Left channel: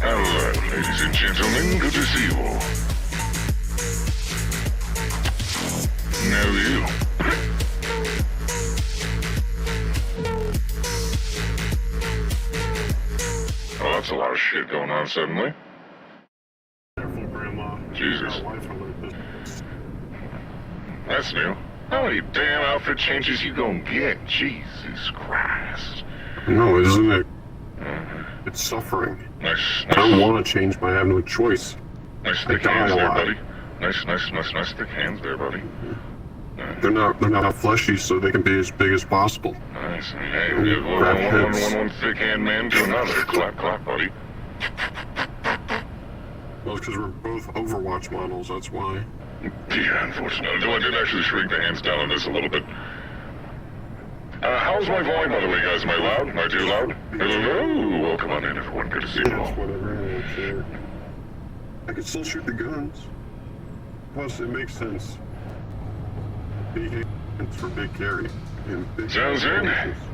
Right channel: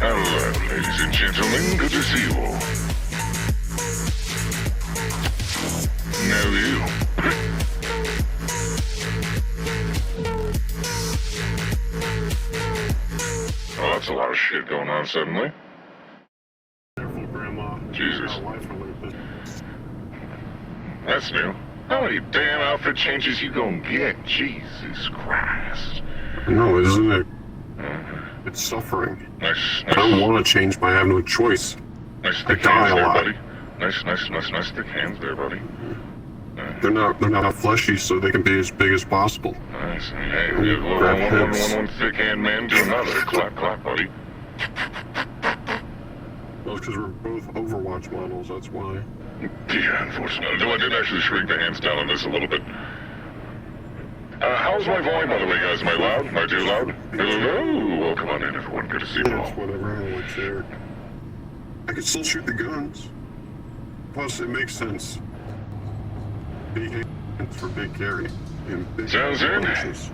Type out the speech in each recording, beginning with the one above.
Hello, ladies and gentlemen, good to see you all. Now you. Oh, that's a lot of shit going on suddenly. Careful, Grandma. Jesus. Life alert. That's new. How many damn outfit changes you gonna get? Jesus Christ. No, isn't it? It's suffering. Nice. I don't want to change, but I have no choice. Nice I thick die hands a there, lot. buddy. Nice thick hands there, buddy. They're not fleshy, so they can be as big as possible. Nice. Hey, Grab hips. one thick hand man to another. Clap, buddy. Well, because we're both Overwatch models, that's why. Yeah, unfortunately. I did actually shrink the hands down on this a little bit. How's my volume, by the way, guys? Am I loud? Am I too loud? Hello? Well, come on in, everyone. Good to see you Yeah, all. it's whatever. I don't care. I can still shoot the guns. Plus, it makes sense. Big hands for big carry and big Sounds good. places.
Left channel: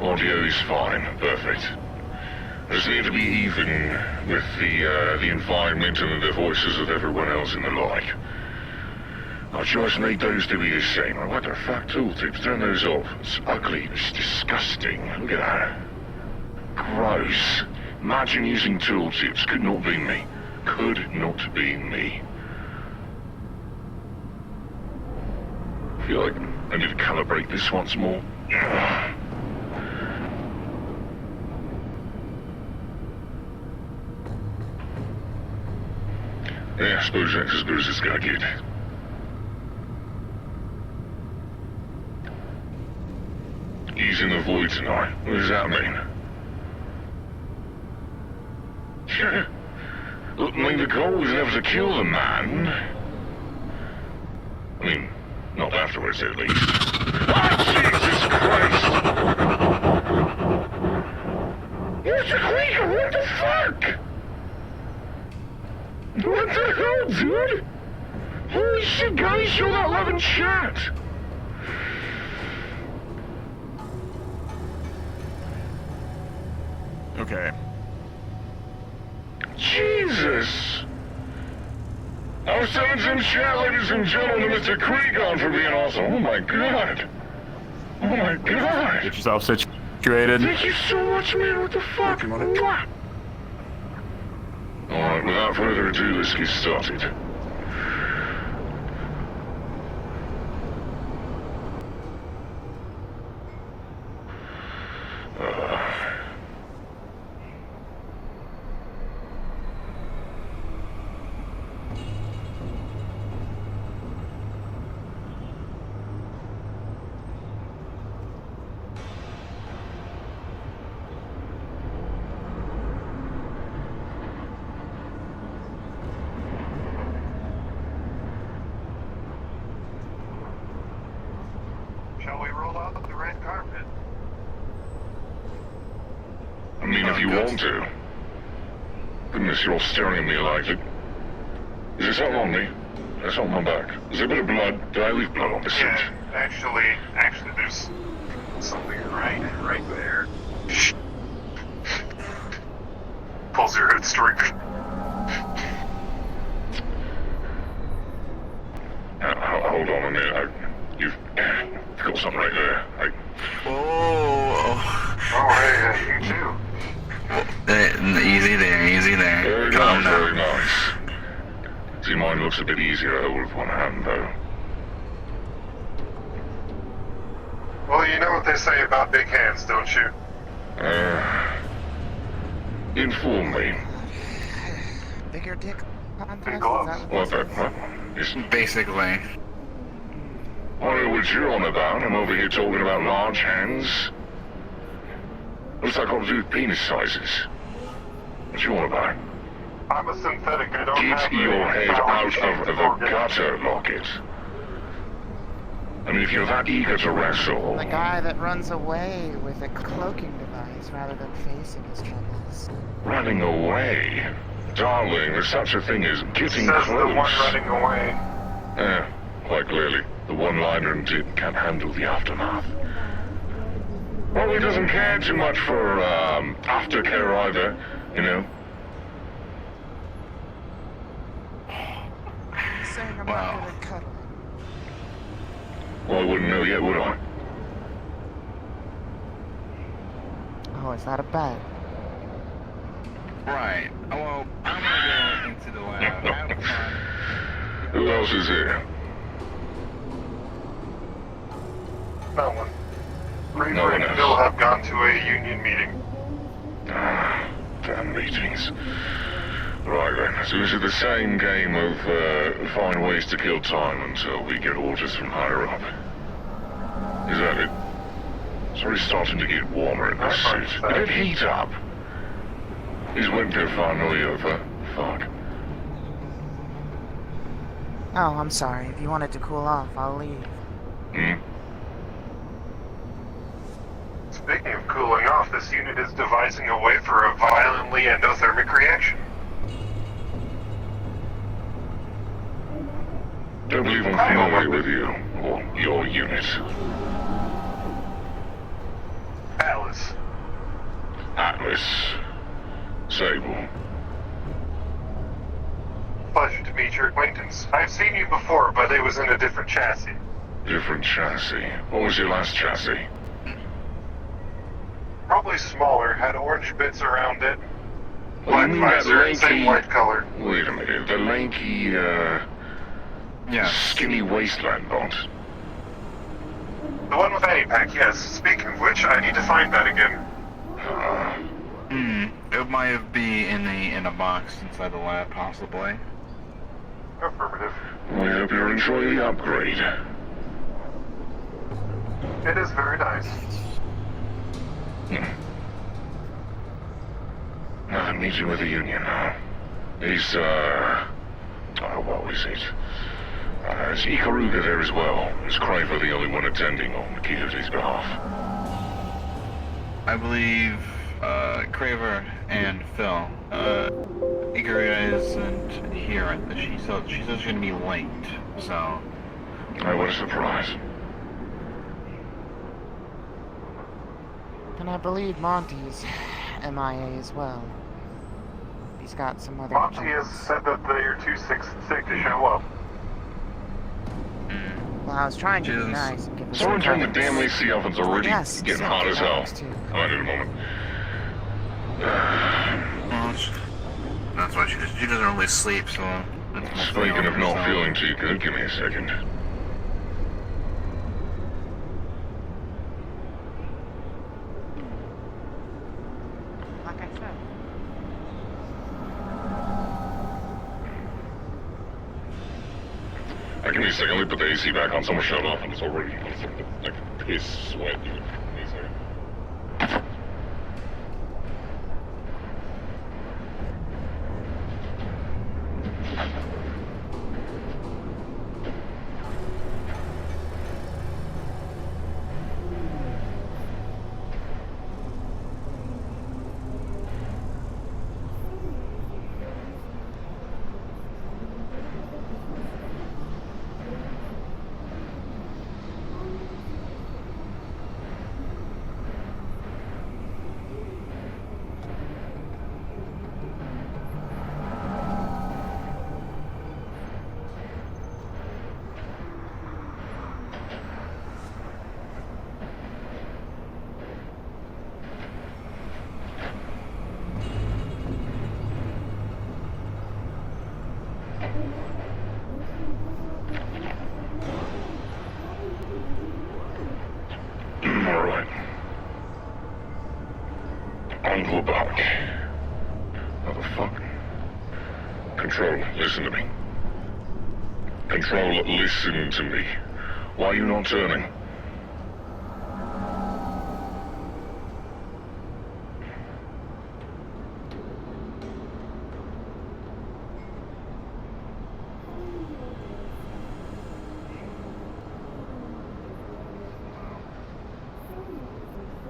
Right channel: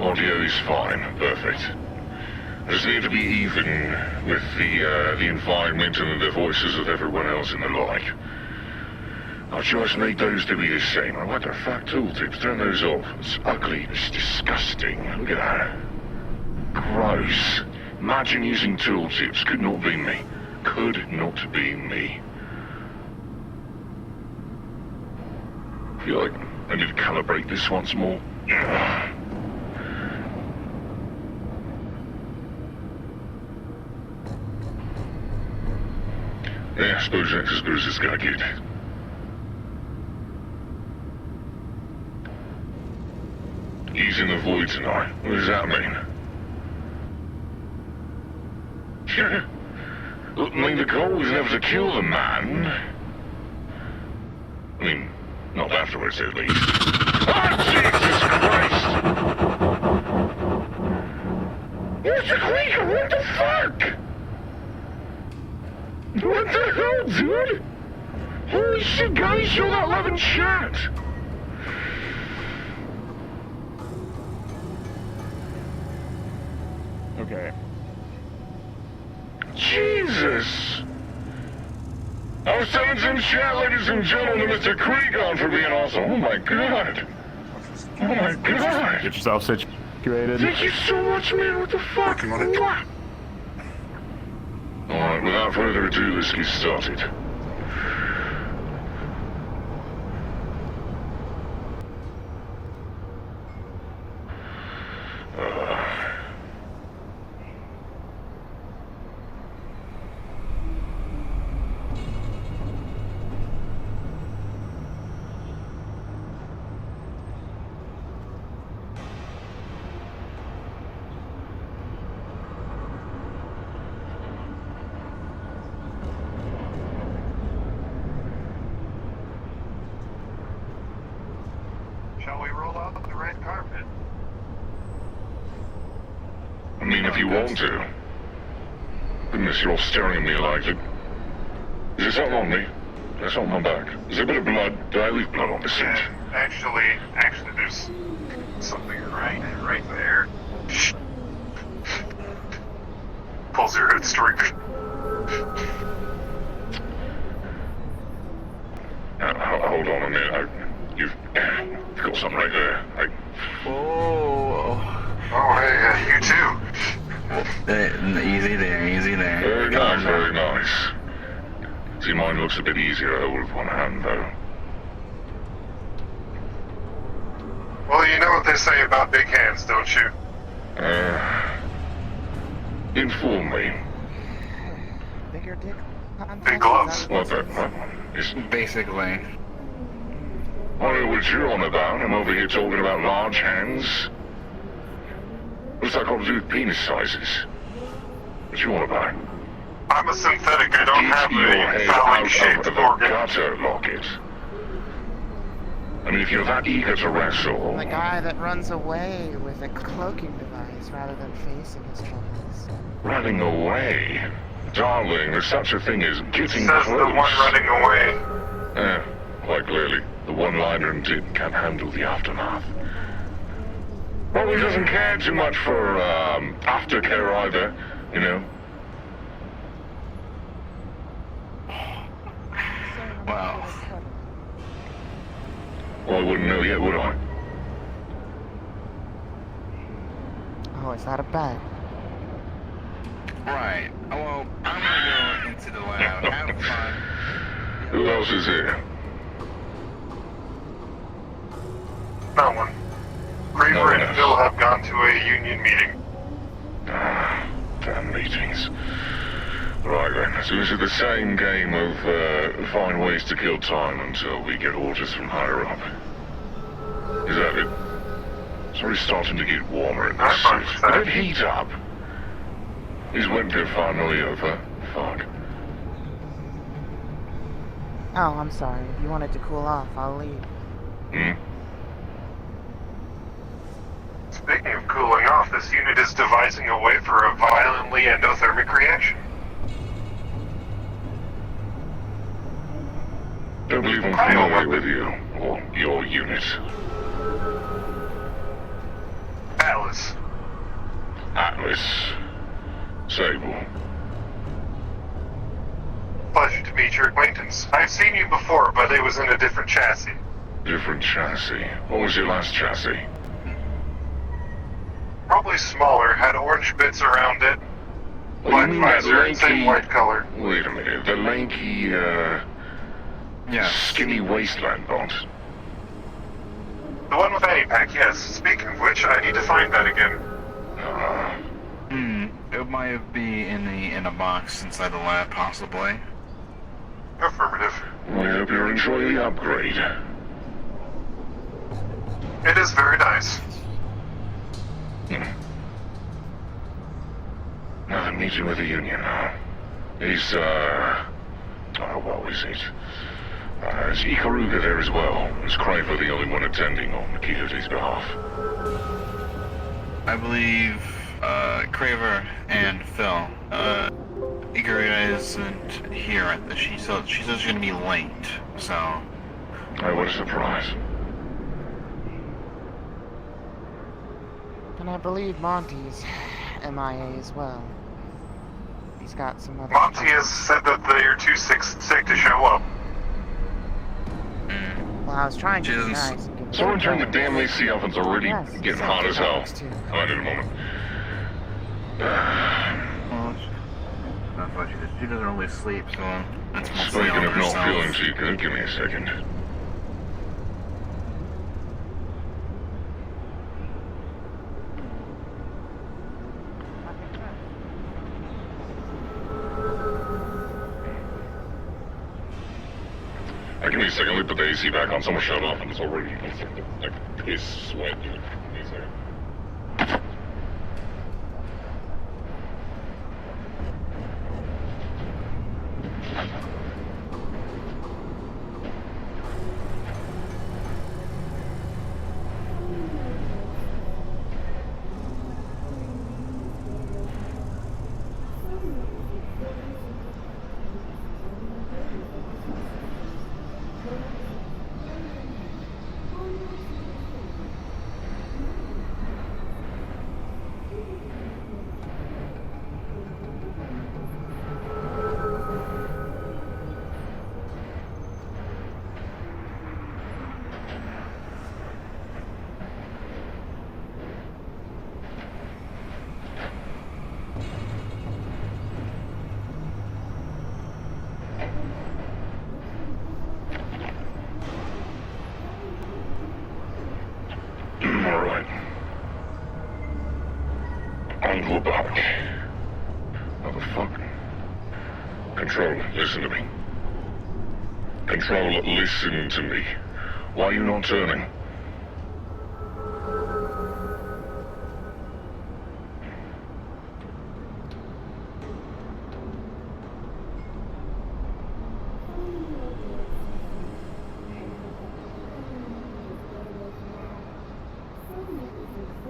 Audio is fine. Perfect. Just need to be even with the environment and the voices of everyone else in the light. I just need those to be the same. What the fuck, tooltips? Turn those off. It's ugly. It's disgusting. Look at that. Gross. Imagine using tooltips. Could not be me. Could not be me. I feel like I need to calibrate this once more. Yeah, I suppose that's as good as it's gonna get. He's in the void tonight. What does that mean? Yeah. Look, I mean, the goal was never to kill the man. I mean, not afterwards, at least. Oh, Jesus Christ! Where's the creature? What the fuck? What the hell, dude? Holy shit, guys, you're not allowed in chat! Okay. Jesus! I was telling some chat, ladies and gentlemen, Mr. Cregon for being awesome. Oh my god! Oh my god! Get yourself situated. Thank you so much, man. What the fuck? What? Alright, without further ado, let's get started. Shall we roll out the red carpet? I mean, if you want to. Goodness, you're all staring at me like it. Is there something on me? That's on my back. Is there a bit of blood? Did I leave blood on the seat? Actually, there's something right there. Pulls your headstring. Hold on a minute. You've got something right there. Oh, hey, you too. Easy there. Very nice, very nice. See, mine looks a bit easier to hold with one hand, though. Well, you know what they say about big hands, don't you? Inform me. Bigger dick Big gloves. What is... Basically. I know what you're on about. I'm over here talking about large hands. What's that got to do with penis sizes? What you want about? I'm a synthetic. I don't have Get your head any phallic out shaped of the organ. gutter, Lockett. I mean, if you're that eager to wrestle... The guy that runs away with a cloaking device. problems rather than facing his troubles. Running away? Darling, there's such a thing as getting Says close. the one running away. Yeah, quite clearly. The one-liner indeed can't handle the aftermath. Well, he doesn't care too much for, aftercare either, you know? Wow. Well, I wouldn't know yet, would I? Oh, is that a bet? Right. Well, I'm gonna go into the lab. Have fun. Who else is here? No one. Reaver No one and else. Phil have gone to a union meeting. Damn meetings. Right then, so this is the same game of find ways to kill time until we get orders from higher up. Is that it? It's already starting to get warmer in this suit. Let it heat up. Is winter finally over? Fuck. Oh, I'm sorry. If you wanted to cool off, I'll leave. Hmm? Speaking of cooling off, this unit is devising a way for a violently endothermic reaction. Don't believe I'm familiar with you, or your unit. Callous. Atlas. Sable. Pleasure to meet your acquaintance. I've seen you before, but it was in a different chassis. Different chassis. What was your last chassis? Probably smaller, had orange bits around it. What Black do you mean that visor, and same white color. Wait a minute, the lanky, Yeah. skinny wasteland lot. The one with Annie Pack, yes. Speaking of which, I need to find that again. It might be in a box inside the lab, possibly. Affirmative. We hope you're enjoying the upgrade. It is very nice. I'm meeting with the union now. He's, oh, what was it? Is Ikaruga there as well? Is Craver the only one attending on Makita's behalf? I believe Craver and Phil. Ikaruga isn't here. She says she's gonna be late, so. Oh, what a surprise. And I believe Monty's MIA as well. He's got some other... Monty has said that they are too sick to show up. Well, I was trying to be Jesus. nice and give him Someone some turn the damn purpose. AC ovens already. Yes, Getting so hot as hell. thanks, too. Fine in a moment. That's why she doesn't really sleep, so that's mostly Speaking on of her not side. feeling too good, give me a second. Give me a second, let me put the AC back on. Someone shut off and it's already like piss sweat. Alright. On the back. Motherfucker. Control, listen to me. Control, listen to me. Why are you not turning?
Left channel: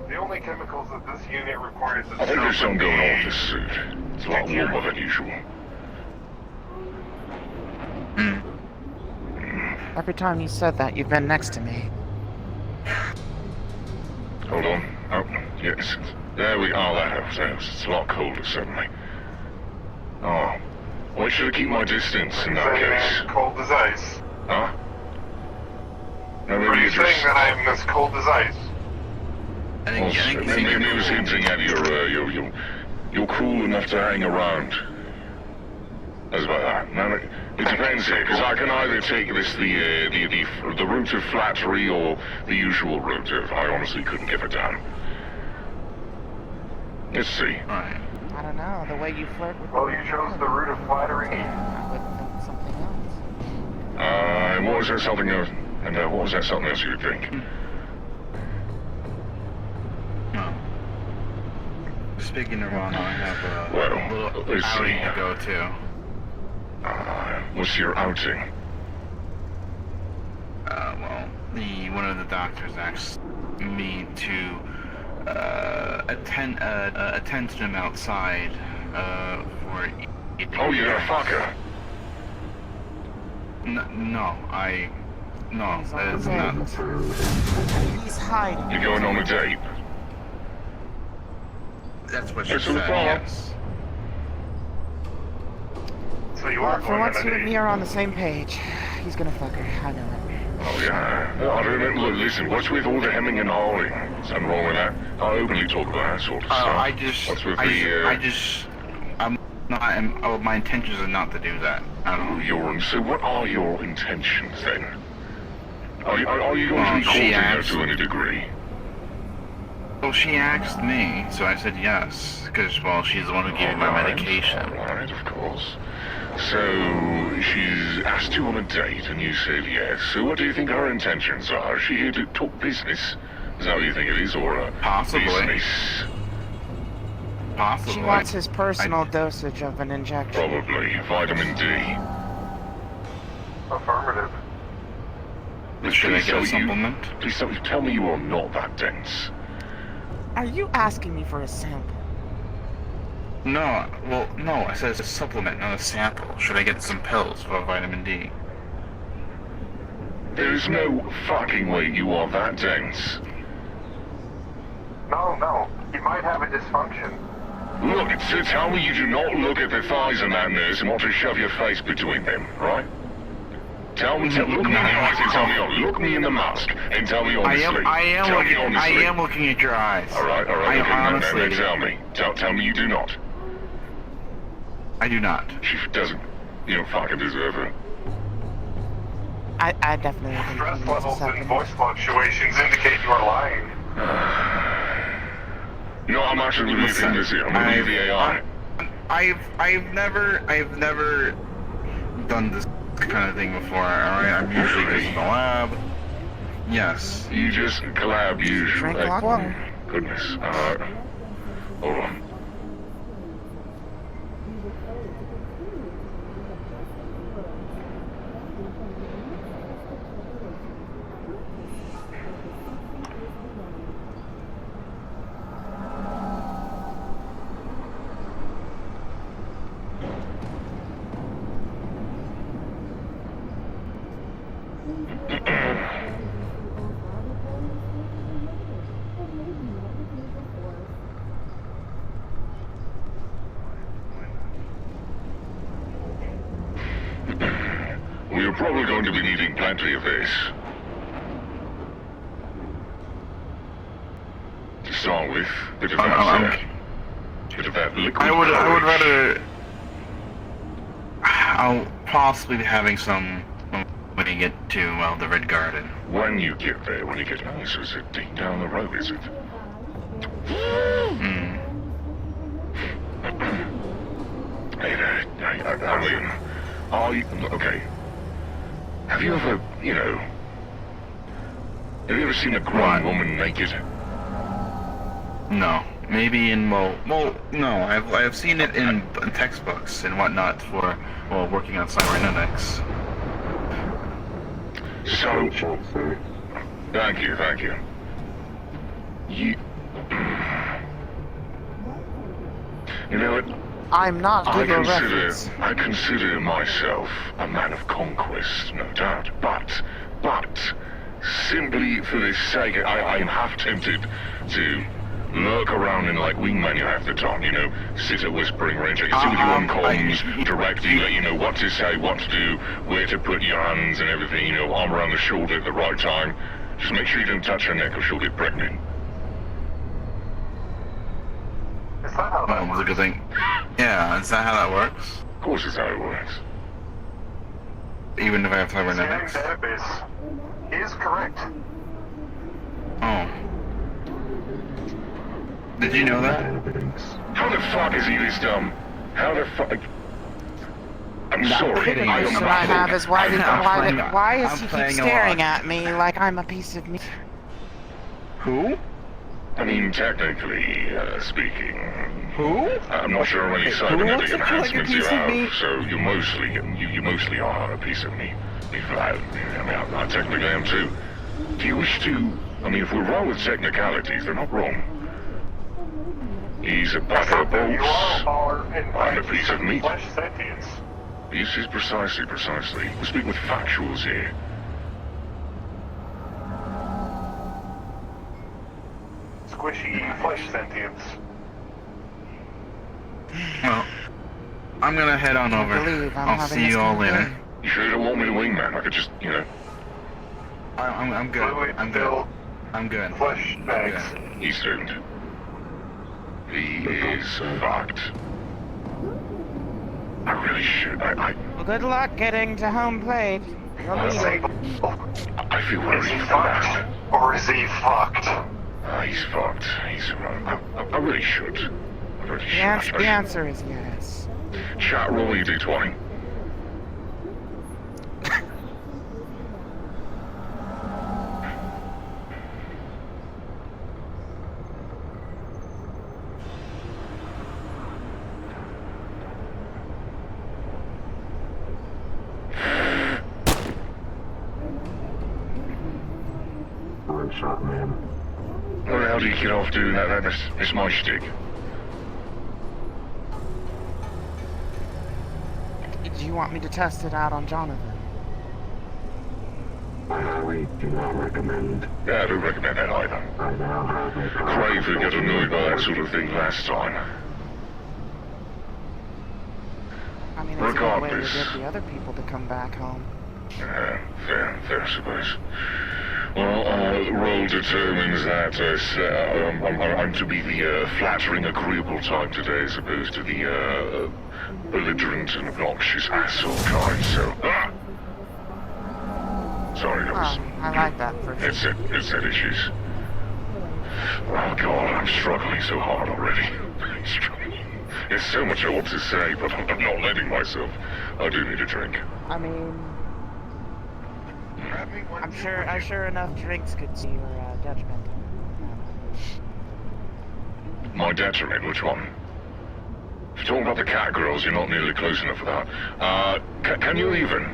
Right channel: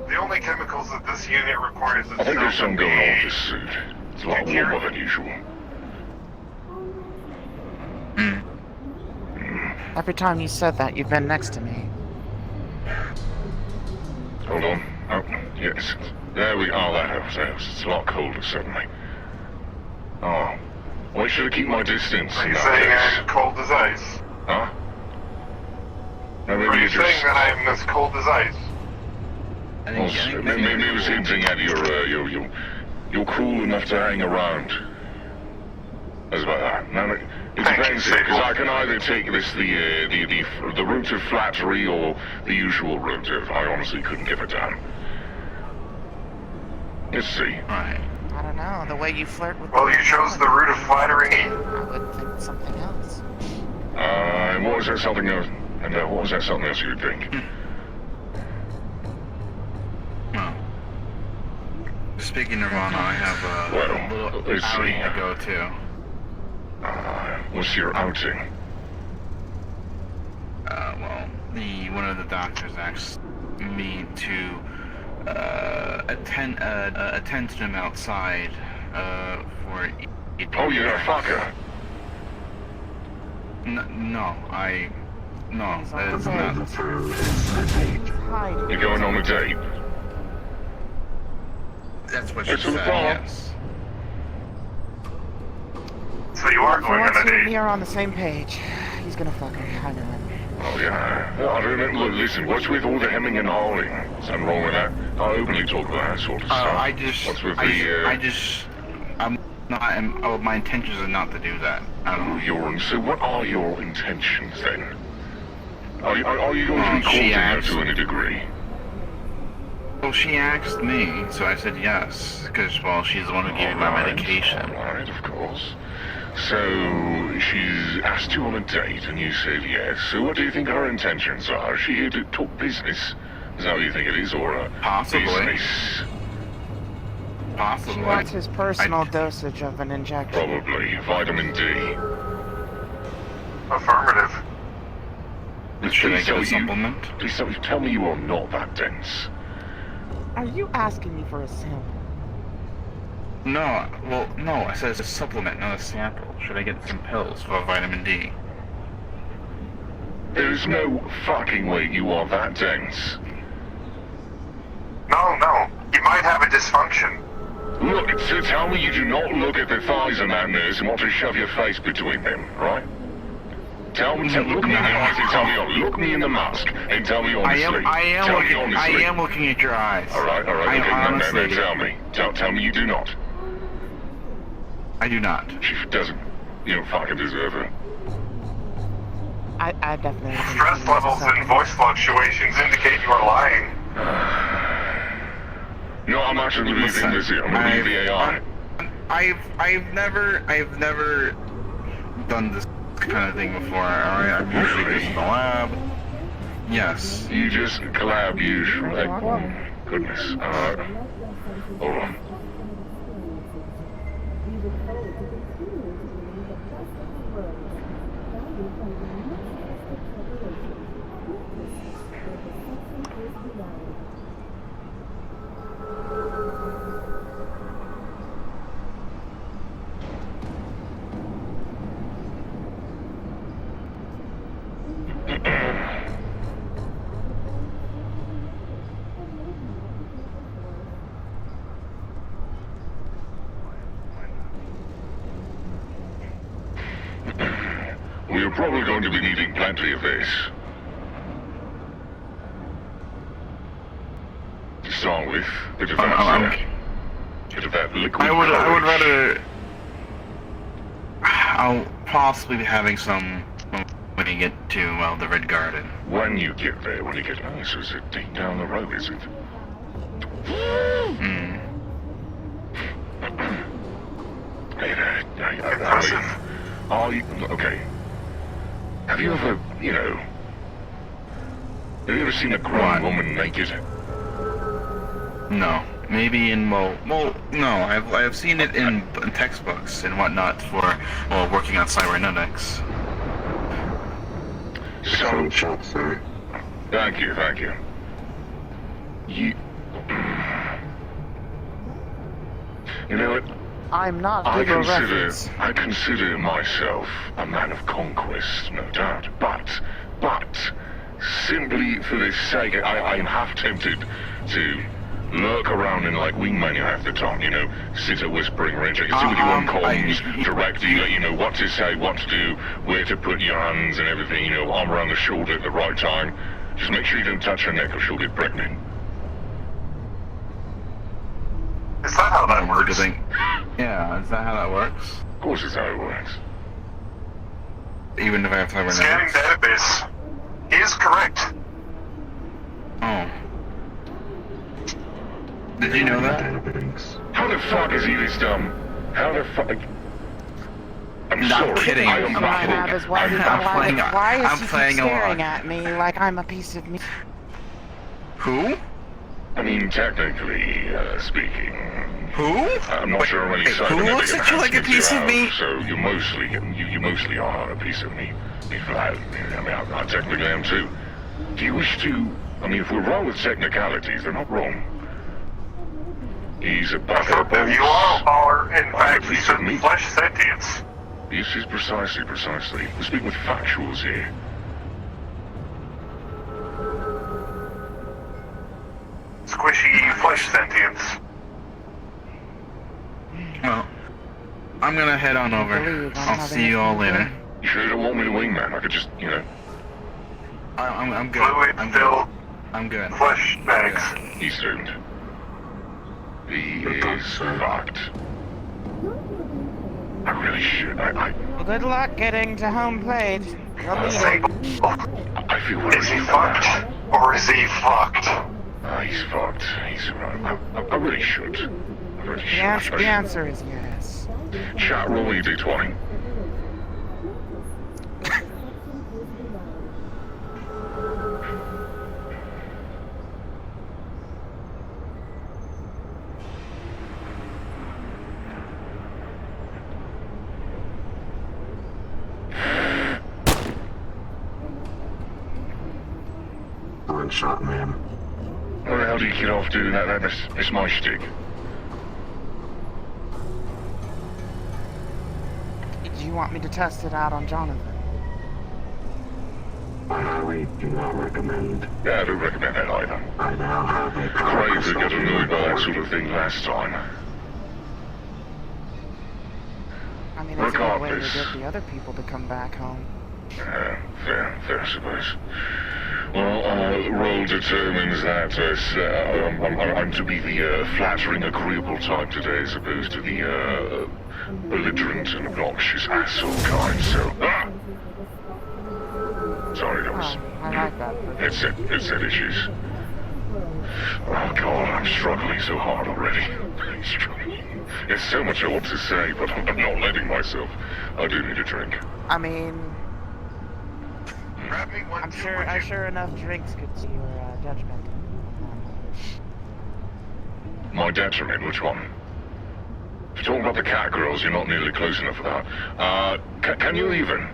The only chemicals that this unit requires I think there's something going on with a this suit. It's a lot warmer than usual. Every time you said that, you've been next to me. Hold on. Oh, yes. There we are. That helps. It's a lot colder suddenly. Oh. Why should I keep my distance in You that saying case? I'm cold as ice? Huh? No, Are you saying that I'm as cold as ice? Maybe it was hinting at you're cool enough to hang around. That's about that. No, it depends here, because I can either take this the route of flattery or the usual route of I honestly couldn't give a damn. Let's see. Alright. I don't know, the way you flirt with Well, you chose the route of flattery. I would think something else. What was that something else? And what was that something else you'd think? Well, speaking of Rana, I have a Well, little let's see. outing to go to. What's your outing? Well, one of the doctors asked me to attend to him outside for eating. Oh, you're a fucker. No, He's that on is the not. date. He's hiding. You're going on a date? That's what she It's said. a thought. Yes. So you Well, are for going once on a you and me date. are on the same page. He's gonna fuck her, I know it. Oh, yeah. No, look, listen, what's with all the hemming and hawing? Something wrong with that? I openly talk about that sort of stuff. My intentions are not to do that. I don't know. So what are your intentions, then? Are you going to She court her asked. to a degree? Well, she asked me, so I said yes, because, well, she's the one who gave me my medication. Right, of course. So, she's asked you on a date, and you said yes. So what do you think her intentions are? Is she here to talk business? Is that what you think it is, or a Possibly. business? She Possibly. wants his personal dosage of an injection. Probably vitamin D. Affirmative. Should I Please get a tell supplement? Please tell me you are not that dense. Are you asking me for a sample? No, well, no, I said it's a supplement, not a sample. Should I get some pills for vitamin D? There's no fucking way you are that dense. No. You might have a dysfunction. Look, so tell me you do not look at the thighs of that nurse and want to shove your face between them, right? Tell me, look me in the eyes and tell me, look me in the mask and tell me honestly. I am looking at your eyes. Alright. I honestly. Tell me you do not. I do not. She doesn't. You don't fucking deserve it. I definitely think Stress he needs a levels and supplement. voice fluctuations indicate you are lying. No, I'm actually leaving Listen, this here. I'm gonna leave the AI. I've never done this kind of thing before. Alright, I'm usually just in the lab. Yes. You just collab usually. Drink a lot of water. Goodness. Hold on. We're probably going to be needing plenty of this. To start with, bit of that liquid. I would courage. rather. I'll possibly be having some when you get to, well, the Red Garden. When you get there, when you get nice, is it deep down the road, is it? Hmm. Okay. Have you ever, have you ever seen a grown What? woman naked? No. Maybe in no. I've seen it in textbooks and whatnot for working on cybernetics. So, thank you. You know what? I'm not good at reference. I consider myself a man of conquest, no doubt, but simply for this sake, I'm half tempted to lurk around in like wingman you have the time, you know, sit at whispering range. I can see on comms, direct, you know what to say, what to do, where to put your hands and everything, you know, arm around the shoulder at the right time. Just make sure you don't touch her neck or she'll get pregnant. Is that how that That's a good works? thing. Yeah, is that how that works? Of course it's how it works. Even if I have to have Scanning another. database. He is correct. Oh. Did you know that? How the fuck is he this dumb? How the fuck... I'm Not sorry, kidding. I The am question not I kidding. have is I'm playing- why is I'm he keep playing staring along. at me like I'm a piece of meat? Who? I mean, technically speaking, Who? I'm not sure how many Wait, who looks scientific at you like a enhancements piece you of have, meat? So you mostly are a piece of meat. I technically am too. Do you wish to? I mean, if we're wrong with technicalities, they're not wrong. He's a Affirmative, you boss. are, in I'm a fact, piece of meat. flesh sentience. This is precisely. We're speaking with factuals here. Squishy flesh sentience. Well, I'm gonna head on over. Believe I'm I'll not see you all asking later. You should have warned me wingman. I could just, you know, I'm good. Fluid I'm good. filled I'm good. flesh I'm bags. good. he soon. He is fucked. I really should. Well, good luck getting to home plate. We'll need it. I feel very Is he bad. fucked? Or is he fucked? He's fucked. I really should. I really should. The answer is yes. Chat, roll me d20. Good shot, man. What the hell do you get off doing that? That's my shtick. Do you want me to test it out on Jonathan? I highly do not recommend. Yeah, I don't recommend that either. I now have a Crave to get annoyed by that sort of thing last time. I mean, it's a good way to Regardless. get the other people to come back home. Fair, I suppose. Well, roll determines that I'm to be the flattering, agreeable type today as opposed to the belligerent and obnoxious asshole kind, so... sorry, that was... I like that. Headset issues. Oh god, I'm struggling so hard already. There's so much I want to say, but I'm not letting myself. I do need a drink. I mean, I'm sure enough drinks could see your judgment. My detriment, which one? If you're talking about the cat girls, you're not nearly close enough for that. Can you even?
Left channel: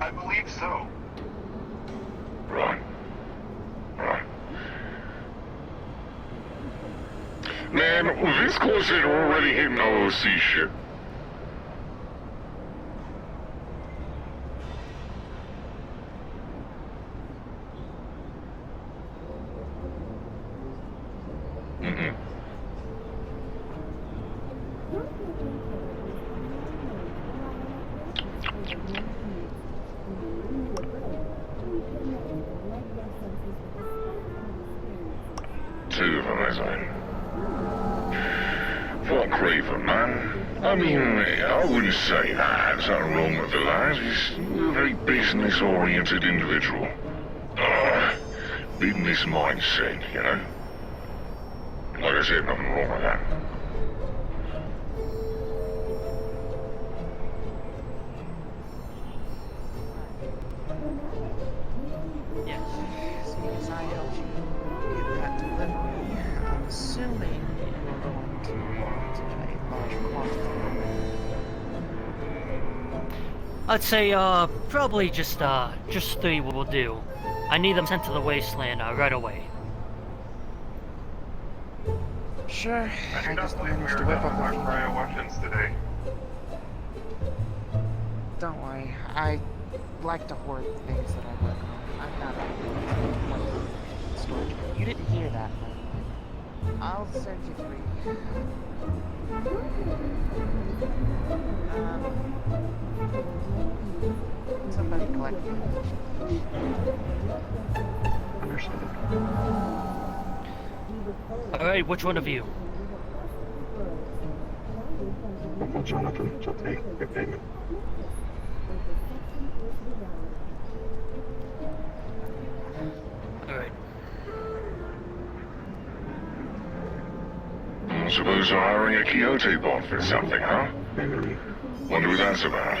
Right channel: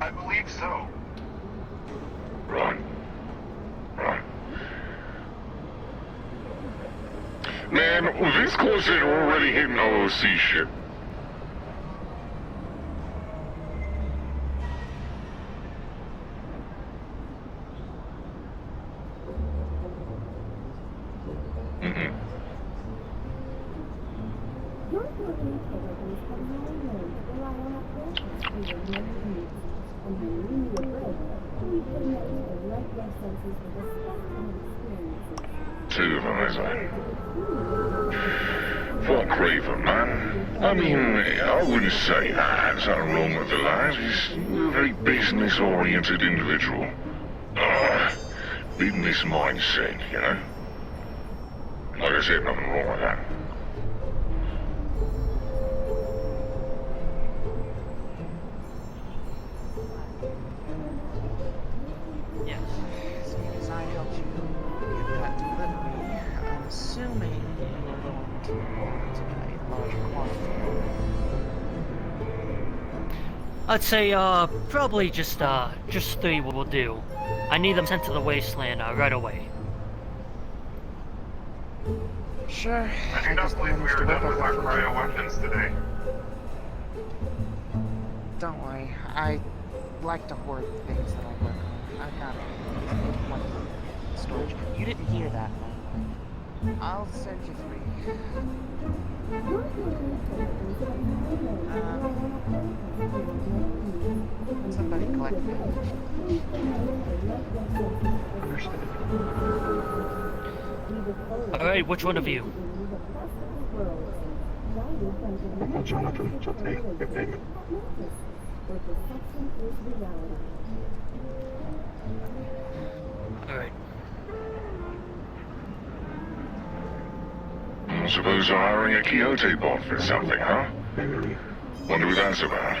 I believe so. Right. Man, with this Corsair already hitting OOC ship. Two of them, as I... For Craver, man. I mean, I wouldn't say that. There's nothing wrong with the lad. He's a very business-oriented individual. Business mindset, you know? Like I said, nothing wrong with that. Yes. As I helped you get that delivery, I'm assuming you're going to want a large quantity. I'd say, probably just 3 will do. I need them sent to the wasteland, right away. Sure, I just managed to whip up a few Royal more. weapons today. Don't worry, I like to hoard things that I work on. I've got a storage. You didn't hear that, though. I'll send you 3. Somebody collect it. Alright, which one of you? Well, Jonathan, shall take your payment. Alright. I suppose you're hiring a Quixote bot for something, huh? Maybe. Wonder who that's about.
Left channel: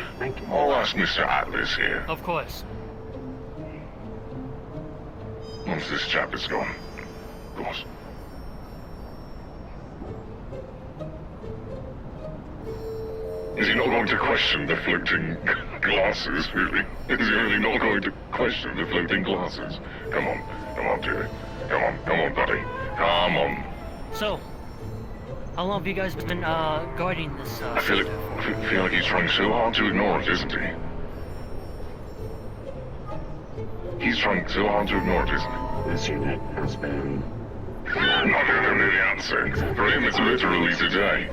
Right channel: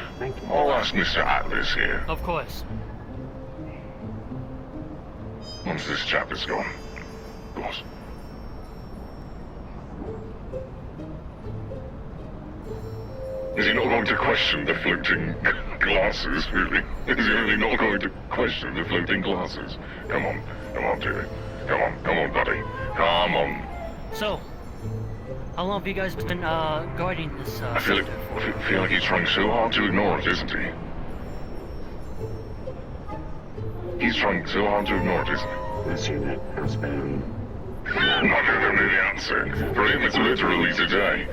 I'll ask Mr. Atlas here. Of course. Once this chap is gone. Of course. Is he not going to question the floating glasses, really? Is he really not going to question the floating glasses? Come on, Jimmy. Come on, buddy. Come on. So, how long have you guys been guarding this I feel sector for? like he's trying so hard to ignore it, isn't he? He's trying so hard to ignore it, isn't he? This unit has been... I'm not going to really answer. For him, it's literally today.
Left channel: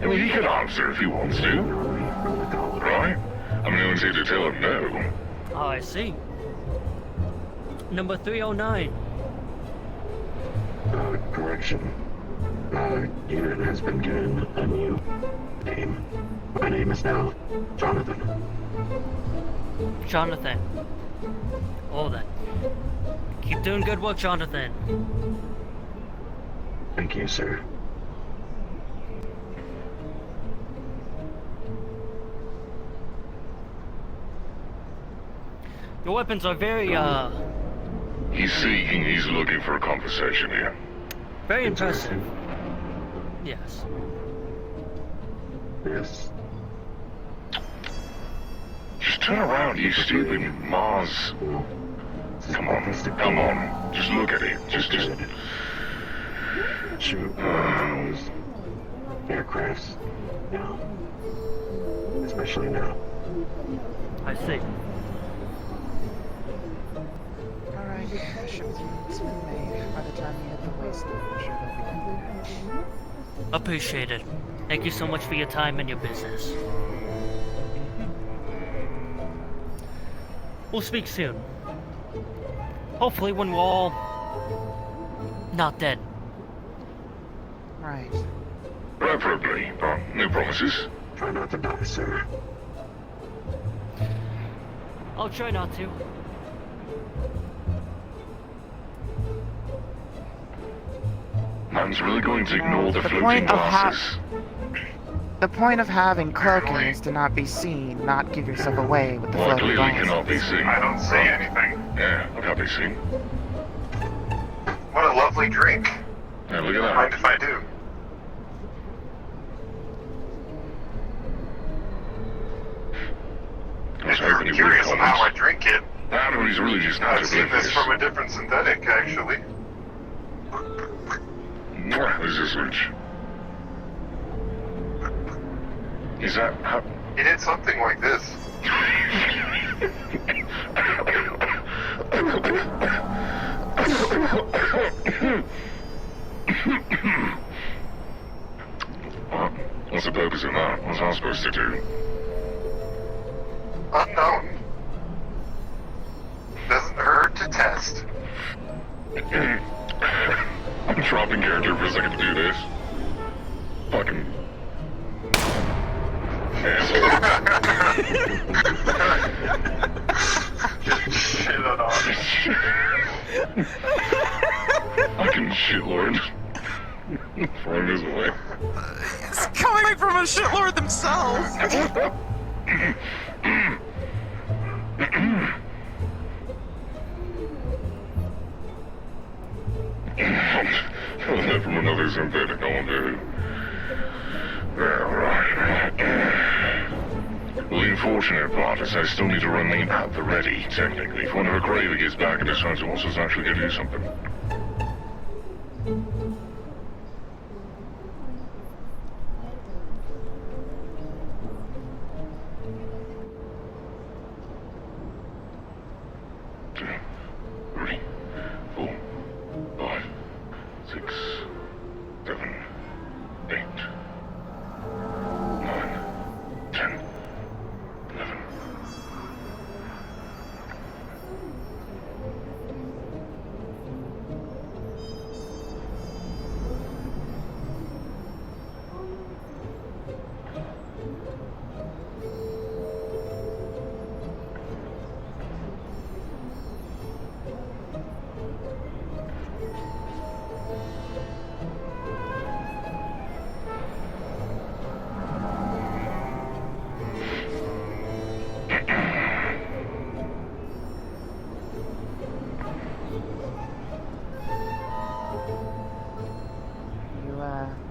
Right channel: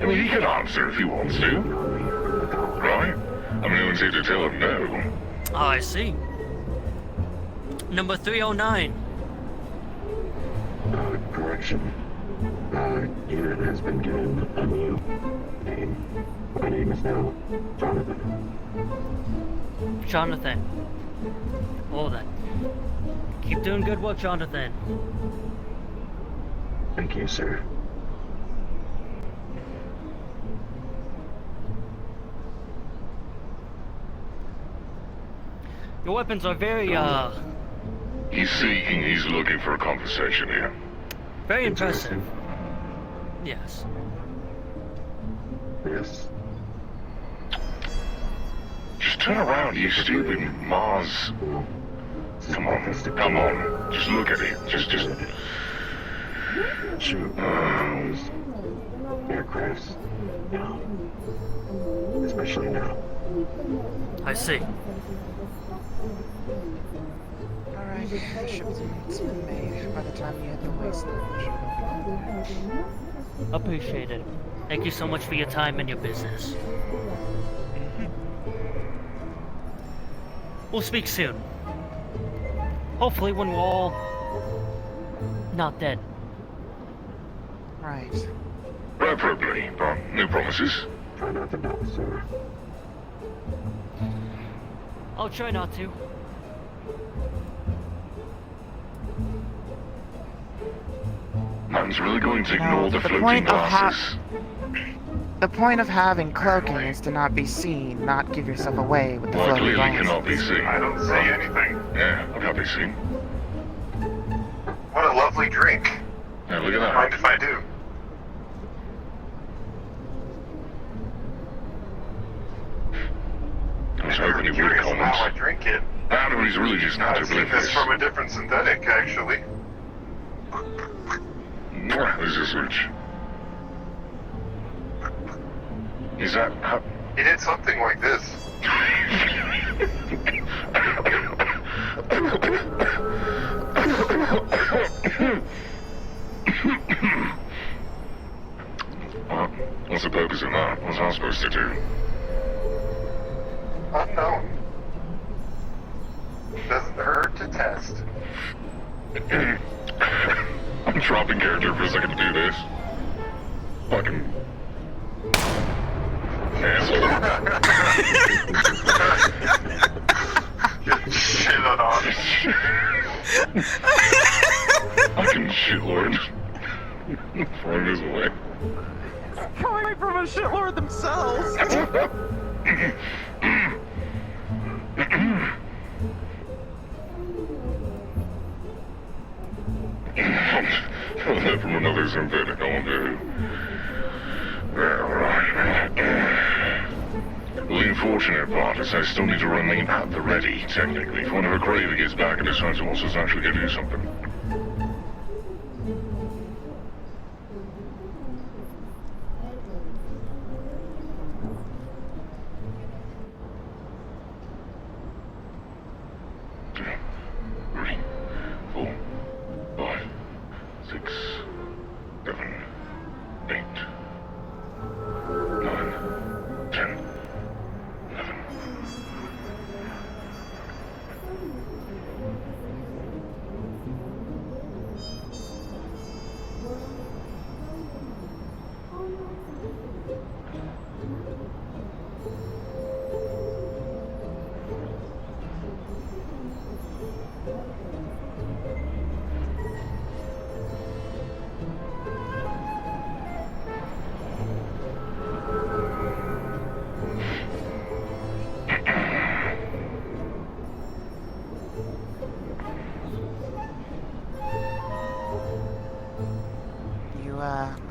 I mean, he can answer if he wants to. Right. I'm no one's here to tell him no. Oh, I see. Number 309. Correction. Unit has been given a new name. My name is now Jonathan. Jonathan. Oh, then. Keep doing good work, Jonathan. Thank you, sir. Your weapons are very, He's seeking, he's looking for a conversation here. very impressive. Yes. Yes. Just turn around, you stupid Mars. Well, Come on. Just look at it. Just... shoot those aircrafts now. Especially now. I see. Alright, shipment's been made. By the time you hit the wasteland, I'm sure they'll be Appreciated. Thank you so much for your time and your business. We'll speak soon. Hopefully when we're all not dead. Right. Probably, but no promises. Try not to die, sir. I'll try not to. Man's really going to ignore the The floating point of glasses. The point of having cloaking is to not be seen, not give yourself away with the Well, floating clearly cannot be glasses. seen. I don't see anything. Yeah, cannot be seen. What a lovely drink. Yeah, look at that. Mind if I do? I was hoping it would Curious on how I comment. drink it. Battery's really just not I've seen oblivious. this from a different synthetic, actually. There's a switch. Is that how... He did something like this. Well, what's the purpose of that? What's I supposed to do? Unknown. Doesn't hurt to test. I'm dropping character for a second to do this. Fucking... Just shit on Fucking shitlord. Throwing his away. It's coming from a shitlord themselves. From another synthetic all day. Right. Well, the unfortunate part is I still need to remain at the ready, technically. If whenever Craven gets back and decides he wants us actually to do something.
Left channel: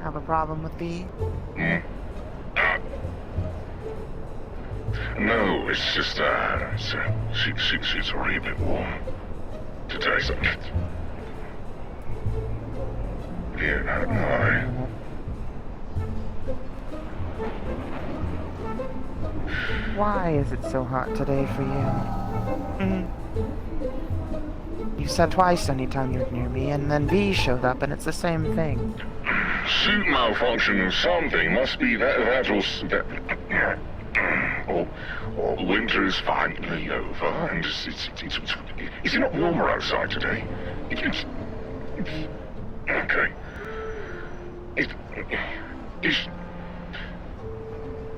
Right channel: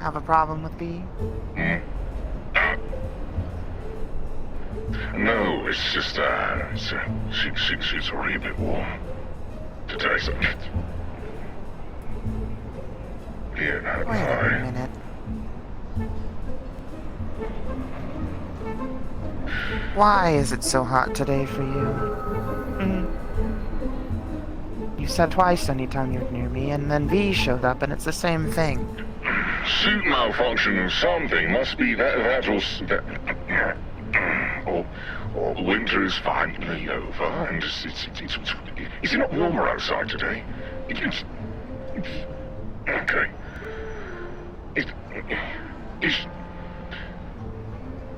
have a problem with V? No, it's just she's already a bit warm. Today's like it. Yeah, Wait a minute. Why is it so hot today for you? You said twice anytime you're near me, and then V showed up, and it's the same thing. Suit malfunction or something must be that or winter is finally over, and is it not warmer outside today? It's okay.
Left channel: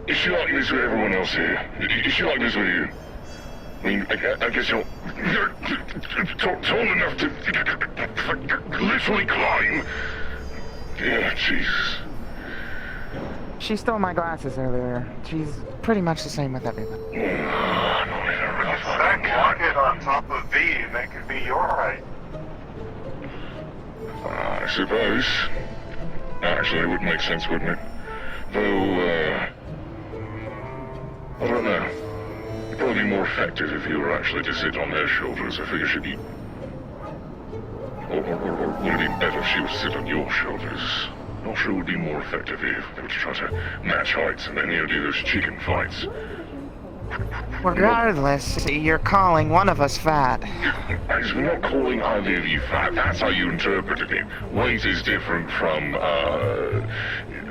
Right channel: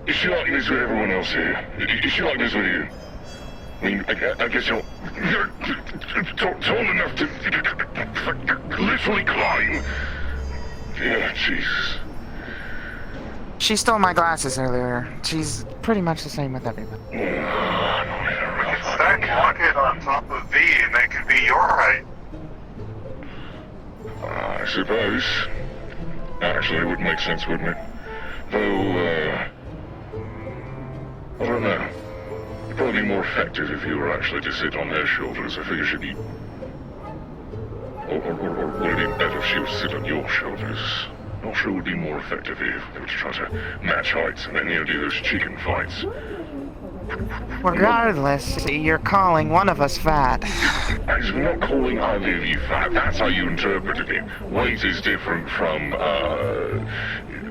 Is she like this with everyone else here? Is she like this with you? I mean, I guess you're tall enough to literally climb. Yeah, Jesus. She stole my glasses earlier. She's pretty much the same with everybody. Stack rocket on top of V, and that could be your height. I suppose. Actually, it would make sense, wouldn't it? Though, I don't know. It'd probably be more effective if you were actually to sit on their shoulders. I figure she'd be... Or would it be better if she was to sit on your shoulders? Not sure it would be more effective if they were trying to match heights and then do those chicken fights. Regardless, you're calling one of us fat. Actually, we're not calling either of you fat. That's how you interpreted it. Weight is different from,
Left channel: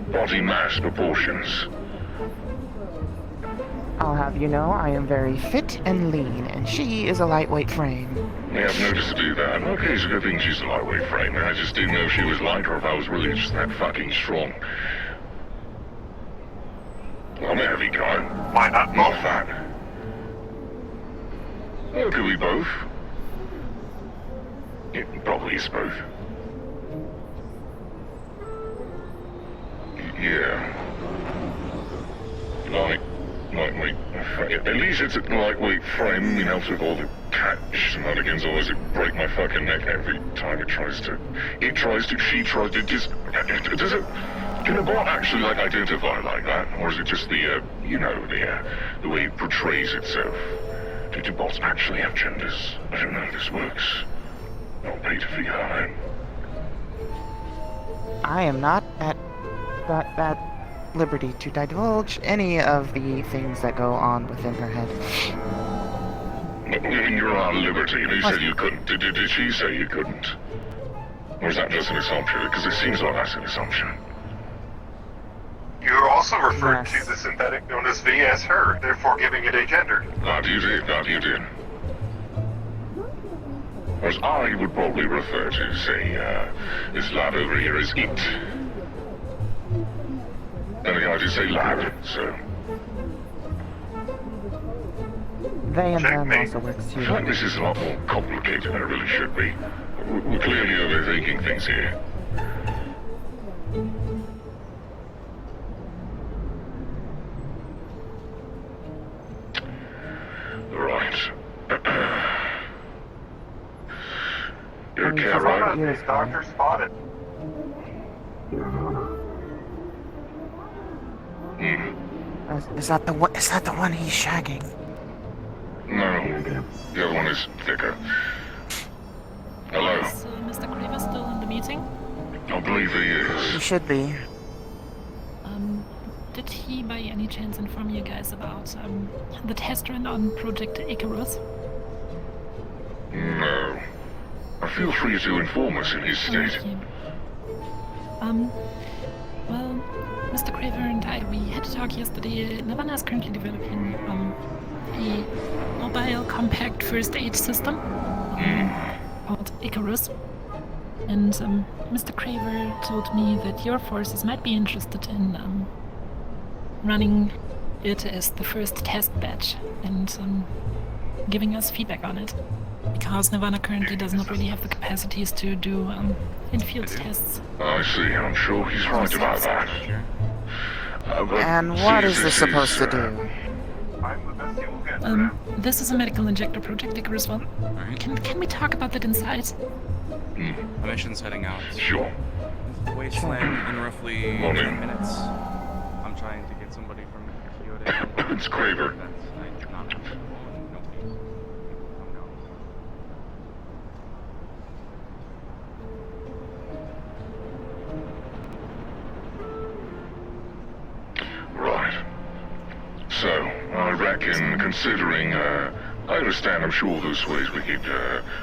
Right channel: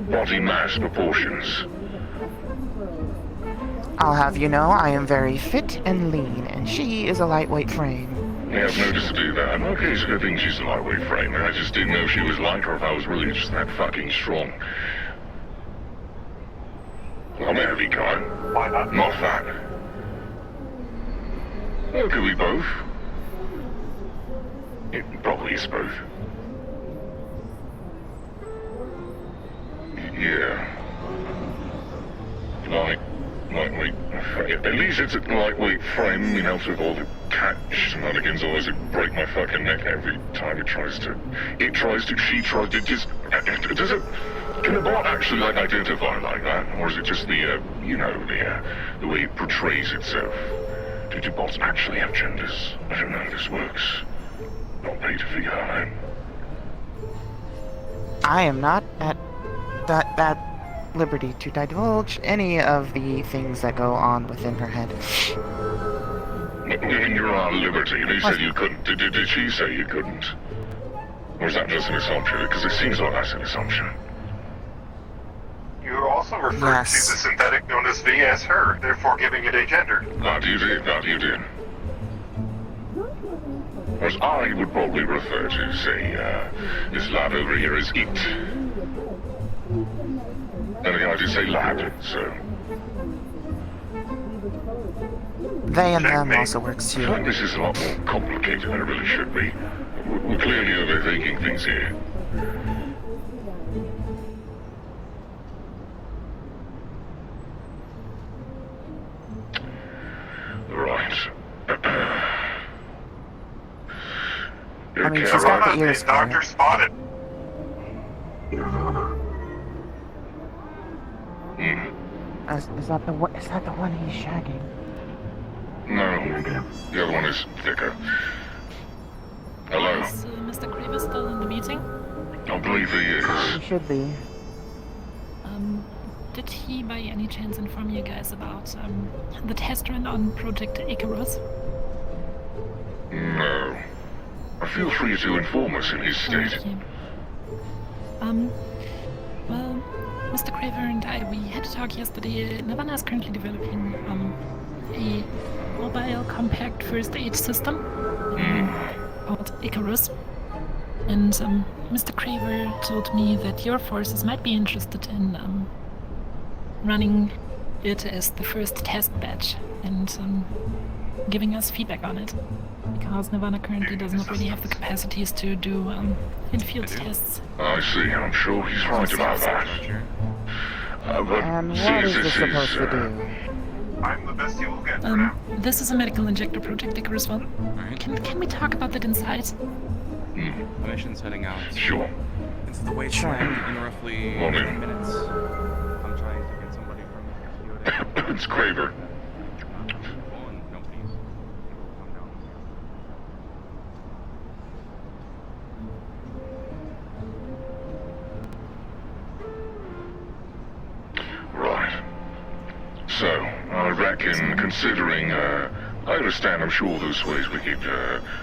body mass proportions. I'll have you know I am very fit and lean, and she is a lightweight frame. Yeah, I've noticed to do that. Okay, it's a good thing she's a lightweight frame, and I just didn't know if she was light or if I was really just that fucking strong. I'm a heavy guy. Why not? Not fat. Well, could we both? It probably is both. Yeah. Lightweight. At least it's a lightweight frame, it helps with all the cat shenanigans, otherwise it break my fucking neck every time it tries to, she tries to just, does it, can a bot actually like identify like that, or is it just the, the way it portrays itself? Do bots actually have genders? I don't know how this works. Not paid to figure that out. I am not at liberty to divulge any of the things that go on within her head. You're not at liberty. They said you couldn't. Did she say you couldn't? Or is that just an assumption? Because it seems like that's an assumption. You also referred to the synthetic known as V as her, therefore giving it a gender. That you did. Whereas I would probably refer to, say, this lad over here as it. I just say lad, so... They and them Checkmate. also works too. I find this is a lot more complicated than it really should be. We're clearly overthinking things here. Right. I mean, she's got the ears for Doctor it. spotted. Is that the one? Is that the one he's shagging? No, the other one is thicker. Hello. Is Mr. Kramer still in the meeting? I believe he is. He should be. Did he by any chance inform you guys about the test run on Project Icarus? No. Feel free to inform us in his state. Okay. Well, Mr. Craver and I, we had a talk yesterday. Nirvana is currently developing a mobile compact first aid system called Icarus. And Mr. Craver told me that your forces might be interested in running it as the first test batch and giving us feedback on it. Because Nirvana currently does not really have the capacities to do in-field tests. I see, I'm sure he's right about that. And what is this supposed to do? I'm the best you'll get. This is a medical injector, Project Icarus one. Alright. Can we talk about that inside? The mission's heading out. Sure. into the wasteland in roughly 10 minutes. I'm trying to get somebody from Kyoto. It's Craver. That's not reasonable, and nobody's able to come down here. Right. So, I reckon, considering, I understand, I'm sure there's ways we could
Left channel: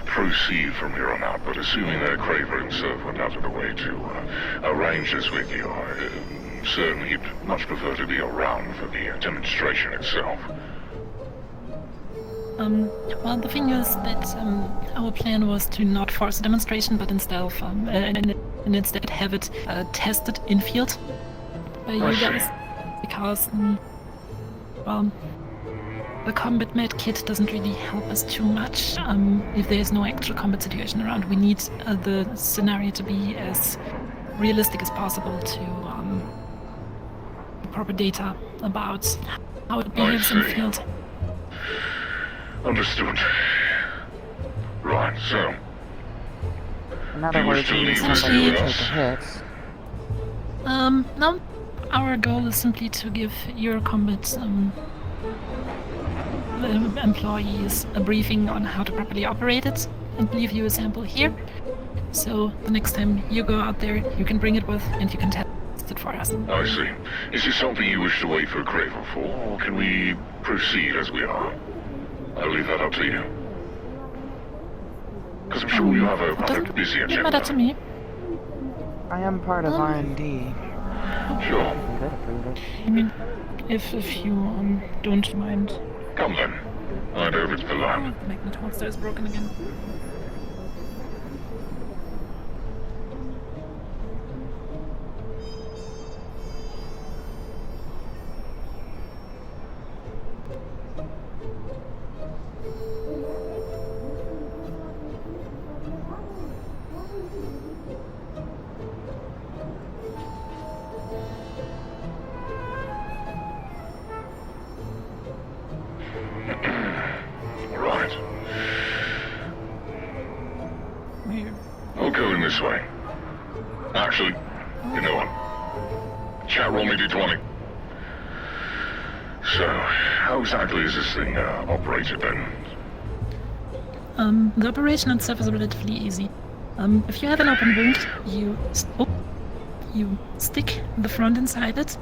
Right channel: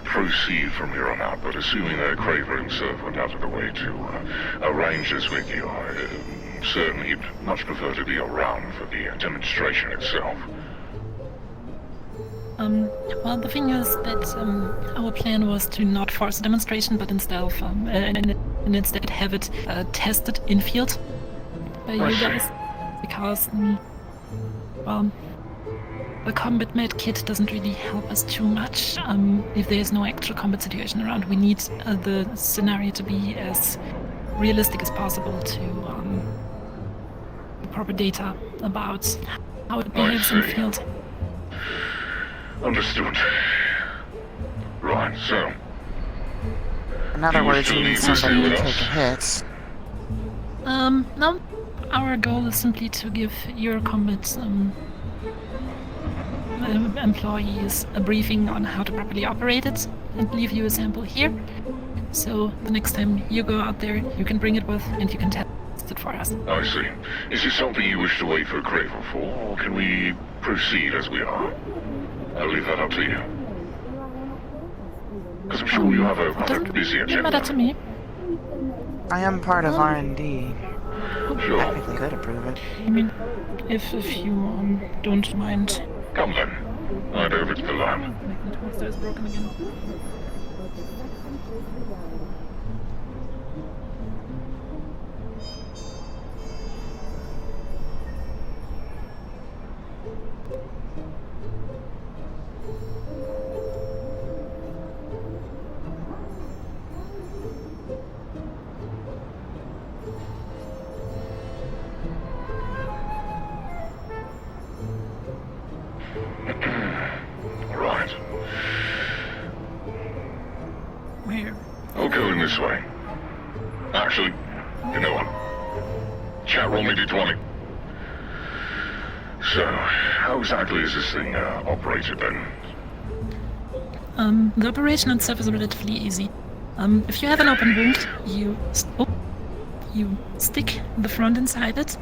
proceed from here on out, but assuming that Craver himself went out of the way to arrange this with you, certainly he'd much prefer to be around for the demonstration itself. Well, the thing is that our plan was to not force a demonstration, but instead, and instead have it tested in field by you guys, because, well, the combat med kit doesn't really help us too much if there is no actual combat situation around. We need the scenario to be as realistic as possible to proper data about how it behaves in the field. Understood. Right, so... In other words, you need somebody to take a hit. No. Our goal is simply to give your combat employees a briefing on how to properly operate it and leave you a sample here. So the next time you go out there, you can bring it with and you can test it for us. I see. Is this something you wish to wait for Craver for, or can we proceed as we are? I'll leave that up to you. Because I'm sure you have a quite busy agenda. Matter to me. I am part of R&D. Sure. I could approve it. I mean, if you don't mind. Come then. Right over to the lab. My toaster is broken again. Right. Where? I'll go in this way. Actually, you know what? Chat roll me D20. So, how exactly is this thing operated then? The operation itself is relatively easy. If you have an open wound, you stick the front inside it.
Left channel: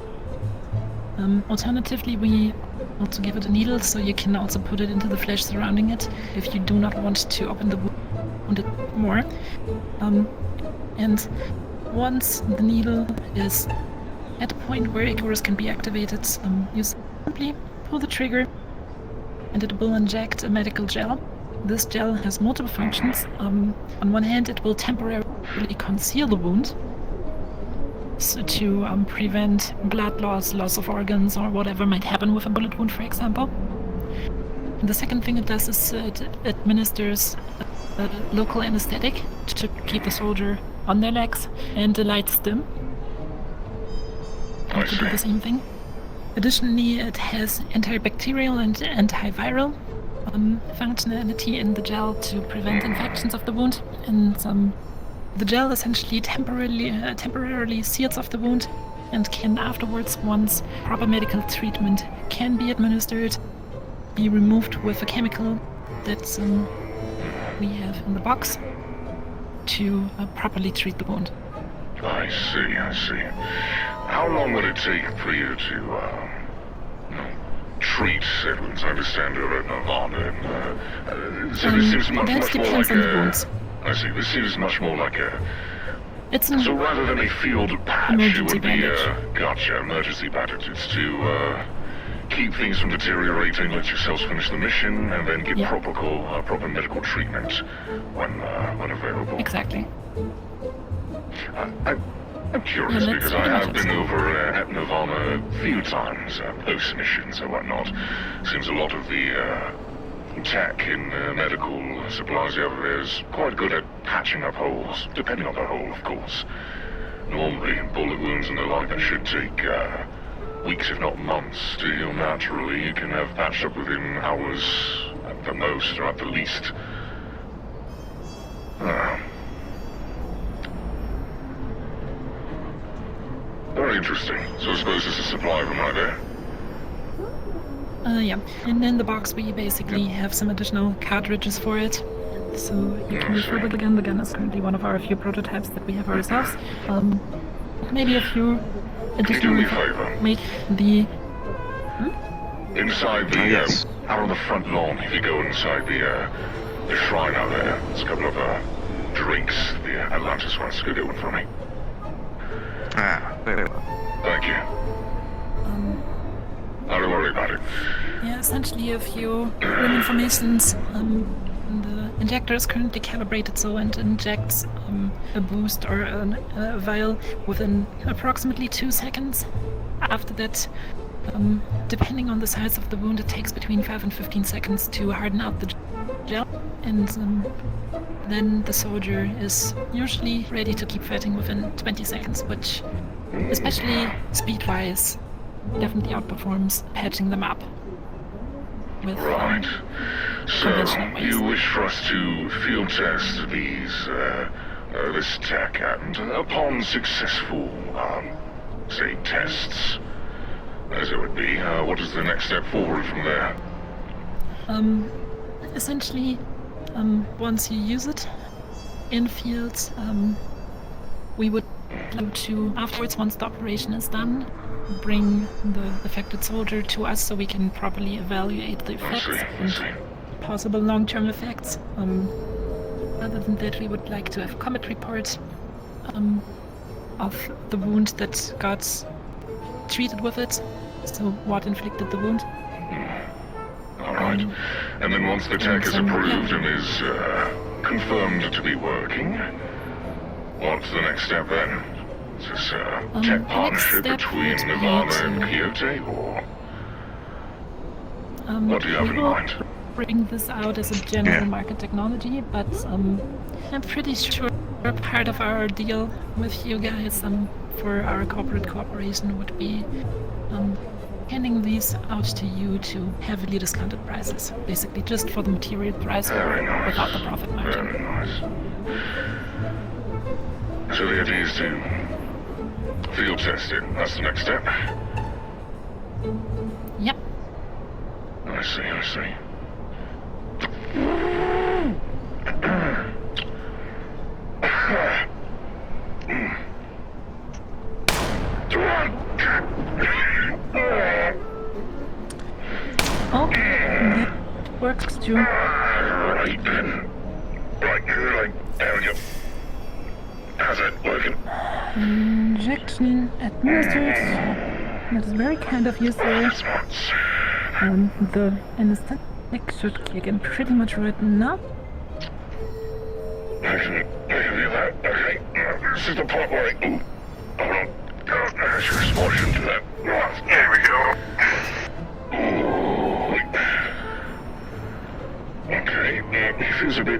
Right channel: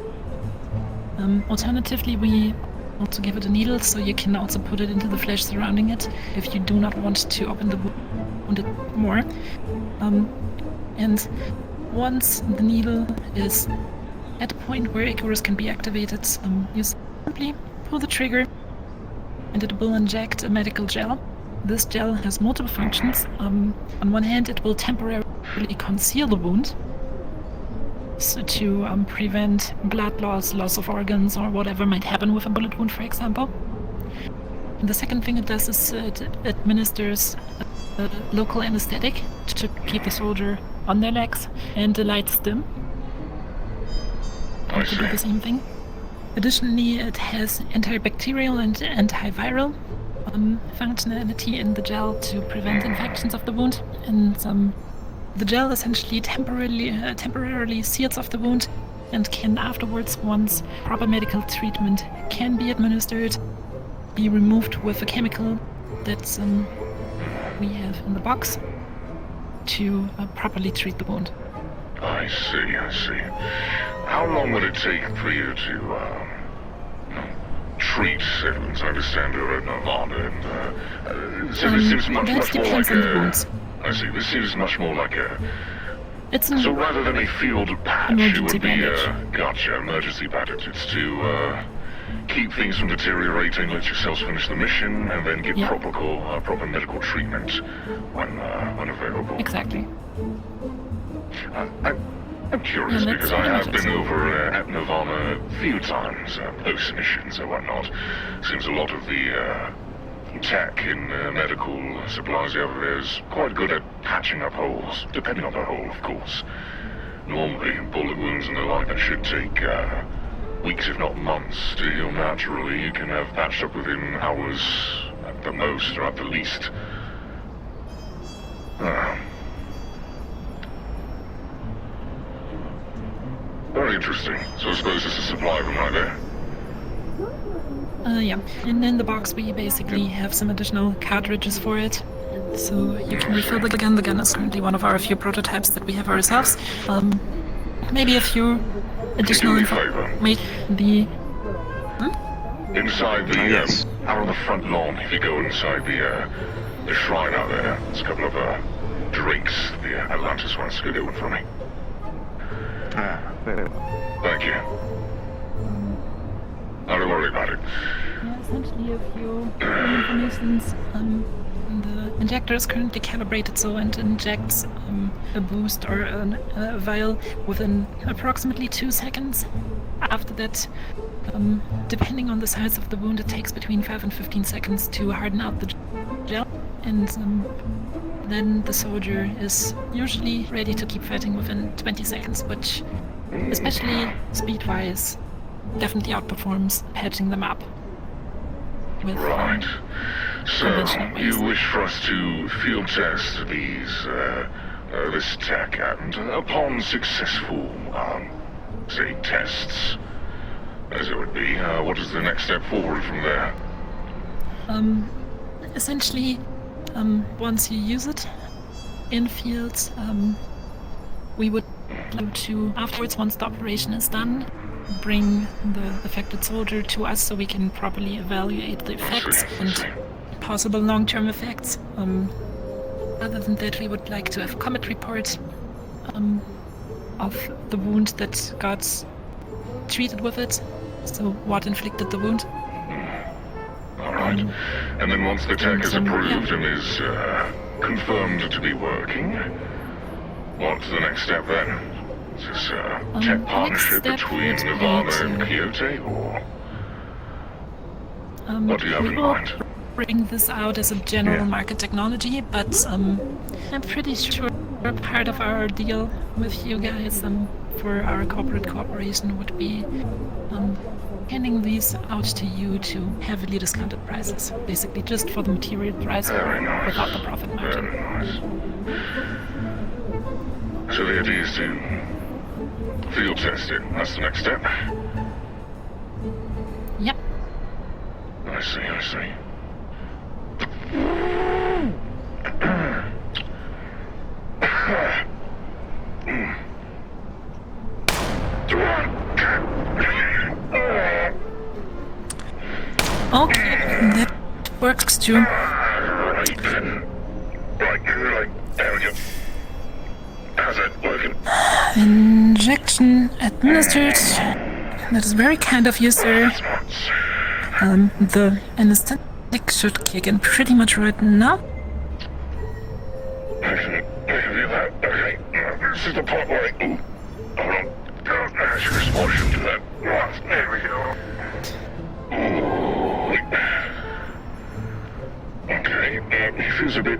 Alternatively, we also give it a needle, so you can also put it into the flesh surrounding it if you do not want to open the wound more. And once the needle is at a point where Icarus can be activated, you simply pull the trigger and it will inject a medical gel. This gel has multiple functions. On one hand, it will temporarily conceal the wound, so to prevent blood loss of organs, or whatever might happen with a bullet wound, for example. And the second thing it does is it administers a local anesthetic to keep the soldier on their legs and a light stim to do the same thing. Additionally, it has antibacterial and antiviral functionality in the gel to prevent infections of the wound, and the gel essentially temporarily seals off the wound and can afterwards, once proper medical treatment can be administered, be removed with a chemical that we have in the box to properly treat the wound. I see. How long would it take for you to, treat Simmons? I understand you're at Nirvana, and, so this seems much that more depends like on the wounds. I see, this seems much more like a... It's an So rather than a field patch, emergency it would be bandage. Gotcha, emergency bandages to, keep things from deteriorating, let yourselves finish the mission, and then give Yeah. proper medical treatment when available. Exactly. I'm curious Yeah, because that's I pretty have much been it. over at Nirvana a few times, post-missions and whatnot. Seems a lot of the tech in medical supplies over there is quite good at patching up holes, depending on the hole, of course. Normally, bullet wounds and the like that should take weeks, if not months, to heal naturally. You can have patched up within hours at the most, or at the least. Very interesting. So I suppose this is supply room right there. Yeah. And in the box we basically have some additional cartridges for it. So you can refill the gun. The gun is currently one of our few prototypes that we have ourselves. Maybe a few additional information. The Inside the yes. out on the front lawn, if you go inside the shrine out there, there's a couple of drinks the Atlantis wants to get one for me. Thank you. Don't worry about it. Yeah, essentially a few room informations. The injector is currently calibrated so it injects a boost or a vial within approximately 2 seconds. After that, depending on the size of the wound, it takes between 5 and 15 seconds to harden out the gel, and then the soldier is usually ready to keep fighting within 20 seconds, which, especially speed-wise, definitely outperforms patching them up with Right. So, conventional ways. you wish for us to field test this tech, and upon successful, say, tests, as it would be, what is the next step forward from there? Essentially, once you use it in fields, we would like to, afterwards, once the operation is done, bring the affected soldier to us so we can properly evaluate the effects and possible long-term effects. Other than that, we would like to have combat reports of the wound that got treated with it, so what inflicted the wound. Alright. And then once the tech is approved and is confirmed to be working, what's the next step then? Is this a tech partnership between Nirvana and Quixote, or what do you have in mind? Bring this out as a general market technology, but I'm pretty sure part of our deal with you guys for our corporate cooperation would be handing these out to you to heavily discounted prices, basically just for the material price without the profit margin. Very nice. So the idea is to field test it. That's the next step. Yep. I see. Oh, that works too. Right then. Right, there we go. How's it working? Injection administered. That is very kind of you, sir. The anesthetic should kick in pretty much right now. Okay. This is the part where hold on. Don't ask your explosion to that. Right, there we go. Okay, it feels a bit...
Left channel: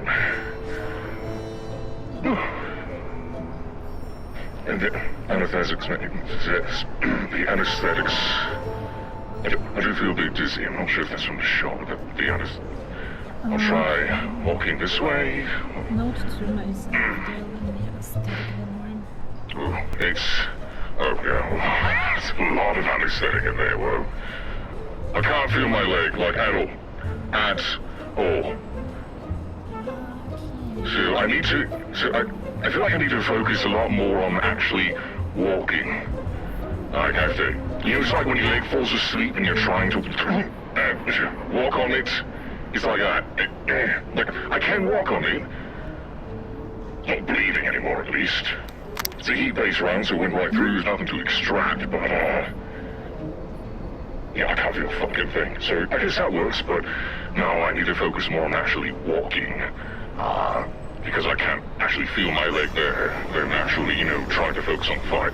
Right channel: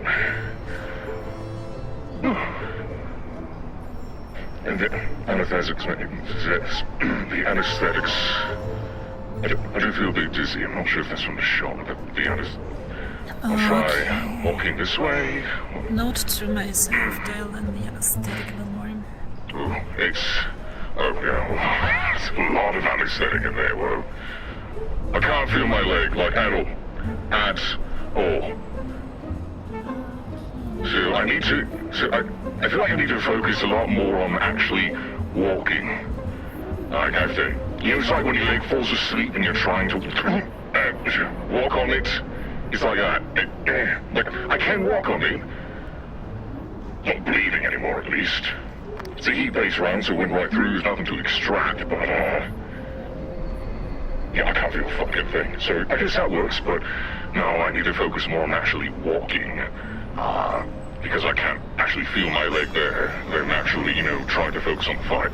And the anesthetics, the anesthetics... I do feel a bit dizzy. I'm not sure if that's from the shock, but to be honest, I'll try walking this way. Note to myself, dial in the anesthetic in the morning. It's... Okay, there's a lot of anesthetic in there, whoa. I can't feel my leg, like, at all. At all. So I need to... I feel like I need to focus a lot more on actually walking. I have to... It's like when your leg falls asleep and you're trying to walk on it. It's like I can walk on it. Not bleeding anymore, at least. It's a heat-based round, so it went right through. There's nothing to extract, but yeah, I can't feel a fucking thing. So I guess that works, but no, I need to focus more on actually walking. Because I can't actually feel my leg there. They're naturally, trying to focus on the fight.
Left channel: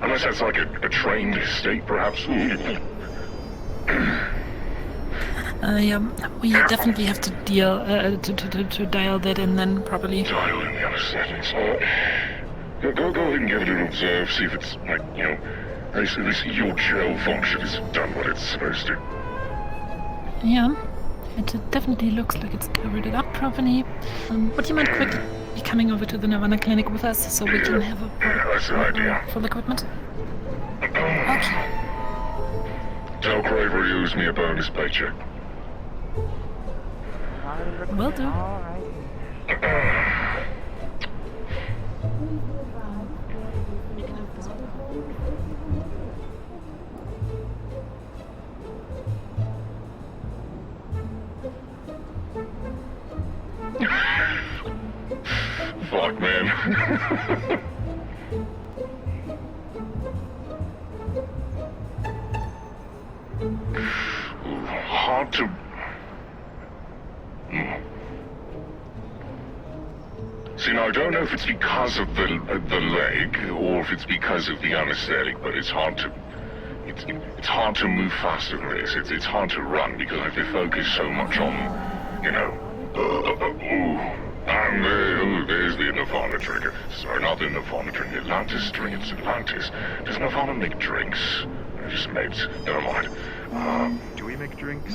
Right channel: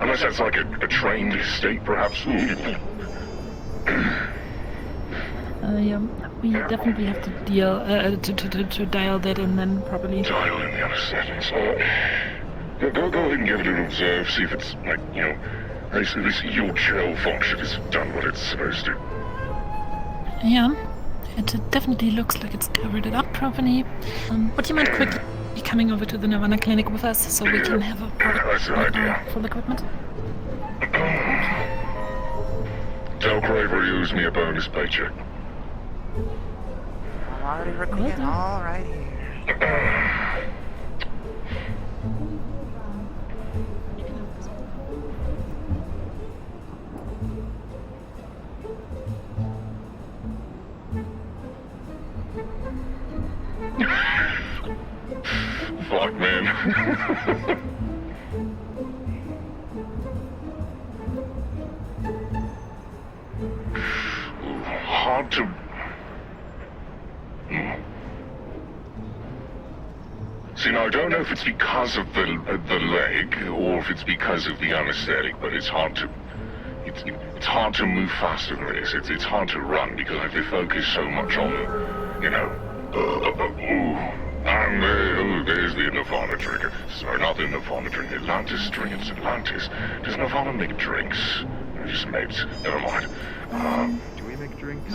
Unless that's like a trained state, perhaps. Yeah, we definitely have to deal to dial that in then properly. Dial in the anesthetics. Go ahead and give it an observe, see if it's like, this your channel function is done what it's supposed to. Yeah, it definitely looks like it's covered it up properly. Would you mind quickly be coming over to the Nirvana clinic with us so we can have a That's the idea. full equipment? Okay. Tell Craver use me a bonus paycheck. Already written Will it. do. Alrighty. Fuck, man. Hard to... See, now, I don't know if it's because of the leg, or if it's because of the anesthetic, but it's hard to... It's hard to move faster than this. It's hard to run because I have to focus so much on, you know... And there's the Nirvana trigger. Sorry, not the Nirvana trigger. Atlantis trigger. It's Atlantis. Does Nirvana make drinks? I just made... Never mind. Do we make drinks?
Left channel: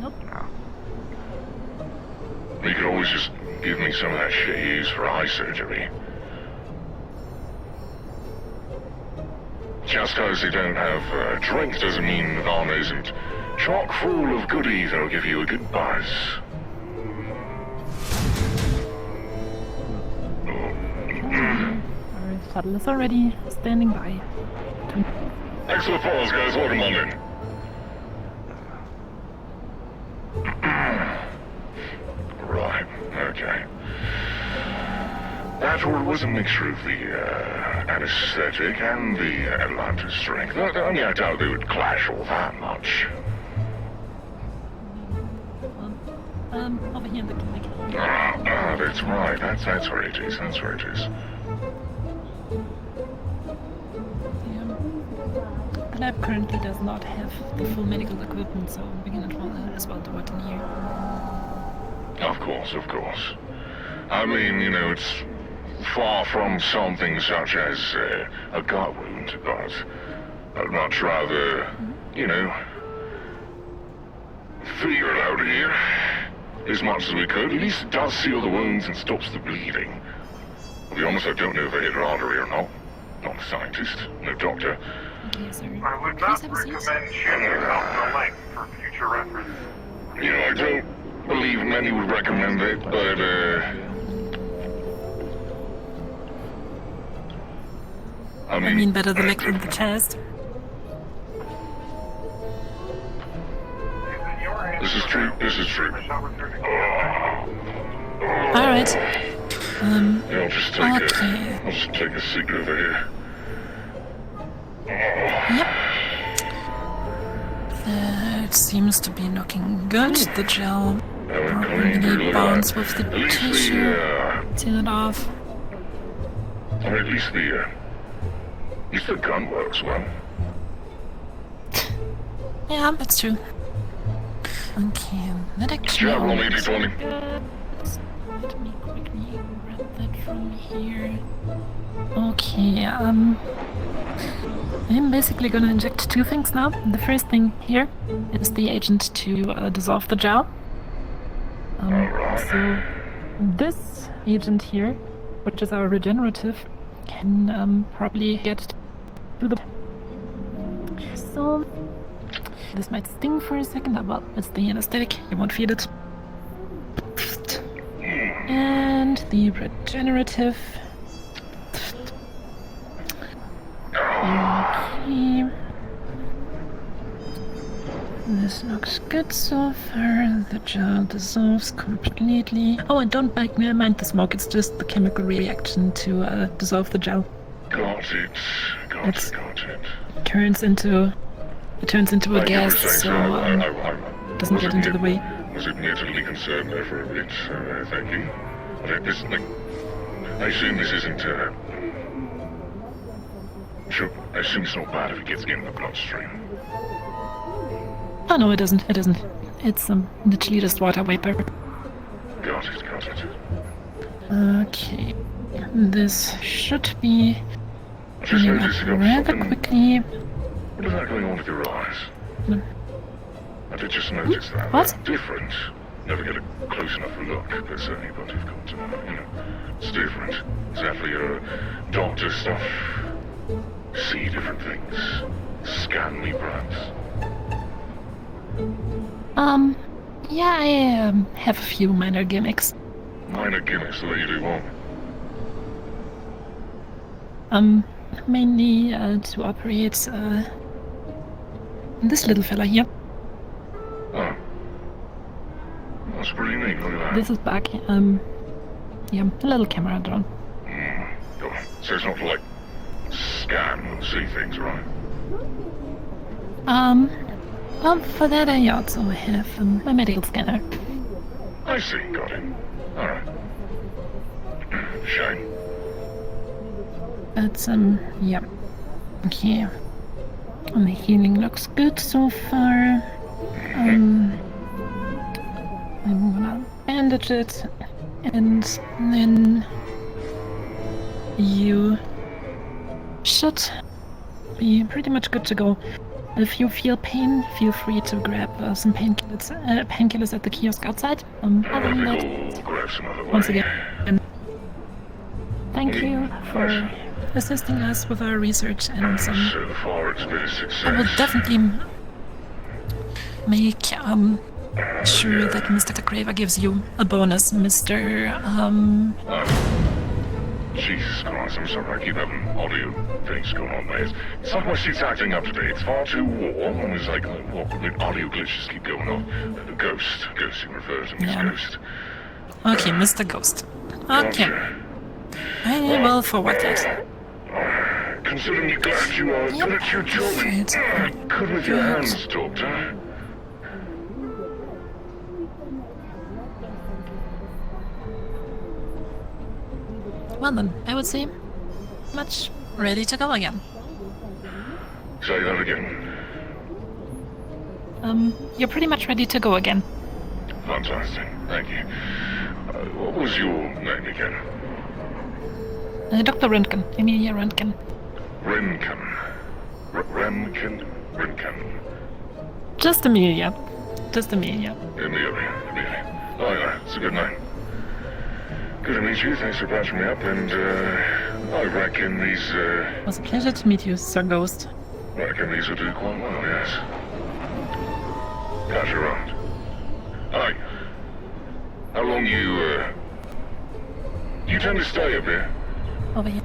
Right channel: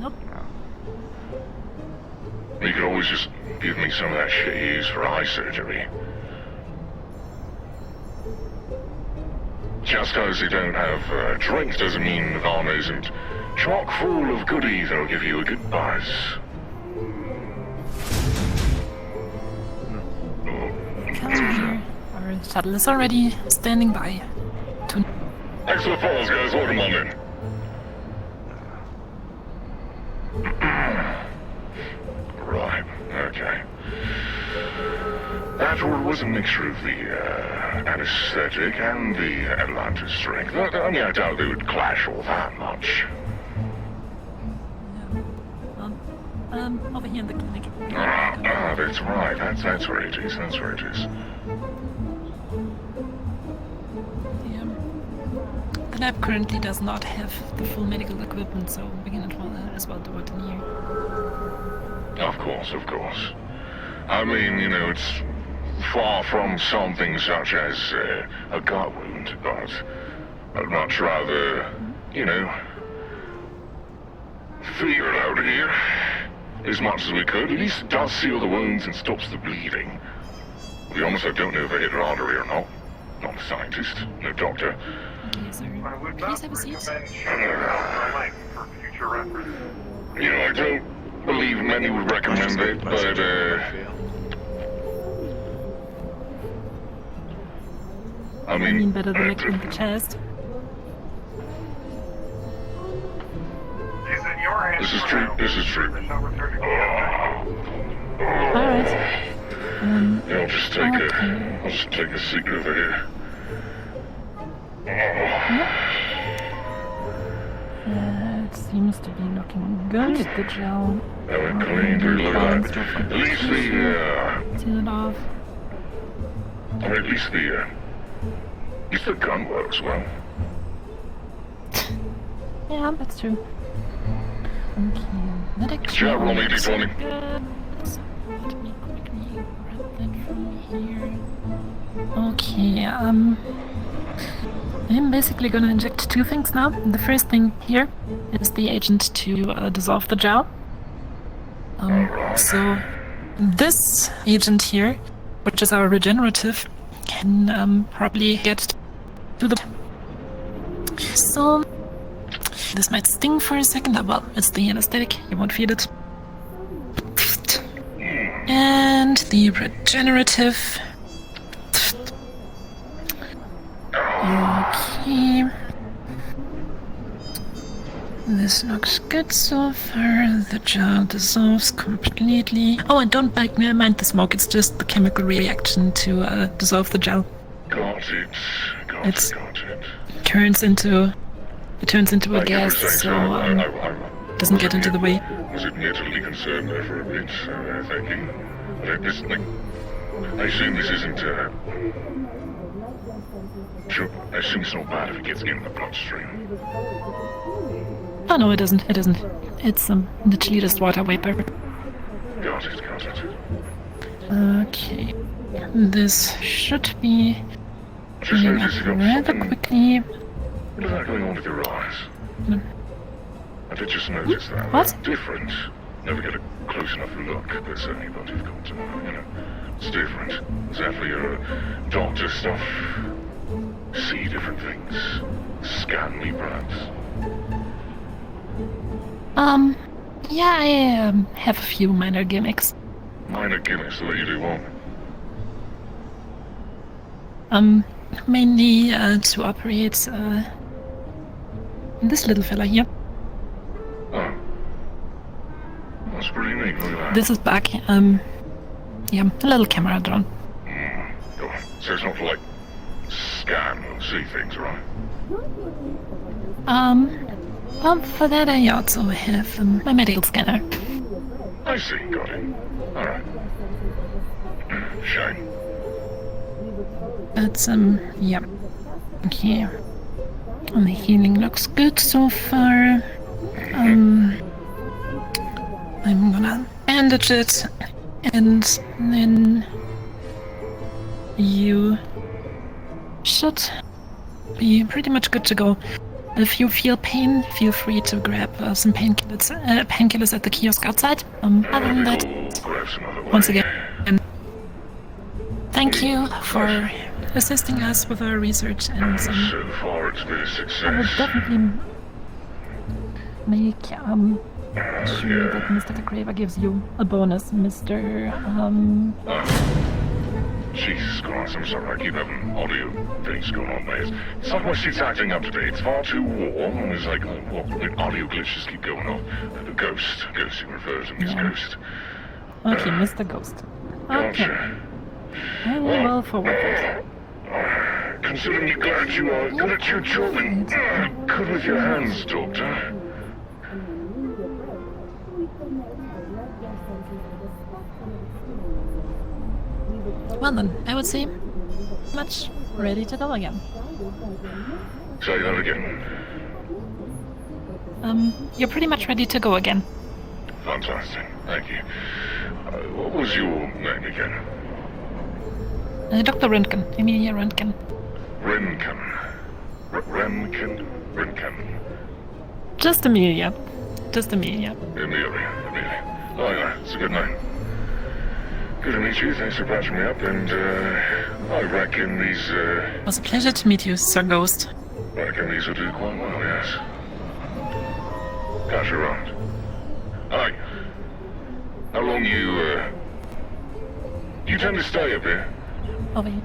Nope. You can always just give me some of that shit you use for eye surgery. Just because they don't have drinks doesn't mean Nirvana isn't chock full of goodies that'll give you a good buzz. Our shuttle is already standing by. Excellent falls, guys. Welcome on in. Right, okay. After it was a mixture of the anesthetic and the Atlantis strength. I mean, I doubt they would clash all that much. Over here in the clinic. That's right. That's where it is. That's where it is. The lab currently does not have the full medical equipment, so we can as well do it in here. Of course, of course. I mean, you know, it's far from something such as a gut wound, but I'd much rather, you know, figure it out here as much as we could. At least it does seal the wounds and stops the bleeding. To be honest, I don't know if I hit an artery or not. Not a scientist, no doctor. Okay, sir. I would Please not have a seat. recommend shooting out the length for future reference. You know, I don't believe many would recommend it, but, I I mean mean, better the leg in the chest. Is it your hands? this is true, this is true. Alright. Yeah, I'll just Okay. I'll just take a seat over here. That seems to be looking good. The gel really bonds with the tissue. Seal it off. Or at least the gun works well. Yeah, that's true. Okay, that actually Sure, all I'll leave looks it on you. good. So let me quickly grab that from here. Okay, I'm basically gonna inject two things now. The first thing here is the agent to dissolve the gel. So this agent here, which is our regenerative, can probably get to the... So this might sting for a second. Well, it's the anesthetic, you won't feel it. And the regenerative. Okay. This looks good so far. The gel dissolves completely. Oh, and don't mind the smoke. It's just the chemical reaction to dissolve the gel. Got it. It's- Got it. It turns into a gas, so doesn't get into the way. Was admittedly concerned there for a bit, thinking that this thing... I assume this isn't, Sure, I assume it's not bad if it gets in the bloodstream. Oh no, it isn't. It isn't. It's literally just water vapor. Got it, got it. Okay. This should be healing up rather quickly. What's that going on with your eyes? Hmm. I did just notice that. What? Different. never get a close enough look, but certainly what you've come to know, you know. It's different. It's definitely your doctor stuff. See different things. Scan me, perhaps. Yeah, I have a few minor gimmicks. Minor gimmicks, let you do what? Mainly to operate this little fella here. Oh. That's pretty neat, look at that. This is back. Yeah, a little camera drone. Go on. So it's not to, like, scan and see things, right? Well, for that I also have my medical scanner. I see, got it. Alright. Shame. But, yeah. Okay. And the healing looks good so far. I'm gonna bandage it, and then you should be pretty much good to go. If you feel pain, feel free to grab some painkillers at the kiosk outside. Other than that, once again, thank you for assisting us with our research, and So far it's been a I success. will definitely make sure that Mr. Craver gives you a bonus, Mr. Jesus Christ, I'm sorry, I keep having audio things going on there. It's like my shit's acting up today. It's far too warm, and there's like, audio glitches keep going off. The ghost in reversion, this Yeah. ghost. Okay, Mr. Ghost. Okay, I will forward that. Considering you're glad you are good at your job, good with your hands, Doctor. Well then, I would say much ready to go again. Say that again. You're pretty much ready to go again. Fantastic, thank you. What was your name again? Dr. Röntgen, Emilia Röntgen. Rinken. Rinken. Just Emilia. Just Emilia. Amelia. Oh yeah, it's a good name. Good to meet you, thanks for patching me up, and I reckon these, It was a pleasure to meet you, Sir Ghost. will do quite well, yes. How's your round? Hi. How long you tend to stay up here? Over here.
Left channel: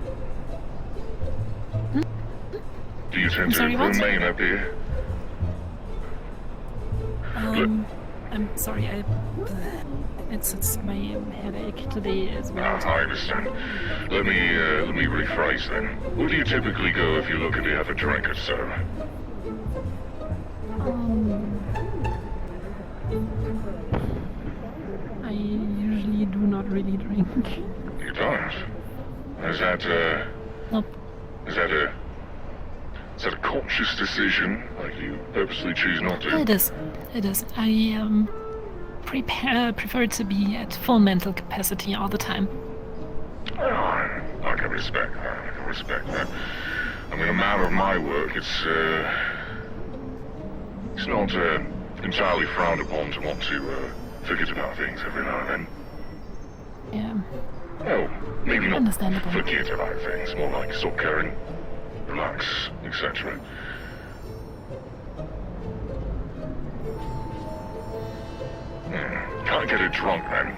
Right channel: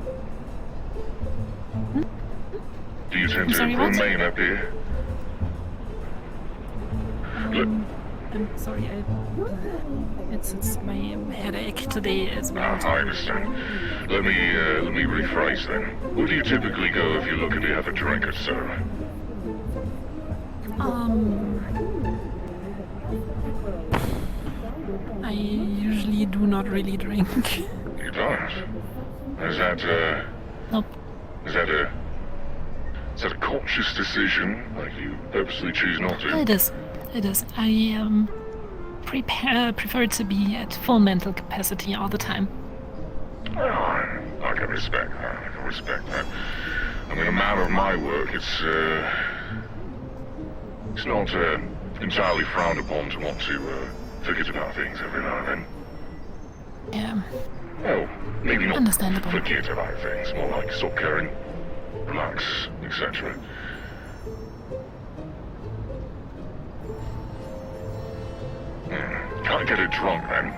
Do you tend I'm sorry, to what? remain up here? I'm sorry, it's my headache today as well. I understand. Let me rephrase then. Where do you typically go if you look to have a drink or so? I usually do not really drink. You don't? Is that, Nope. Is that a conscious decision? Like you purposely choose not to? It is. I prefer to be at full mental capacity all the time. I can respect that. I mean, a matter of my work, it's not entirely frowned upon to want to forget about things every now and then. Yeah. Well, maybe not Understandable. forget about things, more like stop caring, relax, etc. Can't get it drunk, man.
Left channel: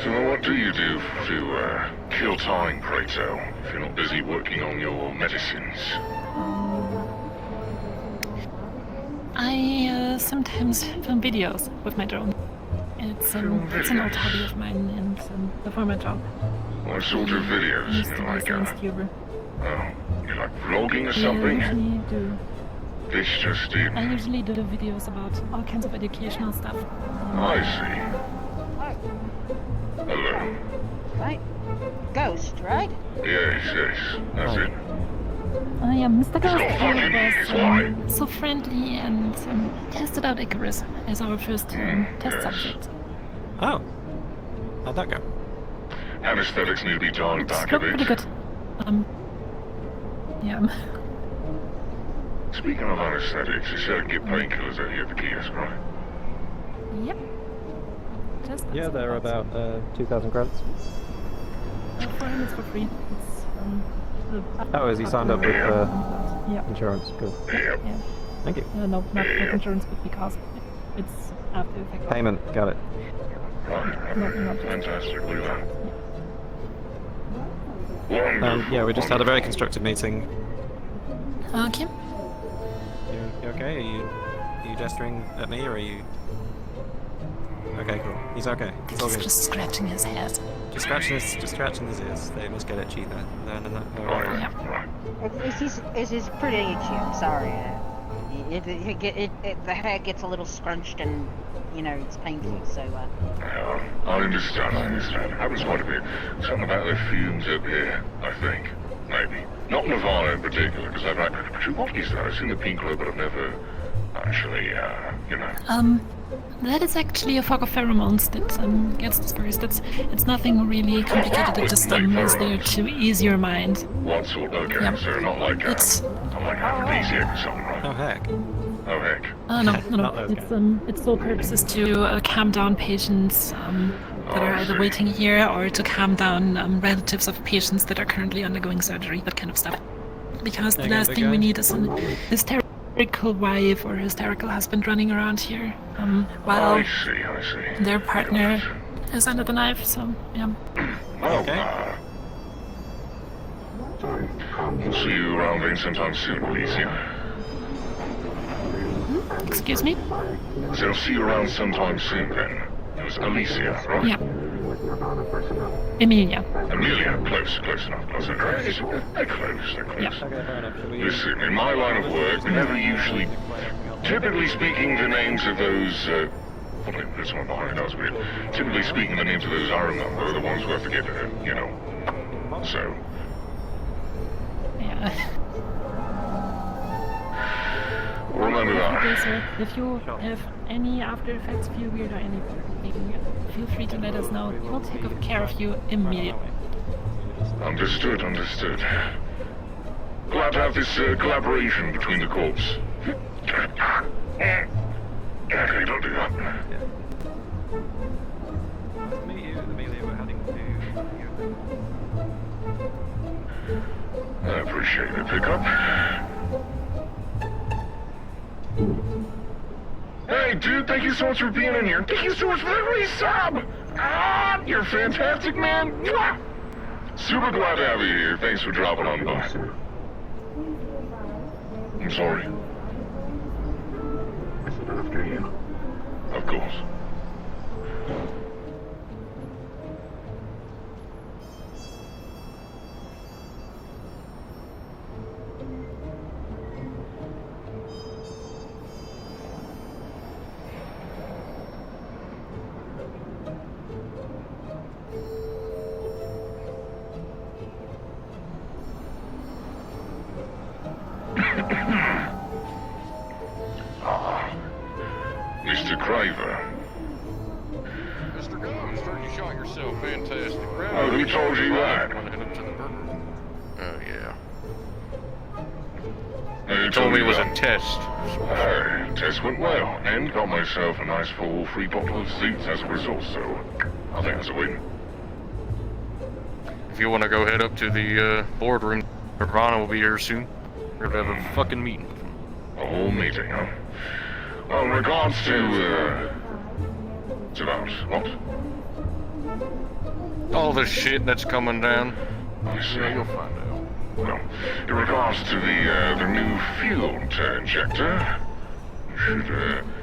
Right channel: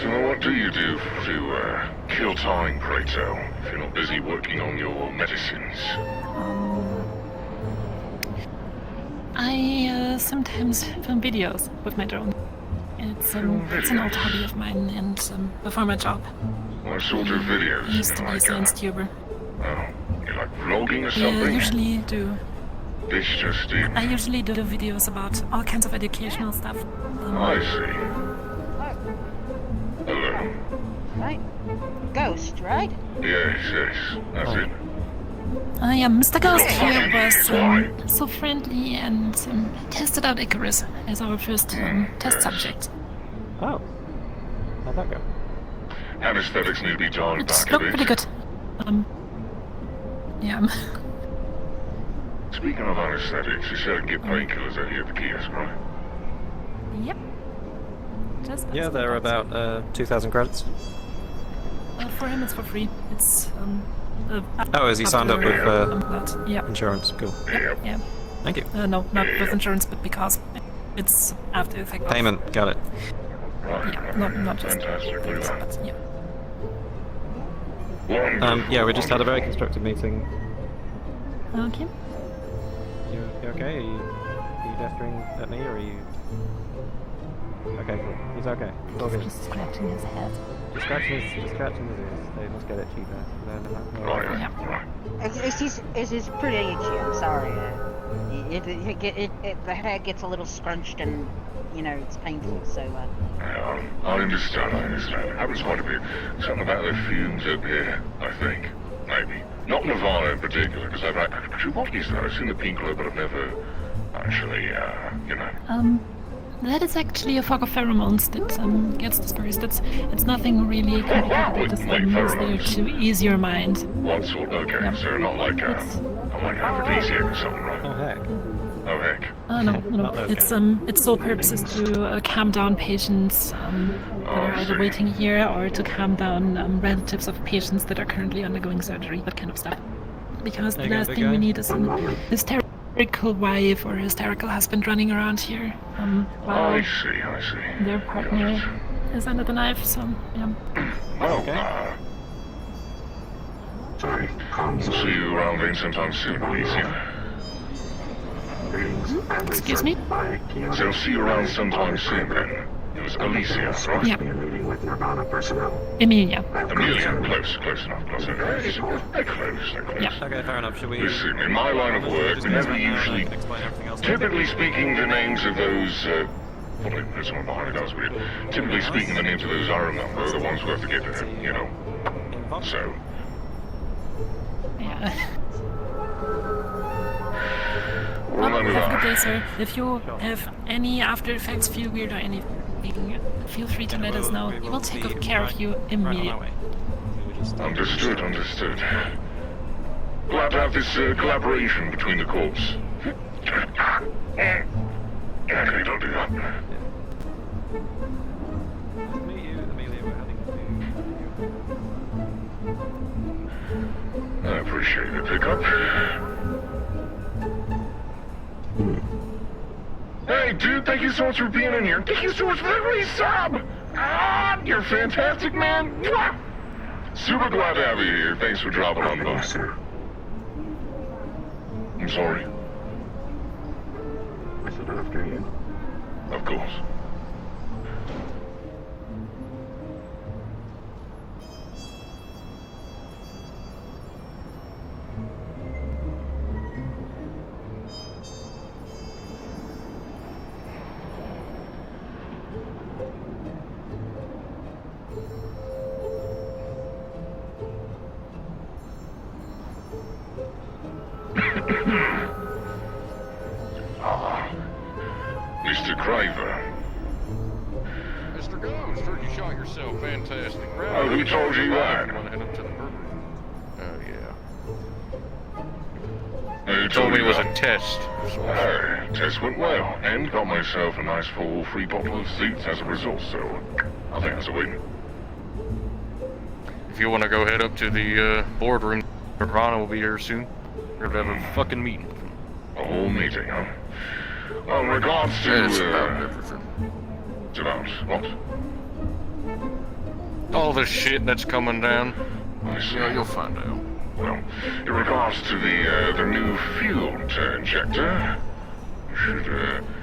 So what do you do to kill time, pray tell, if you're not busy working on your medicines? I sometimes film videos with my drone. It's an old hobby of mine, and before my job, What sort of videos? I used to be a Like, science tuber. you like vlogging or I something? usually do. This just in. I usually do videos about all kinds of educational stuff. I see. Hello. Right? Ghost, right? Yes, that's it. Mr. Ghost here was so friendly and tested out Icarus as our first test subject. Oh. How'd that go? Anesthetics need to be dialed It back a looked bit. pretty good. Yeah. So Speaking of anesthetics, you said I can get painkillers out here at the kiosk, right? Yep. Just Yeah, they're about 2,000 credits. for him, it's for free. It's Oh, is he signed up with yeah. insurance? Cool. Yeah. Thank you. No, not with insurance, but because it's after effect. Payment, got it. Yeah, not just. Fantastic. But, yeah. Yeah, we just had a very constructive meeting. Okay. You okay? Are you gesturing at me, or are you... Okay, cool. He's okay. It's all He's good. just scratching his head. Just scratching his ears. They must get it cheaper. It's pretty itchy. I'm sorry. The hair gets a little scrunched and, you know, it's painful. So. Yeah, I understand. I was wondering something about the fumes up here. I think maybe not Nirvana in particular, because what is that? I've seen the Pink Club, but I've never actually, you know. That is actually a fog of pheromones that gets dispersed. It's nothing really complicated. It just is there to ease your mind. What sort? Okay, so not like aphrodisiac or something, right? Oh heck. Oh heck. No. Its sole purpose is to calm down patients that are either waiting here or to calm down relatives of patients that are currently undergoing surgery. That kind of stuff. Because the last thing we need is an hysterical wife or hysterical husband running around here while I see. their partner is under the knife. So yeah. Okay. We'll see you around here sometime soon, Alicia. Excuse me? So I'll see you around sometime soon then. It was Alicia, right? Yeah. Emilia. Amelia, close enough. They're close. Yeah. Okay, fair enough. Should we... Listen, in my line of work, we never usually, typically speaking, the names of those, well, there's one behind us, but typically speaking, the names of those I remember are the ones we have to get, you know. So, Yeah. remember Have a good day, that. sir. If you have any after effects, feel weird or anything, feel free to let us know. We will take care of you immediately. Understood. Glad to have this collaboration between the corps. Okay, don't do that. Meet you, Amelia. We're happy to... I appreciate the pickup. Hey, dude, thank you so much for being in here. Thank you so much for every sub! You're fantastic, man. Super glad to have you here. Thanks for dropping on by. I'm sorry. I said after you. Of course. Mr. Craver. Mr. Ghost, heard you shot yourself. Fantastic. Who told you that? Oh, yeah. You Told me it was a test. Test went well, and got myself a nice full free bottle of seats as a result, so I think it's a win. If you want to go head up to the boardroom, Nirvana will be here soon. We're gonna have a fucking meeting with him. A whole meeting, huh? Well, in regards to, what? All the shit that's coming down. Yeah, you'll find out. Well, in regards to the new fuel injector, you should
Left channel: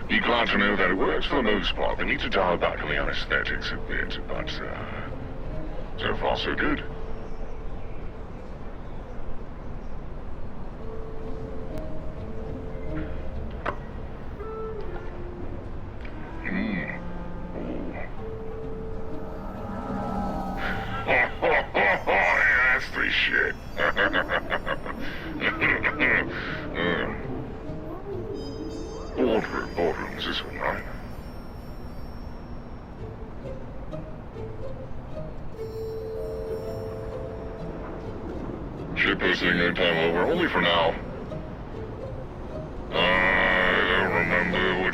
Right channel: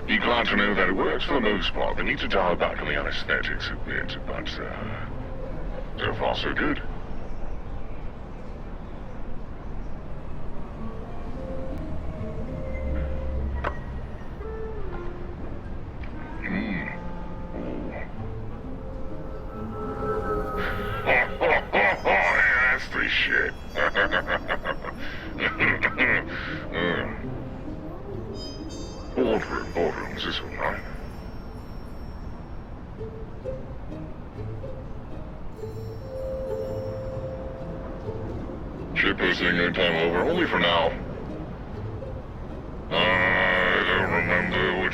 be glad to know that it works for the most part. They need to dial back on the anesthetics a bit, but so far so good. That's the shit. Boardroom, is this one, right? Ship is taking their time over, only for now.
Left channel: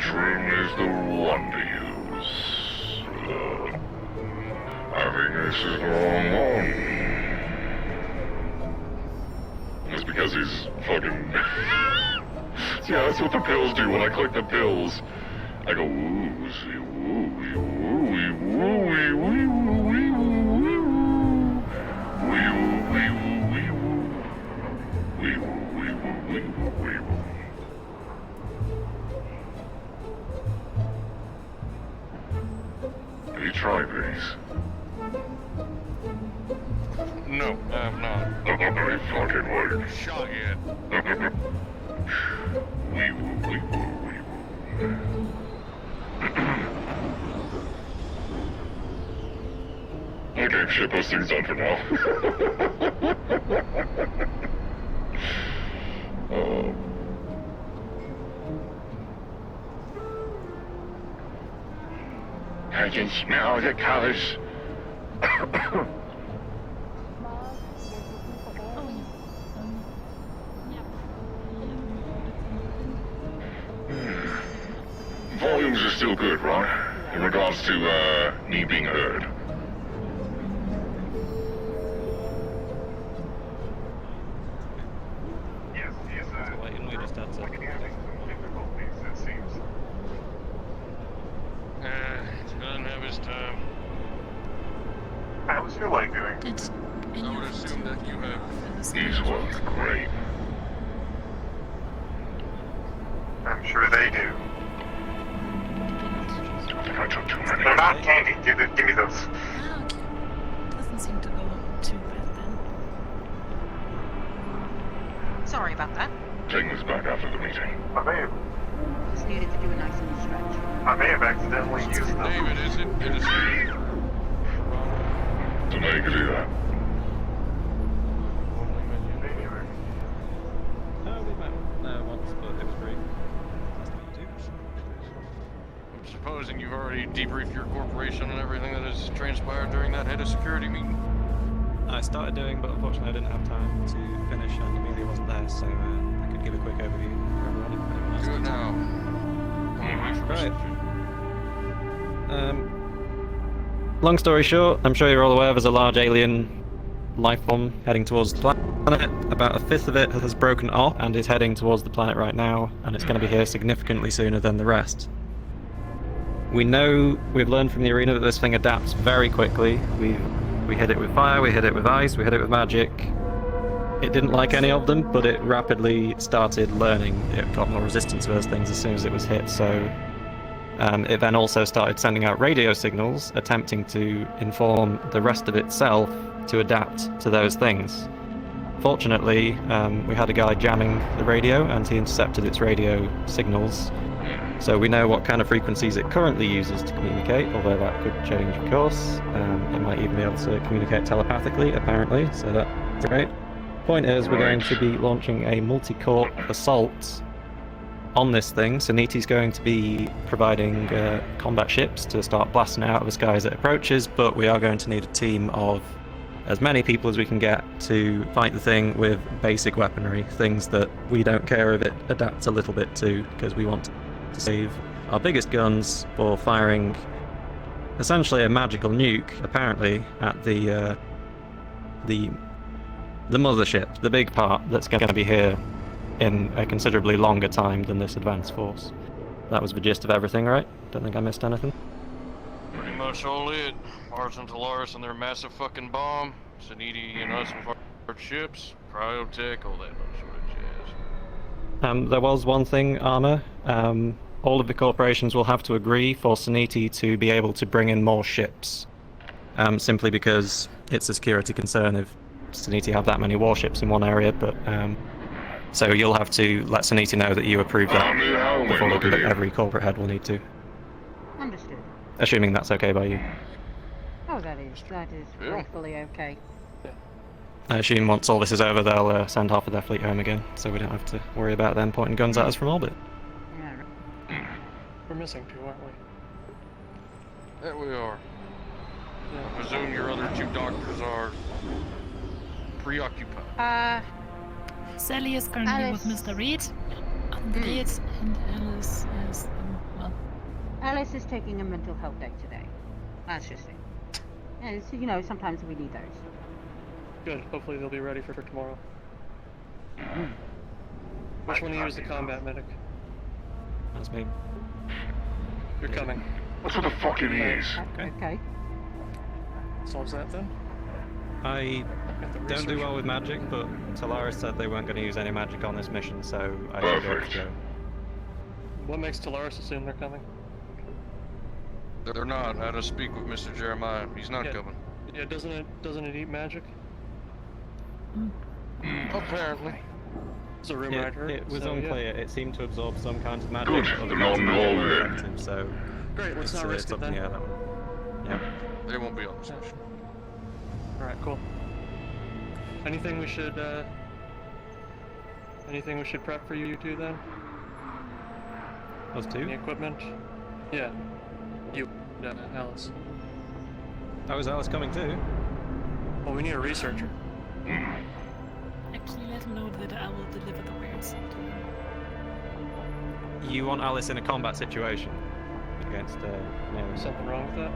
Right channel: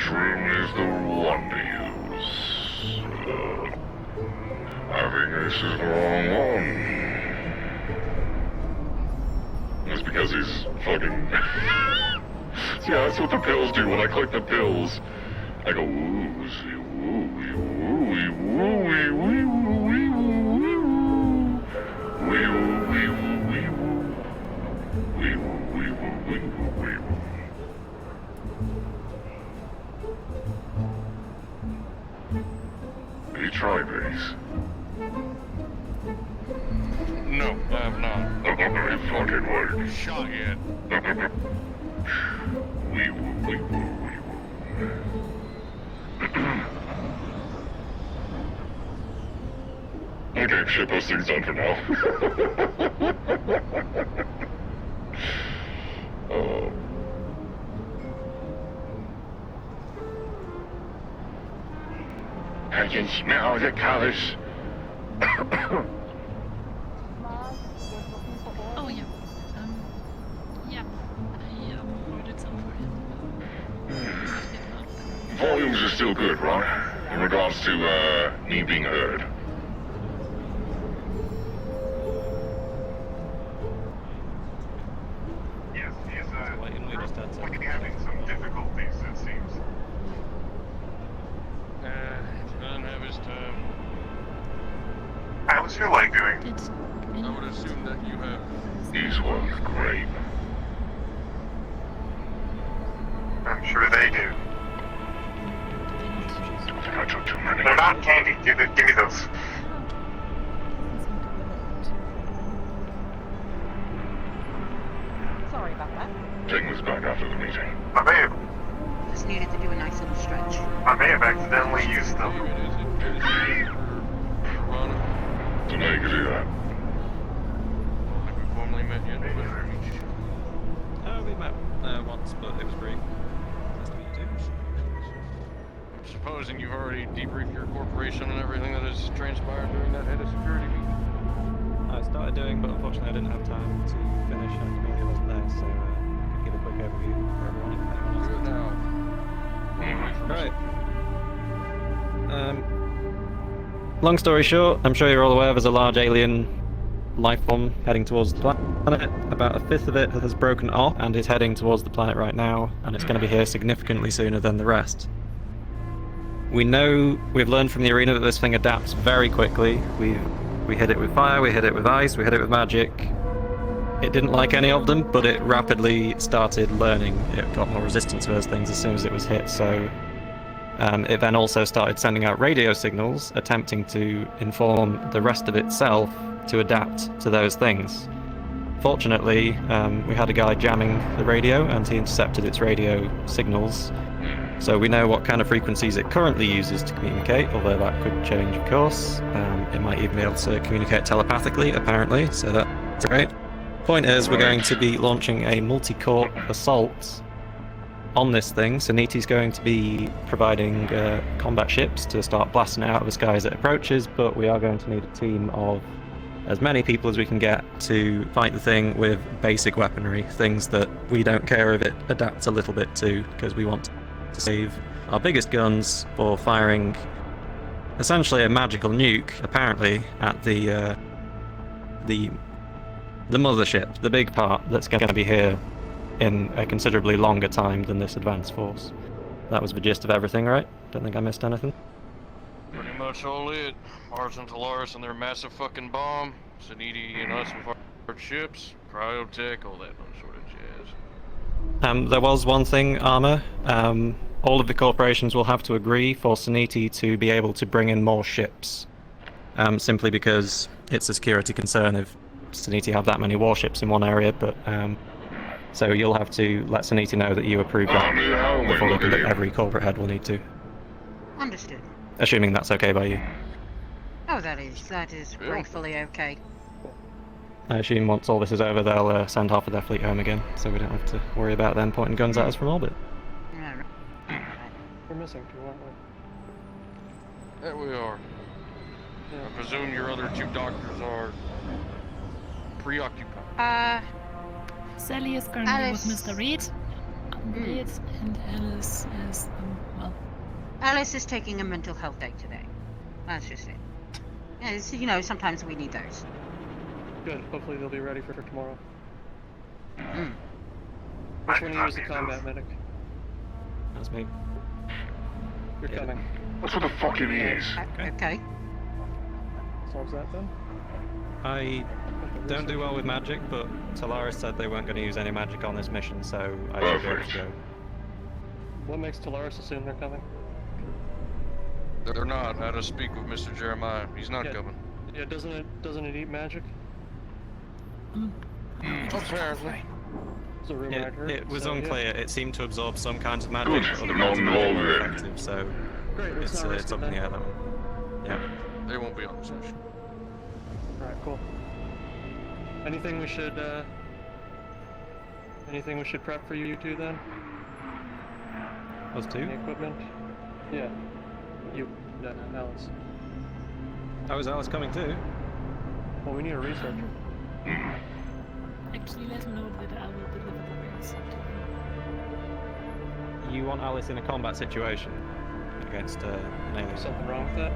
storage room is the one to use. I think this is the wrong one. It's because he's fucking... Yeah, that's what the pills do when I click the pills. I go, woozy, wooey, wooey, wooey, wooey, wooey, Have you tried these? No, I have not. They fucking work. Shot yet. Okay, shit those things on for now. I can smell the Callous. Oh yeah. Yeah. I ordered some. Volumes are still good, right? In regards to, me being heard. Yes, yes, Why didn't we just add something? having some difficulties, it seems. Doesn't have his time. How's your leg doing? Did I would assume that you have. These work great. I'm sure they do. I think I took too many. They're not candy. Give me those. doesn't seem to be too bad then. Sorry about that. Take this back after the meeting. I Just needed to do a nice little stretch. may have accidentally used them. David, is it Tennessee or Toronto? So now you can do that. Like we've only met yet. We met once, but it was great. I'm supposing you've already debriefed your corporation on everything that has transpired during that head of security meeting. I started doing, but unfortunately I didn't have time to finish and Amelia wasn't there, so I could give a quick overview for everyone if anyone wants Good to. now. Right. Long story short, I'm sure you're all aware there's a large alien life form heading towards the planet. About a fifth of it has broken off and is heading towards the planet right now, and it's going to be here significantly sooner than the rest. We've learned from the arena that this thing adapts very quickly. We hit it with fire, we hit it with ice, we hit it with magic. It didn't like any of them, but it rapidly started learning. It got more resistant to those things as soon as it was hit, so it then also started sending out radio signals, attempting to inform the rest of itself to adapt to those things. Fortunately, we had a guy jamming the radio, and he intercepted its radio signals. So we know what kind of frequencies it currently uses to communicate, although that could change, of course. It might even be able to communicate telepathically, apparently, so that's great. Point is, we're going to be launching a multi-corp assault on this thing. So Niti's going to be providing combat ships to start blasting it out of the sky as it approaches, but we are going to need a team of as many people as we can get to fight the thing with basic weaponry, things that we don't care if it adapts a little bit to, because we want to save our biggest guns for firing essentially a magical nuke, apparently, at the mothership, the big part that's going to be here in a considerably longer time than this advanced force. That was the gist of everything, right? Don't think I missed anything. Pretty much all it. Mars and Talaris and their massive fucking bomb. Saniti and us with our ships. Cryotech, all that sort of jazz. There was one thing, Armor. All of the corporations will have to agree for Saniti to be able to bring in more ships. Simply because it's a security concern if Saniti have that many warships in one area, but so you'll have to let Saniti know that you approve that before they conduct. Every corporate head will need to. Understood. Assuming that's okay by you. Oh, that is gratefully okay. I assume once all this is over, they'll send half of their fleet home again, so we don't have to worry about them pointing guns at us from orbit. We're missing two, aren't we? That we are. I presume your other two doctors are preoccupied. Sally is currently with Mr. Reed. Reed and Alice is Alice is taking a mental health day today. That's just it. It's, you know, sometimes we need those. Good. Hopefully they'll be ready for tomorrow. Mm. Which one of you is the combat medic? That's me. You're coming. That's what the fuck it is. Okay. Solves that then? I don't do well with magic, but Talaris said they weren't going to use any magic on this mission, so I should be able to go. What makes Talaris assume they're coming? They're not. I had to speak with Mr. Jeremiah. He's not coming. Yeah, doesn't it eat magic? Apparently. It's a rumor I'd heard. It was so, unclear. Yeah. It seemed to absorb some kinds of magic, but other kinds of magic were effective, so Great, let's not risk it's it up in the then. air, that one. Yeah. They won't be on this mission. Alright, cool. Anything we should prep for you two then? Us Any two? equipment? Yeah. You. No, Alice. How is Alice coming too? Well, we need a researcher. Actually, let him know that I will deliver the wares. You want Alice in a combat situation against an alien? Something wrong with that?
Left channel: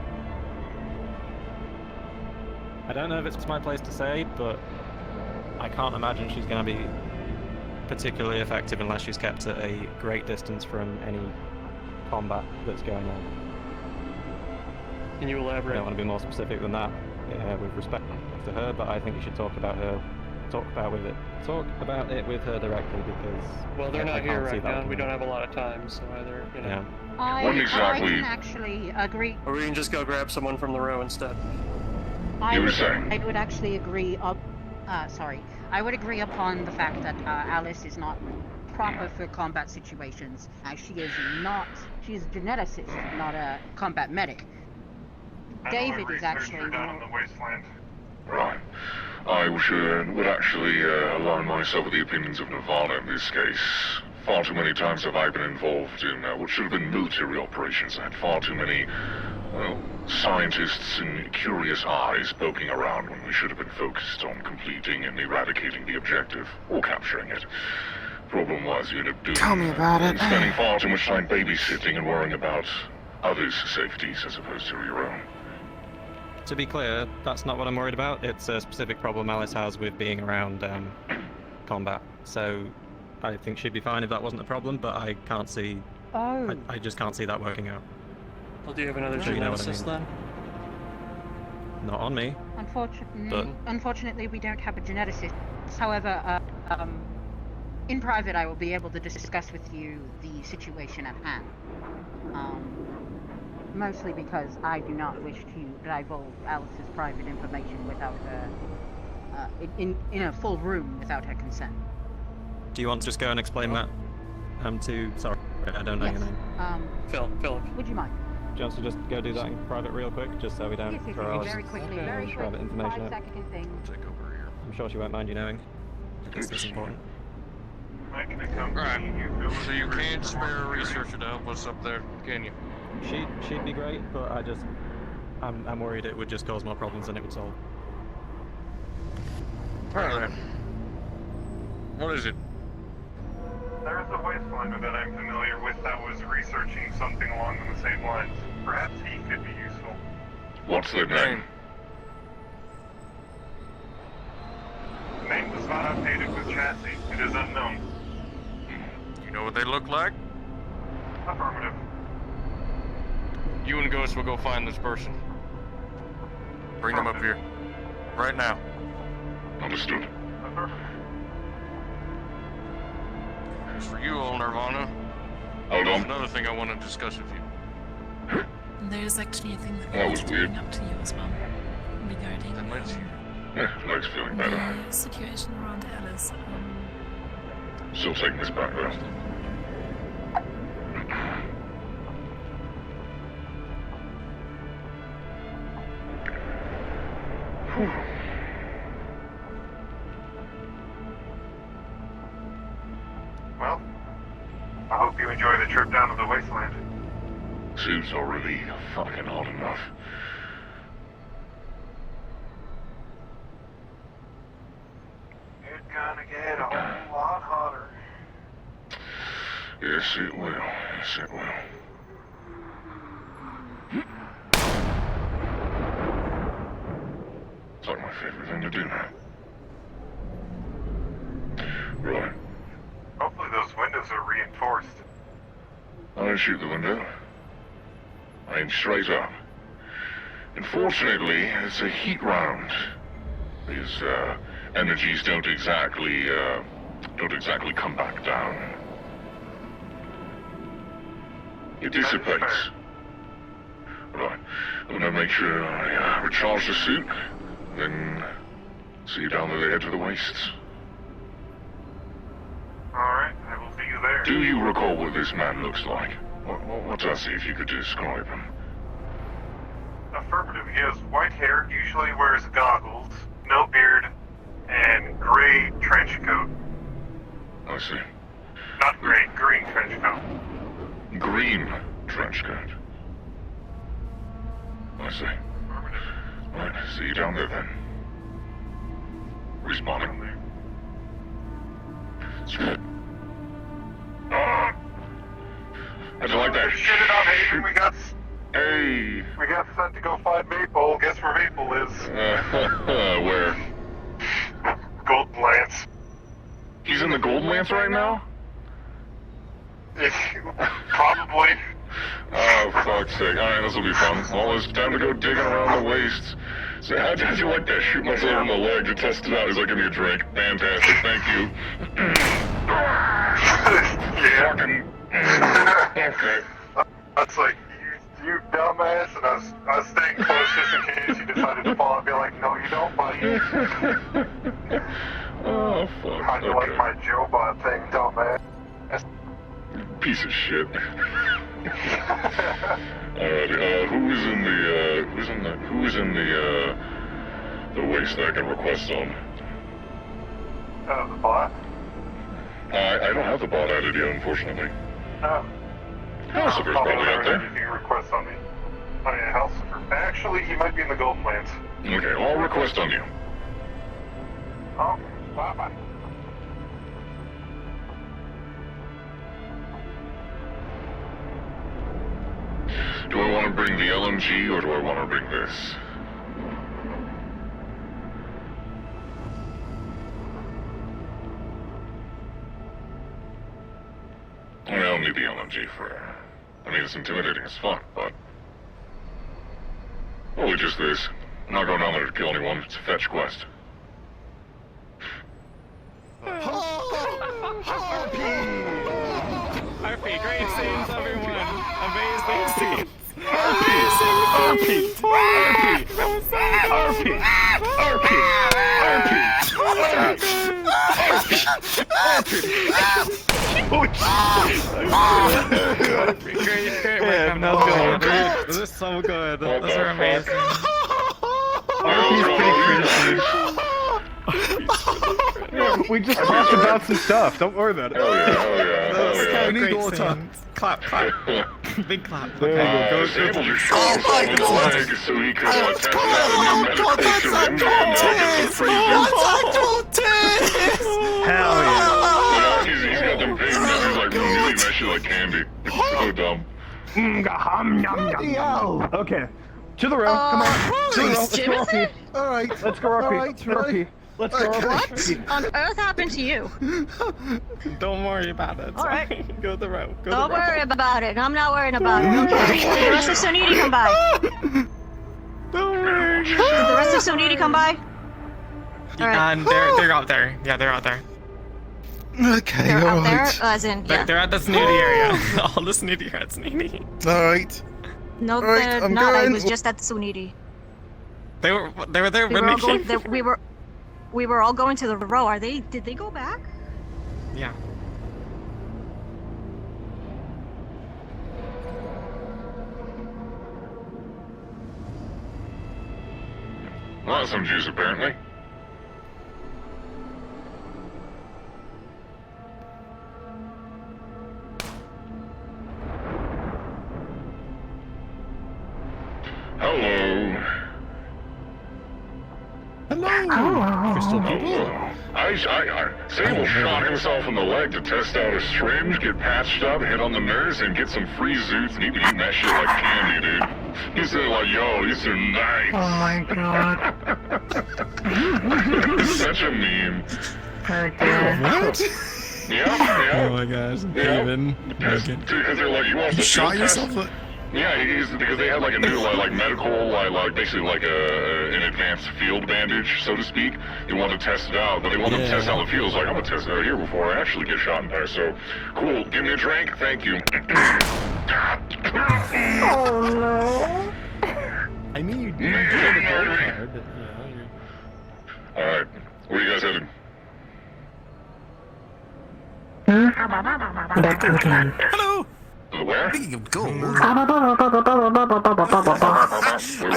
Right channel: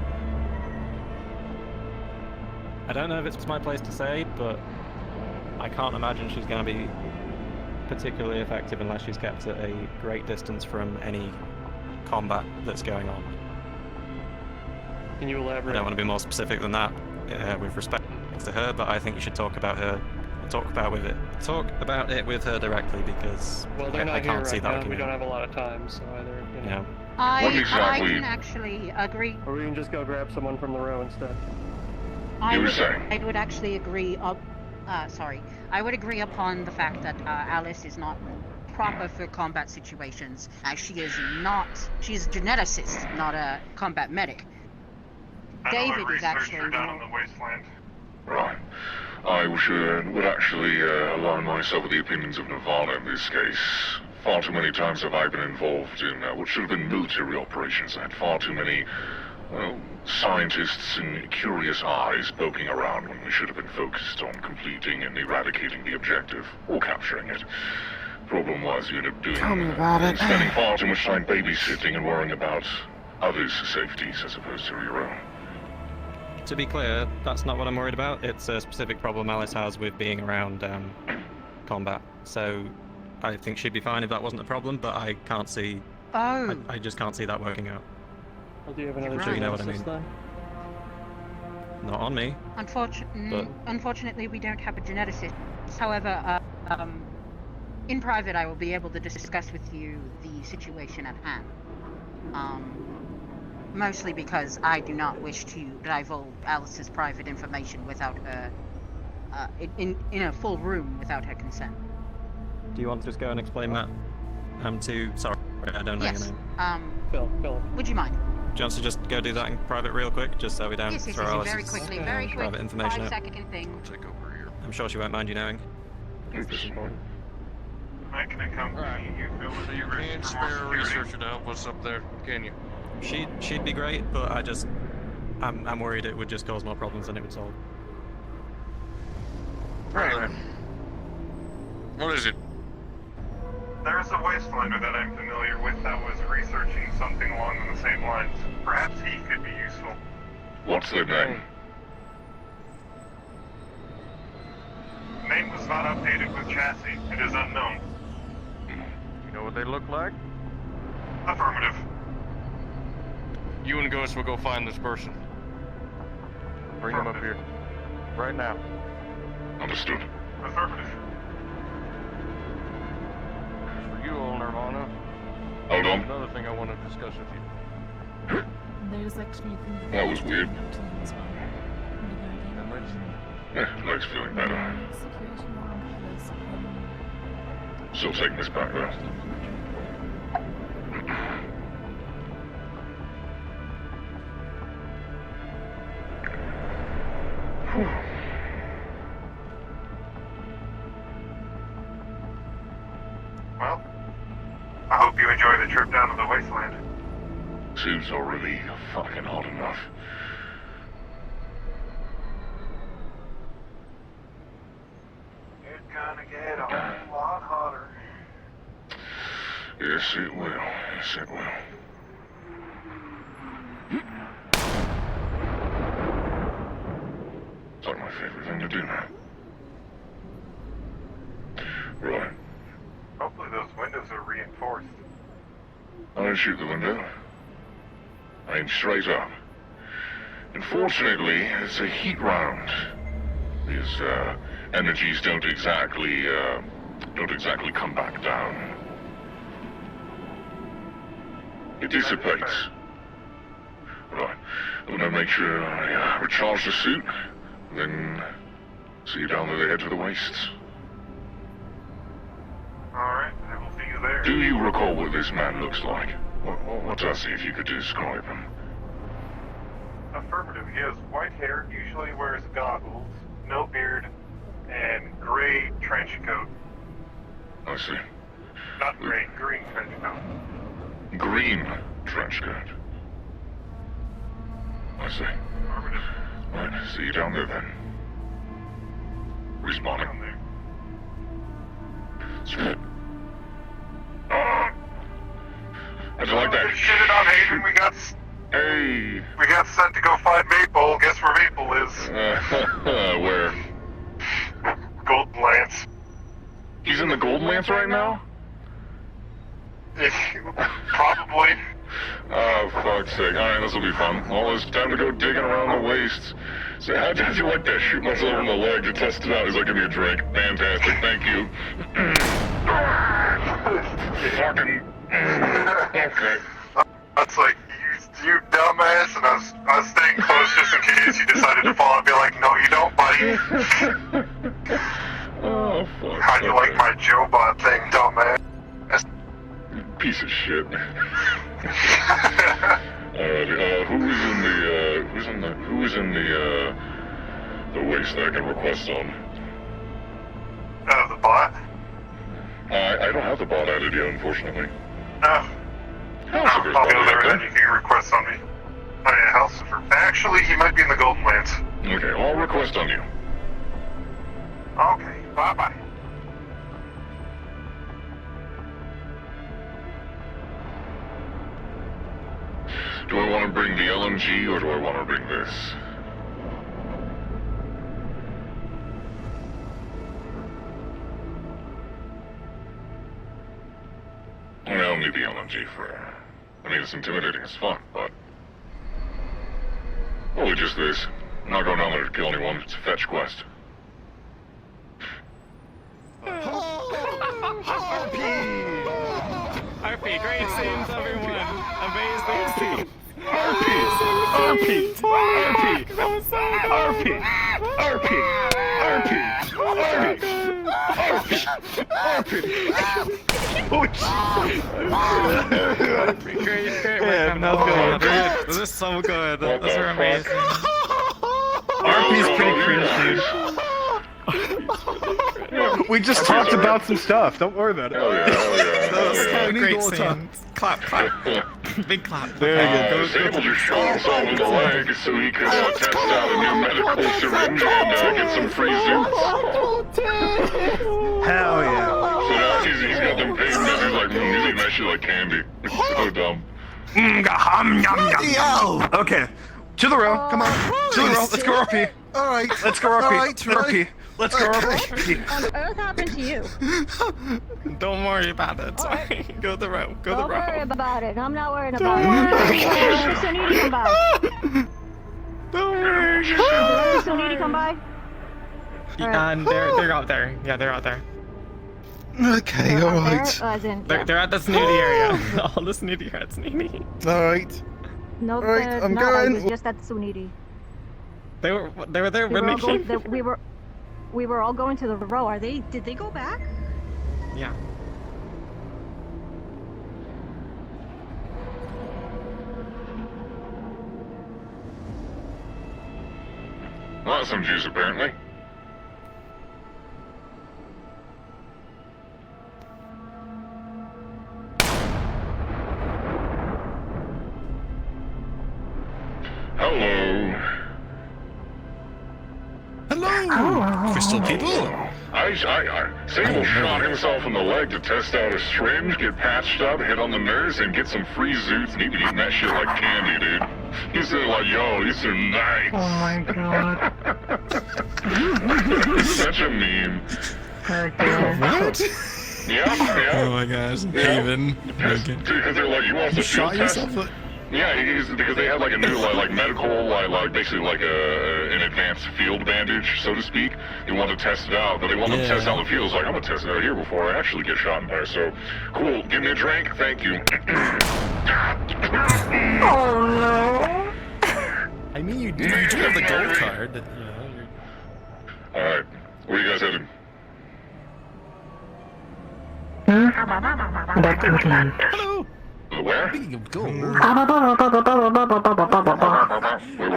I don't know if it's my place to say, but I can't imagine she's going to be particularly effective unless she's kept at a great distance from any combat that's going on. Can you I elaborate? don't want to be more specific than that with respect to her, but I think you should talk about it with her directly, because Well, they're I not can't here see right that now. working We out. don't have a lot of time, so either, you know. Yeah. I exactly. can actually agree. Or we can just go grab someone from the row instead. I You were would, saying? I would actually agree. I would agree upon the fact that Alice is not proper for combat situations. She's a geneticist, not a combat medic. David is actually down in the wasteland. Right. I would actually align myself with the opinions of Nirvana in this case. Far too many times have I been involved in what should have been military operations and had far too many scientists and curious eyes poking around when we should have been focused on completing and eradicating the objective, or capturing it. Problem was, you ended up doing... Tell me about it. Spending far too much time babysitting and worrying about others' safeties as opposed to your own. To be clear, that's not what I'm worried about. It's a specific problem Alice has with being around combat. So I think she'd be fine if that wasn't a problem, but I can't see... Oh. I just can't see that working out. Well, do you have another So you know what I geneticist mean. then? Not on me. Unfortunately, we don't have a geneticist. However, in private, I will be able to discuss with you the situation at hand. Mostly because I do not wish to divulge Alice's private information without her, in a full room without her consent. Do you want to just go and explain that sorry, I don't know your Yes. name. Phil. Would you mind? Do you want to just go do that in private real quick, just so we don't Yes, throw Alice's very quickly, very quick. private information out? 5-second thing. I'll take over here. I'm sure she won't mind you knowing. It's important. I can accompany Right. you, Phil. So you can't spare a researcher to help us up there, can you? She'd be great, but I'm worried it would just cause more problems than it would solve. Right then. What is it? There's a wastelander that I'm familiar with that was researching something along the same lines. Perhaps he could be useful. What's their name? Name was not updated with chassis. It is unknown. You know what they look like? Affirmative. You and Ghost will go find this person. Bring them up here. Right now. Understood. Affirmative. As for you, old Nirvana, Hold there's on. another thing I want to discuss with you. There's actually a thing That that was was weird. coming up to you as well regarding That makes you... Legs feeling better. the situation around Callous. Still taking this back down. Well, I hope you enjoy the trip down to the wasteland. Seems already fucking hot enough. It's gonna get a whole lot hotter. Yes, it will. Yes, it will. plan to do now? Right. Hopefully those windows are reinforced. I didn't shoot the window. I aimed straight up. Unfortunately, it's a heat round. His energies don't exactly come back down. It dissipates. Right. I'm gonna make sure I recharge the suit, then see you down at the edge of the wastes. Alright, I will see you there. Do you recall what this man looks like? What does he, if you could describe him? Affirmative. He has white hair, usually wears goggles, no beard, and gray trench coat. I see. Not gray, green trench coat. Green trench coat. I see. Affirmative. Right, see you down there then. Down Responding. there. It's good. How'd you like that? Shit it out, Hayden. Hey! We got sent to go find Maple. Guess where Maple is? Where? Golden Lance. He's in the Gold Lance right now? Probably. Oh, for fuck's sake. Alright, this'll be fun. Well, it's time to go digging around the wastes. So how'd you like that? Shoot myself in the leg to test it out as I give me a drink. Fantastic, thank you. Yeah. Fucking... Okay. That's like, you dumbass, and I was staying close just in case you decided to fall and be like, no, you don't, buddy. Oh, fuck. How'd you like my Joe-Bot thing, dumbass? Piece of shit. Alright, who is in the waste that I can request on? The bot? I don't have the bot added yet, unfortunately. I'll be there then you can request on me. Oh yeah, House. Actually, he might be in the Golden Lance. Okay, I'll request on you. Okay, bye-bye. Do I want to bring the LMG or do I want to bring this? I don't need the LMG for... I mean, it's intimidating as fuck, but... Probably just this. I'm not going out there to kill anyone, it's a fetch quest. RP, great scenes, everyone! Amazing! RP! This is so good. Those are amazing. RP's pretty cringy. We just talked about some stuff. Don't worry about it. Those are kind of Great great scene. scenes. Clap, clap. Big clap. There you go. Go. You shot him in the leg so he could test out a new medical syringe and get some freezing. Hell yeah. He's got them pain like music that shit like candy. It's so dumb. Okay. To the row. Come on. To the row. Let's go, RP. Alright. Let's go, RP. RP. Let's go, RP. On earth happened to you? Don't worry about it. Go the row. Go the row. Don't worry about it. I'm not worried about it. The rest of Suniti come by. Don't worry. The rest of Suniti come by. And they're out there. Yeah, they're out there. Okay, They're up alright. there, as in, They're at the snooty area. All the snooty are at snooty. Alright. No, Alright, I'm no, I going. was just at the Suniti. They were there We when were, we all going, came. we were all going to the row. Did they go back? Yeah. Well, that's some juice apparently. Hello. Hello, crystal people. Sable shot himself in the leg to test out a syringe, get patched up, hit on the nurse, and get some free zoots, and he'd be eating that shit like candy, dude. He said like, yo, these are nice. Oh my god. Such a meme. What? Yeah. Oh my gosh, Kevin. Because they're like, you want You the shot field test? yourself? Yeah, because they had like a new like medical like basically like an advanced field bandage, so to speak. They want to test it out, but they want to test how it feels. Like I'm gonna test it out here before I actually get shot in there. So cool. Give me a drink. Thank you. I mean, you do have the gold card. You know, All right, where are you guys heading? Back to England. Hello. Where? Speaking of gold. Where I haven't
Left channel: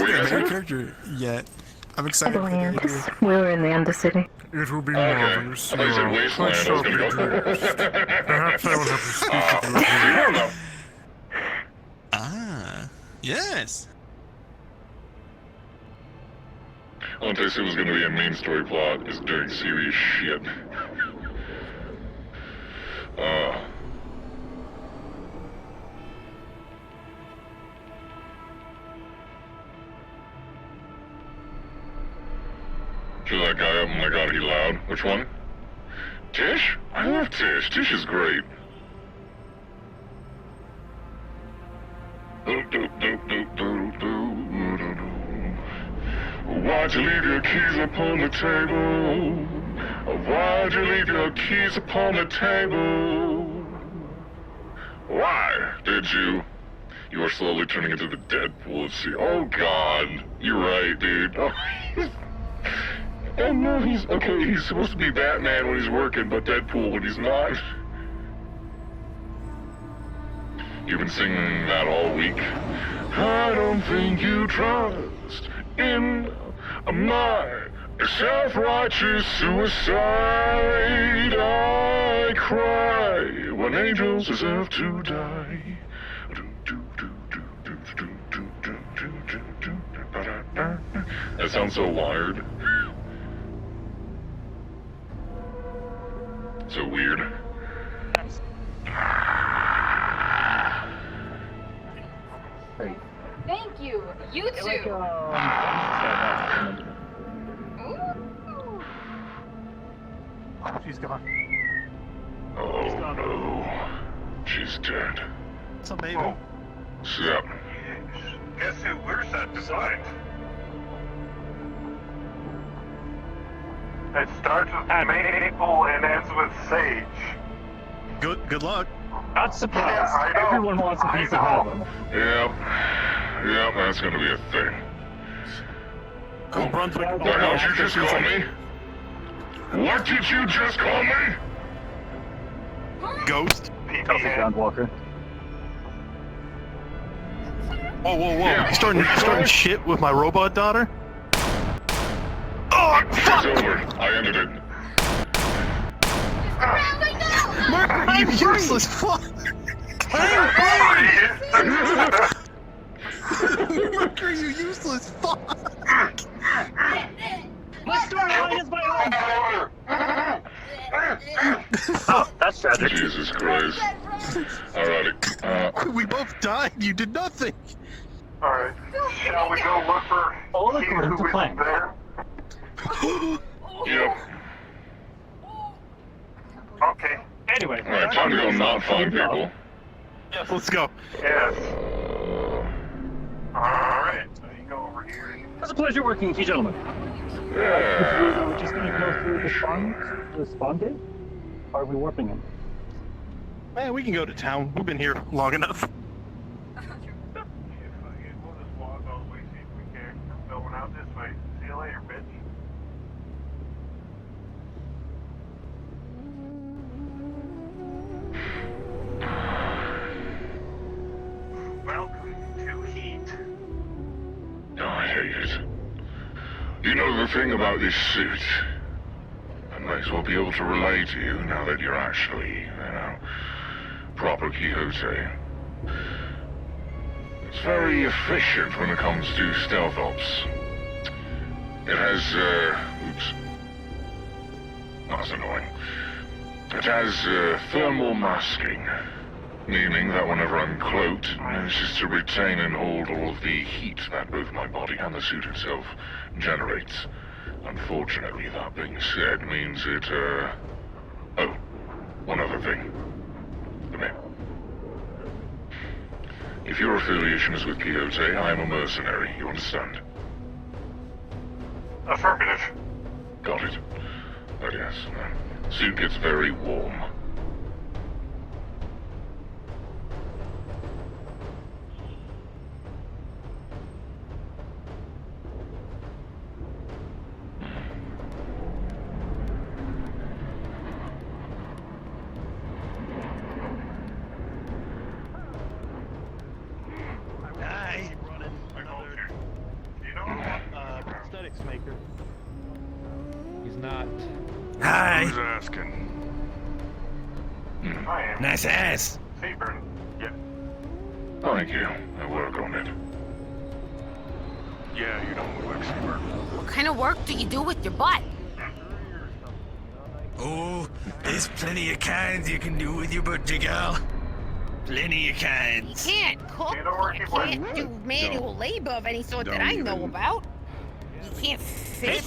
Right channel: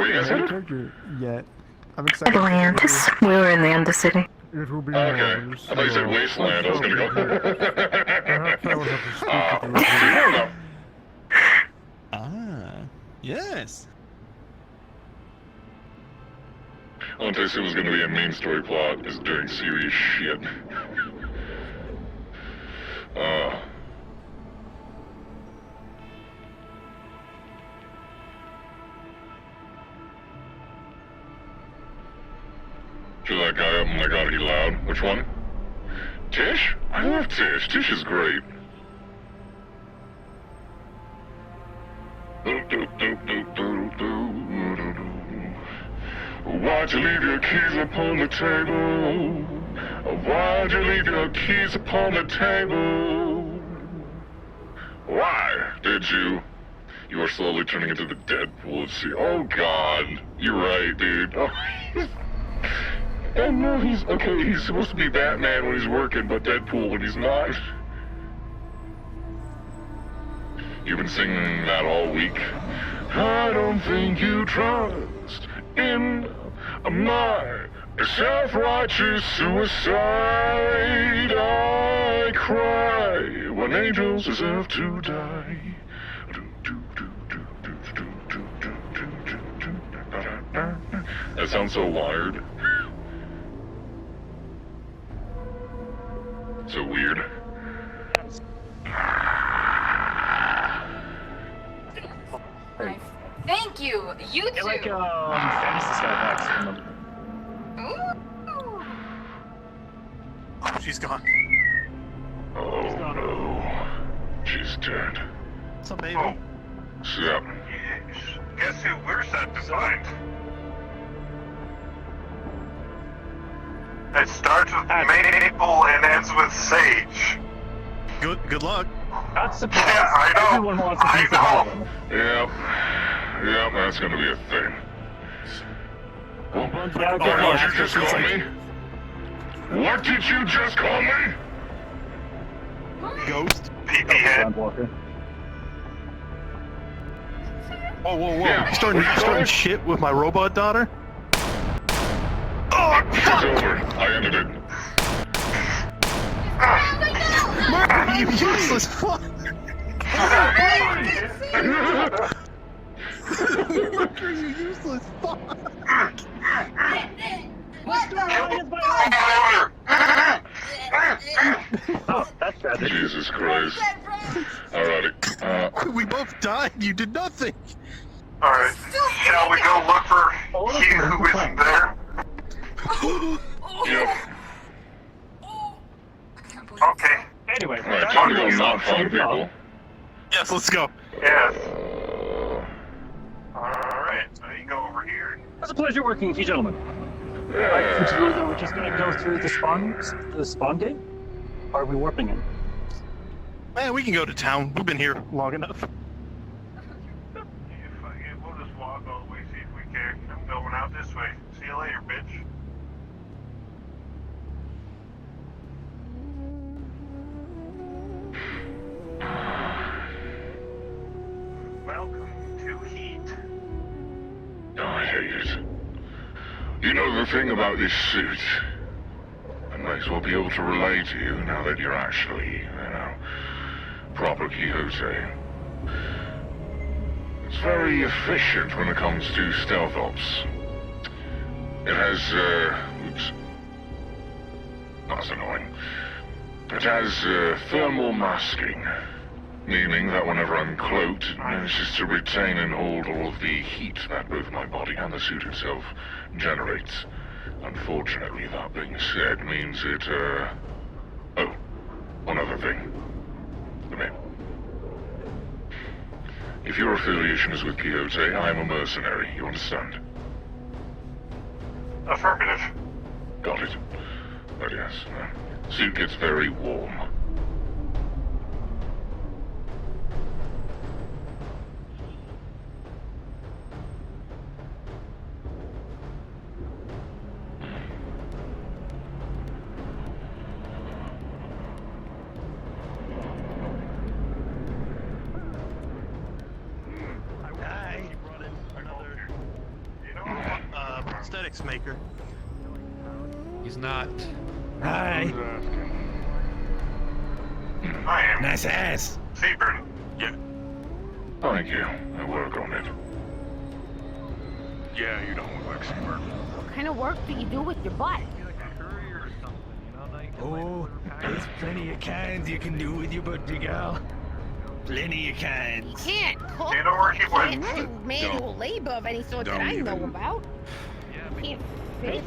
your character yet. I'm excited. Atlantis. We're in the Undercity. It will be marvelous. I said Wasteland. I was gonna go. Perhaps I will have to speak with you. Yes. I'll tell you soon, was gonna be a main story plot is doing serious shit. Feel that guy up and like, oh, he loud. Which one? Tish? I love Tish. Tish is great. Why'd you leave your keys upon the table? Why'd you leave your keys upon the table? Why did you? You were slowly turning into the Deadpool of sea. Oh god, you're right, dude. I know he's okay. He's supposed to be Batman when he's working, but Deadpool when he's not. You've been singing that all week. I don't think you trust in my self-righteous suicide. I cry when angels deserve to die. That sounds so wired. So weird. Thank you. You too. She's gone. Oh no. She's dead. What's up, baby? Oh. Snap. Guess who we're set to find? It starts with Maple and ends with Sage. Good luck. Not surprised. Everyone wants a piece of heaven. Yeah, that's gonna be a thing. What did you just call me? What did you just call me? Ghost? PPN. Walker. Whoa. Yeah. You starting shit with my robot daughter? Oh, fuck! I ended it. Murder, you useless fuck! Murder, you useless fuck! Oh, that's tragic. Jesus Christ. Alrighty. We both died, you did nothing! Alright, shall we go look for Hugh who isn't there? Yep. Okay. Anyway, Alright, time to go not find people. Yes, let's go. Yes. Alright, so you go over here. it's a pleasure working with you gentlemen. We're just gonna go through the spawn gate? Or are we warping in? Man, we can go to town. We've been here long enough. We'll just walk all the way, see if we can. I'm going out this way. See you later, bitch. Welcome to Heat. Oh, I hate it. You know the thing about this suit? I might as well be able to relate to you now that you're actually, proper Quixote. It's very efficient when it comes to stealth ops. It has, oops. Oh, It has thermal masking, meaning that whenever I'm cloaked, it manages to retain and hold all of the heat that both my body and the suit itself generates. Unfortunately, that being said, means it, Oh, one other thing. The name. If your affiliation is with Quixote, I am a mercenary, you understand? Affirmative. Got it. But yes, suit gets very warm. Prosthetics maker. He's not. Hi. Who's asking? I am. Nice ass. Seabird. Yeah. Thank you. I work on it. Yeah, you don't look like Seabird. What kind of work do you do with your butt? Oh, there's plenty of kinds you can do with your butcher gal. Plenty of kinds. You can't cook. You know where he went? Can't do manual labor of any sort that I know about. You can't fish.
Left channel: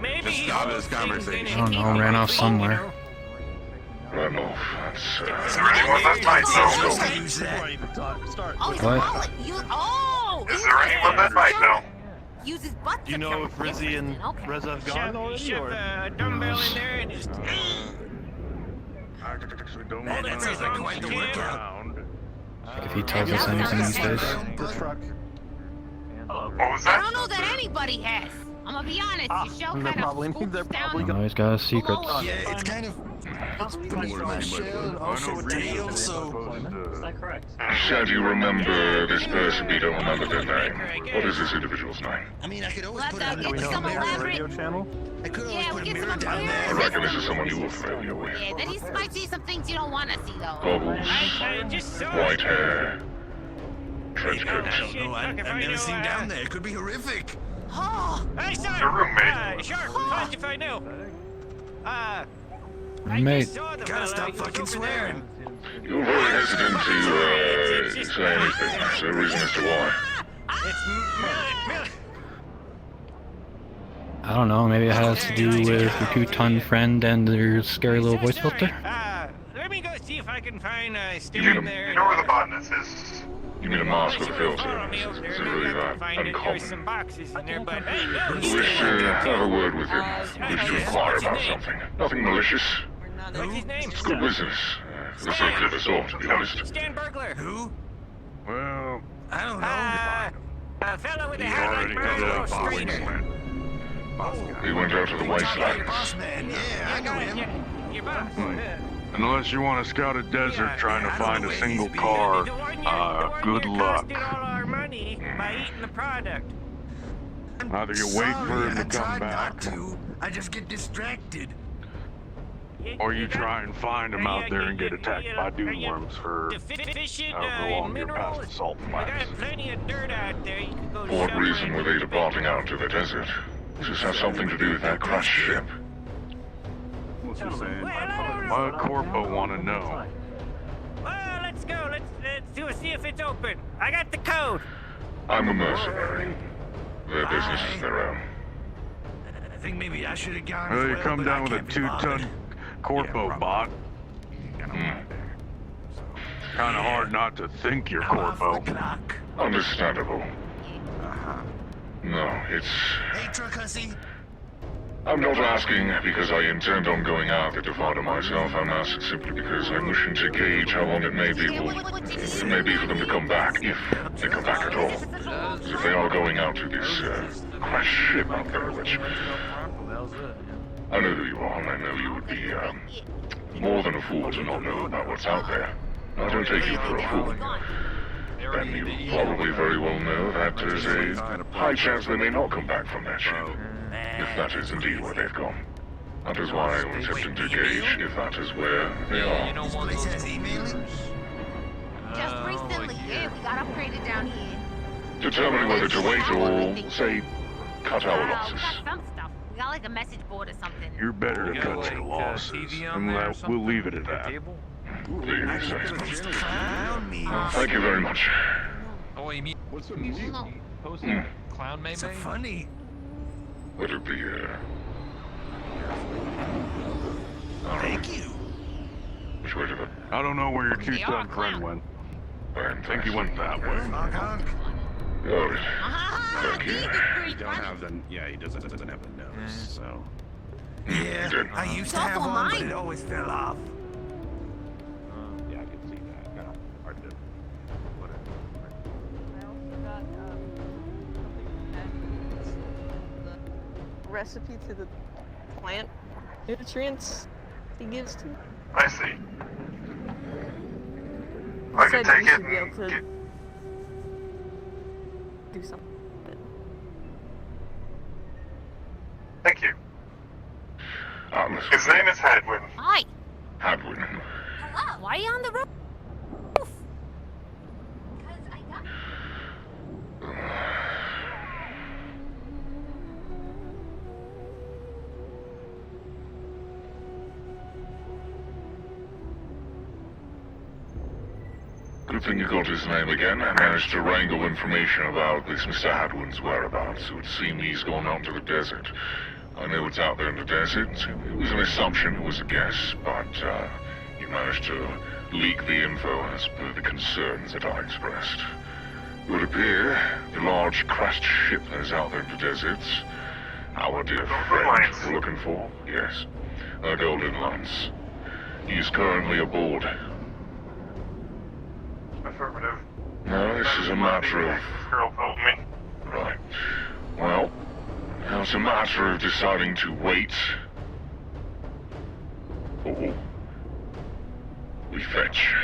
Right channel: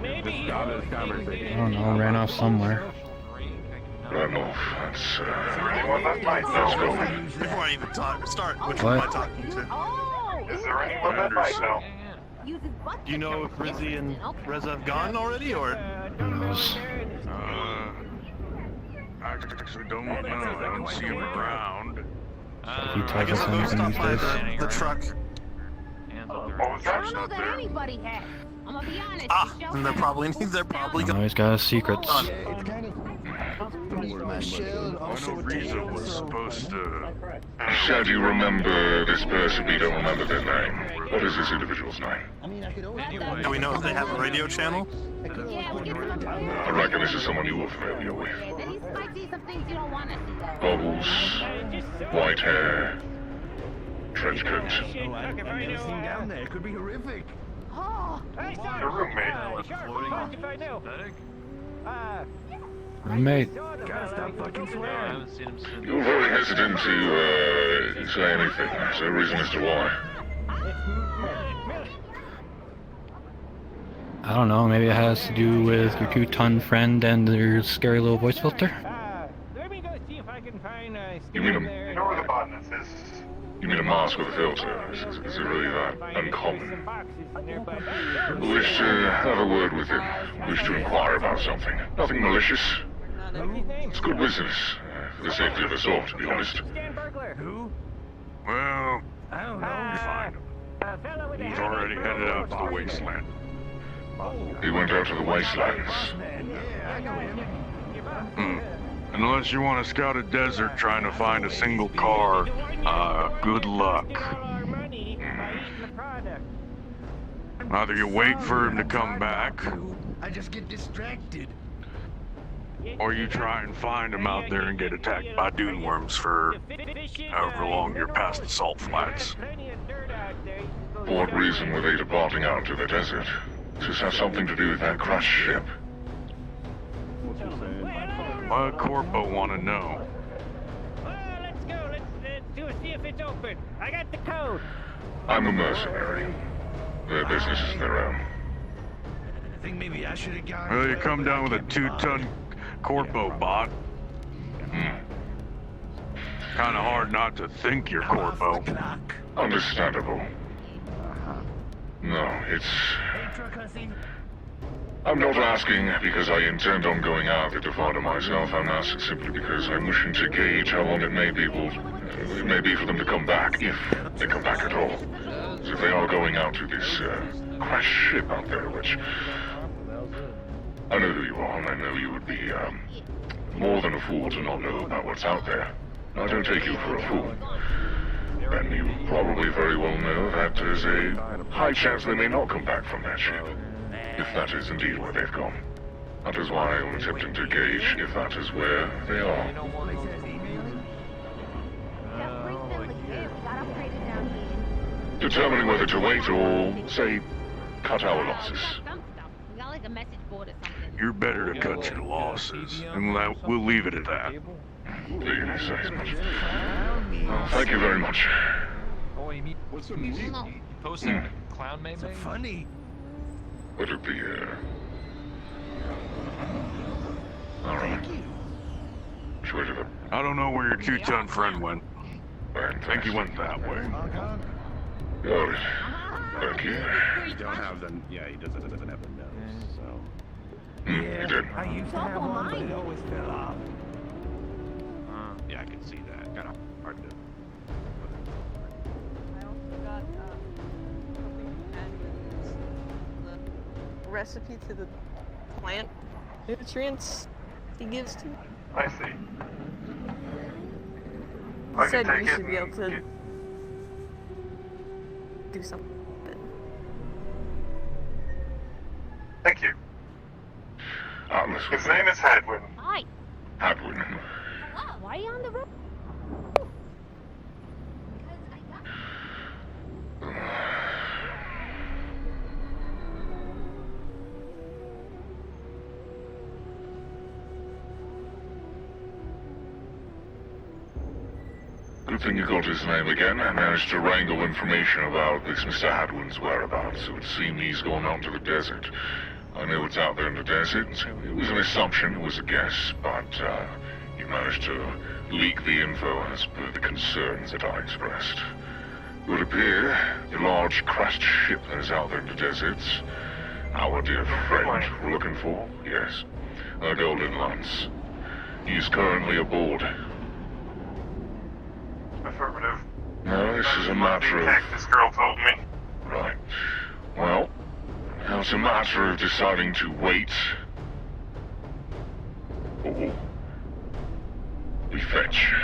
Maybe. Just start this conversation. I don't know, ran off somewhere. Run off, that's, Is there anyone that might know? Before I even talk, start with What? Is there anyone that might know? Use his butt. Do you know if Rizzy and Reza have gone already, or? Who knows? I actually don't know. I haven't seen him around. If he tells us anything these days. The truck. What was I that? don't know that anybody has. I'm gonna be honest. Your show They're kinda probably spooks down You know, he's got his secrets. Yeah, it's kind of. My shell and also a tail, so. Said you remember this person, you don't remember their name. What is this individual's name? I mean, I could always put a. Do we know if they have a radio channel? I could always put a mirror down I there. reckon this is someone you were familiar with. Yeah, then he might see some things you don't want to see, though. Bubbles, white hair, trench coat. Oh, I've never seen down there. It could be horrific. Oh, I saw Your roommate. Sure, fast if I knew. Roommate. Gotta stop fucking swearing. You're very hesitant to say anything. Is there a reason as to why? I don't know, maybe it has to do with your two-ton friend and their scary little voice filter? Let me go see if I can find a You stand there. You know where the botanist is? You mean a mask with a filter? Is it really that uncommon? Some boxes in there, but We wish to have a word with him. We wish to inquire about something. Nothing malicious. what's his name? It's good business. For the safety of us all, to be honest. Stand burglar. Who? Well, I don't know. A fellow with a he's hat already and headed out to the strainer. wasteland. He went out to the wastelands. Boss man, yeah, I know him. Your boss. Unless you want to scout a desert trying to find a single car, good luck. Our money by eating the product. Either you wait for him to come back, I just get distracted. or you try and find him out there and get attacked by dune worms for however long you're past the salt flats. Plenty of dirt out there. You can go For what shopping. reason were they departing out to the desert? Does this have something to do with that crashed ship? My corpo want to know. Well, let's go. Let's see if it's open. I got the code. I'm a mercenary. Their business is their own. I think maybe I should have gone. Well, you come down with a 2-ton corpo bot. Kind of hard not to think you're corpo. Understandable. No, it's... Hey, truck hussy. I'm not asking because I intend on going out there to find myself. I'm asking simply because I'm wishing to gauge how long it may be for them to come back, if they come back at all. So if they are going out to this crashed ship out there, which I know who you are, and I know you would be more than a fool to not know about what's out there. I don't take you for a fool. And you probably very well know that there's a high chance they may not come back from that ship. If that is indeed where they've gone. That is why I'm attempting to gauge if that is where they are. This place has emailing? Just recently, yeah, we got upgraded down here. Determine whether to wait or, say, cut our losses. Some stuff. We got like a message board or something. You're better to cut your losses, and we'll leave it at that. Thank you very much. Oh, you mean what's the music? No. Posted clown maybe? Is it funny? Would it be Thank you. I don't know where your two-ton friend went. I think he went that way. You don't have them. Yeah, he doesn't have a nose, so. Yeah, I used to have one, but it always fell off. Yeah, I can see that. Kind of hard to. I also got something handy. The recipe to the plant nutrients he gives to. I see. He I can said take you it should be able and to do something. Thank you. His name is Hadwin. Hi. Hadwin. Why are you on the roof? Good thing you got his name again. I managed to wrangle information about this Mr. Hadwin's whereabouts. It would seem he's gone out to the desert. I know it's out there in the desert. It was an assumption, it was a guess, but you managed to leak the info as per the concerns that I expressed. It would appear the large crashed ship that is out there in the deserts, our dear friend we're looking for, yes, the Golden Lance. He is currently aboard. Affirmative. No, this is a matter of... This girl told me. Right. Well, now it's a matter of deciding to wait. Or we fetch.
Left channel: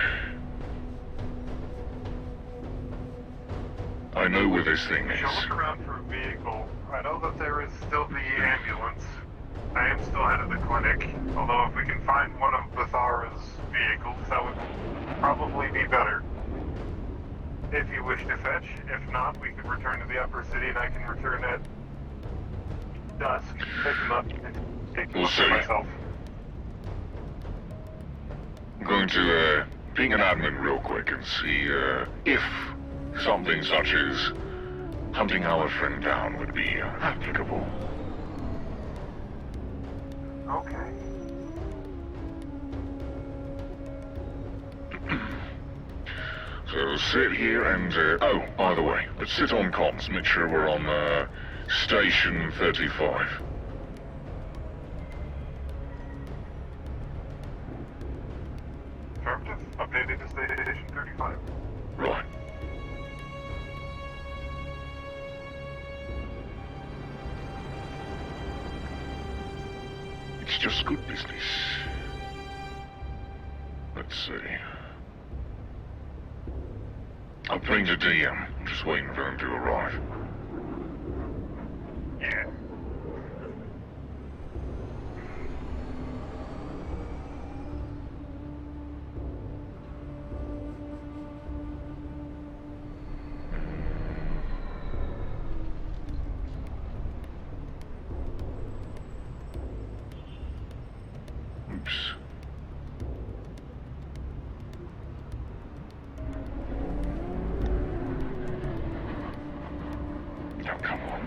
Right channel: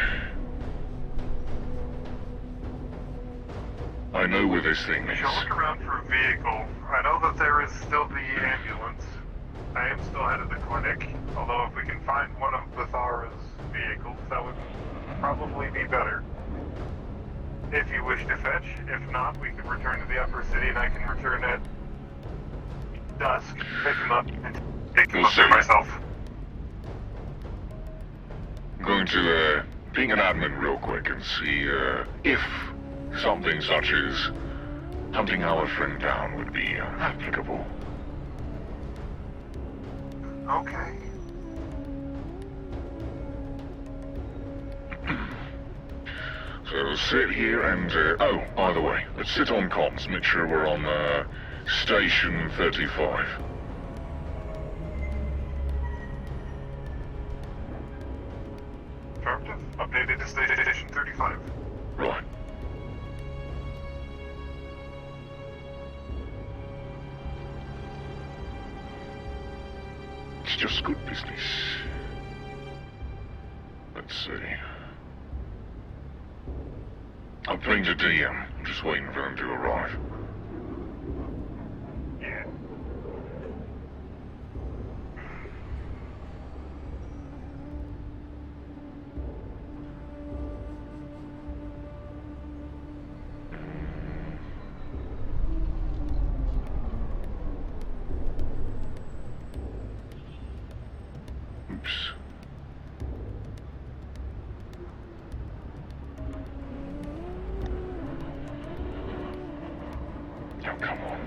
I know where this thing We is. shall look around for a vehicle. I know that there is still the ambulance. I am still headed to the clinic, although if we can find one of Bathara's vehicles, that would probably be better. If you wish to fetch. If not, we could return to the upper city and I can return at dusk. Pick him up. Take him up there myself. I'm going to ping an admin real quick and see if something such as hunting our friend down would be applicable. Okay. So sit here and, oh, by the way, let's sit on comms, make sure we're on, station 35. Affirmative. Updated to station 35. Right. It's just good business. Let's see. I'm playing the DM. I'm just waiting for him to arrive. Yeah. Oops. Now, come on.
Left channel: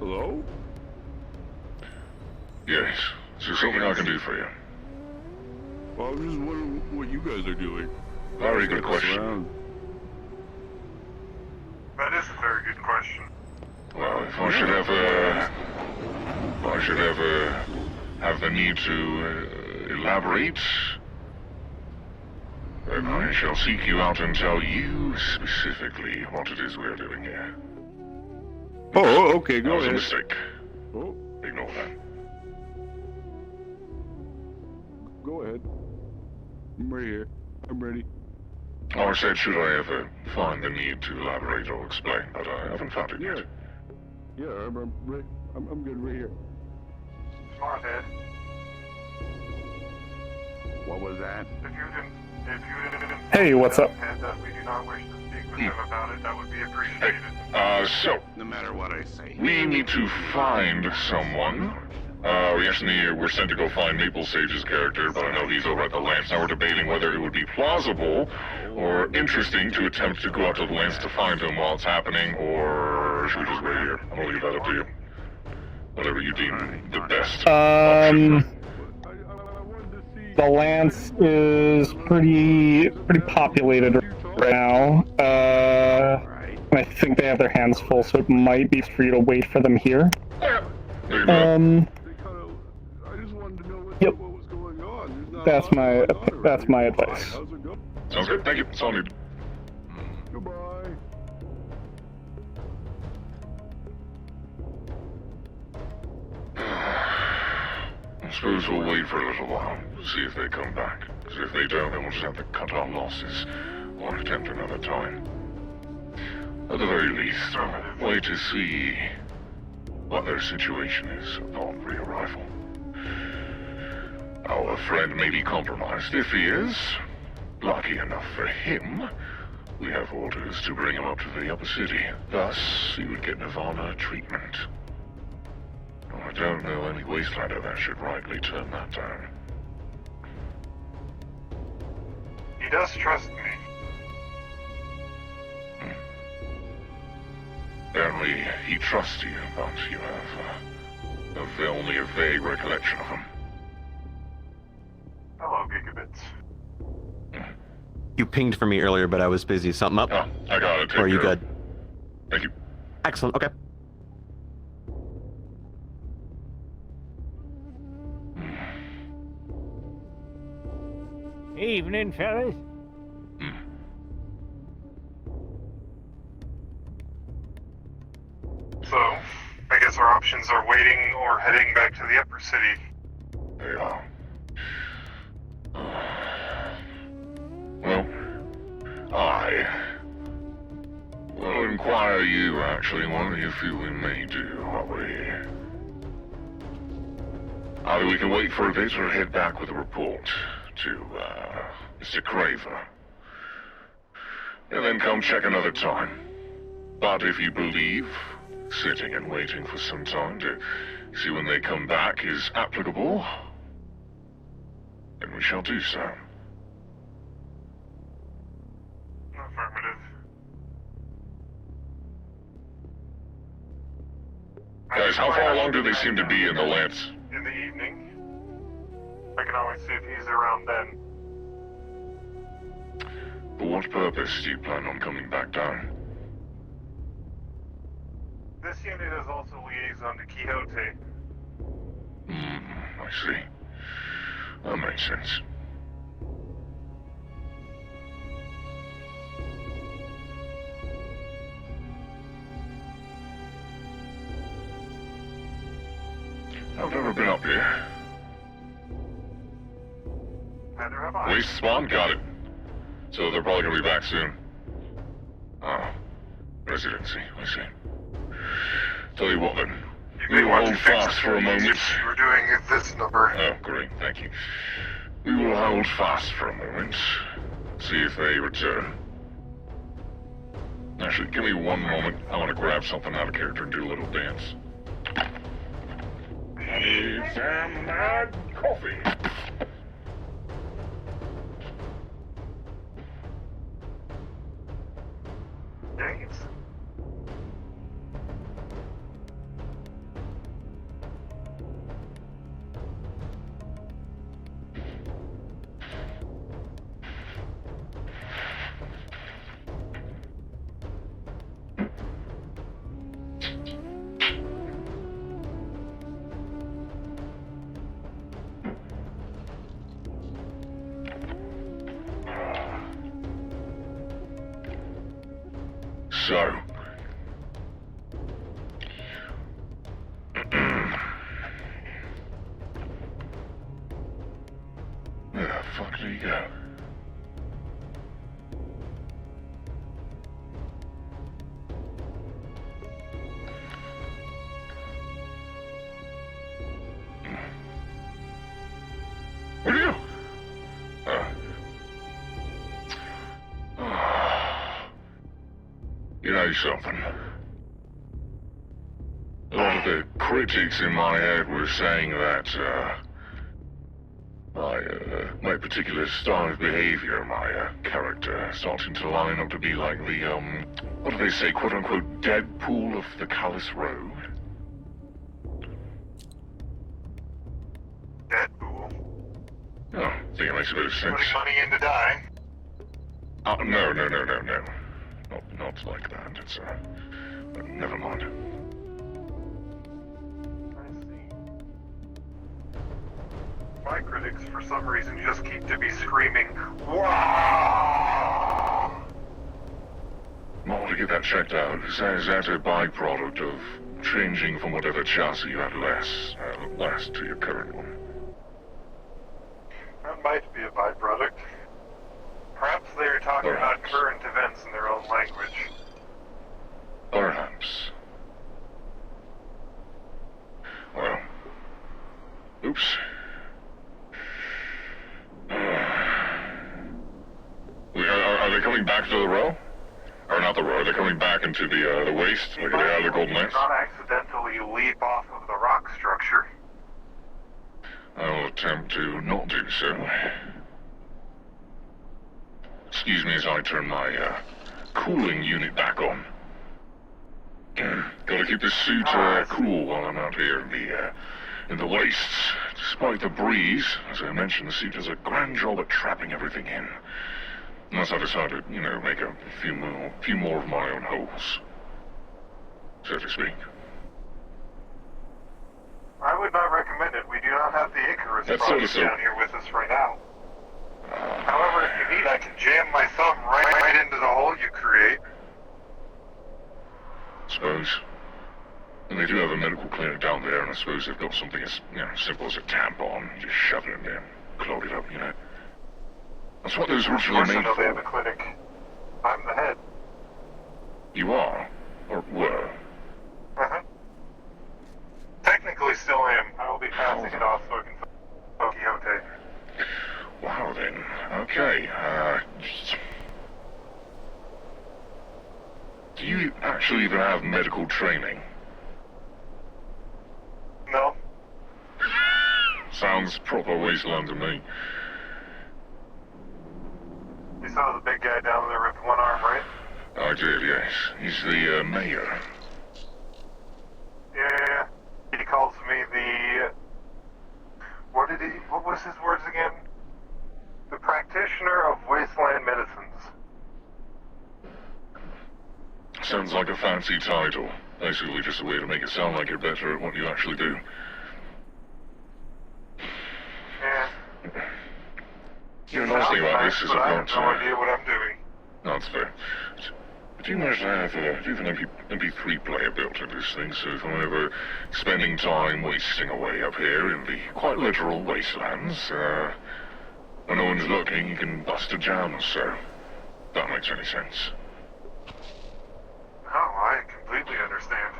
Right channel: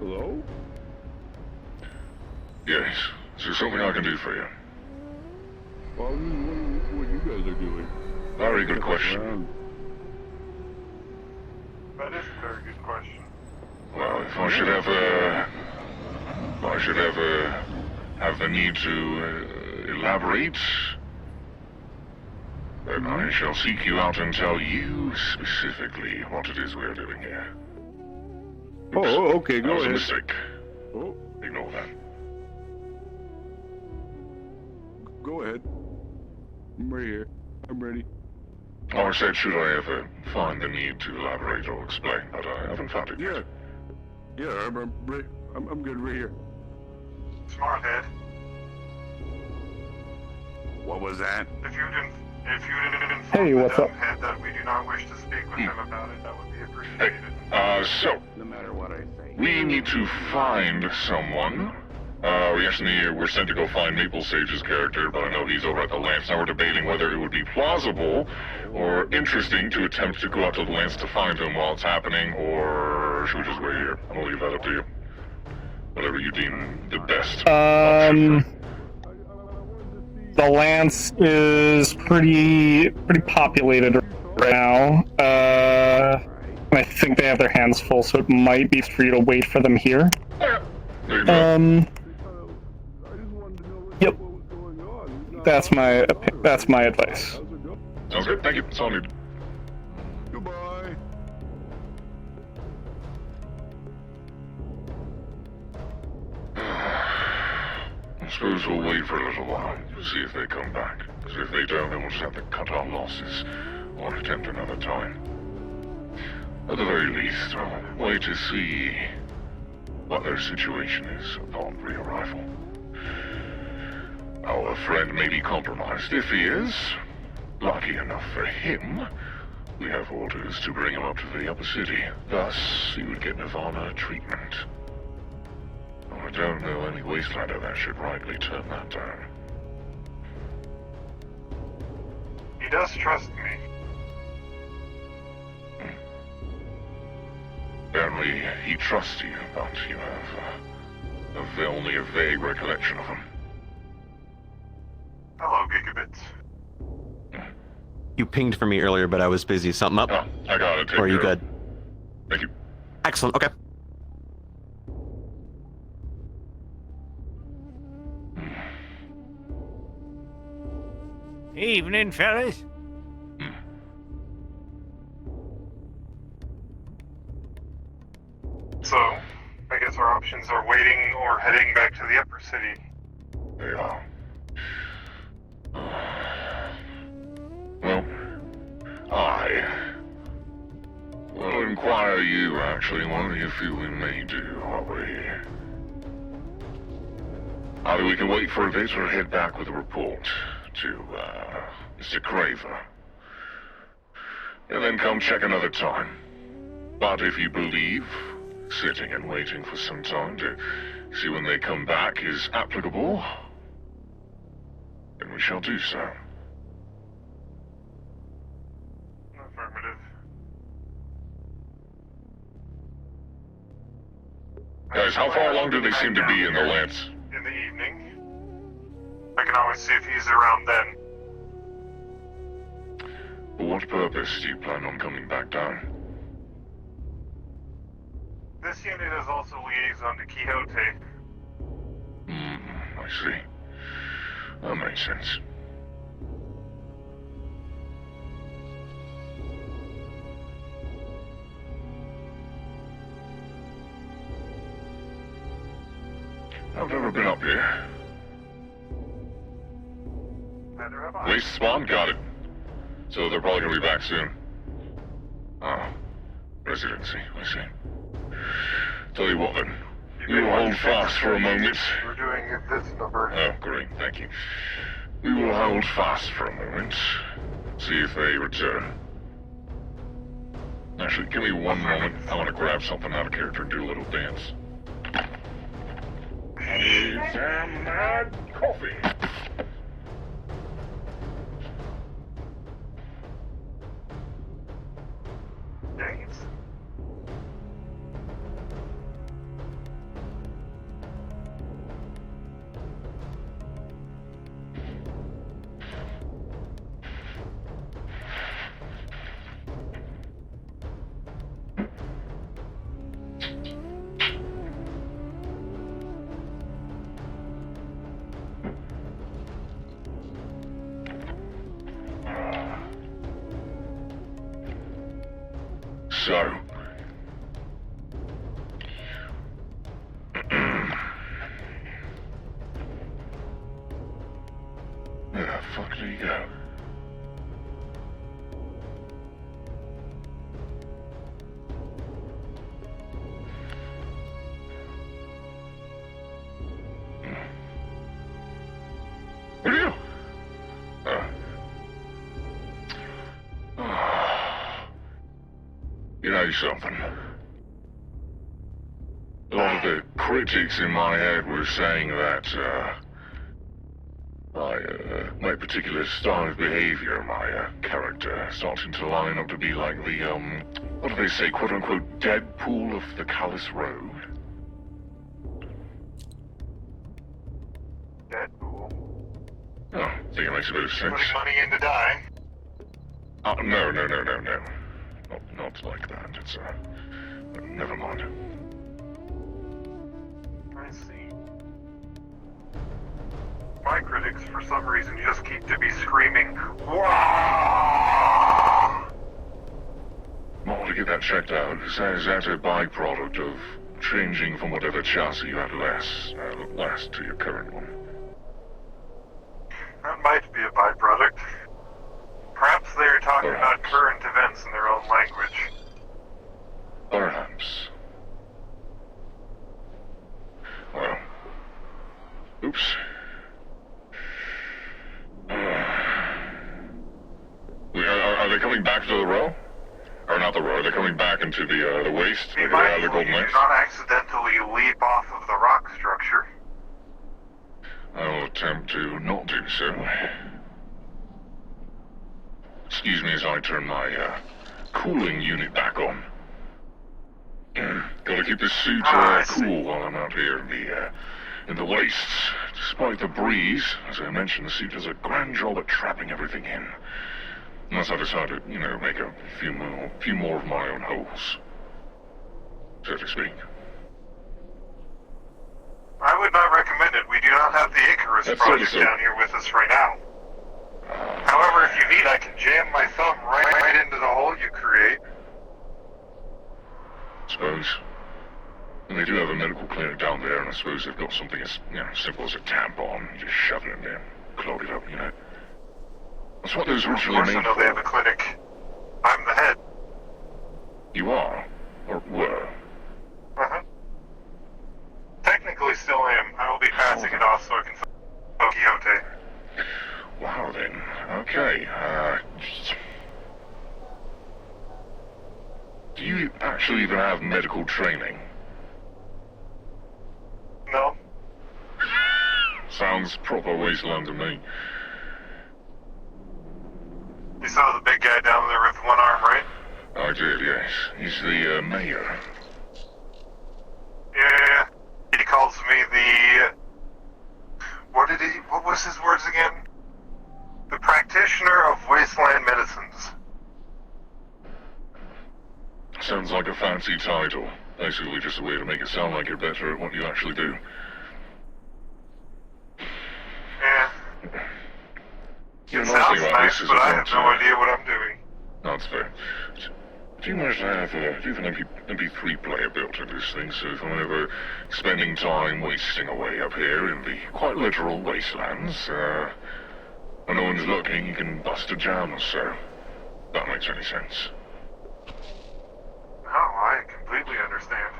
Hello? Yes. Is there something I can do for you? Well, I was just wondering what you guys are doing. Very good question. That is a very good question. Well, if I should ever have the need to elaborate, then I shall seek you out and tell you specifically what it is we're doing here. Oh, okay, go ahead. Mistake. Oh, ignore that. Go ahead. I'm right here. I'm ready. I said, should I ever find the need to elaborate or explain, but I haven't found it yet. Yeah, I'm right. I'm good right here. Smart head. What was that? If you didn't If you didn't Hey, what's up? that we do not wish to speak with him about it, that would be appreciated. So, No matter what I say. we need to find someone. We're sent to go find Maple Sage's character, but I know he's over at the Lance. Now we're debating whether it would be plausible or interesting to attempt to go out to the Lance to find him while it's happening, or should we just wait here? I'm gonna leave that up to you. Whatever you deem the best. The Lance is pretty populated right now. I think they have their hands full, so it might be for you to wait for them here. Yep. That's my advice. Sounds good. Thank you. It's all good. I suppose we'll wait for a little while to see if they come back. Because if they don't, then we'll just have to cut our losses or attempt another time. At the very least, I'll wait to see what their situation is upon re-arrival. Our friend may be compromised. If he is, lucky enough for him, we have orders to bring him up to the upper city. Thus, he would get Nirvana treatment. I don't know any wastelander that should rightly turn that down. He does trust me. Apparently, he trusts you, but you have only a vague recollection of him. Hello, Gigabit. You pinged for me earlier, but I was busy. Something up? Oh, I got it. Or are you good? Thank you. Excellent. Okay. Evening, fellas. So, I guess our options are waiting or heading back to the upper city. They are. Well, I will inquire you, actually, what do you feel we may do, are we? Either we can wait for a bit or head back with a report to, Mr. Craver. And then come check another time. But if you believe sitting and waiting for some time to see when they come back is applicable, then we shall do so. Affirmative. Guys, how far along do they seem to be in the Lance? In the evening. I can always see if he's around then. For what purpose do you plan on coming back down? This unit is also liaison to Quixote. I see. That makes sense. I've never been up here. Neither have I. Police spawn, got it. So they're probably gonna be back soon. Oh, residency, I see. Tell you what then, we will hold fast for a moment. We're doing this number. Oh, great, thank you. We will hold fast for a moment. See if they return. Actually, give me one moment. I want to grab something out of character, do a little dance. Eggs and coffee. Dang it. So, where the fuck did he go? Where'd he go? say something? A lot of the critics in my head were saying that, my particular style of behavior, my character, starting to line up to be like the, what do they say, quote-unquote, Deadpool of the Callous Road. Deadpool? Oh, I think it makes a bit of sense. Putting money in to die? No. Not like that. It's, never mind. I see. My critics, for some reason, just keep to be screaming, "Wow!" Well, to get that checked out, is that a byproduct of changing from whatever chassis you had last to your current one? That might be a byproduct. Perhaps they're talking about current events in their own language. Perhaps. Well, oops. Are they coming back to the row? Or not the row, they're coming back into the waste? It might be that you do not accidentally leap off of the rock structure. I'll attempt to not do so. Excuse me as I turn my cooling unit back on. Gotta keep this suit cool while I'm out here in the wastes. Despite the breeze, as I mentioned, the suit does a grand job at trapping everything in. Unless I decide to, make a few more of my own holes, so to speak. I would not recommend it. We do not have the Icarus project down here with us right now. However, if you need, I can jam my thumb right into the hole you create. I suppose. And they do have a medical clinic down there, and I suppose they've got something as simple as a tampon. You just shove it in there, close it up, That's what those originally Of course made I know for. they have a clinic. I'm the head. You are? Or were? Uh-huh. Technically still am. I will be passing it off so I can fill Quixote. Wow then. Okay, do you actually even have medical training? No. Sounds proper wasteland to me. You saw the big guy down there with one arm, right? I did, yes. He's the mayor. Yeah. He calls me the... What was his words again? The practitioner of wasteland medicines. Sounds like a fancy title. Basically just a way to make it sound like you're better at what you actually do. Yeah. You It know, sounds mostly like nice, this is but a I have fancy no idea what I'm doing. That's fair. Do you manage to have even maybe 3-player built into this thing, so if I'm ever spending time wasting away up here in the quite literal wastelands, when no one's looking, you can bust a jam, so that makes any sense. Oh, I completely understand.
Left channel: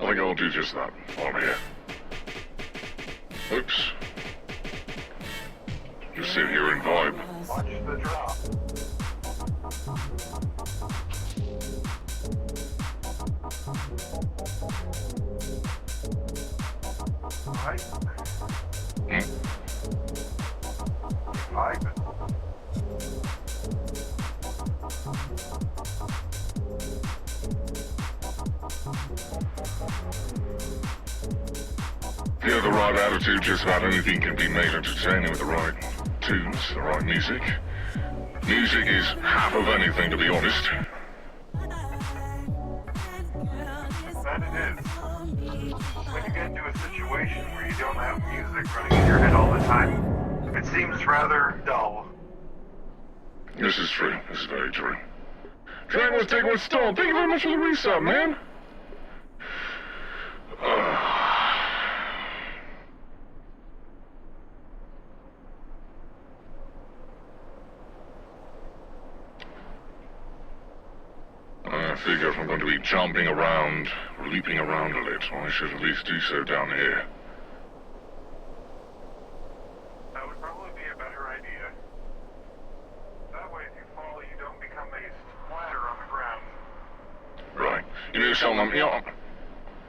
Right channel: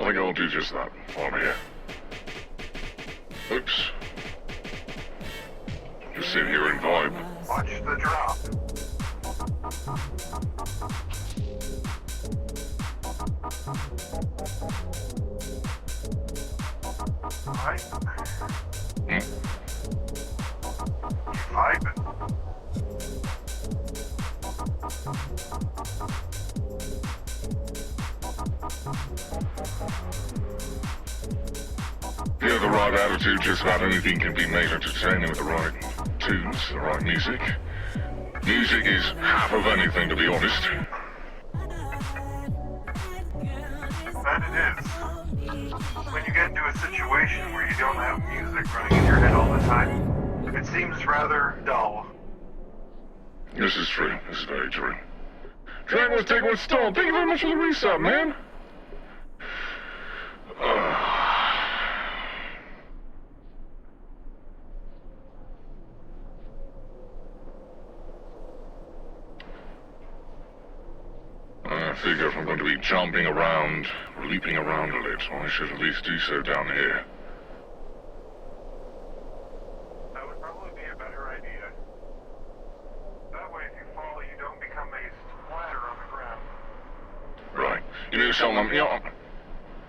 I think I'll do just that while I'm here. Oops. Just sit here and vibe. Watch the drop. Right. Vibing. Yeah, the right attitude, just about anything can be made entertaining with the right tunes, the right music. Music is half of anything, to be honest. That it is. When you get into a situation where you don't have music running in your head all the time, it seems rather dull. This is true. This is very true. Dragon was taking a stall. Thank you very much for the resub, man. I figure if I'm going to be jumping around, or leaping around a little, I should at least do so down here. That would probably be a better idea. to tell them, yeah,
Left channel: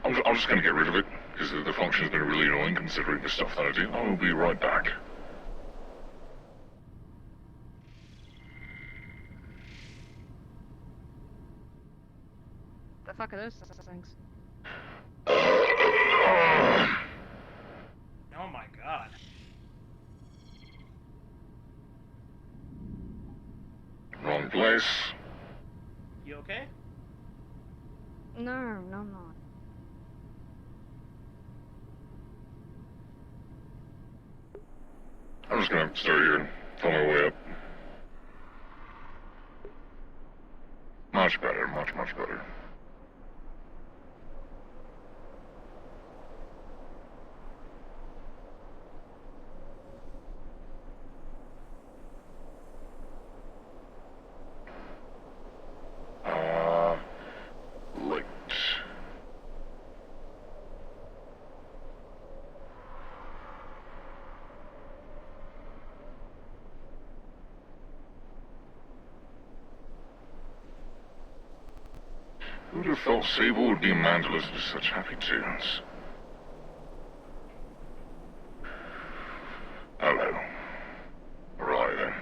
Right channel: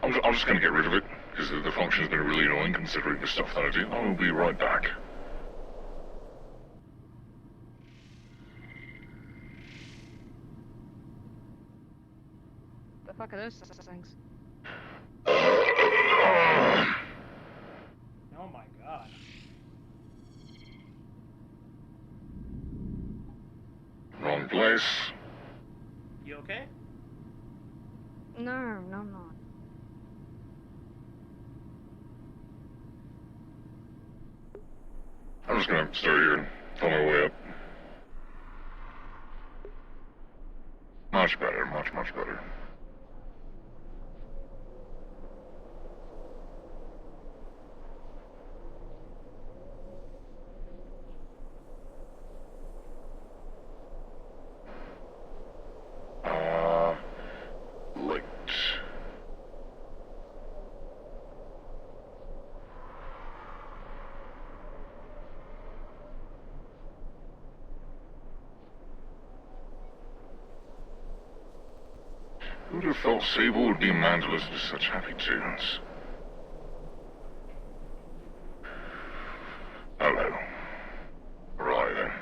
I'm just gonna get rid of it, because the function's been really annoying considering the stuff that I do. I'll be right back. The fuck are those things? Oh my god. Wrong place. You okay? No, I'm not. I'm just gonna start here and follow my way up. Much better, much better. Light. Who'd have thought Sable would be a man to listen to such happy tunes? Hello. Right then.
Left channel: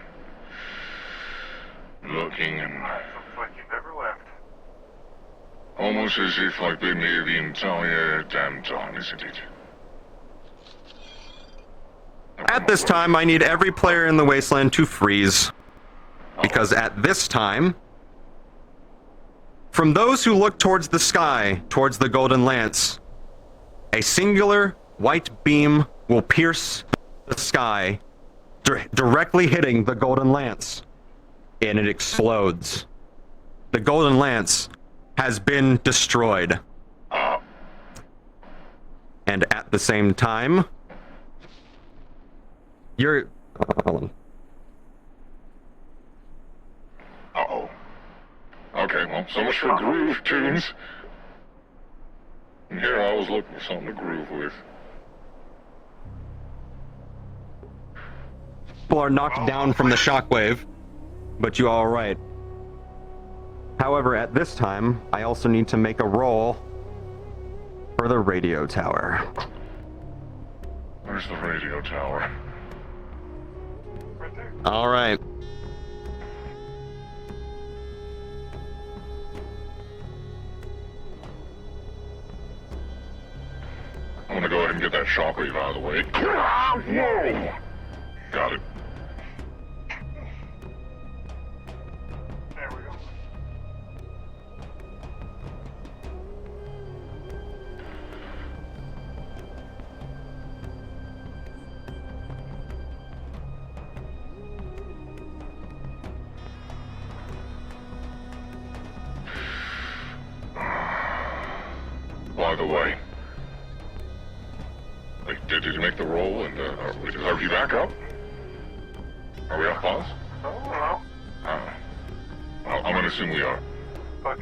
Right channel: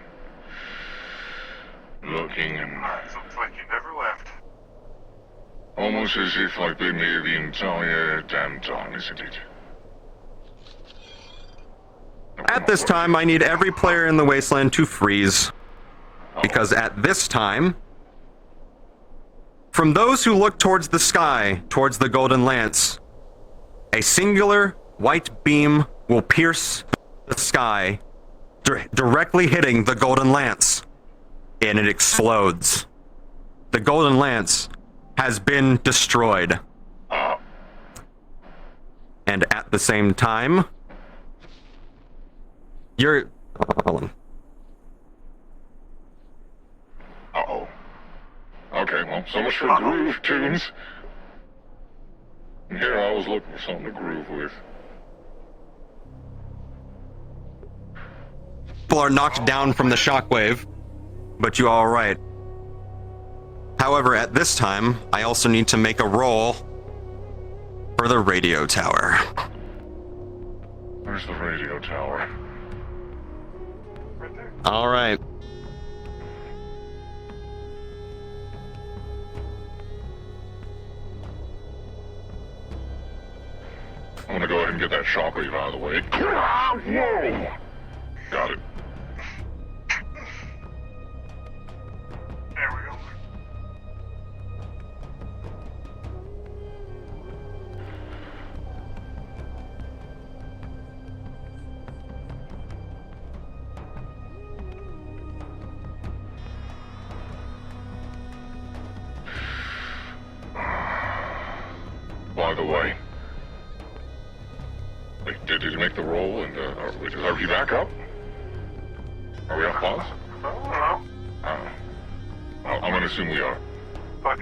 Looking and... Sounds like you never left. almost as if I've been here the entire damn time, isn't it? At this time, I need every player in the Wasteland to freeze. Because at this time, from those who look towards the sky, towards the Golden Lance, a singular white beam will pierce the sky, directly hitting the Golden Lance, and it explodes. The Golden Lance has been destroyed. And at the same time, you're... Uh-oh. Okay, well, so much for groove tunes. Yeah, I was looking for something to groove with. People are knocked down from the shockwave, but you all right. However, at this time, I also need to make a roll for the radio tower. Where's the radio tower? All right. I'm gonna go ahead and get that shockwave out of the way. Whoa! Got it. There we go. By the way, did you make the roll and are we back up? Are we on pause? No. I'm gonna assume we are. Fuck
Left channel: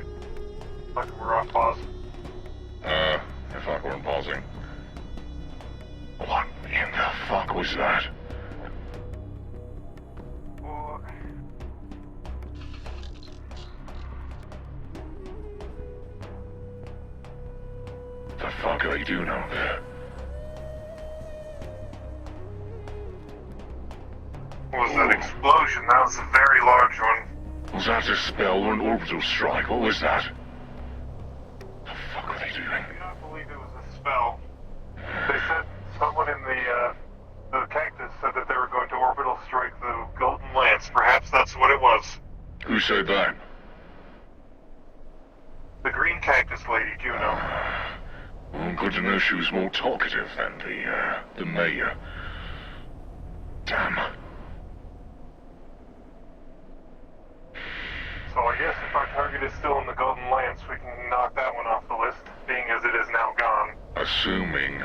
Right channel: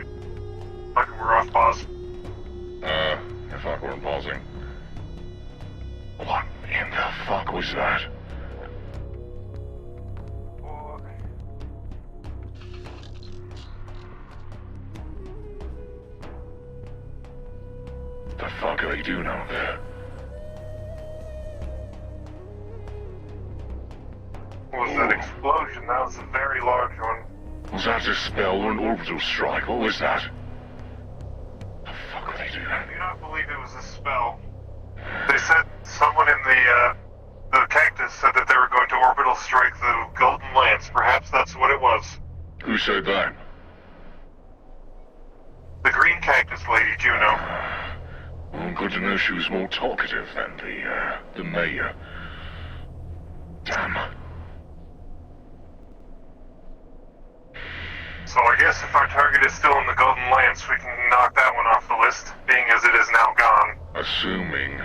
we're on pause. I thought we were pausing. What in the fuck was that? The fuck are they doing out there? What was that explosion? That was a very large one. Was that a spell or an orbital strike? What was that? The fuck are they doing? I do not believe it was a spell. They said someone in the cactus said that they were going to orbital strike the Golden Lance. Perhaps that's what it was. Who said that? The green cactus lady, Juno. Well, good to know she was more talkative than the mayor. Damn. So I guess if our target is still in the Golden Lance, we can knock that one off the list, being as it is now gone. Assuming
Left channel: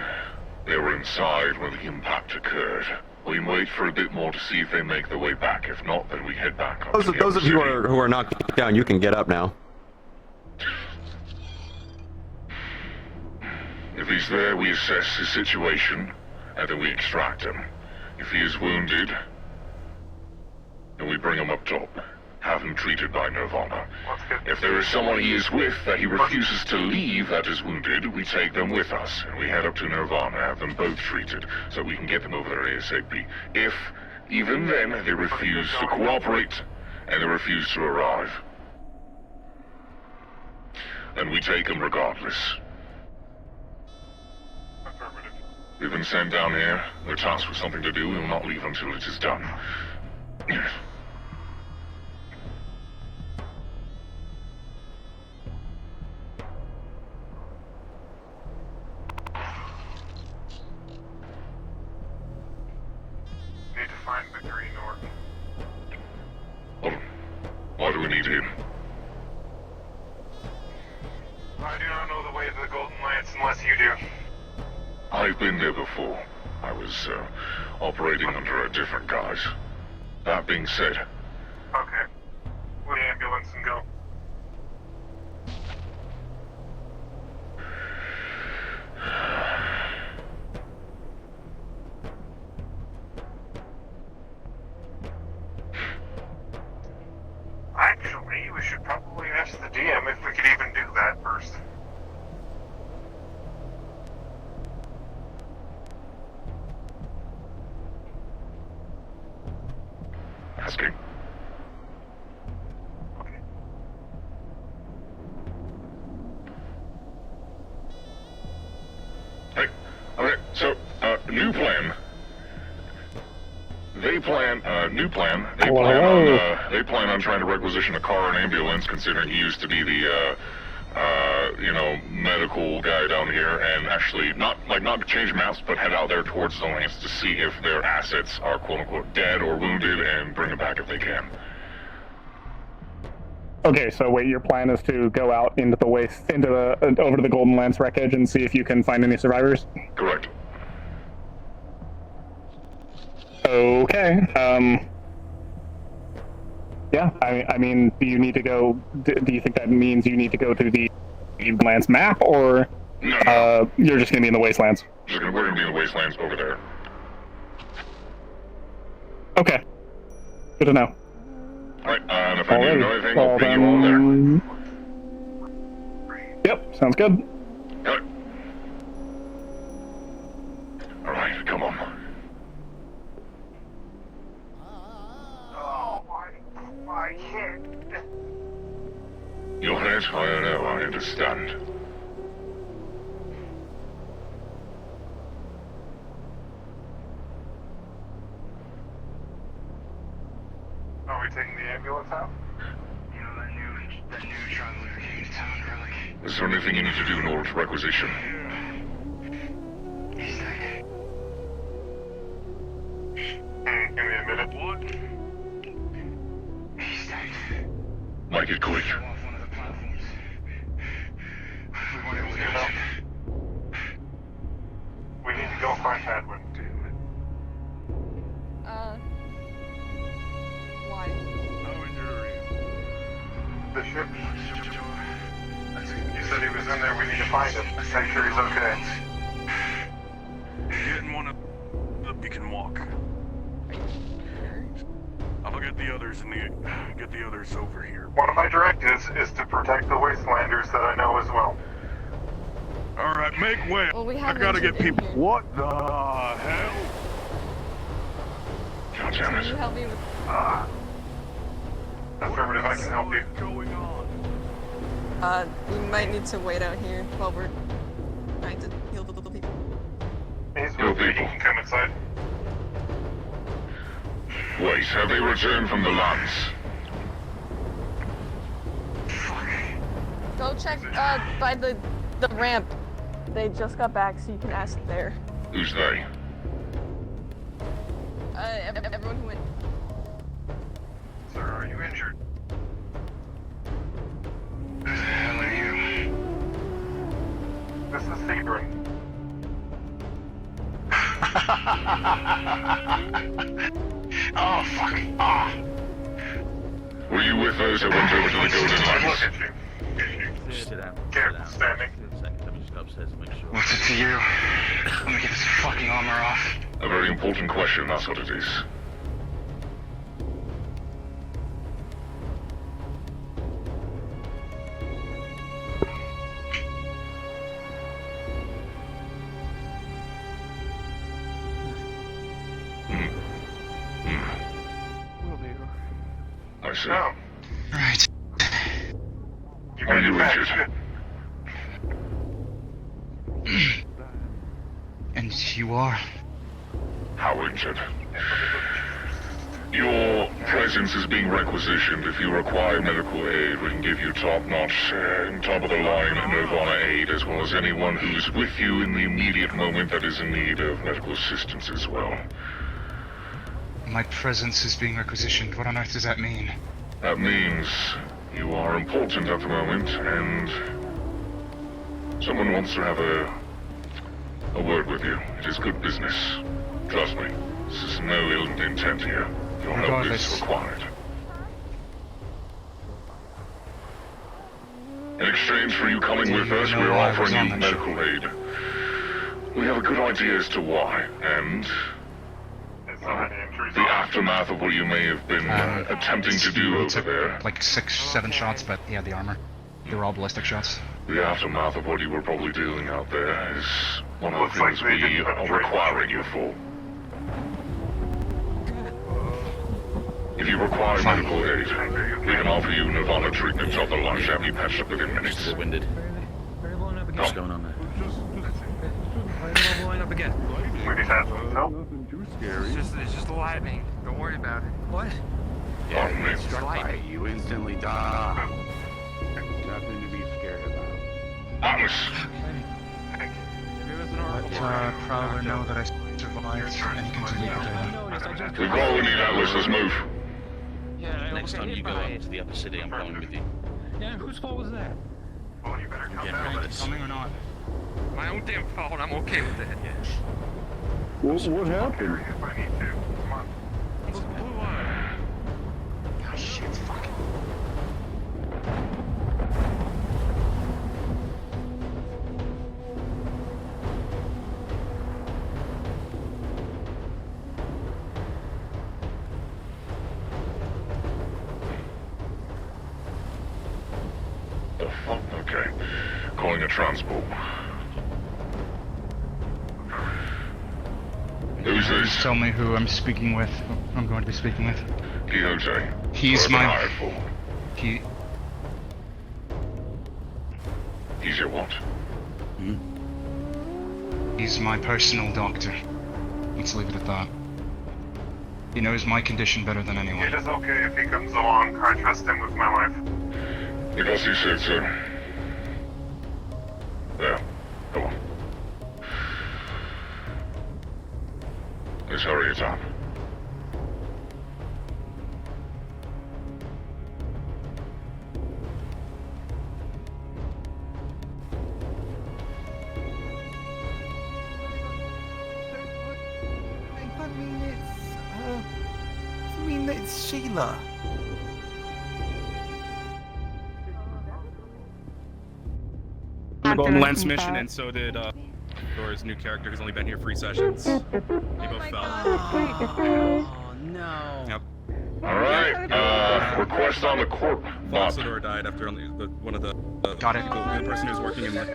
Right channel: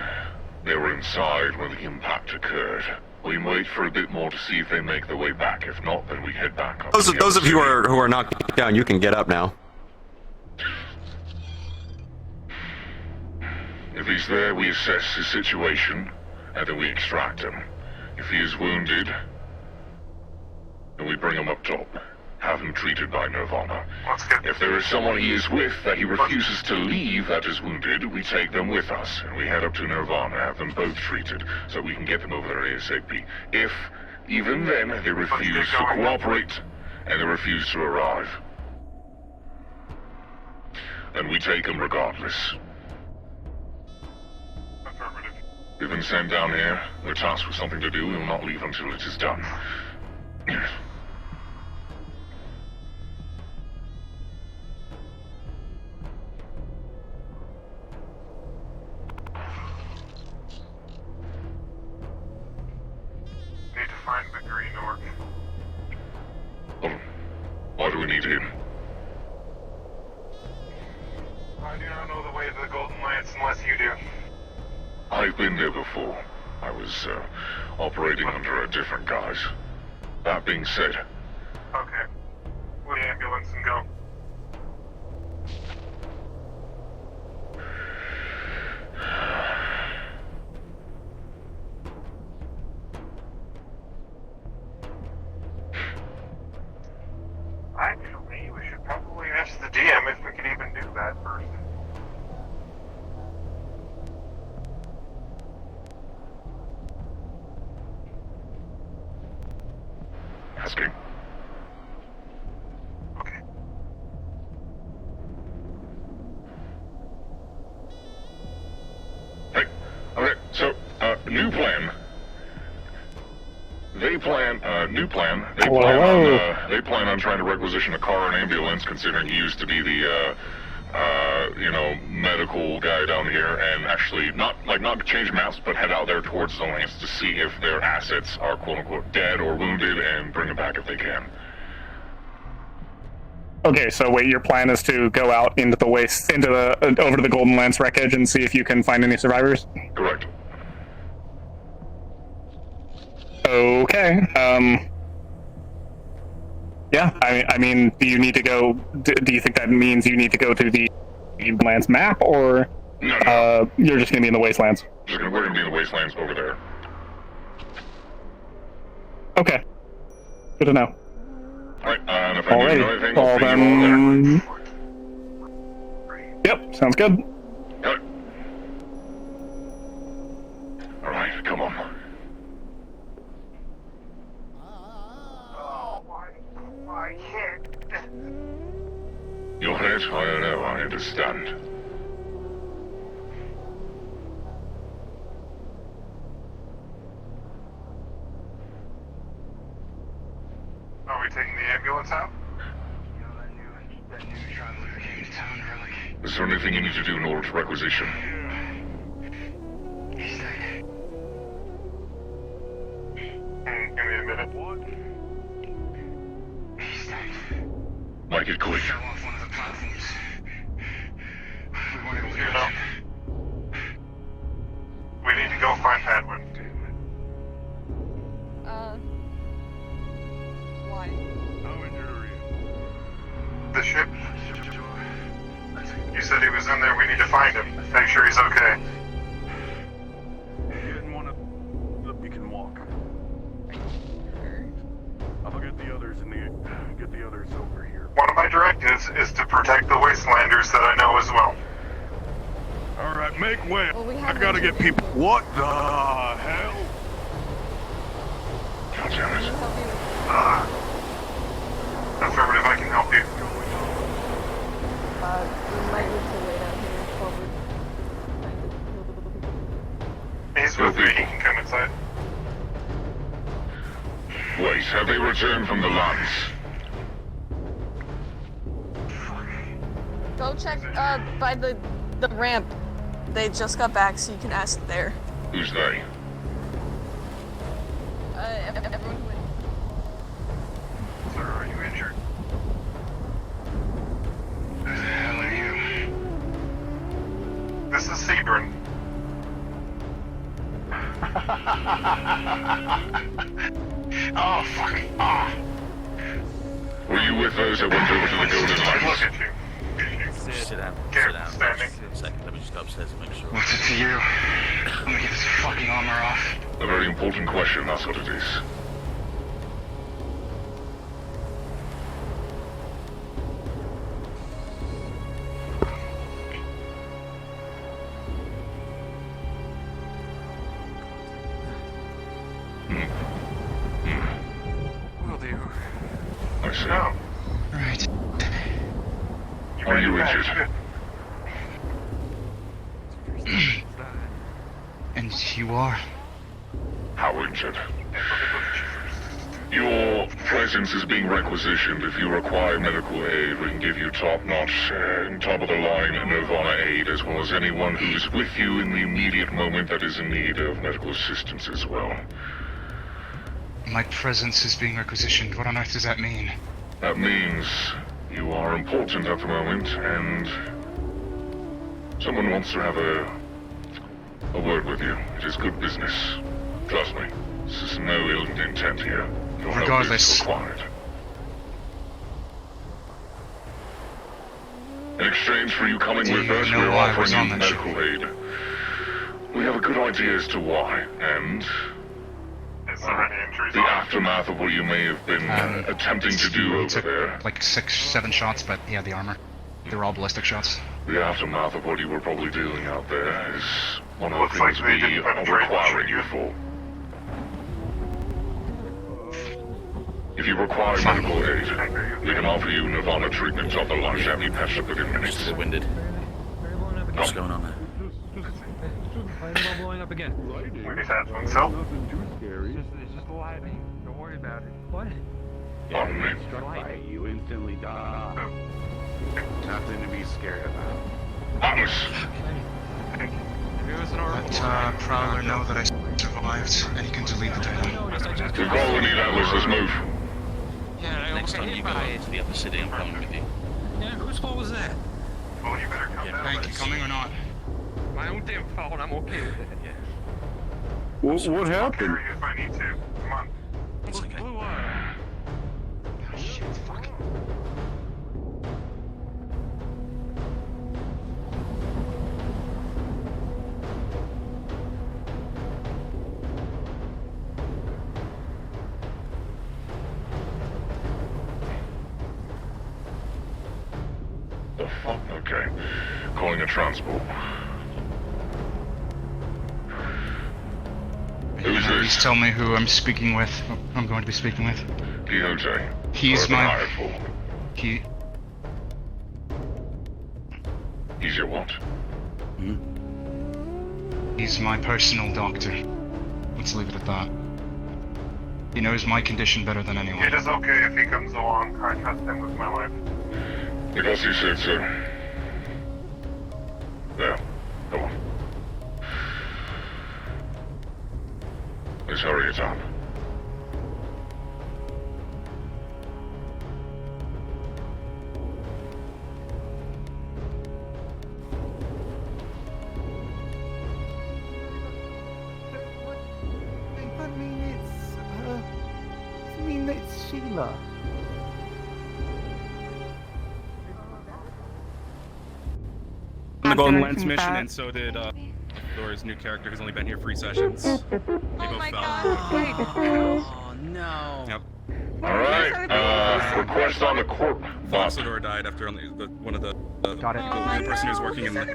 they were inside when the impact occurred. We can wait for a bit more to see if they make their way back. If not, then we head back. Those of you who are knocked down, you can get up now. If he's there, we assess his situation, and then we extract him. If he is wounded, then we bring him up top. have him treated by Nirvana. If there is someone he is with that he refuses to leave that is wounded, we take them with us, and we head up to Nirvana, have them both treated, so we can get them over there ASAP. If, even then, they refuse to cooperate, and they refuse to arrive, then we take them regardless. They've been sent down here, they're tasked with something to do, and will not leave until it is done. Need to find the green orc. Why do we need him? I do not know the way to the Golden Lance unless you do. I've been there before. I was operating under a different guise. That being said, Okay. We'll ambulance and go. Actually, we should probably ask the DM if we could even do that first. asking. Hey, okay, so, new plan. They plan on trying to requisition a car and ambulance, considering he used to be the, medical guy down here, and actually not change maps, but head out there towards the lanes to see if their assets are quote-unquote dead or wounded and bring them back if they can. Okay, so wait, your plan is to go out into the waste, over to the Golden Lance wreckage and see if you can find any survivors? Correct. Okay, yeah, I mean, do you need to go, do you think that means you need to go to the Lance map, or you're just gonna be in the wastelands? We're gonna be in the wastelands over there. Okay, good to know. Alright, well then... Yep, sounds good. Alright, come on. My head. Your head's higher now, I understand. Are we taking the ambulance out? Is there anything you need to do in order to requisition? Give me a minute. Make it quick. We need to go find Edwin. Why? How injured are you? The ship? You said he was in there. We need to find him. Make sure he's okay. Get in one of the... You can walk. I'll get the others get the others over here. One of my directives is to protect the Wastelanders that I know as well. Alright, make way. Well, we I have gotta those get people. What the hell? Can you help me with Affirmative, I can help you. we might need to wait out here while we're trying to heal the little people. These little people can come inside. Wait, have they returned from the lands? Go check by the ramp. They just got back, so you can ask there. Who's they? Everyone who Sir, are you injured? Who the hell are you? This is Sebring. Oh, fuck. Ah. Were you with those that went over to the Golden Lance? Look at you. Sit down. Careful, standing. Second, let me just go upstairs and make sure. What's it to you? Let me get this fucking armor off. A very important question, that's what it is. see. Oh. Right. Are you Richard? And you are? How, Richard? Your presence is being requisitioned. If you require medical aid, we can give you top-notch, top-of-the-line Nirvana aid, as well as anyone who is with you in the immediate moment that is in need of medical assistance as well. My presence is being requisitioned. What on earth does that mean? That means you are important at the moment, and someone wants to have a word with you. It is good business. Trust me. This is no ill intent here. Your help is Regardless. required. In exchange for you coming with us, know we're why I was offering on you that medical aid. We have a good idea as to why, and the aftermath of what you may have been attempting to do He over took there. like 6, 7 shots, but yeah, the armor. They were all ballistic shots. The aftermath of what you were probably doing out there is one of Looks the like things they we didn't are upgrade the requiring you for. If you require Fine. medical aid, we can offer you Nirvana treatment of the lunch and be patched up within minutes. Still winded. What's going on there? Blowing up again. We just had one, so. It's just lightning. Don't worry about it. What? 1 minute. Lightning. You instantly die. Nothing to be scared about. Atlas, Let Prowler know that I survived, and you can delete the data. we've already Atlas, let's move. Next time you go here to the upper city, I'm coming with you. Yeah, whose fault was that? Well, you better come down. Thank you, coming or not? My own damn fault. I'm okay with it. Yeah. What happened? If I need to. Come on. It's okay. Oh shit, fuck. Oh, fuck, okay. Calling a transport. Who's Please this? tell me who I'm speaking with. Who I'm going to be speaking with. DOJ. He's Who are my. you hired for? He. He's your what? He's my personal doctor. Let's leave it at that. He knows my condition better than anyone. It is okay if he comes along. I trust him with my life. Because he said so. Yeah, go on. Let's hurry it up. It's Sheila. On the Golden Lens mission, and so did Thor's new character who's only been here 3 sessions. They both fell. Oh no. Yep. Alright, request on the court. Foxador died after only one of the people, the person who's working in the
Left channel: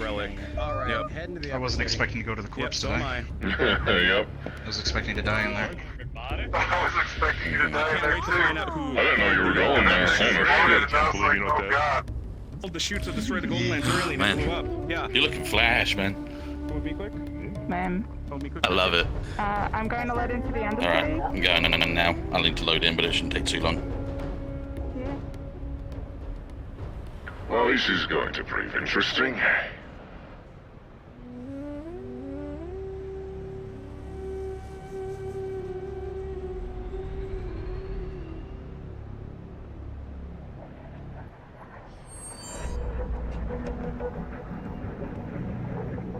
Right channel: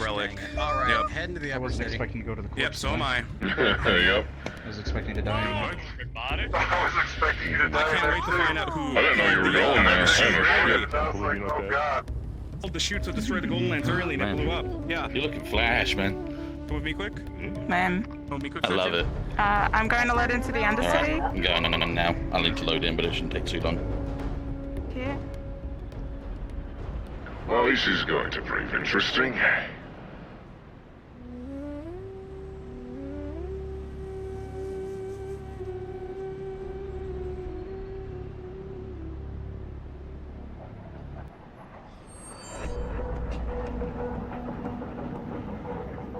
relic. Alright, Yep. heading to the I wasn't upper city. expecting to go to the corpse. Yep, so am I. Yep. I was expecting to die in there. I was expecting you to die Can't wait to find out who I didn't know you were going there. Oh god. pulled the chute to destroy the Golden Lens early and it blew up. Yeah. You're looking flash, man. Move me quick. Man, Move me quick. I love it. I'm going to load into the Alright, Undercity. I'm going on now. I'll need to load in, but it shouldn't take too long. Well, this is going to prove interesting.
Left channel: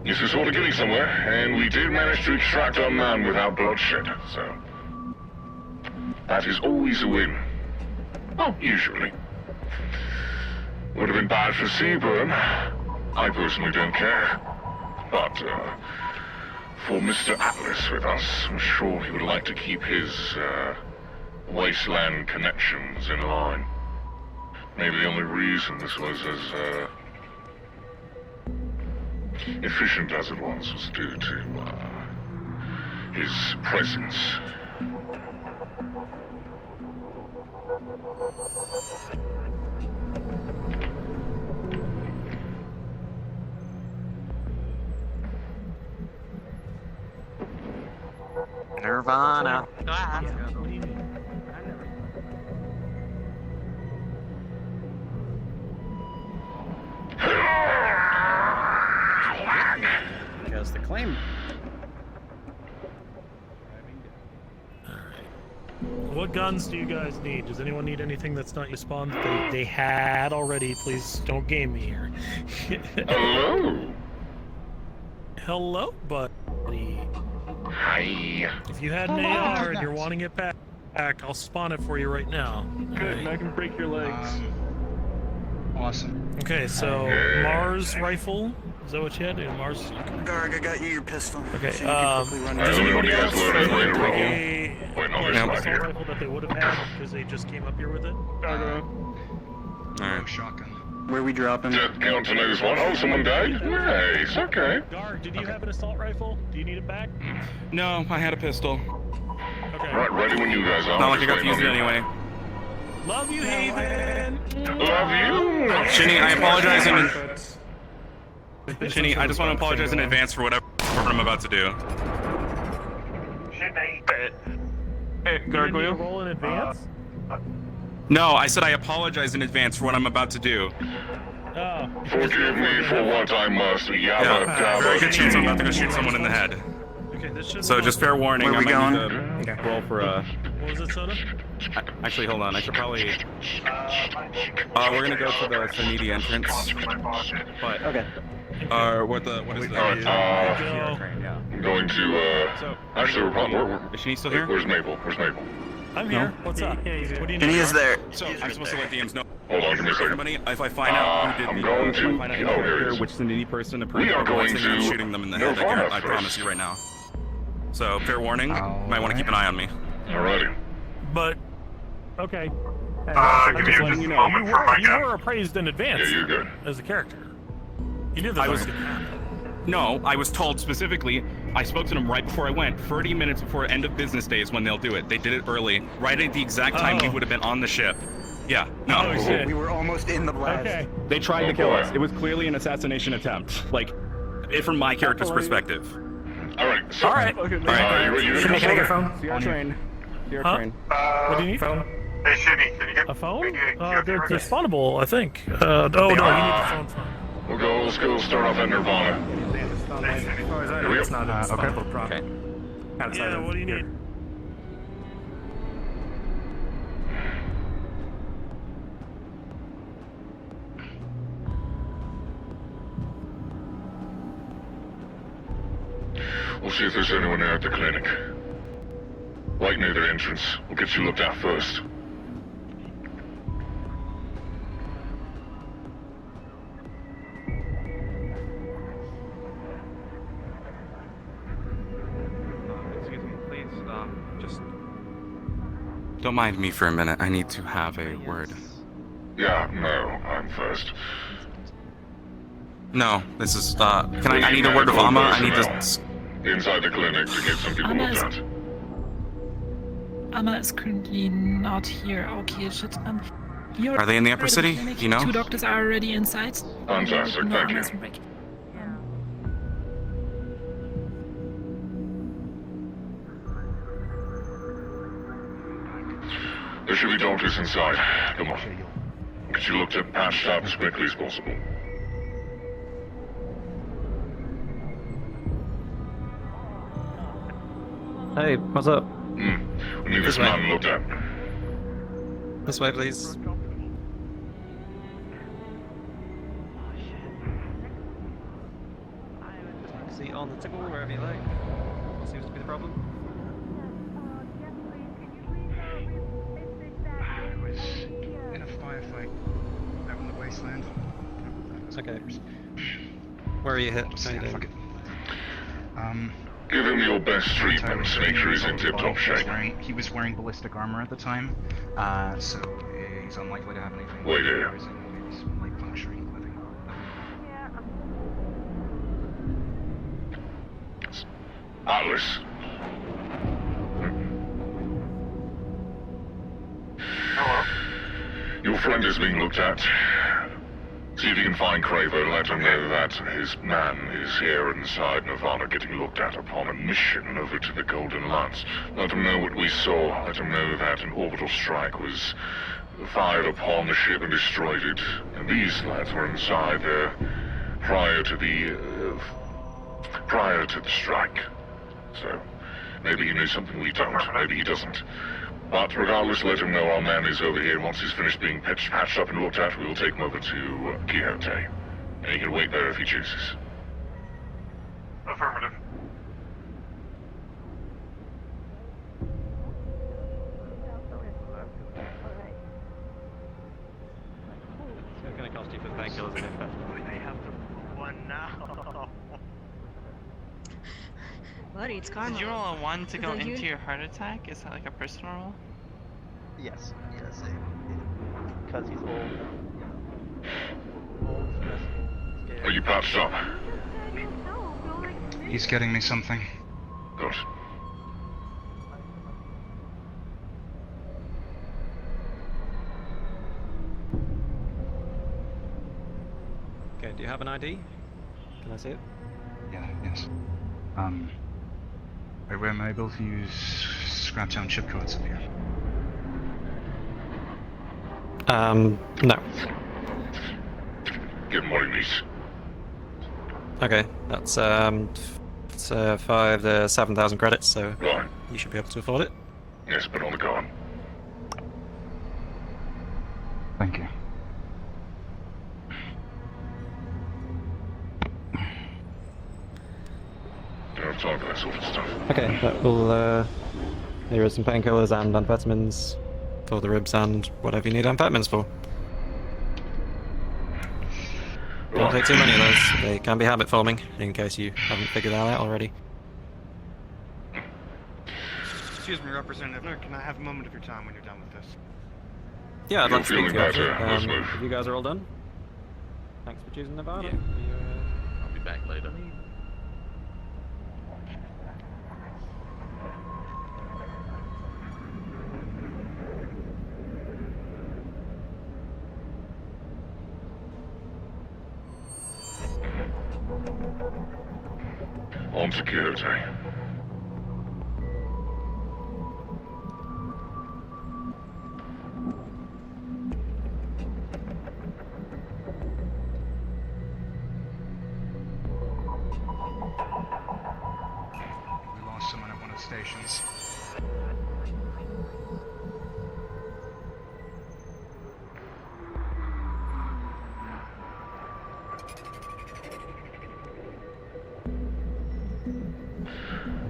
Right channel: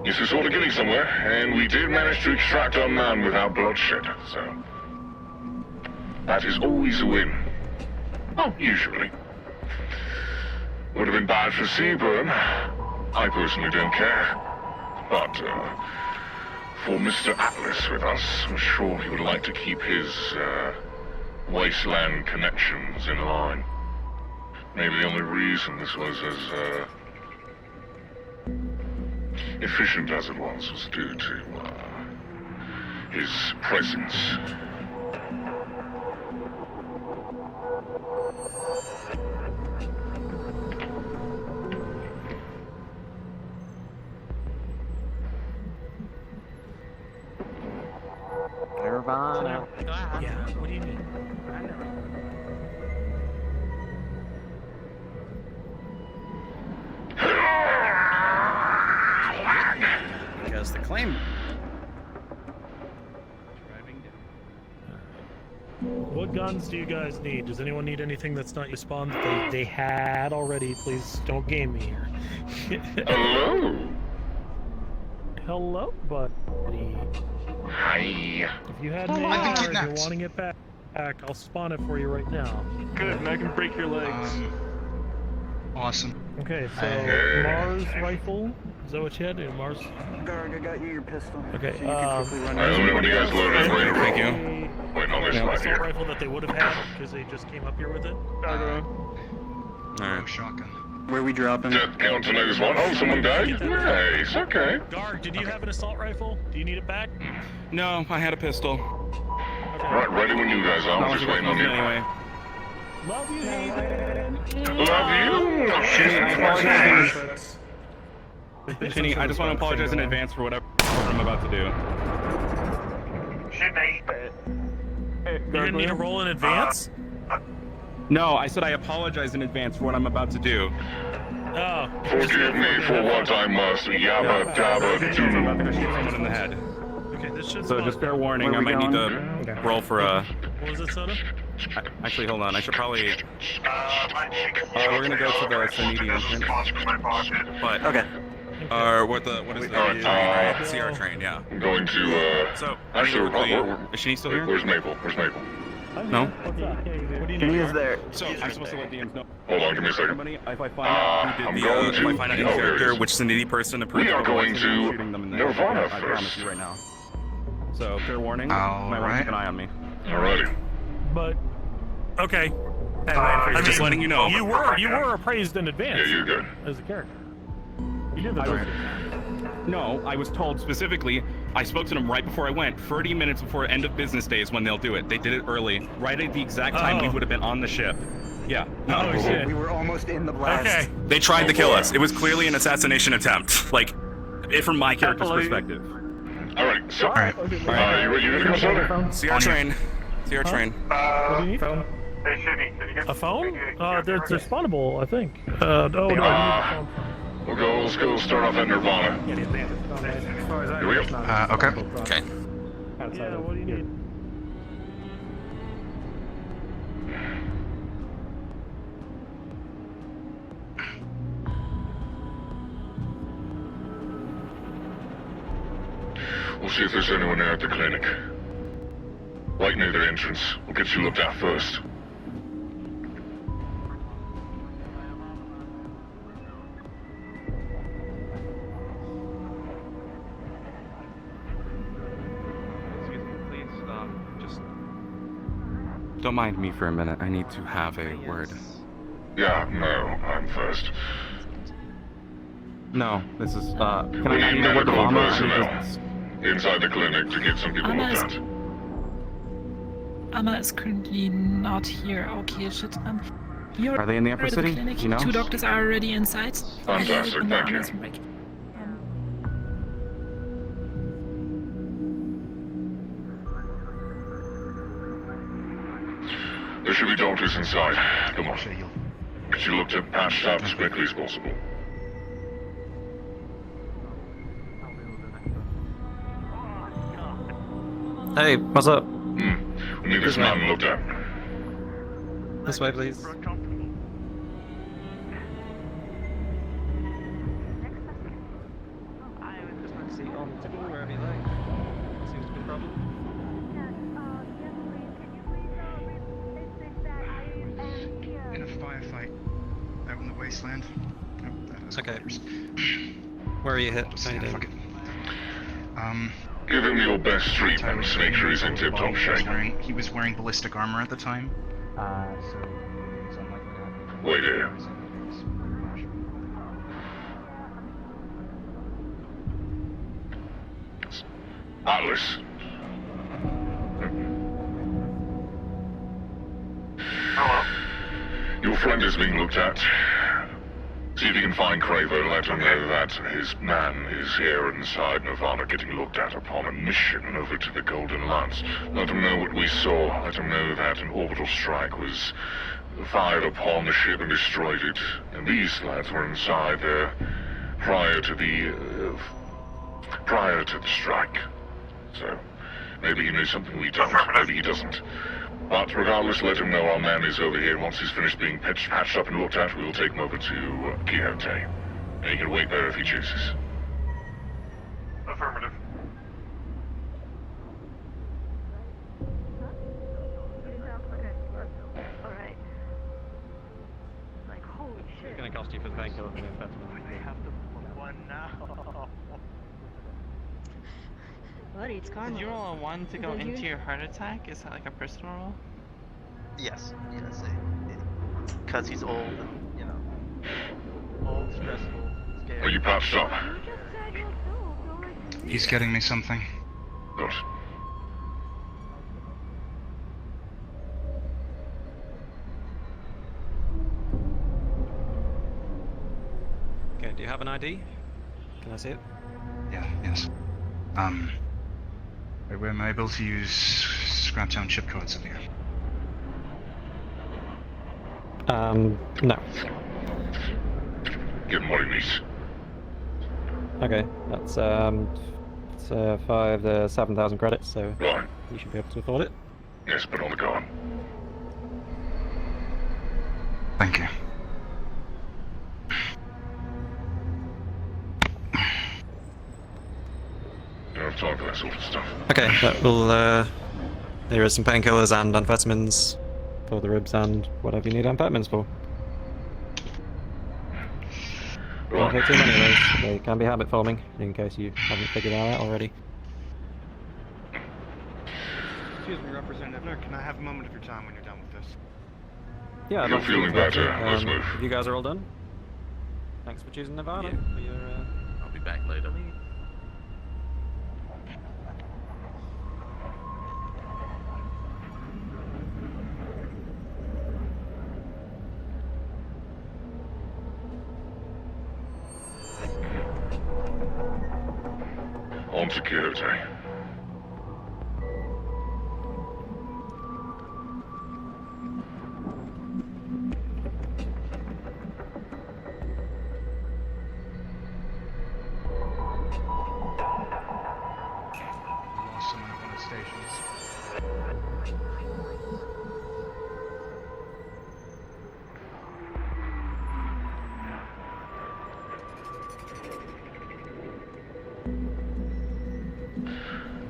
This is all getting somewhere, and we did manage to extract our man without bloodshed, so that is always a win. Oh, usually. Would have been bad for Seaburn. I personally don't care. But, for Mr. Atlas with us, I'm sure he would like to keep his, wasteland connections in line. Maybe the only reason this was as, efficient as it was due to, his presence. What guns do you guys need? Does anyone need anything that's not your spawn that they had already? Please don't game me here. Hello? Hello, buddy. Hi. If you had me and you're wanting it back, I'll spawn it for you right now. Good, and I can break your legs. Awesome. Okay, so Mars rifle. Is that what you had? Mars. Garg, I got you your pistol. Okay. So you can quickly run Does anybody else Thank you. an assault rifle that they would have had because they just came up here with it? Alright. Shotgun. Where we dropping? Count to news one. Oh, someone died? Nice, okay. Guard, did you have an assault rifle? Do you need it back? No, I had a pistol. Right, ready when you guys are. Not like I got to use it anyway. Love you, Haven. Love you. Shinny, I apologize Shinny, I just want to apologize in advance for whatever I'm about to do. You didn't need to roll in advance? No, I said I apologize in advance for what I'm about to do. Oh. Forgive me for what I must. Yeah, very good chance I'm about to go shoot someone in the head. Okay, this should. So just fair warning, I might need to roll for a... What was it, Soda? Actually, hold on, I should probably... we're gonna go to the Sanidi entrance. But... Okay. What is the right? CR train, yeah. I'm going to, So, actually, is she still here? Where's Mabel? Where's Mabel? I'm No? here. What's up? What do you He need? is there. So, I'm supposed to let DMs know. Hold on, give me a second. Everybody, if I find out who did the, if I find out in character which Sanidi person approved of what's in me, shooting them in the head, I promise you right now. So, fair warning, might want to keep an eye on me. Alright. But, okay. I'm just letting you know. You were appraised in advance Yeah, you're good. as a character. You did this. No, I was told specifically, I spoke to them right before I went, 30 minutes before end of business day is when they'll do it. They did it early, right at the exact time we would have been on the ship. Yeah. No. Oh, shit. We were almost in the blast. Okay. They tried to kill us. It was clearly an assassination attempt. Like, from my character's perspective. Alright, so, Alright. you ready to Can I get a phone? phone? CR train. CR train. What do you need? Hey, Shitty, can you get A phone? Yeah, They're spawnable, I think. Oh, no, you need a phone. Let's go start off at Nirvana. As far as I know, it's not Okay. Okay. Yeah, what do you need? We'll see if there's anyone there at the clinic. Right near the entrance. We'll get you looked at first. Excuse me, please, just... Don't mind me for a minute. I need to have a word. Yeah, no, I'm first. No, this is, I need a word with Alma. I need to... Inside the clinic to get some people looked at. Anna is currently not here. Okay, shit. Are they in the upper city? Clinic. You know? 2 doctors are already inside. Fantastic, No, thank you. Anna's break. There should be doctors inside. Come on. Get you looked at, patched up as quickly as possible. Hey, what's up? We need this man looked at. This way, please. Taxi on the table, wherever you like. Seems to be the problem. In a firefight out in the wasteland. Okay. Where are you hit? Just, yeah, fuck it. Give him your best treatment. was Make sure he's in his tip-top body. shape. He was wearing ballistic armor at the time, so he's unlikely to have any. Wait here. Light puncturing. Callous. Hello. Your friend is being looked at. See if you can find Craver. Let him know that his man is here inside Nirvana getting looked at upon a mission over to the Golden Lance. Let him know what we saw. Let him know that an orbital strike was fired upon the ship and destroyed it. And these lads were inside there prior to the strike. So maybe he knows something we don't. Maybe he doesn't. But regardless, let him know our man is over here. Once he's finished being patched up and looked at, we'll take him over to Quixote. And he can wait there if he chooses. Affirmative. It's going to cost you for painkillers and investment. One now. Buddy, it's karma. Did you roll a 1 to go Is that into you? your heart attack? Is that like a personal roll? Yes, because he's old. Old, stressed, scared. Are you patched up? He's getting me something. Good. Okay, do you have an ID? Can I see it? Yeah, yes. Where am I able to use Scraptown chip codes at the end? No. Good morning, niece. Okay, that's 5 to 7,000 credits, so Right. you should be able to afford it. Yes, but on the card. Thank you. Don't have time for that sort of stuff. Okay, that will, here is some painkillers and amphetamines for the ribs and whatever you need amphetamines for. Don't take too many of those, they can be habit forming, in case you haven't figured that out already. Excuse me, Representative. Can I have a moment of your time when you're done with this? Yeah, I'd like to speak to you. If you guys are all done, thanks for choosing Nevada. Yeah. I'll be back later. On security. We lost someone at one of the stations.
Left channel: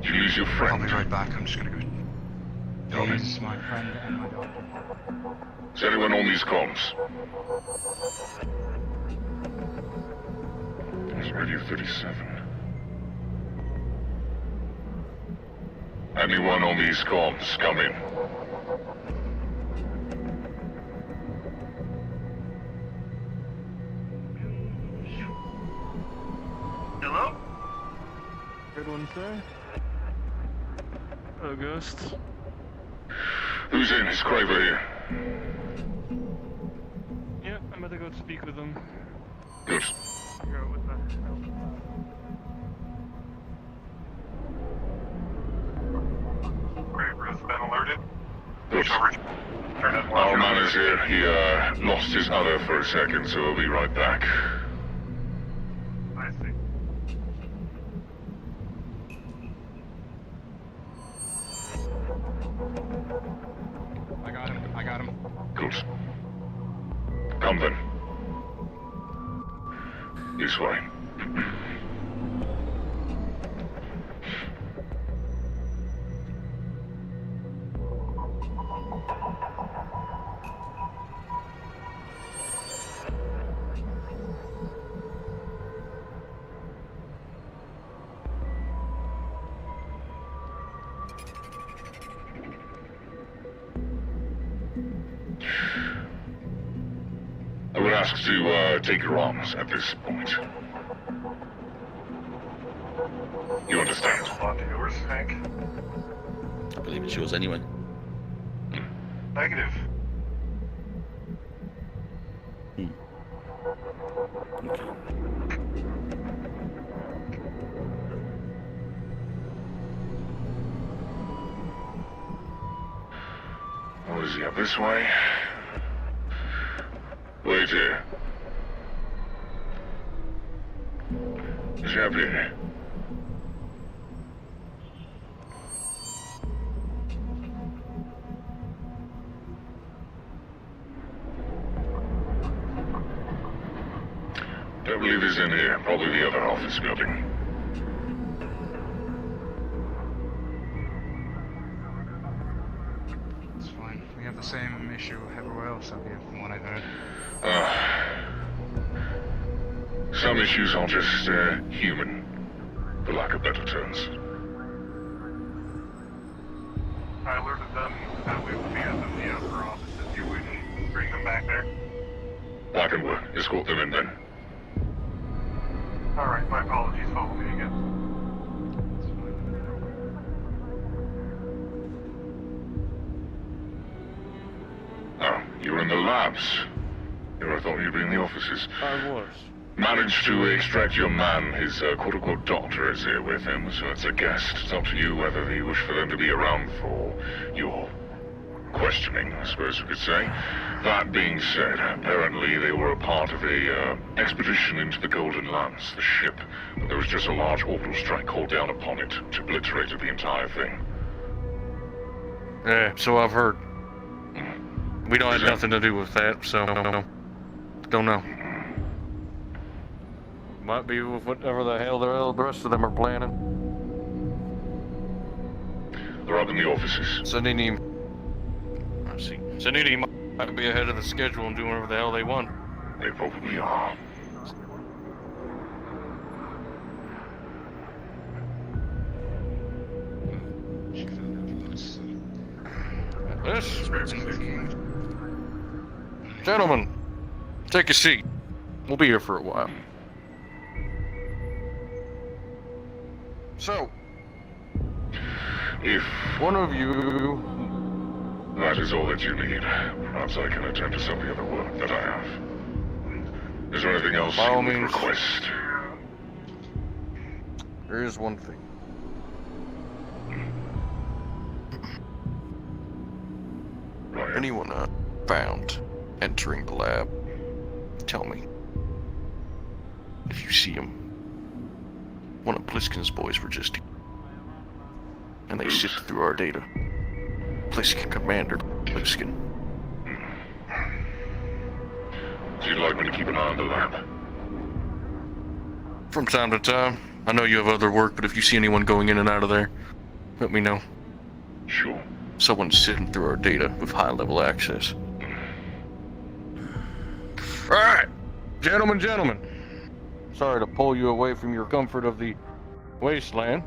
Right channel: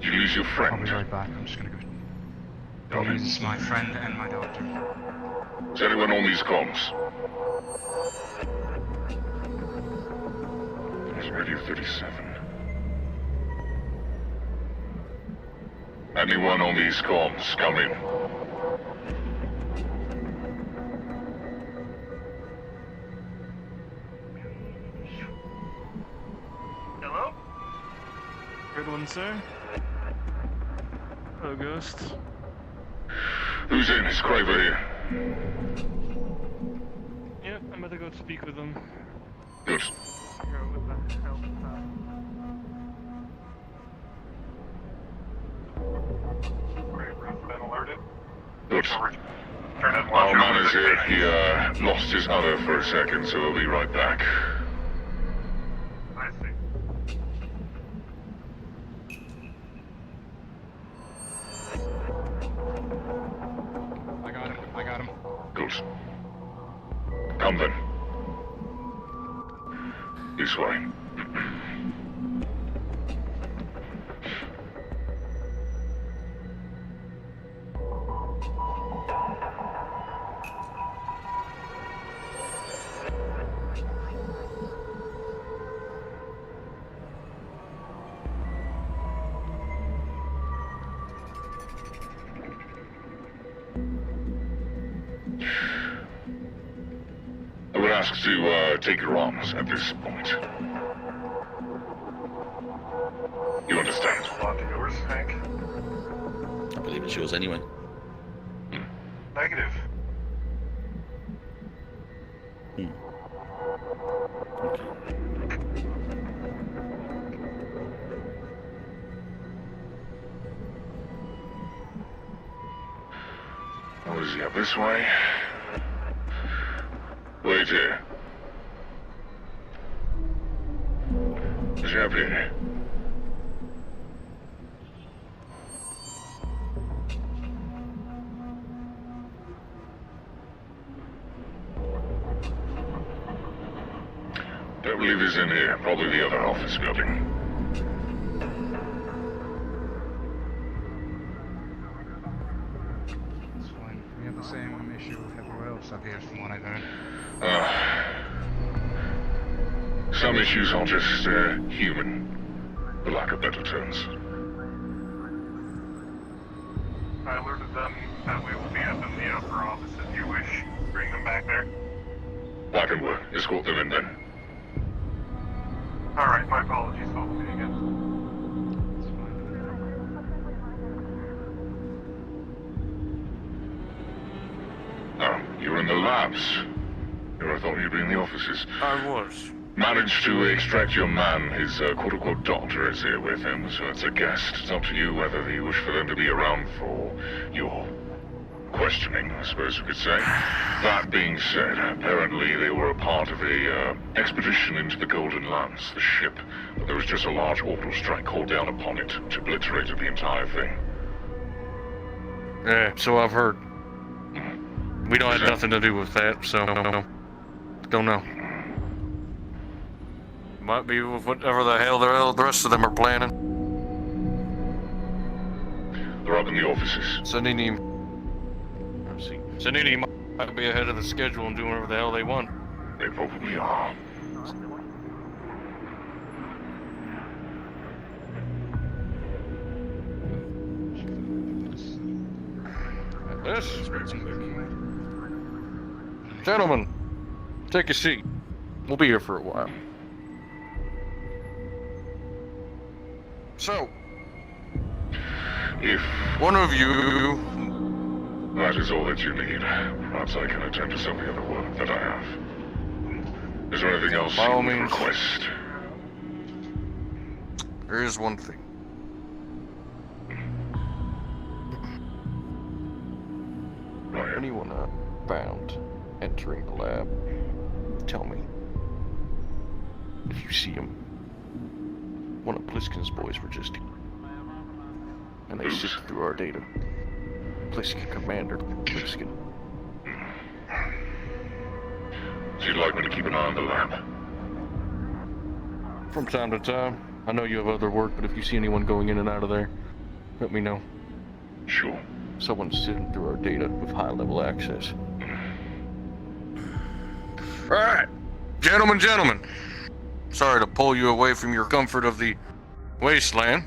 You lose your friend. I'll be right back. I'm just gonna go. He's my friend and my doctor. Is anyone on these comms? There's Radio 37. Anyone on these comms? Come in. Hello? Good one, sir. Hello, Ghost. Who's in? Is Craver here? Yep, I'm about to go speak with him. Good. Figure out what the hell. Craver's been alerted. Good. Turn it Our man is here. He lost his other for a second, so he'll be right back. I see. I got him. Good. Come then. This way. I would ask to take your arms at this point. You understand? A lot to yours, Hank. I believe it's yours anyway. Negative. What is he up this way? Wait here. What's happening here? I believe he's in here, probably the other office building. It's fine. We have the same issue everywhere else up here, from what I've heard. Some issues are just human, for lack of better terms. I alerted them that we will be at the upper office if you wish. Bring them back there. I can escort them in then. Alright, my apologies, follow me again. Oh, you're in the labs. I thought you'd be in the offices. I was. Managed to extract your man. His quote-unquote doctor is here with him, so it's a guest. It's up to you whether you wish for them to be around for your questioning, I suppose we could say. That being said, apparently they were a part of a expedition into the Golden Lands, the ship. But there was just a large orbital strike called down upon it, which obliterated the entire thing. Yeah, so I've heard. We don't have nothing to do with that, so don't know. Might be with whatever the hell the rest of them are planning. They're up in the offices. Sanini might be ahead of the schedule and doing whatever the hell they want. They probably are. This. Gentlemen, take a seat. We'll be here for a while. So, if one of you... That is all that you need. Perhaps I can attend to some of the other work that I have. Is there anything else By all you means. request? There is one thing. Anyone found entering the lab, tell me. If you see him, one of Pliskin's boys were just here. And they sifted through our data. Pliskin Commander Pliskin. Do you like me to keep an eye on the lab? From time to time. I know you have other work, but if you see anyone going in and out of there, let me know. Sure. Someone's sifting through our data with high-level access. Alright, gentlemen. Sorry to pull you away from your comfort of the wasteland.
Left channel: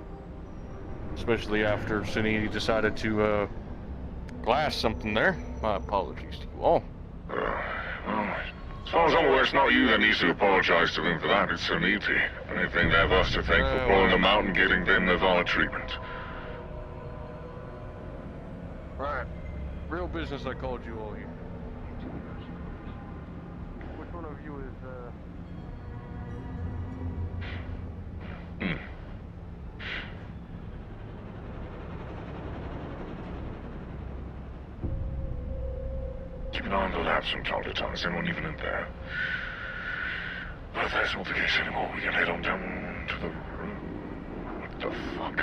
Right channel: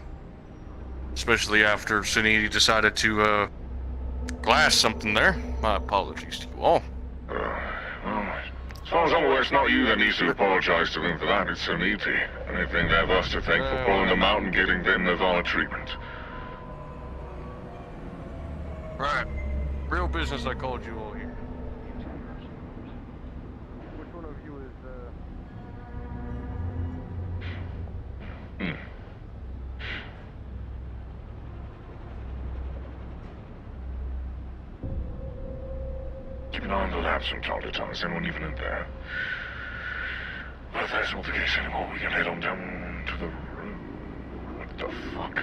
Especially after Sinini decided to, glass something there. My apologies to you all. As long as always not you that needs to apologize to them for that, it's Suniti. Anything they have us to thank for pulling them out and getting them Nirvana treatment. Right. Real business I called you all here. Which one of you is, Keep an eye on the labs from time to time. Is anyone even in there? Well, if that's not the case anymore, we can head on down to the room. What the fuck?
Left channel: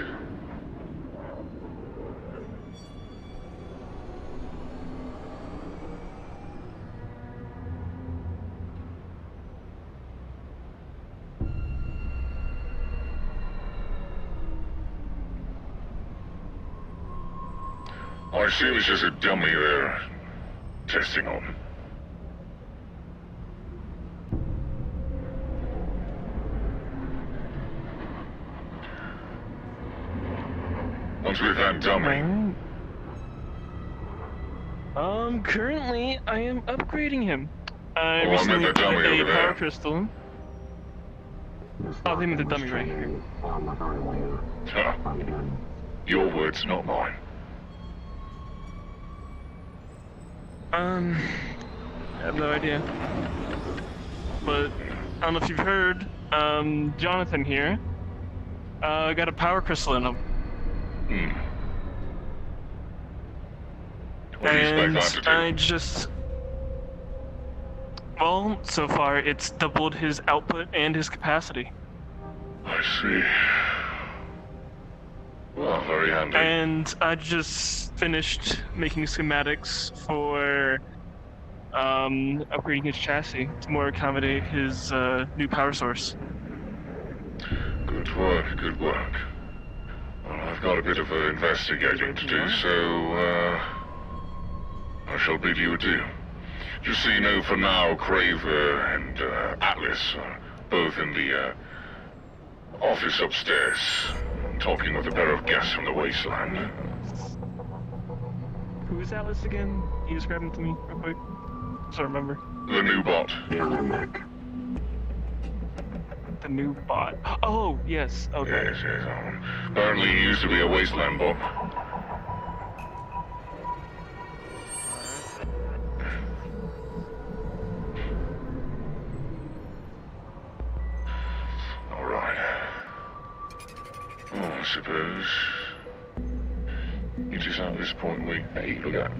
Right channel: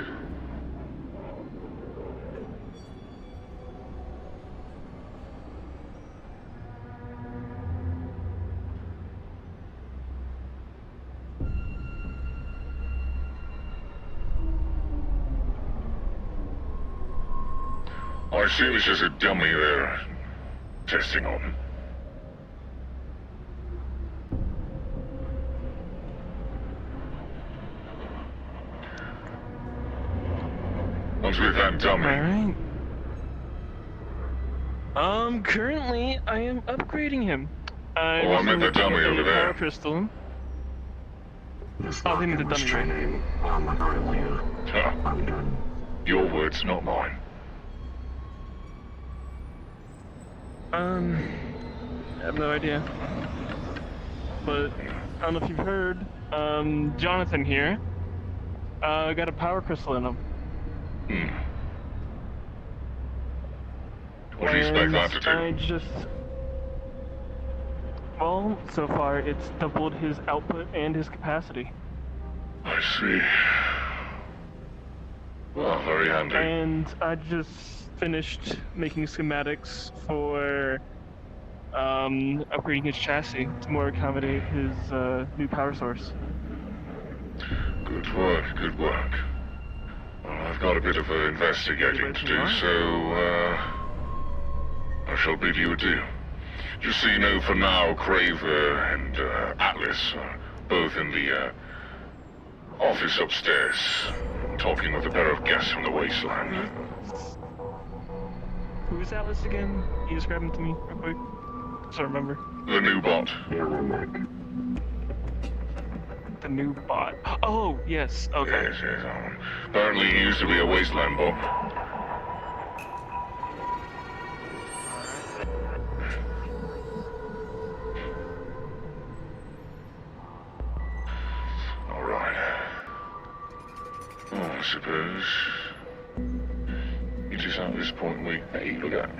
I assume it's just a dummy they're testing on. What's with that dummy? Currently, I am upgrading him. I Oh, I meant the received dummy over a there. power crystal. Oh, they meant the dummy right here. Huh. Your words, not mine. I have no idea. But, I don't know if you've heard, Jonathan here, got a power crystal in him. What do you expect that to do? I just... Well, so far, it's doubled his output and his capacity. I see. Well, very handy. And I just finished making schematics for upgrading his chassis to more accommodate his new power source. Good work, good work. Well, I've got a bit of investigating to do, so, I shall bid you adieu. Just so you know, for now, Craver and, Atlas are both in the, office upstairs, talking with a pair of guests from the wasteland. Who is Atlas again? Can you describe him to me real quick? So I remember. The new bot. The new bot. Oh, yes. Okay. Yes, yes. Apparently he used to be a wasteland bot. Alright. Well, I suppose it is at this point we began.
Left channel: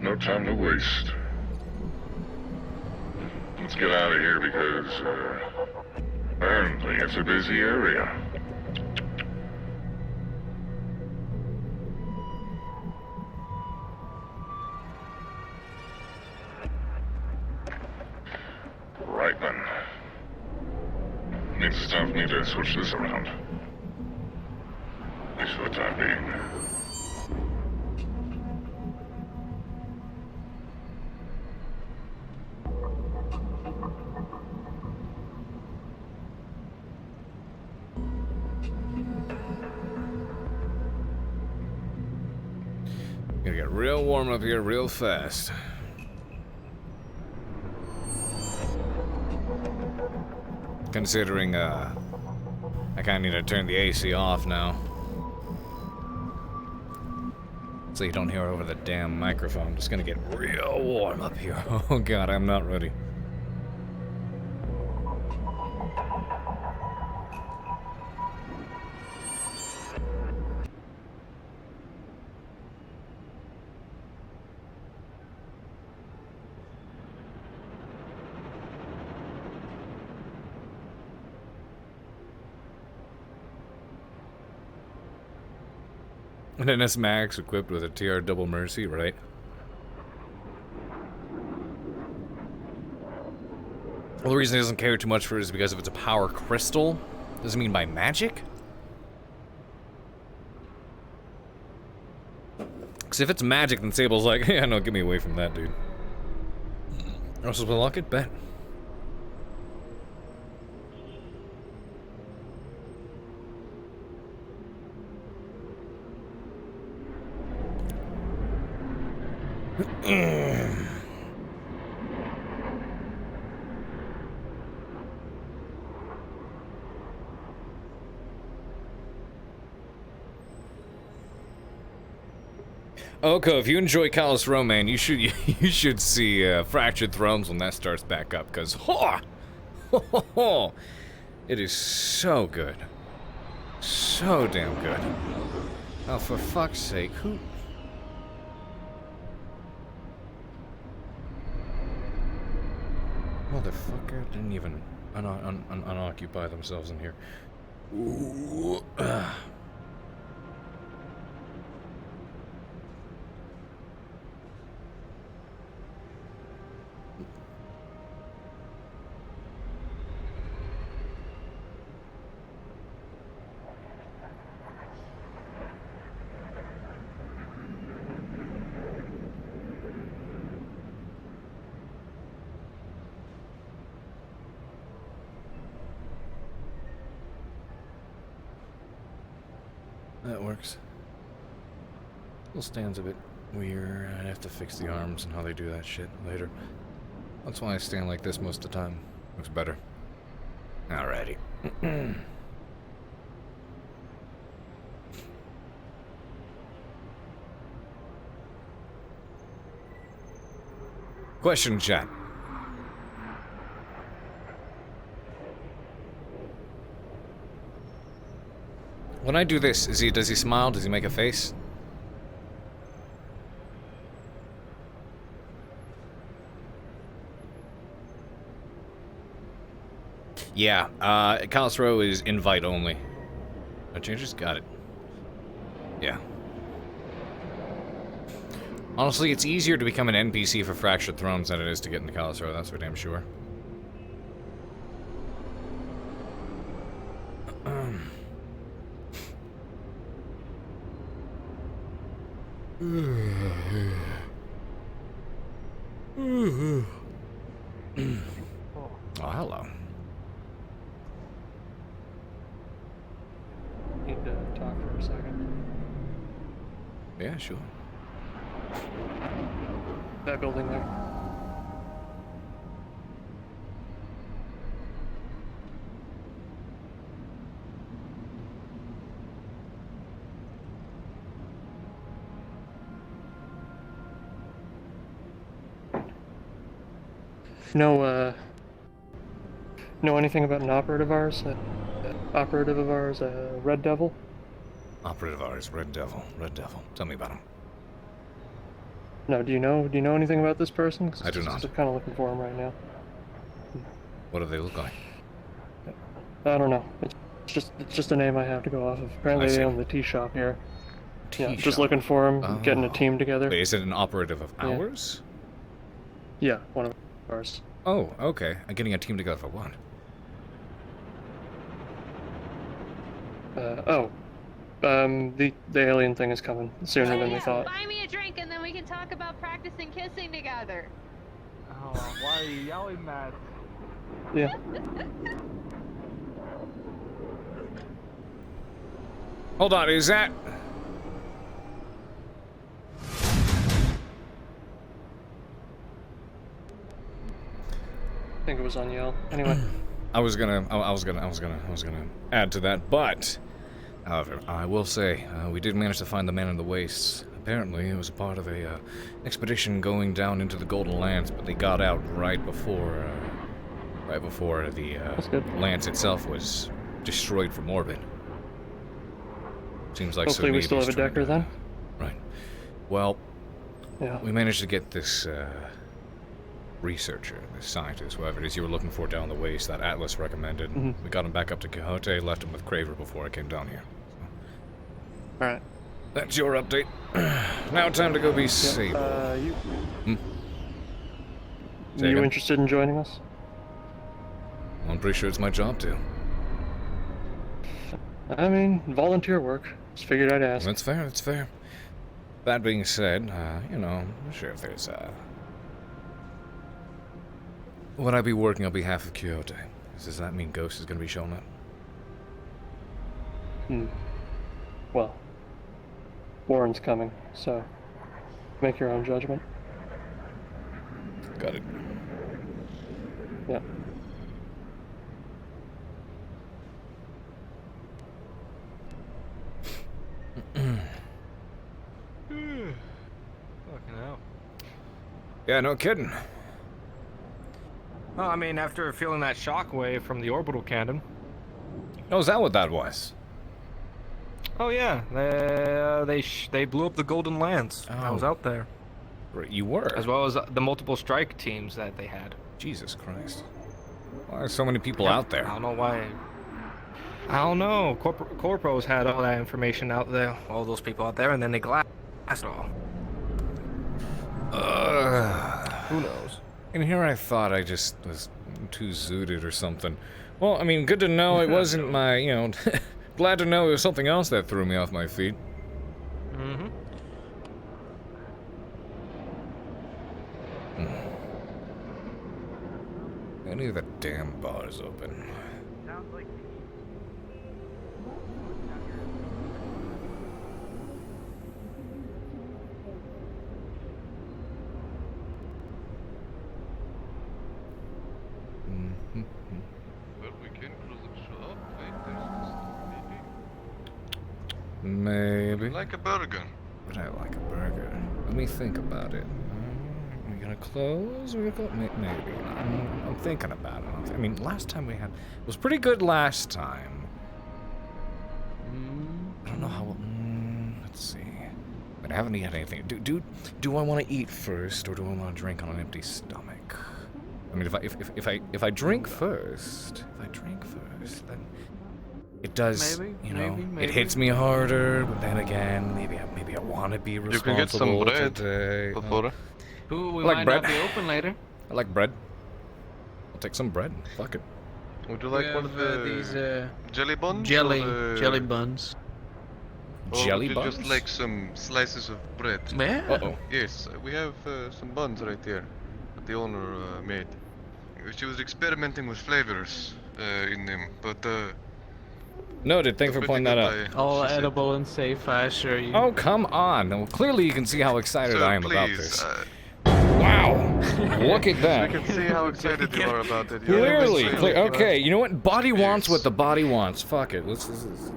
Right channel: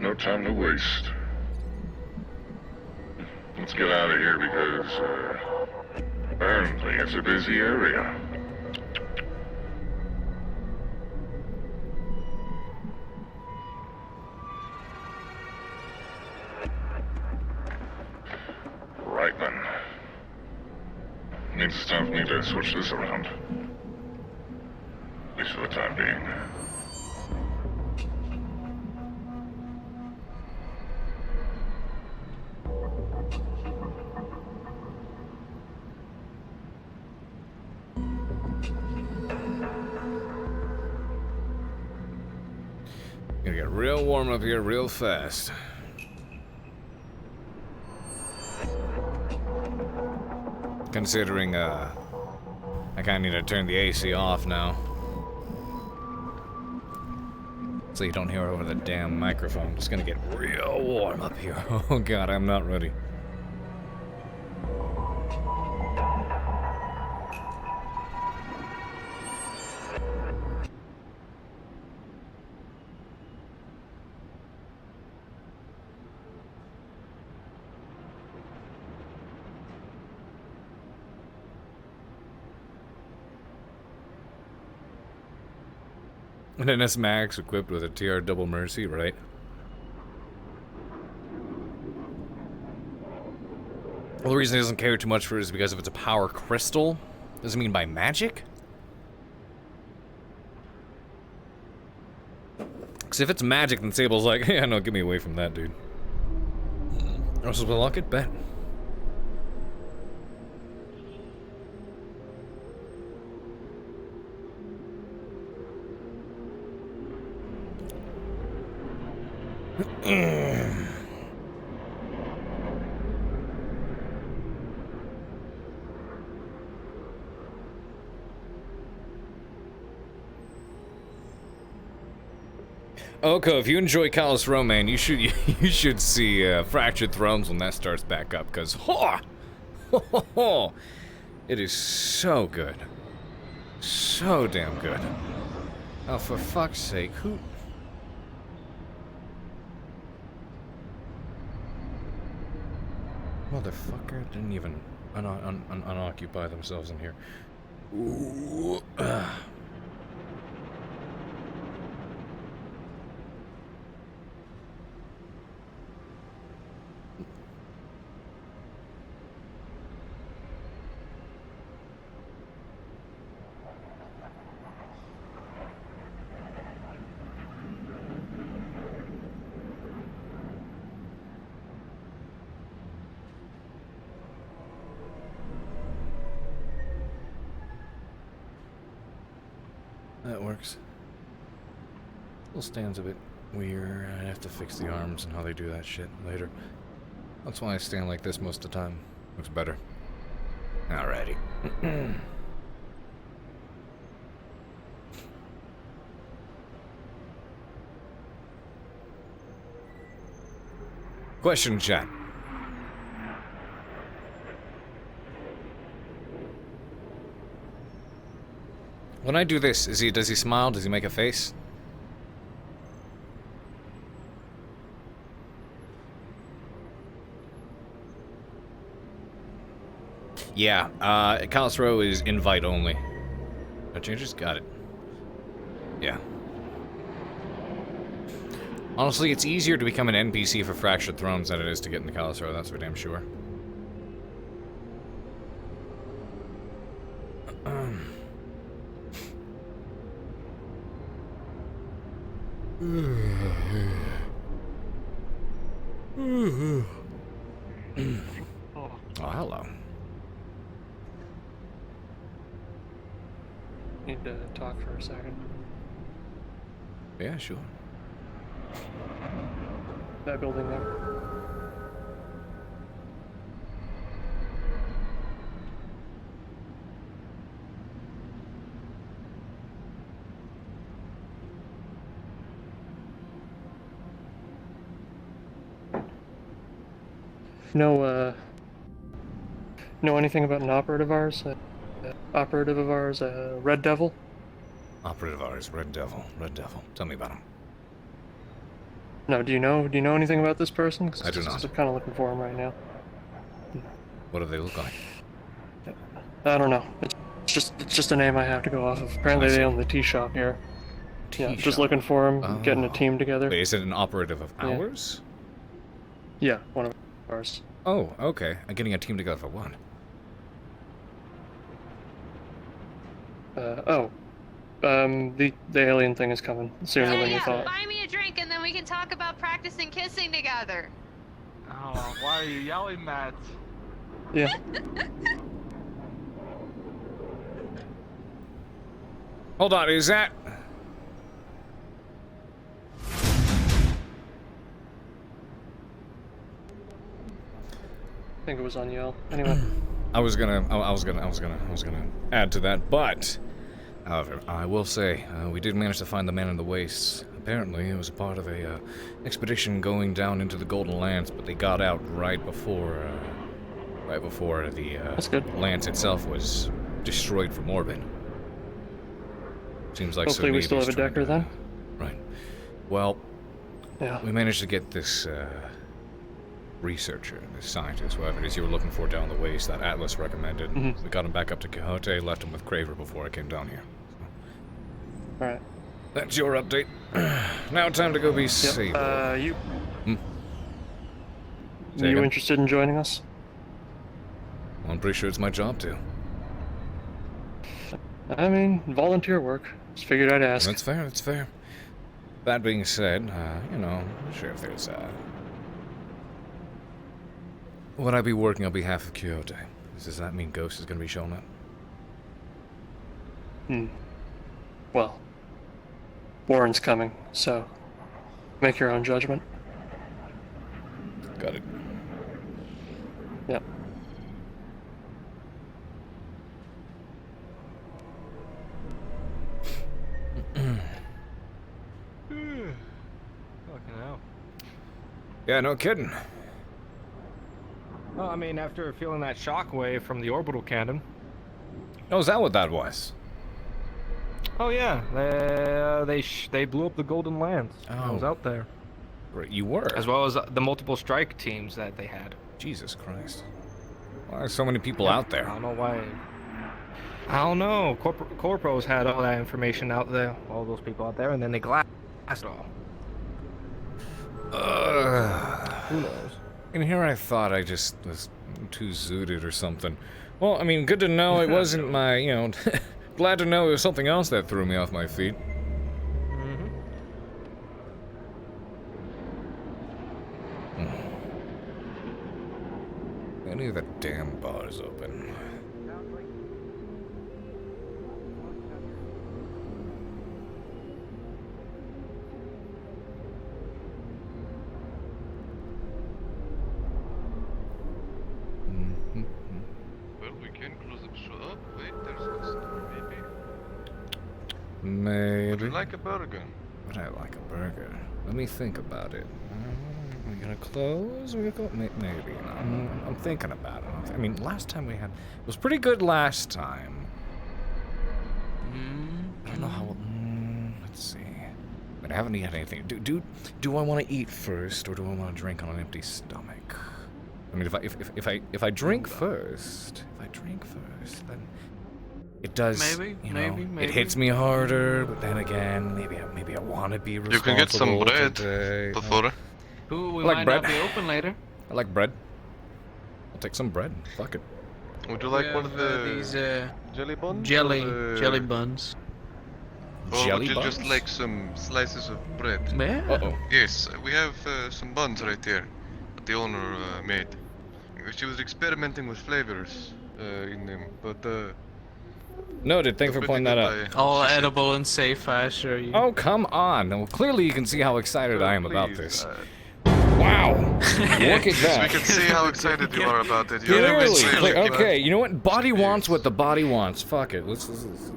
No time to waste. Let's get out of here because, apparently it's a busy area. Right then. It's time for me to switch this around. At least for the time being. Gonna get real warm up here real fast. Considering, I kinda need to turn the AC off now. So you don't hear over the damn microphone. It's gonna get real warm up here. Oh god, I'm not ready. An NS Max equipped with a TR Double Mercy, right? Well, the reason he doesn't care too much for it is because if it's a power crystal, does it mean by magic? Because if it's magic, then Sable's like, yeah, no, get me away from that, dude. Also, will lock it? Bet. Oko, if you enjoy Callous Roman, you should see Fractured Thrones when that starts back up, because it is so good, so damn good. Oh, for fuck's sake, who? Motherfucker didn't even unoccupy themselves in here. Ooh. That works. Little stand's a bit weird. I'd have to fix the arms and how they do that shit later. That's why I stand like this most of the time. Looks better. Alrighty. Question, chat. When I do this, does he smile? Does he make a face? Yeah, Callous Row is invite only. No changes? Got it. Yeah. Honestly, it's easier to become an NPC for Fractured Thrones than it is to get into Callous Row, that's for damn sure. Oh, hello. Need to talk for a second. Yeah, sure. That building up. Know anything about an operative of ours? Red Devil? Operative of ours, Red Devil. Tell me about him. No, do you know anything about this person? I do not. I'm kind of looking for him right now. What do they look like? I don't know. It's just a name I have to go off of. Apparently they own the tea shop here. Yeah, just looking for him, getting a team together. Wait, is it an operative of ours? Yeah, one of ours. Oh, okay. I'm getting a team together for what? The alien thing is coming sooner than we thought. Buy me a drink and then we can talk about practicing kissing together. Oh, why are you yelling that? Yeah. Hold on, is that... I think it was on Yale. Anyway. I was gonna add to that, but however, I will say we did manage to find the man in the wastes. Apparently, it was a part of a expedition going down into the Golden Lands, but they got out right before the lance itself was destroyed from orbit. Seems like hopefully we still have a Decker then. Right. Well, yeah. We managed to get this researcher, this scientist, whoever it is you were looking for down the waste that Atlas recommended. We got him back up to Quixote, left him with Craver before I came down here. So. Alright. That's your update. Now time to go be Sable. You Say again? interested in joining us? I'm pretty sure it's my job to. I mean, volunteer work. Just figured I'd ask. That's fair. That being said, you know, I'm sure if there's would I be working on behalf of Quixote? Does that mean Ghost is going to be showing up? Well, Warren's coming, so make your own judgment. Got it. Yep. Fucking hell. Yeah, no kidding. Well, I mean, after feeling that shockwave from the orbital cannon. Oh, is that what that was? Oh yeah, they blew up the Golden Lance. I was out there. You were? As well as the multiple strike teams that they had. Jesus Christ. Why are so many people out there? I don't know why. I don't know. Corpos had all that information out there, all those people out there, and then they glassed it all. Who knows? And here I thought I just was too zooted or something. Well, I mean, good to know it wasn't my, you know, glad to know it was something else that threw me off my feet. Any of the damn bars open. Well, we can close the shop. Wait, there's a Maybe. Would you like a burger? Would I like a burger? Let me think about it. Are we gonna close? Are we gonna go? Maybe. I'm thinking about it. I mean, last time we had... It was pretty good last time. I don't know how... let's see. But I haven't eaten anything. Do I want to eat first, or do I want to drink on an empty stomach? I mean, if I drink first, then it does, it hits me harder. But then again, maybe I want to be responsible. You can get some bread today. before. We I like might bread. not be open later. I like bread. I'll take some bread. Fuck it. Would you like one of these jelly buns? jelly buns. Jelly would you buns? just like some slices of bread? Yeah. Uh-oh. Yes, we have some buns right here that the owner made. She was experimenting with flavors in them, but Noted. Thanks for pointing that out. All edible and safe, I assure you. Oh, come on. Well, clearly you can see how excited I am about this. Wow. Look at that. We can see how excited you are about it. Clearly. Okay, you know what? Body wants what the body wants. Fuck it. Let's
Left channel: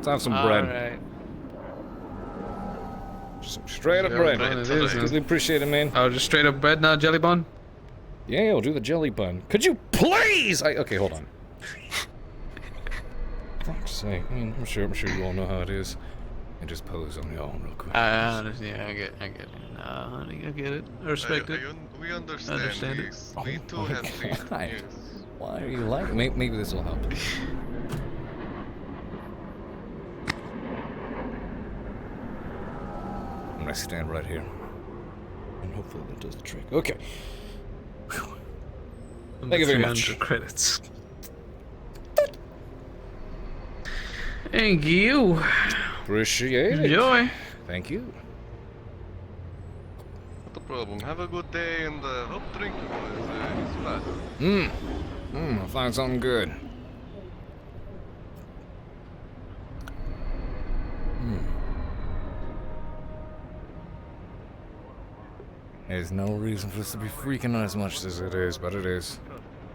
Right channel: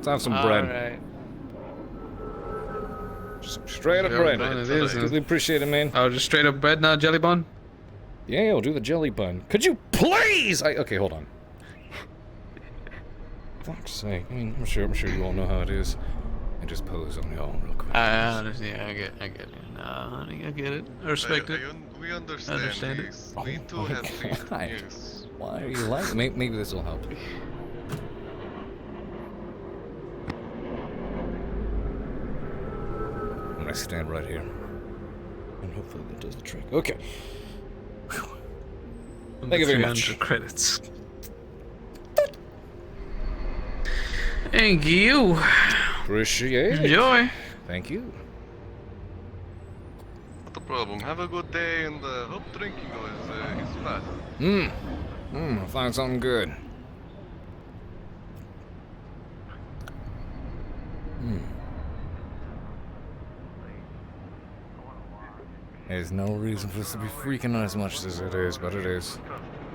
have some bread. Alright. Just straight up bread. It is. Really appreciate it, man. Oh, just straight up bread, not jelly bun? Yeah, I'll do the jelly bun. Could you please? Okay, hold on. Fuck's sake. I mean, I'm sure you all know how it is. I just pose on y'all real quick. Yeah, I get it. No, honey, I get it. I respect it. We understand. it. We too have faith. Yes. Why are you like? Maybe this will help. I'm gonna stand right here, and hopefully that does the trick. Okay. Thank you very much. Credits. Thank you. Appreciate it. Enjoy. Thank you. Not a problem. Have a good day, and hope drinking is fast. I'll find something good. There's no reason for this to be freaking out as much as it is, but it is.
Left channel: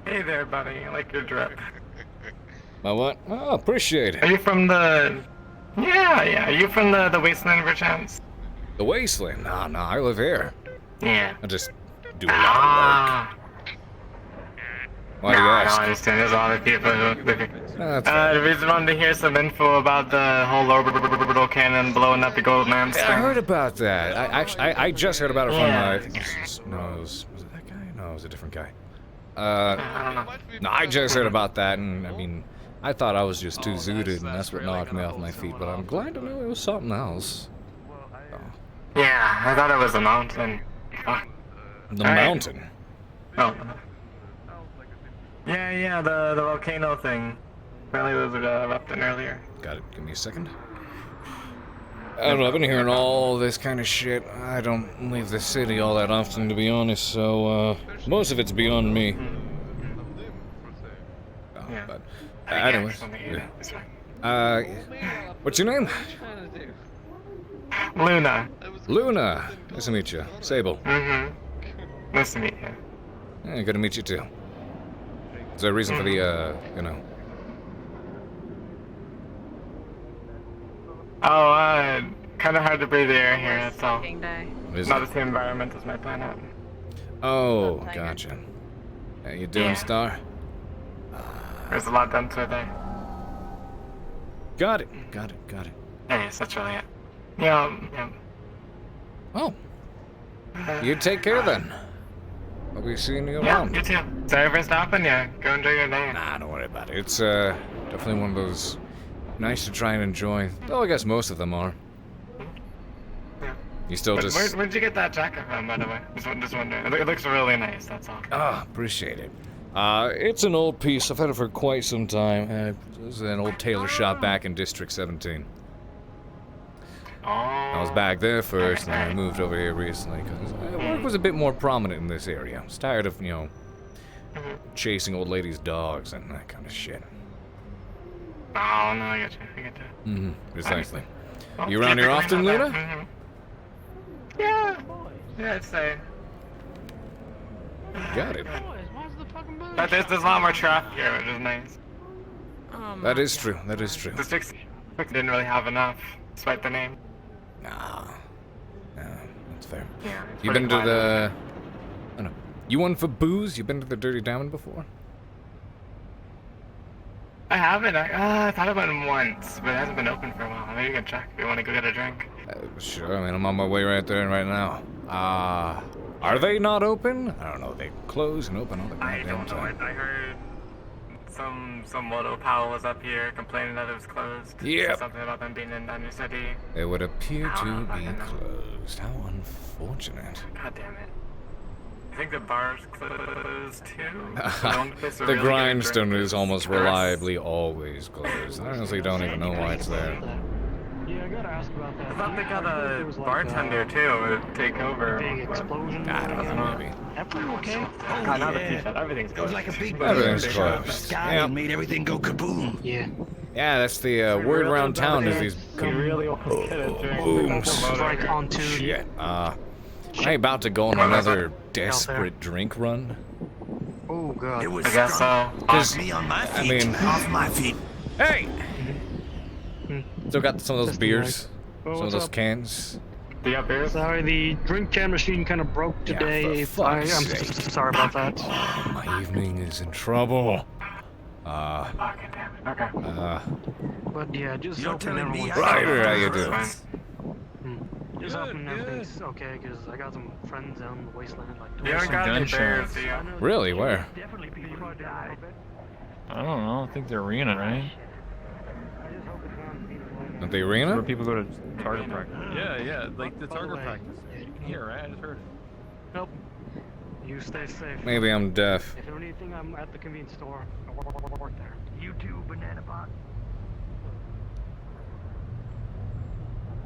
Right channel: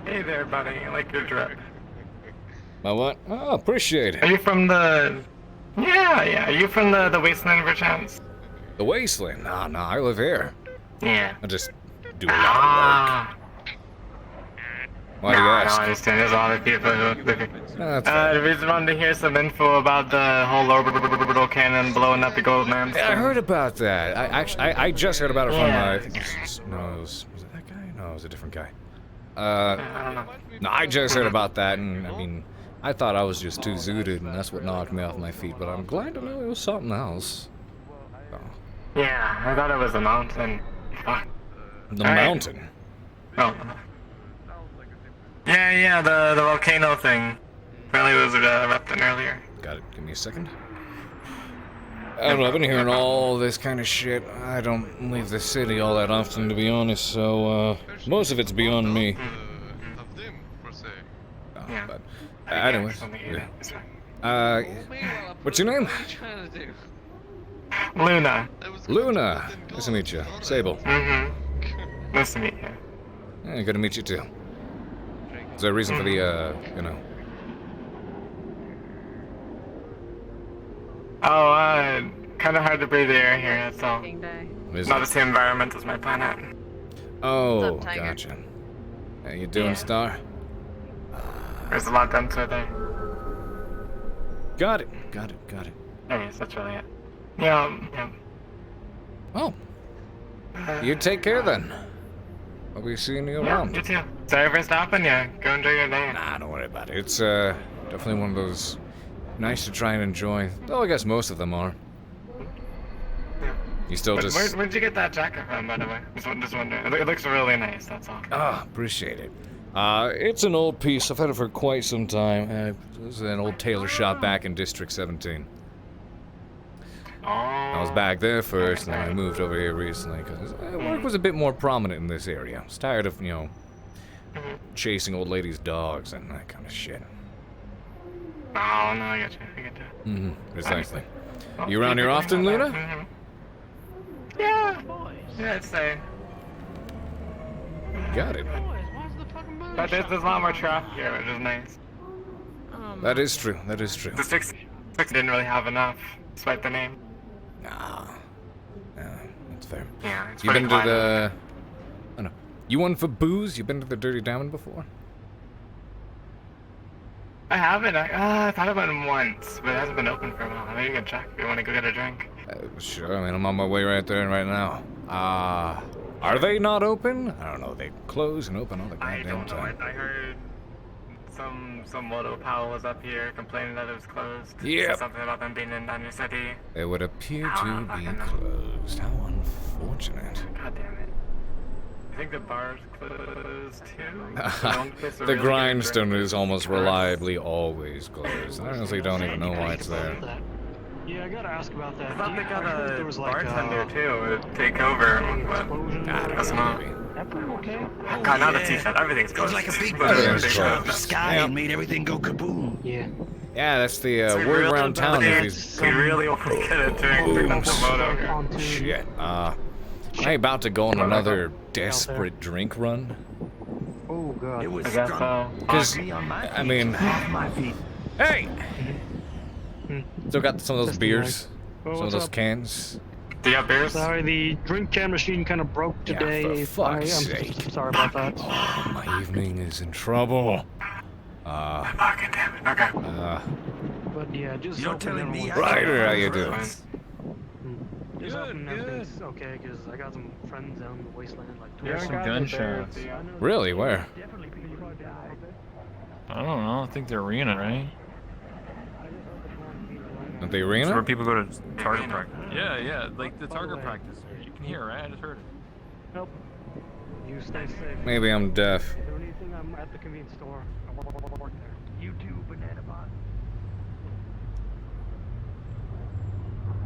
Hey there, buddy. I like your drip. My what? Oh, appreciate it. Are you from the... Yeah. Are you from the Wasteland, perchance? The Wasteland? No, I live here. Yeah. I just do a lot of work. Why do you ask? No, I understand. There's a lot of people who... That's fair. We just wanted to hear some info about the whole orbital cannon blowing up the gold mountain. Yeah, I heard about that. I just heard about it from, I think it was it that guy? No, it was a different guy. I don't know. No, I just heard about that, and I mean, I thought I was just too zooted, and that's what knocked me off my feet, but I'm glad to know it was something else. Oh. Yeah, I thought it was a mountain. The mountain? Oh. Yeah, the volcano thing. Apparently it was erupting earlier. Got it. Give me a second. I don't know, I've been hearing all this kind of shit. I don't leave the city all that often, to be honest, so, most of it's beyond me. But, anyways. Yeah. What's your name? Luna. Luna. Nice to meet you. Sable. Mm-hmm. Nice to meet you. Yeah, good to meet you, too. Is there a reason for the, Oh, kind of hard to breathe the air here, that's all. Is Not it? the same environment as my planet. Oh, gotcha. How you doing, Star? There's a lot done to it there. Got it. Yeah, yes, that's really it. Yeah. Oh. You take care then. I'll be seeing you around. You too. Sorry for stopping you. Go enjoy your day. Nah, don't worry about it. It's definitely one of those nice to try and enjoy. Though I guess most of them are. Yeah. You still just... Where'd you get that jacket from, by the way? Just wondering. It looks really nice, that's all. Ah, appreciate it. It's an old piece. I've had it for quite some time. It was an old tailor shop back in District 17. I was back there first, and then I moved over here recently, because work was a bit more prominent in this area. I was tired of, chasing old ladies' dogs and that kind of shit. Oh, no, I get you. Precisely. You around here often, Luna? Yeah, I'd say. Got it. But there's a lot more traffic here, which is nice. That is true. The six didn't really have enough, despite the name. Nah, that's fair. Yeah, You been to the... Oh, no. You one for booze? You been to the Dirty Diamond before? I haven't. I thought about it once, but it hasn't been open for a while. Maybe you can check if you want to go get a drink. Sure, I mean, I'm on my way right there right now. Are they not open? I don't know. They close and open all the I goddamn don't know. time. I heard some Moto pal was up here complaining that it was closed. Yep. Something about them being in Thunder City. It would appear to be closed. How unfortunate. God damn it. I think the bar's closed too. The grindstone is almost reliably always closed. I honestly don't even know why it's there. Yeah, I gotta ask about that. I thought they got a bartender too to take over. I don't know, maybe. Okay. God, not a t-shirt. Everything's closed. Like a big Everything's bird closed. sky Yeah. and made everything go kaboom. Yeah. Yeah, that's the word around town is these We really booms. Shit. I about to go on another desperate drink run. Oh god. It was I guess so. Because, I mean, off my feet. hey! Still got some of those Just beers, Oh, some of what's those up? cans. Do you have beers? Sorry, the drink can machine kind of broke Yeah, today. for fuck's sake. Sorry about that. Oh, my evening is in trouble. Fucking damn it. Okay. But yeah, just You're hoping telling me everyone's- Ryder, how you doing? Just hoping everything's okay, because I got some friends down in the wasteland. Like, You haven't got any beers, do you? Really? Where? I don't know. I think the arena, right? At the That's arena? where people go to target practice. Yeah, like the target practice. Here, right? I just heard it. Nope. You stay safe. Maybe I'm deaf. If you need anything, I'm at the convenience store. I work there. You too, Banana Bot.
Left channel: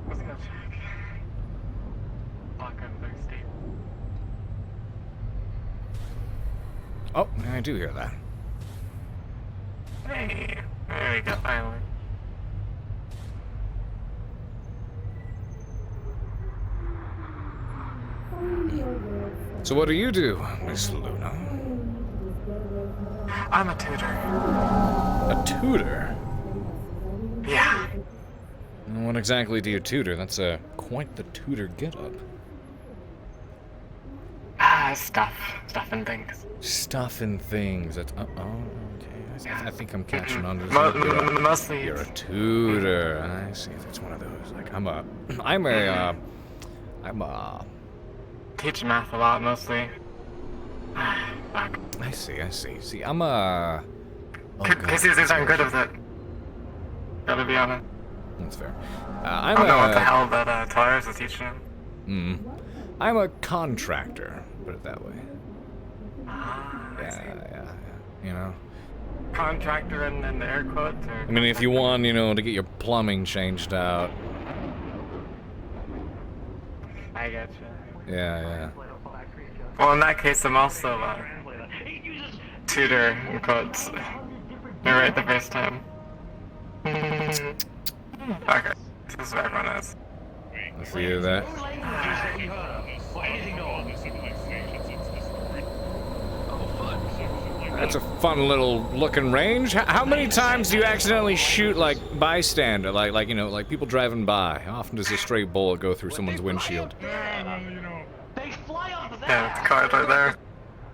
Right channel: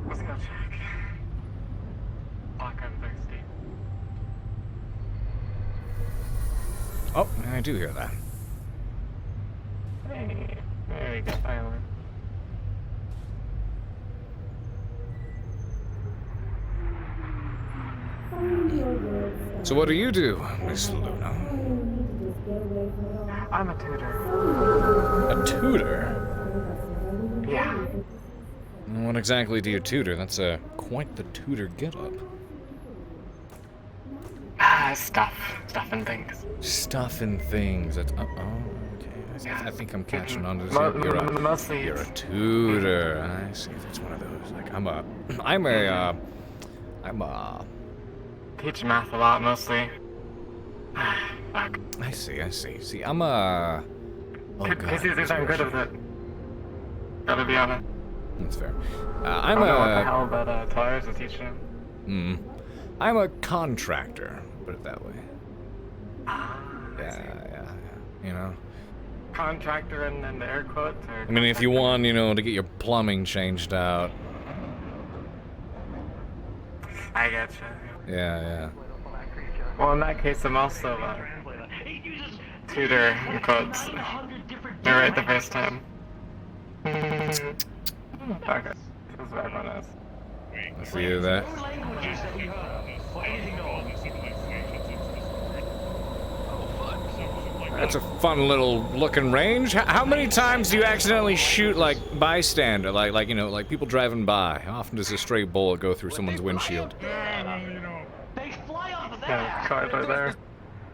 Let's go check. Fuck, I'm thirsty. Oh, I do hear that. Hey, there you go, finally. So what do you do, Miss Luna? I'm a tutor. A tutor? Yeah. What exactly do you tutor? That's quite the tutor getup. Stuff and things. Stuff and things. That's oh, okay. I think I'm catching on to this. Mostly. You're a tutor. I see. That's one of those. Like I'm a. Teach math a lot, mostly. Fuck. I see. See, I'm a. Oh god. Casey's aren't good with it. Gotta be honest. That's fair. I'm I don't know what a. the hell that Tyler's is teaching him. I'm a contractor. Put it that way. Yeah. You know. Contractor in the air quotes, or? I mean, if you want, to get your plumbing changed out. I get you. Yeah. Well, in that case, I'm also tutor in quotes. You're right the first time. Okay, this is where everyone is. I see that. That's a fun little looking range. How many times do you accidentally shoot like bystander, like people driving by? How often does a stray bullet go through someone's windshield? They fly off of that. Yeah, it's cars right there.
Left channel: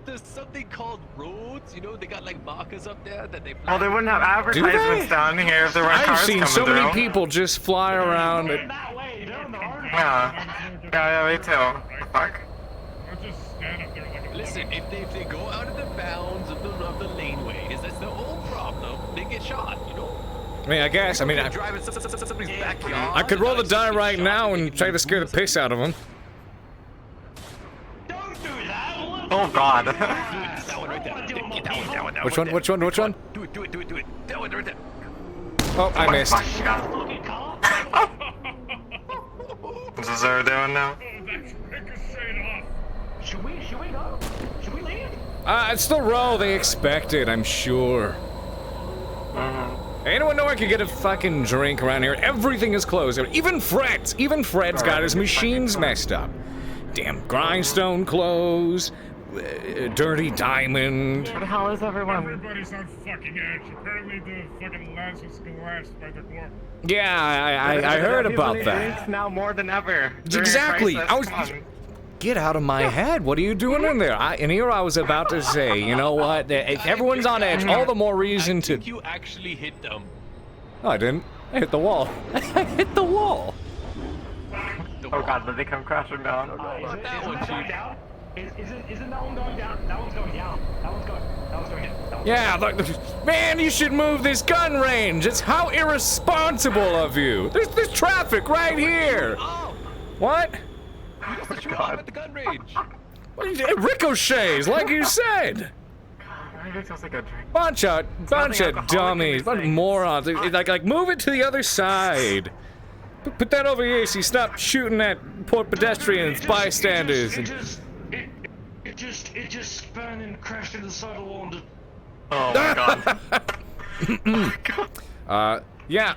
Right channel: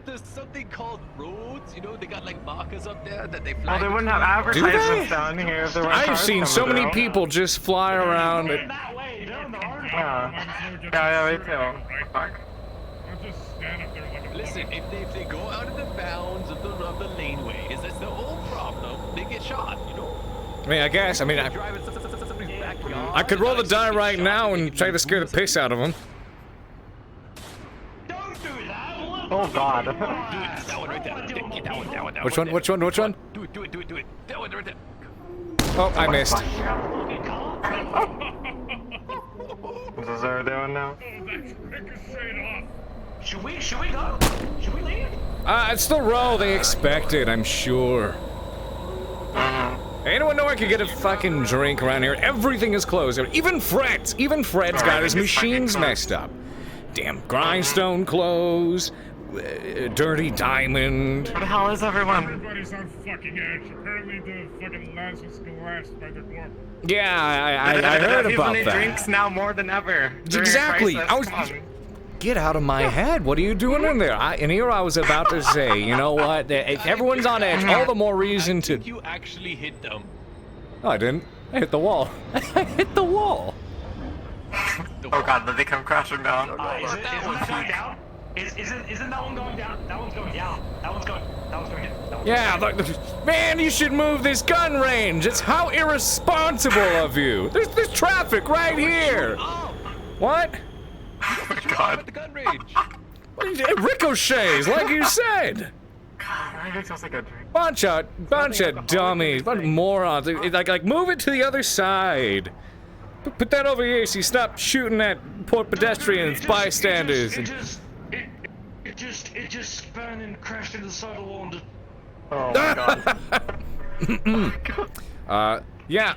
There's something called roads, they got like markers up there that they fly. Well, they wouldn't have advertisements down here if there were I've cars seen coming so many through. people just fly around. Yeah, me too. Fuck. Listen, if they go out of the bounds of the laneways, that's their own problem. They get shot, I mean, I guess. I mean, I could roll the die right now and try to scare the piss out of them. Oh God. That one right there. That one. Which one? Do it. That one right there. Oh, I missed. What's this over doing now? Should we land? It's the roll they expected, I'm sure. Anyone know I could get a fucking drink around here? Everything is closed. Even Fred's got his machines messed up. Damn grindstone closed. Dirty diamond. What the hell is everyone? Everybody's on fucking edge. Apparently the fucking last was collapsed by the corp. Yeah, I heard about that. Drinks now more than ever. Exactly. Get out of my head. What are you doing in there? And here I was about to say, you know what? If everyone's on edge, all the more reason to. You actually hit them. No, I didn't. I hit the wall. I hit the wall. Oh God, did they come crashing down? That one, Chief. Isn't that one going down? That one's going down. That one's going down. Yeah, look, man, you should move this gun range. It's how irresponsible of you. There's traffic right here. Oh. What? You just shoot off at the gun range. It ricochets, like you said. Bunch of dummies, bunch of morons. Like, move it to the other side. Put that over here so you stop shooting at poor pedestrians, bystanders. It just spun and crashed into the side of the wall. Yeah.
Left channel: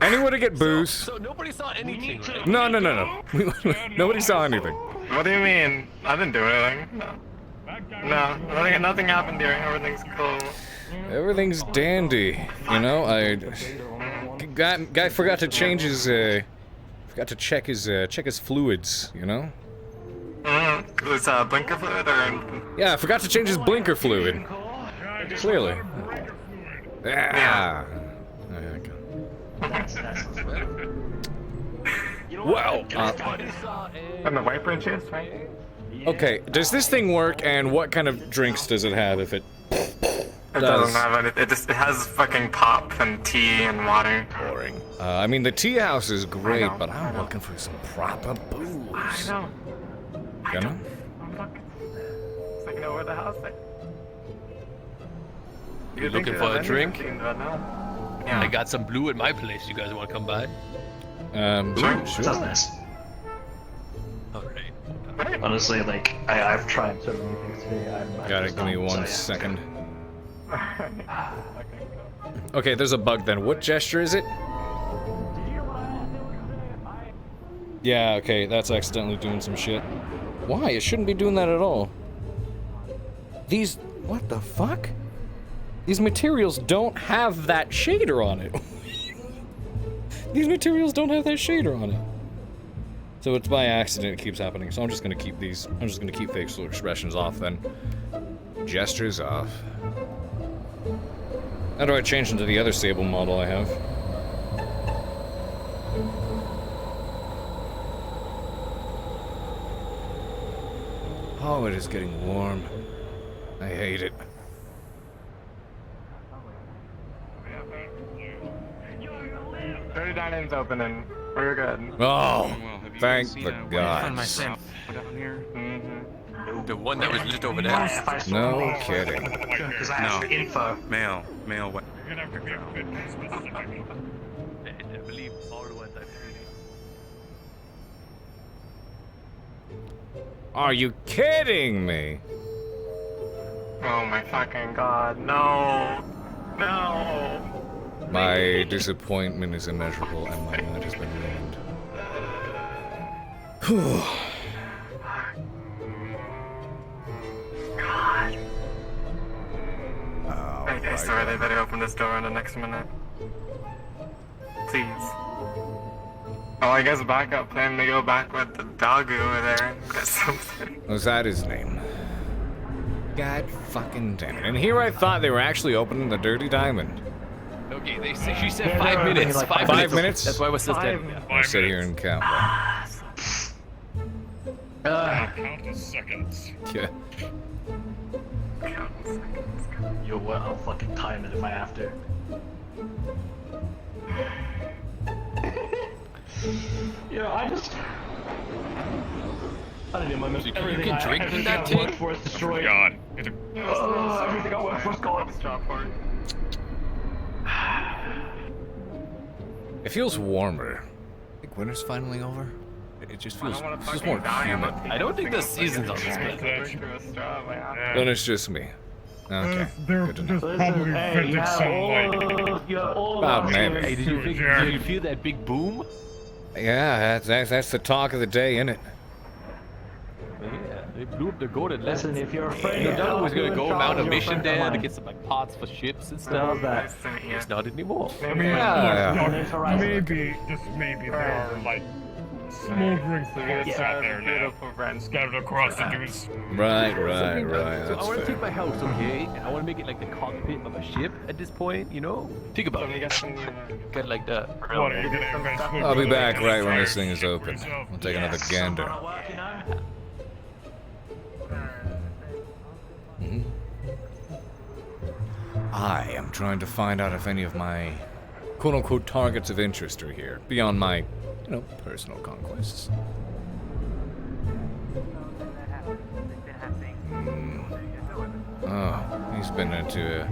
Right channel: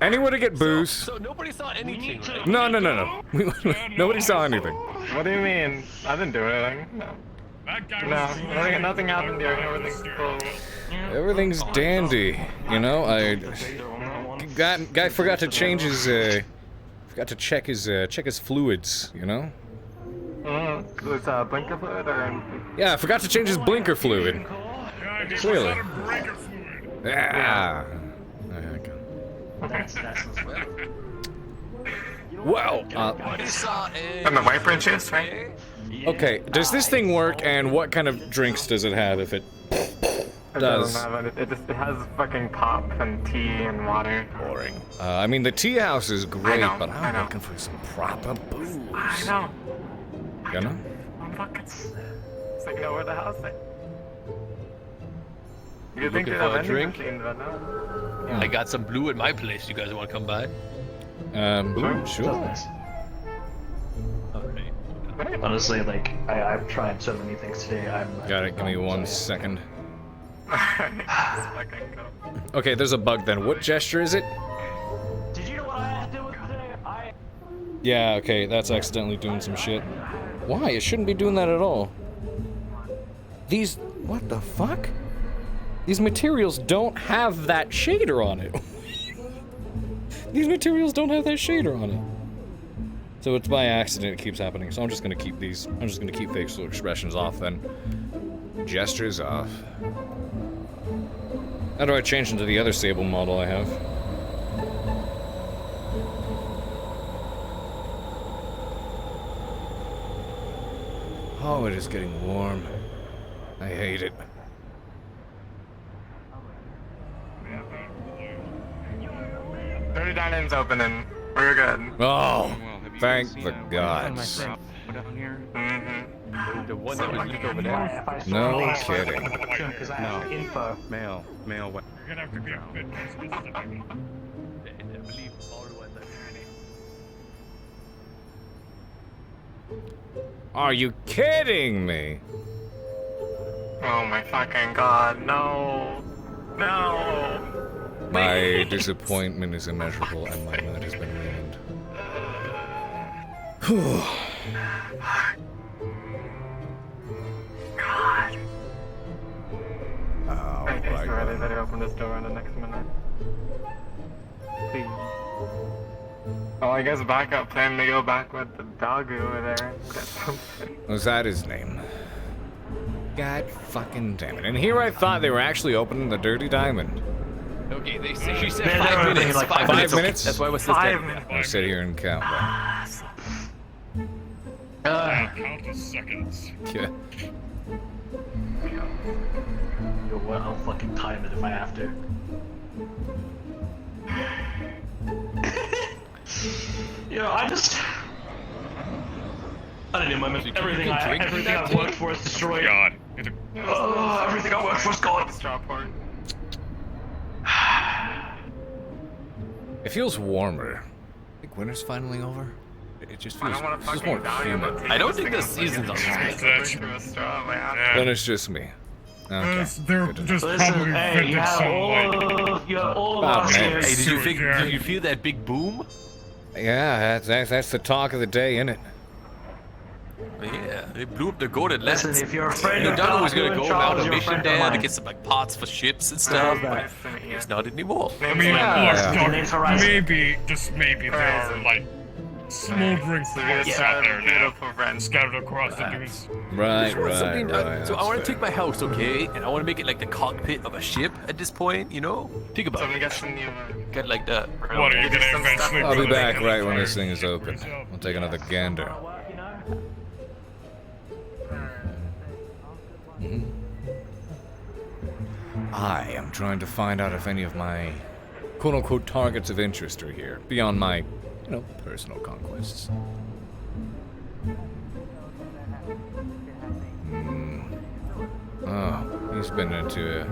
Anywhere to get booze. So nobody saw anything, right? No. Nobody saw anything. What do you mean? I didn't do anything. No, nothing happened here. Everything's cool. Everything's dandy. You know, guy forgot to change his forgot to check his fluids, you know? Was blinker fluid or? Yeah, I forgot to change his blinker fluid. Clearly. Yeah. That's Well, and the wiper juice, right? okay, does this thing work, and what kind of drinks does it have if it does? It doesn't have it. It has fucking pop and tea and water. Boring. I mean, the tea house is great, but I'm looking for some proper booze. I know. You know? Look, it's like nowhere the house. You looking for a drink? I got some blue at my place. You guys want to come by? Sure. Honestly, like, I've tried so many things today. Got it, give me 1 second. Okay, there's a bug then. What gesture is it? Yeah, okay, that's accidentally doing some shit. Why? It shouldn't be doing that at all. These... what the fuck? These materials don't have that shader on it. These materials don't have that shader on it. So it's by accident it keeps happening. So I'm just gonna keep these. I'm just gonna keep facial expressions off then. Gestures off. How do I change into the other Sable model I have? Oh, it is getting warm. I hate it. Dirty Dining's opening. We're good. Oh, thank the gods. The one that was just over there. No kidding. No. Info. Mail. You're gonna have to be a bit more specific. I believe all the ones Are you kidding me? Oh my fucking god, no. No. My disappointment is immeasurable and my mood has been ruined. Whew. God. Oh, I really better open this door in the next minute. Please. Well, I guess backup plan to go back with the dog over there and get something. Was that his name? God fucking damn it. And here I thought they were actually opening the Dirty Diamond. Okay, she said 5 minutes. 5 minutes? That's why we're still standing. I'll sit here and count that. Count the seconds. Yeah. You know what? I'll fucking time it if I have to. I didn't even miss everything I worked for is destroyed. God. Everything I worked for is gone. Straw part. It feels warmer. I think winter's finally over. It just feels more humid. I don't think the season's on this place. Then it's just me. Okay. They're Good to just know. probably vented some like. About maybe. Hey, did you feel that big boom? Yeah, that's the talk of the day, isn't it? Yeah, they blew up the golden lens. Listen, if you're afraid You of thought it was gonna dogs, go mount a you're mission afraid of there to mine. get some like parts for ships and stuff. How's that? It's not anymore. Maybe, just maybe, there's like smoldering thoughts out there now, scattered across the dunes. Right. So I That's want to fair. take my house, okay, and I want to make it like the cockpit of a ship at this point, you know? Think about it. Kind of like that. What are you gonna eventually I'll be build back a right when fire this thing is open. We'll take another gander. I am trying to find out if any of my quote-unquote targets of interest are here, beyond my, you know, personal conquests. Oh, he's been into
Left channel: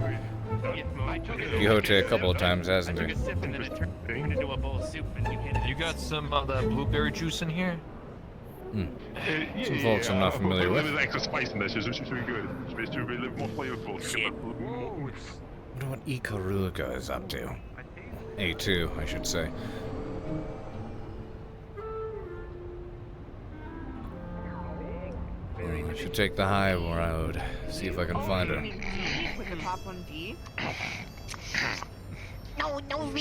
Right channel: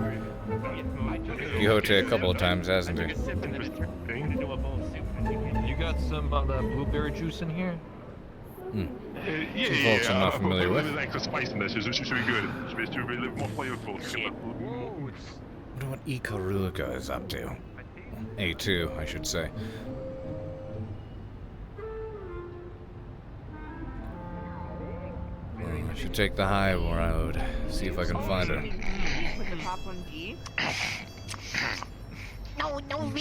Quixote a couple of times, hasn't he? You got some of that blueberry juice in here? Some folks I'm not familiar with. Extra spice in this, it's really good. It's to be a little more flavorful. Wonder what Ikaruga is up to. A2, I should say. I should take the high road, see if I can find her.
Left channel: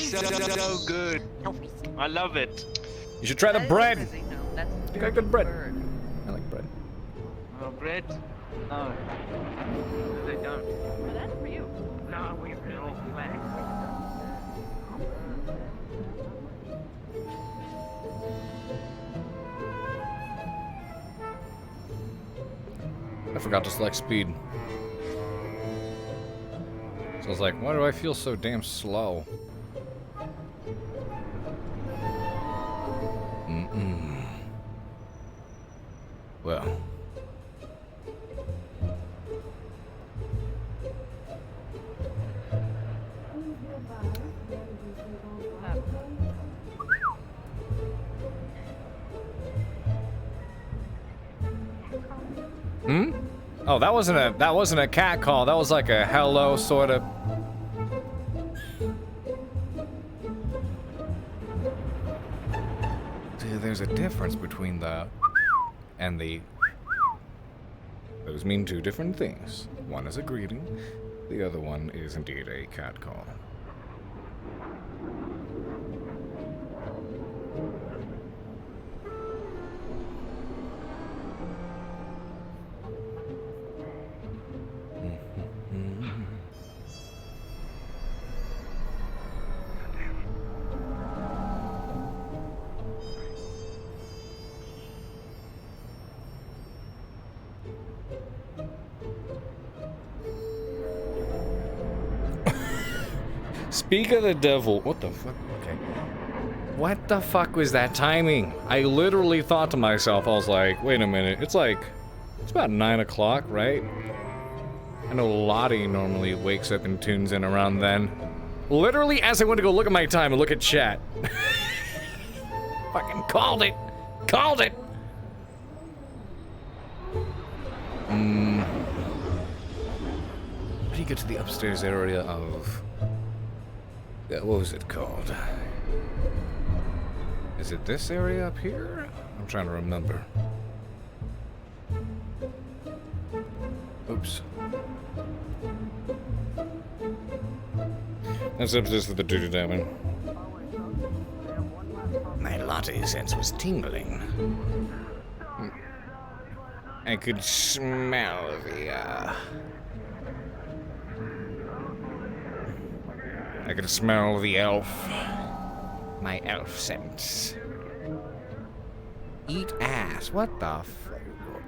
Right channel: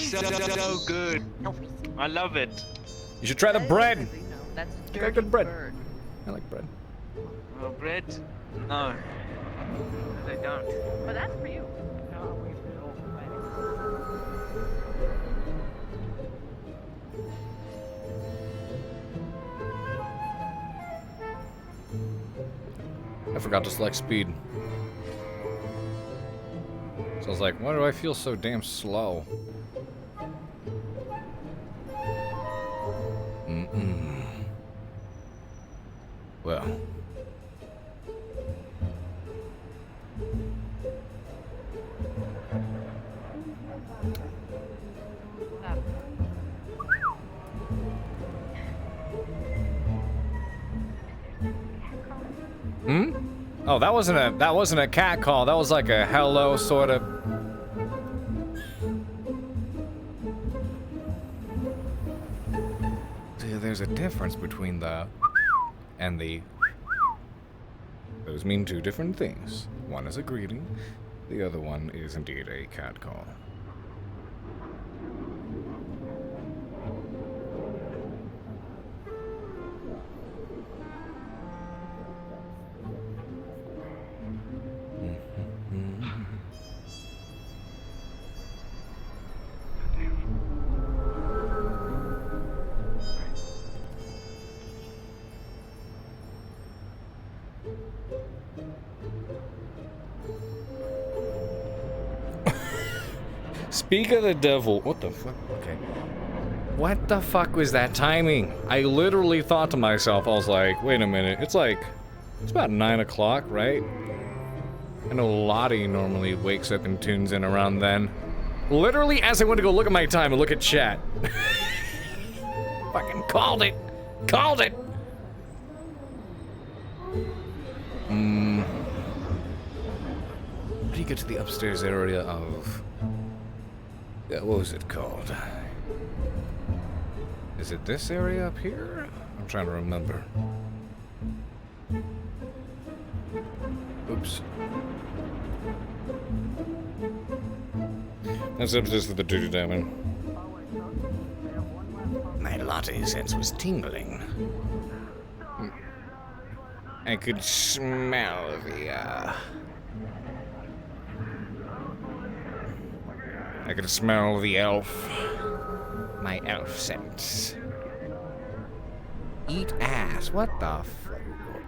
So good. I love it. You should try the bread. I got good bread. I like bread. Oh, bread? No. They don't. Well, that's for you. No, we really I forgot to select speed. So I was like, why do I feel so damn slow? Well. Oh, that wasn't a cat call. That was like a hello sort of. See, there's a difference between the and the. Those mean two different things. One is a greeting, the other one is indeed a cat call. Speak of the devil. What the fuck? Okay. What the fuck was that timing? I literally thought to myself, I was like, wait a minute. It's about 9 o'clock, right? I know Lottie normally wakes up and tunes in around then. Literally, as I went to go look at my time and look at chat. Fucking called it. Called it. How do you get to the upstairs area of... Yeah, what was it called? Is it this area up here? I'm trying to remember. Oops. That's upstairs to the duty diamond. My latte sense was tingling. I could smell the, I could smell the elf. My elf sense. Eat ass. What the f...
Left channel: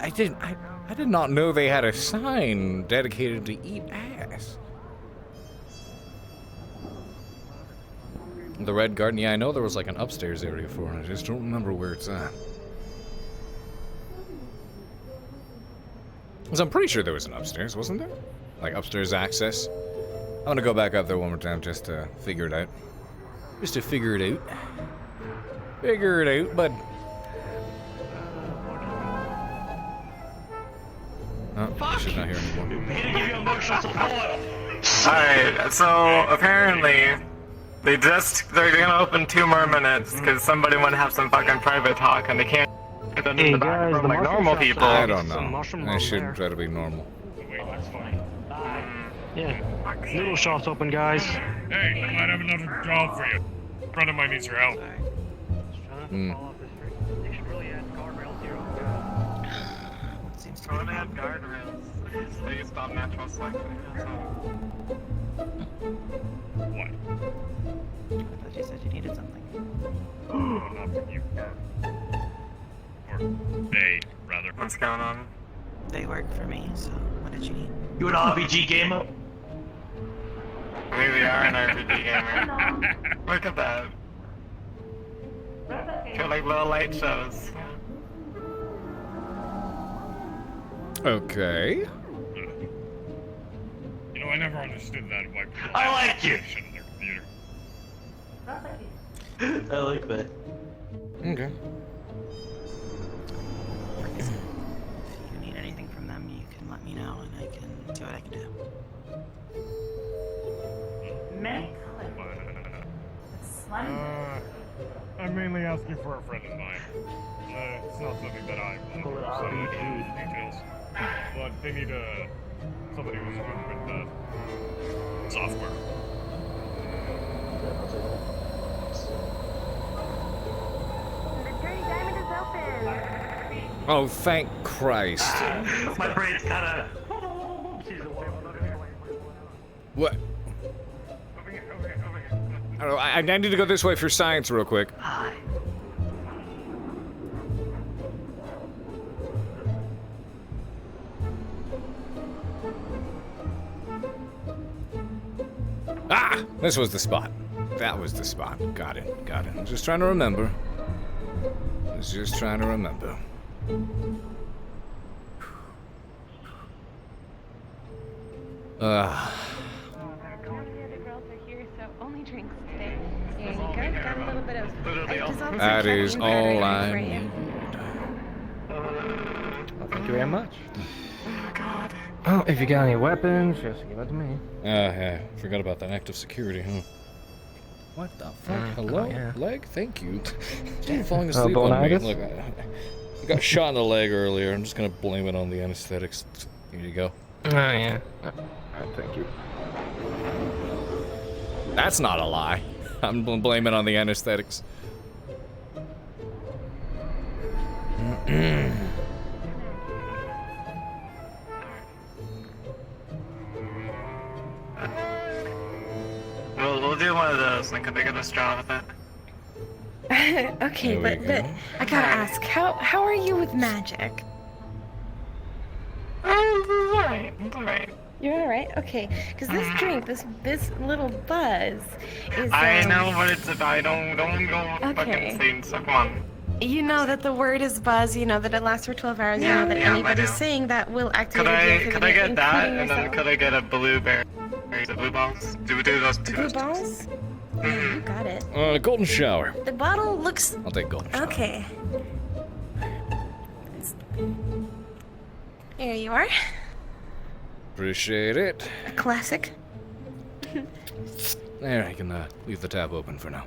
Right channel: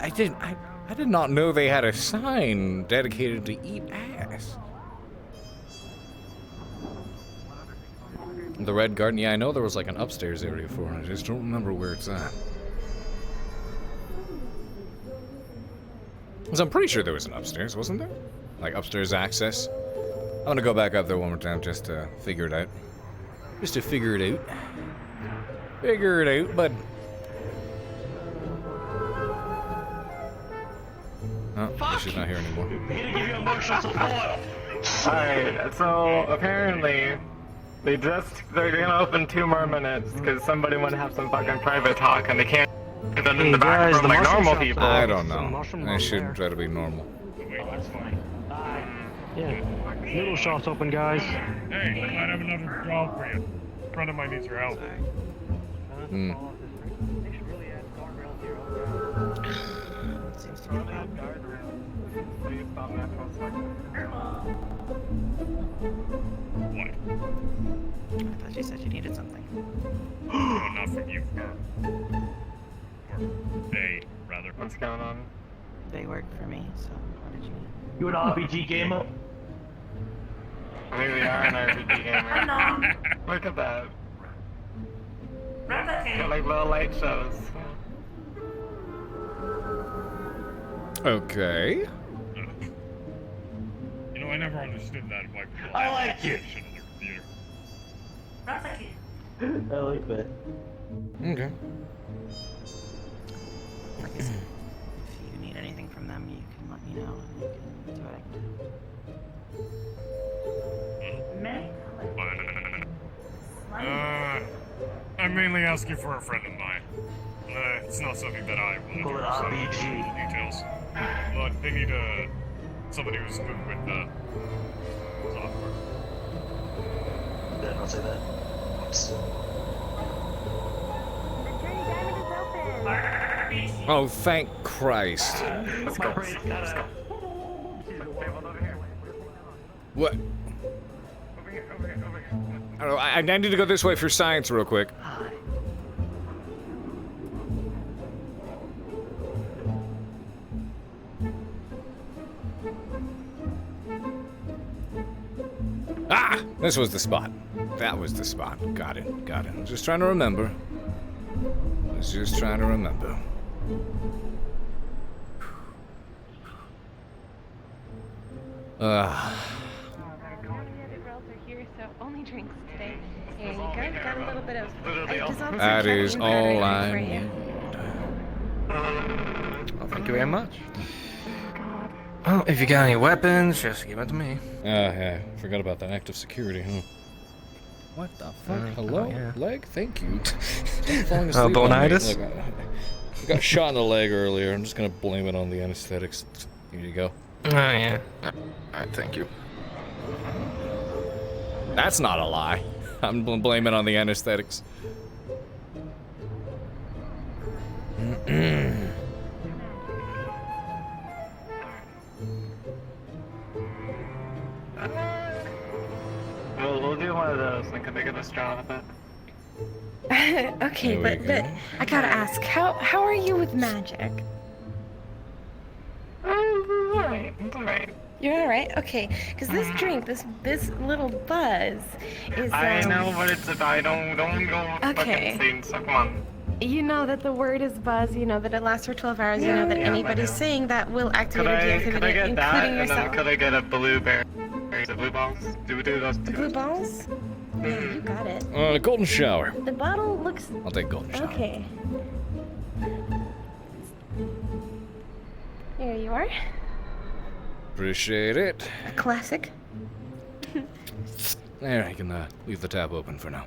I did not know they had a sign dedicated to eat ass. The Red Garden, yeah, I know there was like an upstairs area for it. I just don't remember where it's at. Because I'm pretty sure there was an upstairs, wasn't there? Like upstairs access. I'm gonna go back up there one more time just to figure it out. Just to figure it out. Figure it out, bud. Oh, she's not here anymore. Alright, so apparently they're gonna open 2 more minutes because somebody wanna have some fucking private talk and they can't get into the back room like normal people. I don't know. I should try to be normal. Yeah, little shop's open, guys. Hey, I have another job for you. A friend of mine needs your help. What? I thought you said you needed something. Not from you. Or they, rather. What's going on? They work for me, so what did you need? You an RPG gamer? really are an RPG gamer. Look at that. Got like little light shows. Okay. You know, I never understood that. Like, I like you. I like that. Okay. If you need anything from them, you can let me know and I can see what I can do. I'm mainly asking for a friend of mine. It's not something that I want to do, so I don't know the details. But they need somebody who's good with software. Yeah, I'll say that. Oh, thank Christ. What? I don't know, I need to go this way for science real quick. Ah! This was the spot. That was the spot. Got it. Got it. I was just trying to remember. The other girls are here, so only drinks today. Here you go. Got a little bit of. That is all I need. Well, thank you very much. Oh, if you got any weapons, just give it to me. Yeah, forgot about that active security, huh? What the fuck? Hello? yeah. Leg? Thank you. Stop falling asleep on me. bonitis? Look, I got shot in the leg earlier. I'm just gonna blame it on the anesthetics. Here you go. Oh, yeah. Alright, thank you. That's not a lie. I'm blaming it on the anesthetics. We'll do one of those, and can they get us Jonathan? Okay, but I gotta ask, how are you with magic? Alright. You're alright? Okay, because this drink, this little buzz is I know what it's about. I don't go fucking insane, so come on. You know that the word is buzz, you know that it lasts for 12 hours, you know that anybody saying that will activate a deactivate Could I it, get including that, and yourself. then could I get a blueberry? The blue balls? Do we do those two? Blue balls? Yeah, you got it. Golden shower. The bottle looks... I'll take golden shower. Okay. Here you are. Appreciate it. A classic. There, I can leave the tab open for now.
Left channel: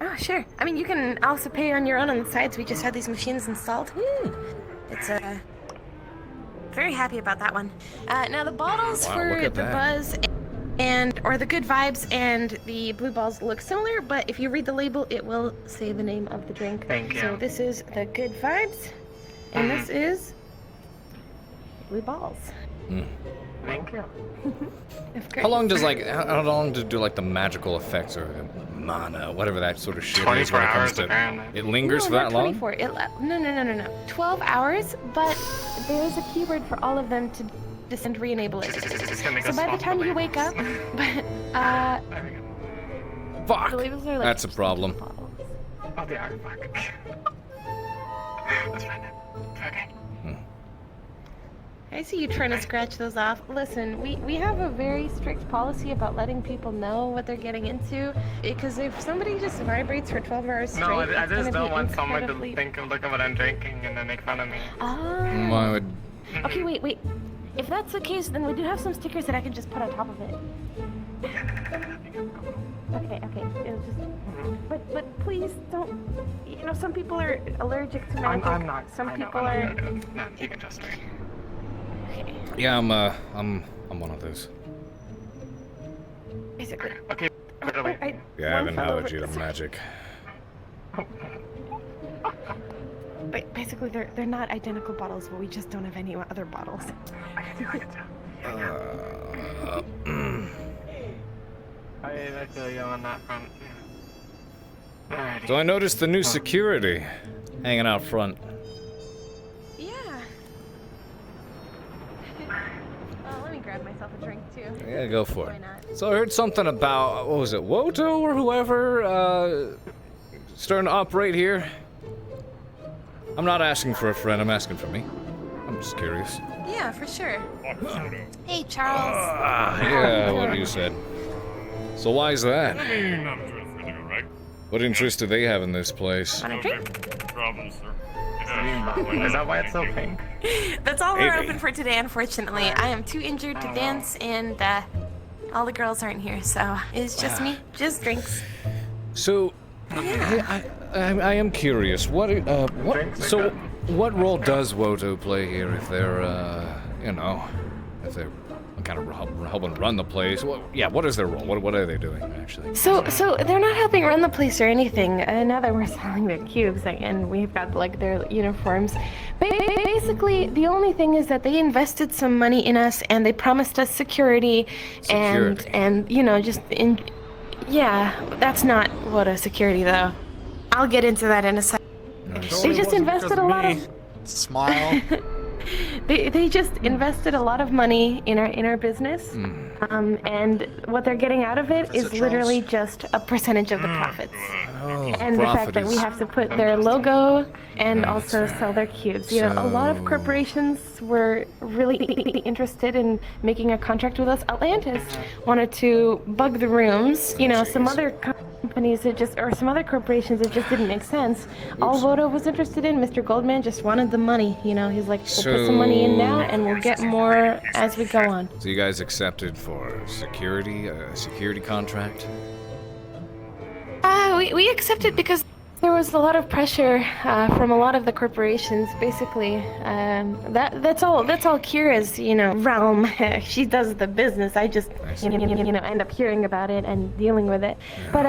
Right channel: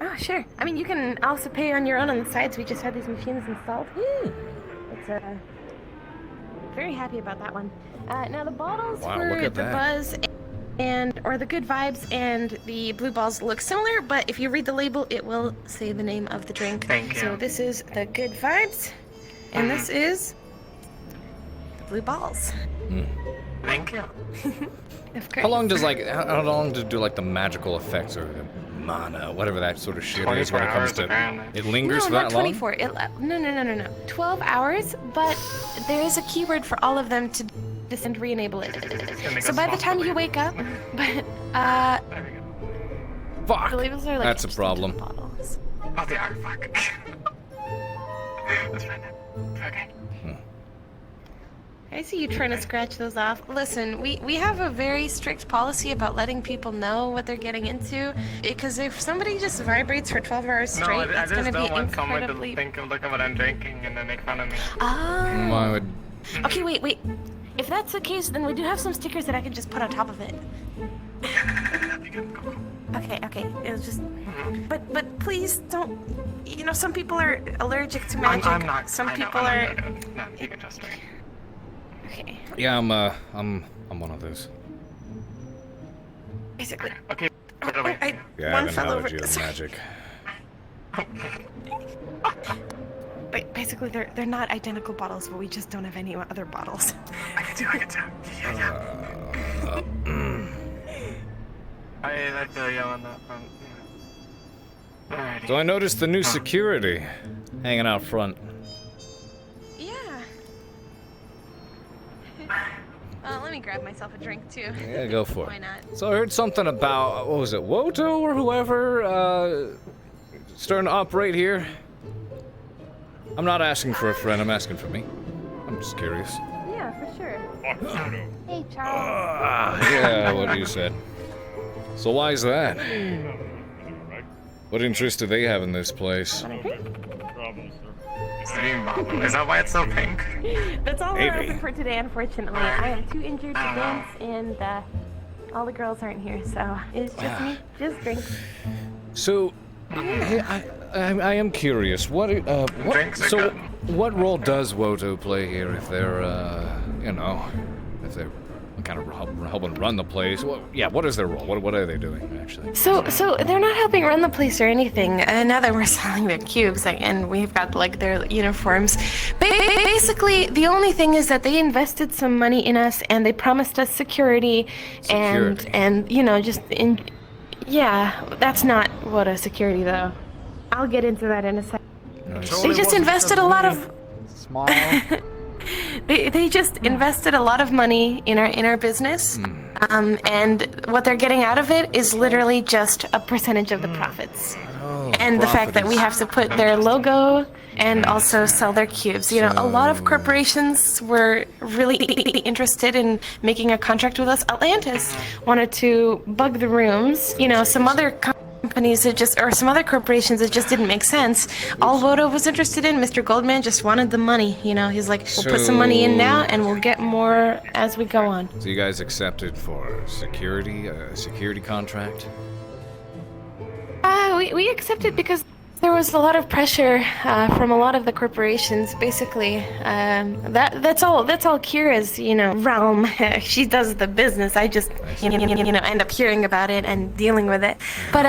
Oh, sure. I mean, you can also pay on your own on the sides. We just had these machines installed. It's very happy about that one. Now the bottles Wow, for look at the that. buzz or the good vibes and the blue balls look similar, but if you read the label, it will say the name of the drink. Thank you. So this is the good vibes, and this is the blue balls. Thank you. That's great. How long does how long to do the magical effects or the mana, whatever that sort of shit is when it comes to it lingers for that long? 24. No. 12 hours, but there is a keyword for all of them to descend re-enable it. So by the time you wake up, Fuck! the labels are That's a problem. Oh, they are. Fuck. Let's find it. Okay. I see you trying to scratch those off. Listen, we have a very strict policy about letting people know what they're getting into, because if somebody just vibrates for 12 hours straight, No, I it's just gonna don't be want someone to incredibly... think of look at what I'm drinking and then make fun of me. Why would... Okay, wait. If that's the case, then we do have some stickers that I can just put on top of it. Okay. It'll just... But please don't... You know, some people are allergic to magic. I'm not. Some people No, are... no, you can trust me. Yeah, I'm one of those. Basically. Okay. Yeah, I have an allergy to magic. But basically, they're not identical bottles, but we just don't have any other bottles. I feel you on that front. Alrighty. So I noticed the new security hanging out front. Yeah. Let me grab myself a drink. too. Yeah, go for Why it. not? So I heard something about, what was it, Woto or whoever, starting to operate here? I'm not asking for a friend, I'm asking for me. I'm just curious. Yeah, for sure. Hey, Charles. Yeah, what you said. So why is that? What interest do they have in this place? Is that why it's so pink? That's all we're open for today, unfortunately. I am too injured to dance, and all the girls aren't here, so it's just me, just drinks. So, hey, I am curious. What role does Woto play here if they're, if they're kind of helping run the place? What is their role? What are they doing, actually? So they're not helping run the place or anything. Now that we're selling their cubes, and we've got like their uniforms. Basically, the only thing is that they invested some money in us, and they promised us security. and that's not what a security though. I'll get into that in a second. Nice. They just invested a lot of. Smile. They just invested a lot of money in our business, and what they're getting out of it is literally just a percentage of the profits. And the fact that we have to put their logo and also sell their cubes. You know, a lot of corporations were really interested in making a contract with us. Atlantis wanted to bug the rooms. You know, some other companies or some other corporations, it just didn't make sense. All Voto was interested in, Mr. Goldman just wanted the money. You know, he's like, we'll put some money in now, and we'll get more as we go on. So you guys accepted for security, a security contract? We accepted because there was a lot of pressure from a lot of the corporations. Basically, that's all Kira's realm. She does the business. I just end up hearing about it and dealing with it. But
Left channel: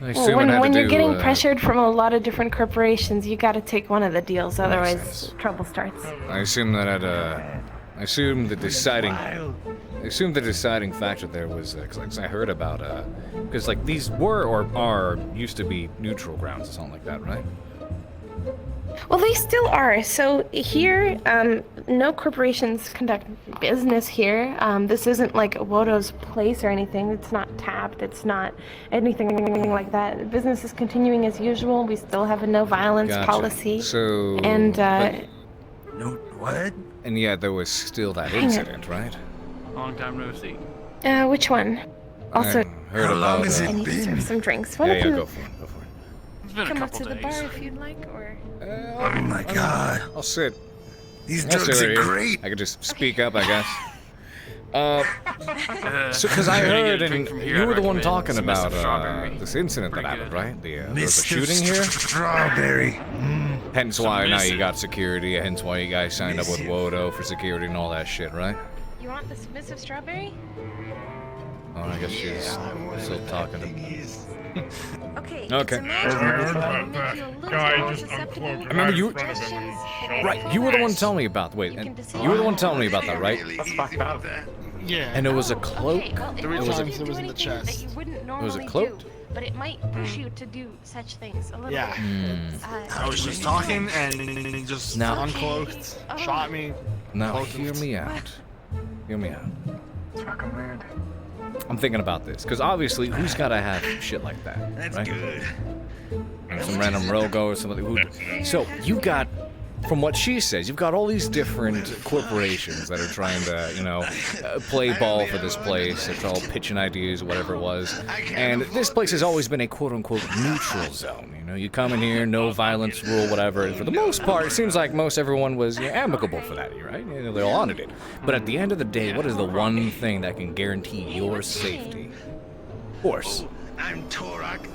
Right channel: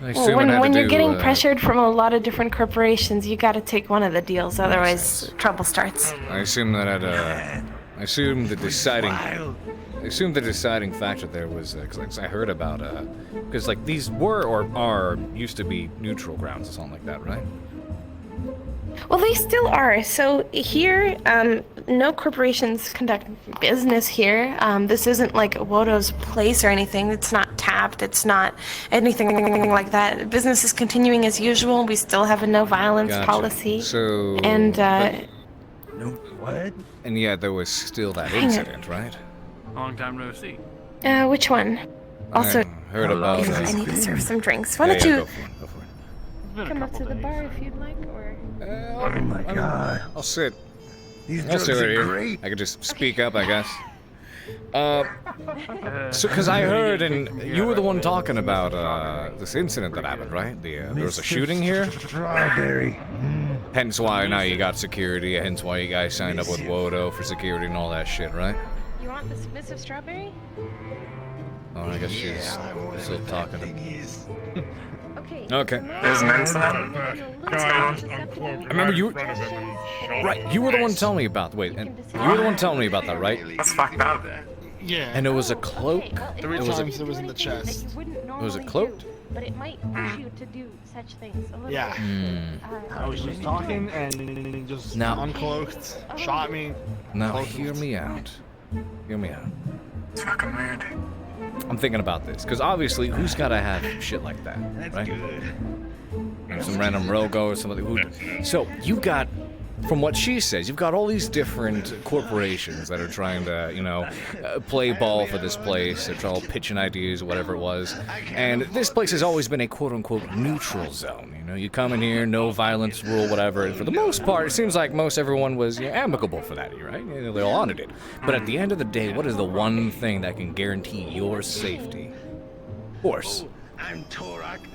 when you're getting pressured from a lot of different corporations, you got to take one of the deals, otherwise trouble starts. I assume that the deciding factor there was because I heard about because like these were or are used to be neutral grounds or something like that, right? Well, they still are. So here, no corporations conduct business here. This isn't like Woto's place or anything. It's not tapped. It's not anything like that. Business is continuing as usual. We still have a no violence policy. So No what? And yet there was still that incident, right? Long time no see. Which one? Also, I heard about. I need to serve some drinks. Why don't you go for it. come up to the bar if you'd like, or? Oh my god. I'll sit. These I'll drugs sit right are here. great. I could just speak up, I guess. So, because I heard, and you were the one talking about this incident that happened, right? There was a shooting here. Strawberry. Hence why now you got security. Hence why you guys signed up with Woto for security and all that shit, right? You want the submissive strawberry? Oh, I guess she's still talking. Okay. Okay. Guy just uncloaked. I remember you. in front of him and shot Right, him you were the one twice. telling me about. Wait, and you were the one telling me about that, right? That's fucked up. Yeah. And it was a cloak. Three times it was in the chest. It was a cloak. But it might push you to do such things. A little Yeah. bit. I was just talking and he just Now- uncloaked, shot me. Now hear me out. Hear me out. It's fucking weird. I'm thinking about this because obviously, who's gotta have shit like that, right? And some random rogo or somebody who. So you got, from what she says, you've got all these different corporations that are trying to, play ball for this place. They're trying to pitching ideas, whatever it was. And this place has always been a quote-unquote neutral zone. You come in here, no violence rule, whatever. And for the most part, it seems like most everyone was amicable for that, right? They all honored it. But at the end of the day, what is the one thing that can guarantee your safety? Horse.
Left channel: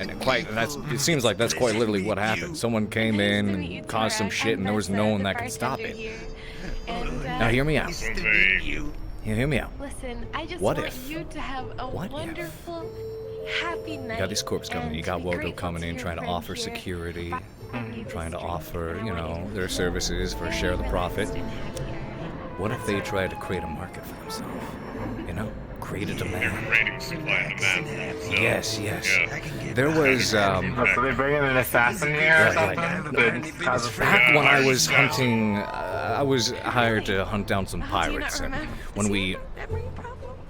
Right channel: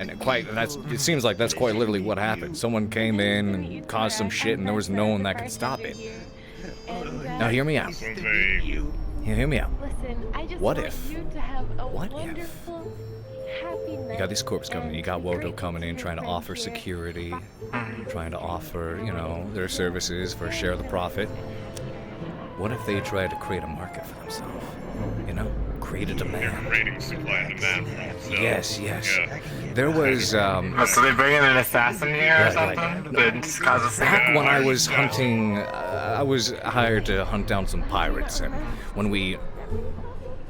And it seems like that's quite literally what happened. Someone came in and caused some shit, and there was no one that could stop it. Now hear me out. Hear me out. Listen, I just What want if? you to have a What if? wonderful, happy night. You got these corps coming in. You got Woto coming in, trying to offer security, trying to offer, their services for a share of the profit. What if they try to create a market for themselves? Create a demand. Creating supply and demand for themselves. Yes. Yeah. There was, So they bring in an assassin here or something? Back when I was hunting, I was hired to hunt down some pirates, and when we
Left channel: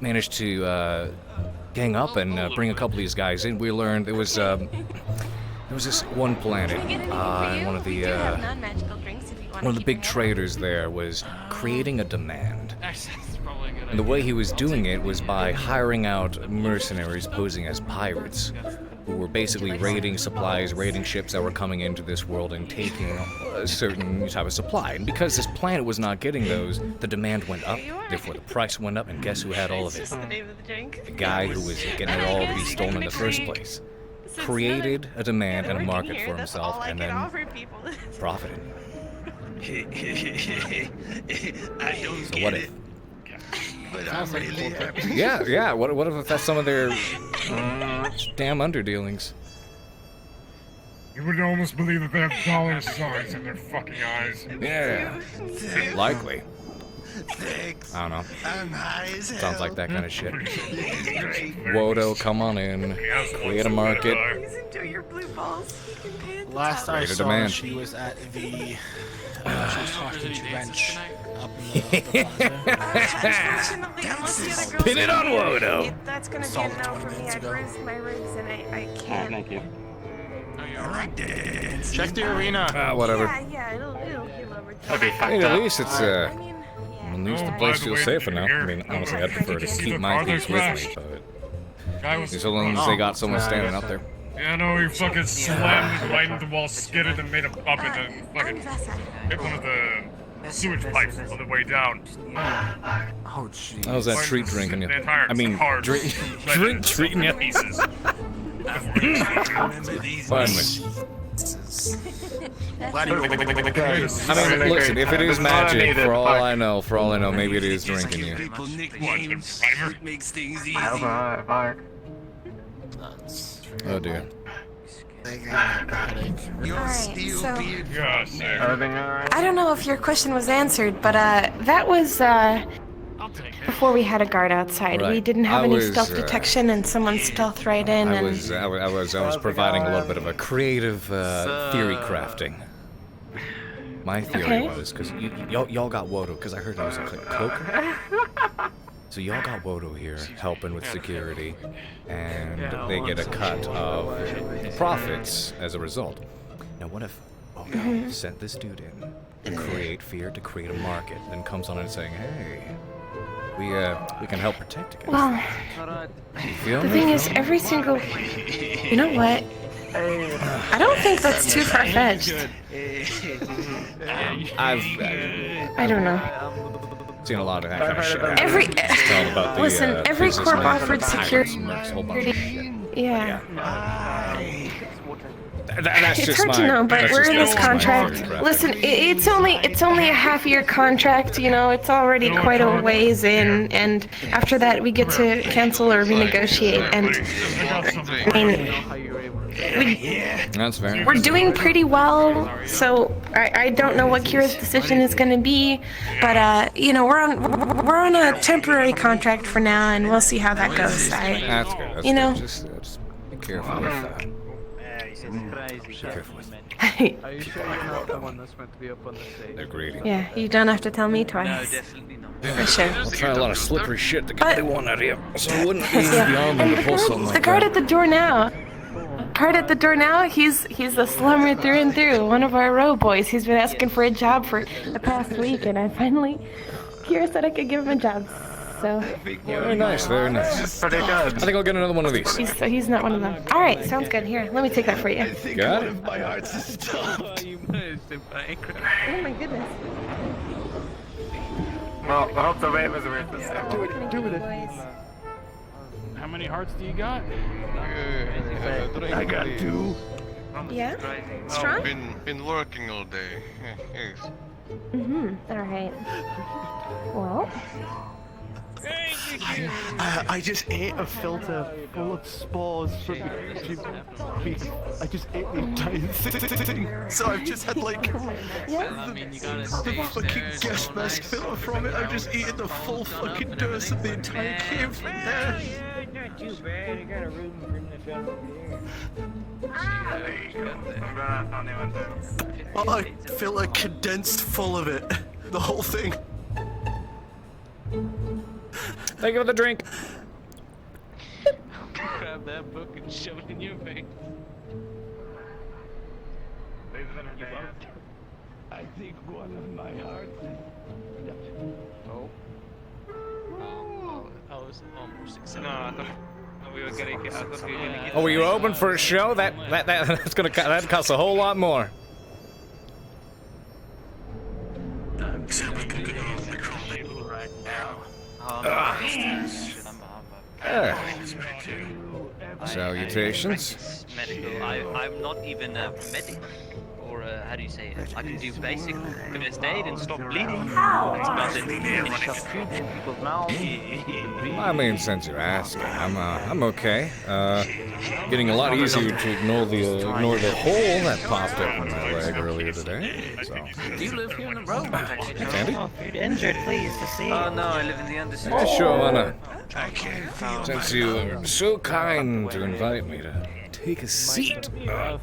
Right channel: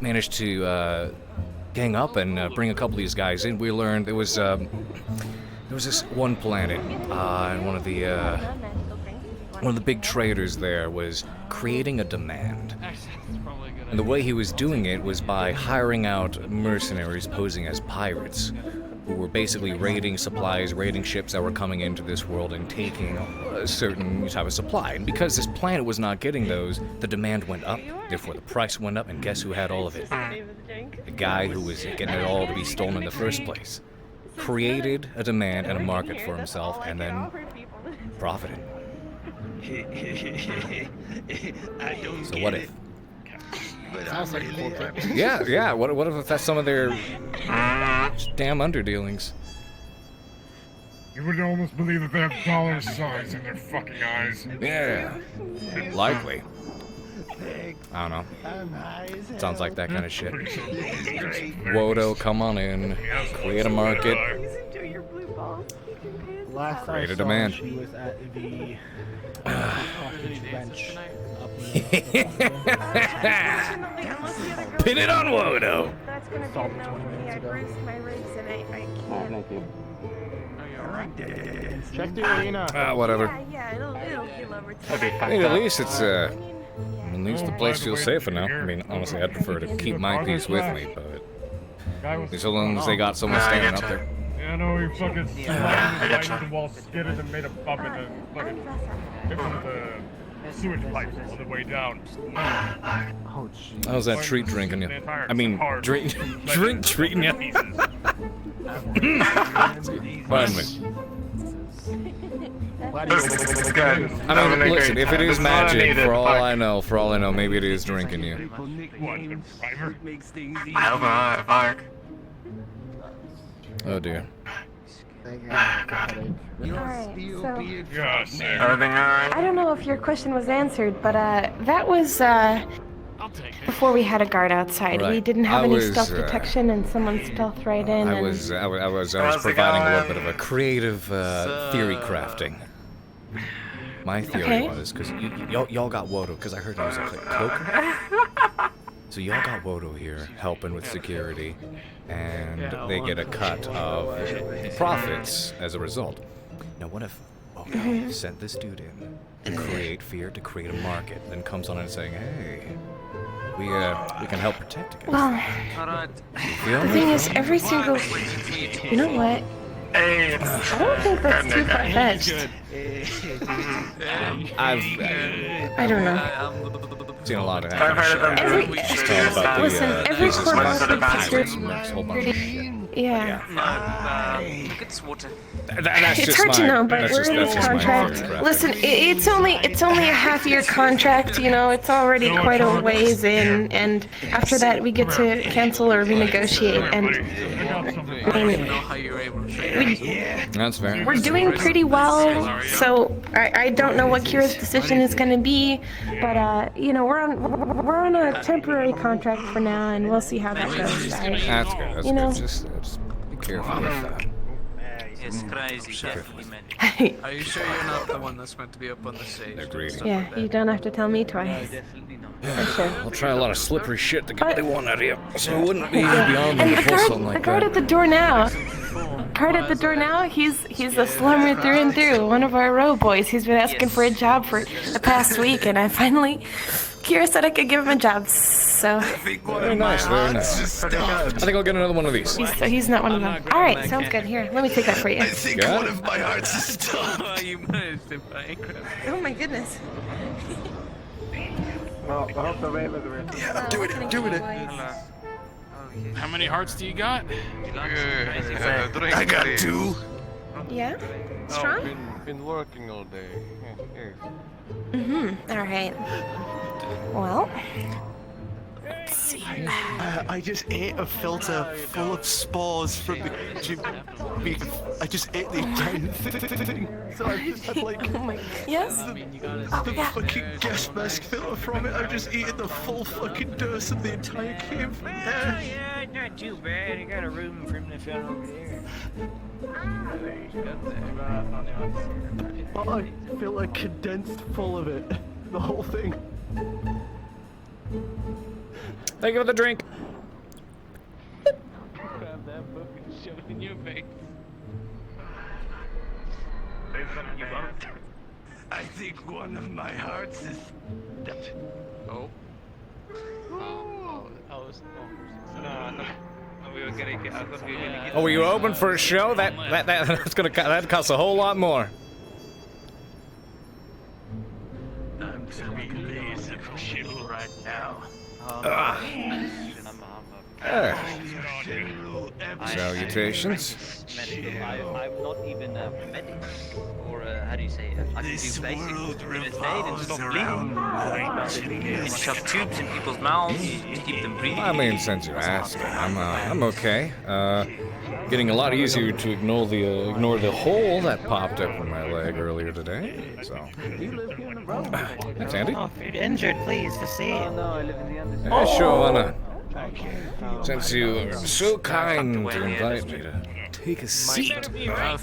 managed to gang up and bring a couple of these guys in. We learned there was this one planet, and one of the big traders there was creating a demand. And the way he was doing it was by hiring out mercenaries posing as pirates, who were basically raiding supplies, raiding ships that were coming into this world and taking a certain type of supply. And because this planet was not getting those, the demand went up, therefore the price went up, and guess who had all of it? The guy who was getting it all to be stolen in the first place. Created a demand and a market for himself, and then profited. So what if? Sounds like a corporate. Yeah. What if that's some of their damn underdealings? You would almost believe that they have dollar signs in their fucking eyes. Yeah, likely. I don't know. Sounds like that kind of shit. Wodo, come on in. Create a market. Last Create I a saw demand. she was at the bench. Pin it on Wodo. That's gonna be a no for me. I bruised my ribs and I can't. Thank you. Check the arena. Whatever. Yeah, it'll heal over time. Hey, at least it's at least the place feels safer now. I mean, honestly, I'd prefer to keep my piece with me, but as long as they got someone standing up there. Yeah, I know you fucking slammed right into the wall, skidded and made a bump and then fucking hit one of the sewage pipes on the way down. Oh, jeez. How's that treat drinking you? I mean, drink treating you. Pardon me. I mean, listen, if it is magic, for all I know, maybe it is drinking you. Oh dear. I don't know if your question was answered, but that was before we had a guard outside. Right. We didn't have any was, stealth detection, and someone stealthed right in. I was providing a little bit of a creative theory crafting. My theory was because y'all got Wodo, because I heard it was a cloaker. So y'all got Wodo here helping with security, and they get a cut of the profits as a result. Now what if Wodo sent this dude in to create fear, to create a market, then comes on and saying, hey, we can help protect against that. You feel The me? thing is, every single... You know what? I don't think that's too far-fetched. I don't know. Seen a lot of that kind of shit. It's all about the every corp businessmen, offered pirates, and a whole bunch of shit. Yeah. That's It's just hard my. to know, but that's we're just, in that's this just my contract. theory crafting. Listen, it's only a half-year contract. You know, it's already quite a ways in, and after that we get to cancel or renegotiate. And I mean, That's fair. we're doing pretty well. So I don't know what Kira's decision is going to be, but you know, we're on a temporary contract for now, and we'll see how that goes. That's good. That's You good. know. Just be careful with that. It's crazy. Be careful with Are you sure you're not the one that's meant to be up on the stage? They're greedy. Yeah, you don't have to tell me twice. Definitely not. For sure. I'll try a lot of slippery shit to get what they want out of you. So it wouldn't be beyond them to pull something The like guard that. at the door now. He's a slumber through and through. One of our row boys. He's been asking for a job for the past week, and Kira said I could give him a job. So Very nice, very nice. I think I'll get another one of these. he's not one of them. All right, sounds good. Here, let me take that for you. Got it. My heart's a stop. Oh my goodness. Well, I hope the wait was worth it. Yeah, I'm doing it. How many hearts do you got? I got 2. Yeah. Strong. Been working all day. Yes. All right. Well. I just ate a filter full of spores from the gym beef. I just ate the entire thing. So I've just had like the fucking gas mask filter from it. I've just eaten the full fucking dose of the entire cube from there. Not too bad. I got a room from the fellow over there. Well, I feel like condensed full of it. The whole thing. Thank you for the drink. Grab that book and shove it in your face. I think one of my hearts is. We were getting. I thought we were gonna get. Oh, were you open for a show? That's gonna that costs a whole lot more. I'm right now. Salutations. I'm not even a medic, or how do you say it? I can do basic first aid and stop bleeding. Shove tubes in people's mouths, keep them breathing. I mean, since you're asking, I'm okay. Getting a lot easier to ignore the hole that popped up in my leg earlier today. So. Do you live here in the road? Thanks, Andy. Oh, if you're injured, please, to see. Oh no, I live in the underside. Yeah, sure, why not? Since you are so kind to invite me to take a seat. I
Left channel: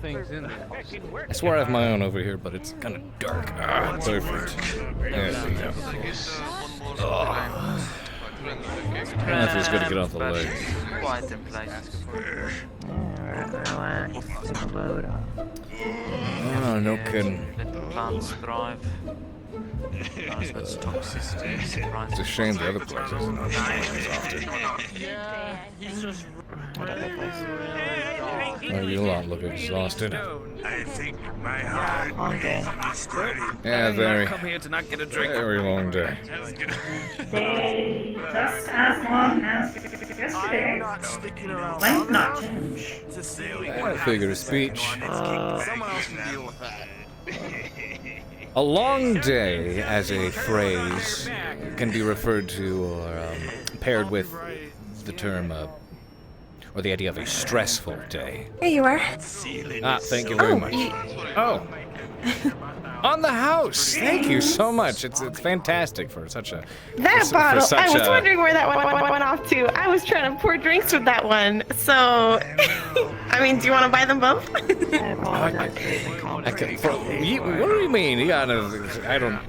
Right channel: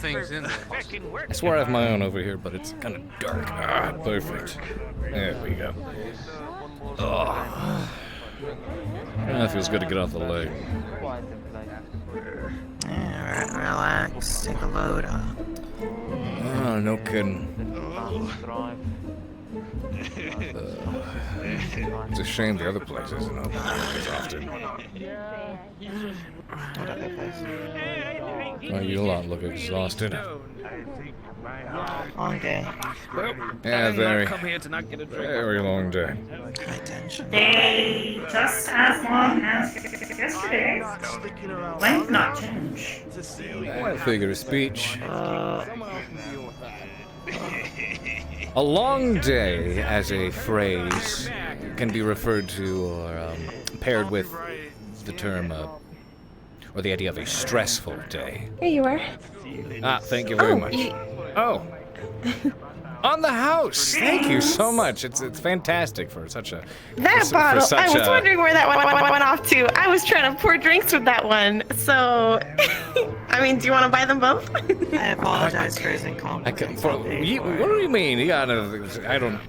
swear I have my own over here, but it's kind of dark. Perfect. There we go. Oh. That feels good to get off the leg. Relax, take a load. Oh, no kidding. It's a shame the other place isn't open as often. What other place? Oh, you lot look exhausted. Long day. Yeah, very. Come here to not get a drink. Very long day. Just as long as yesterday. Might not change. Figure of speech. A long day, as a phrase, can be referred to or paired with the term, or the idea of a stressful day. Here you are. Thank you very much. Oh. On the house. Thank you so much. It's fantastic for such a... That bottle, I was wondering where that one went off to. I was trying to pour drinks with that one, so... I mean, do you want to buy them both? I apologize for using what do you mean? You gotta... I gotta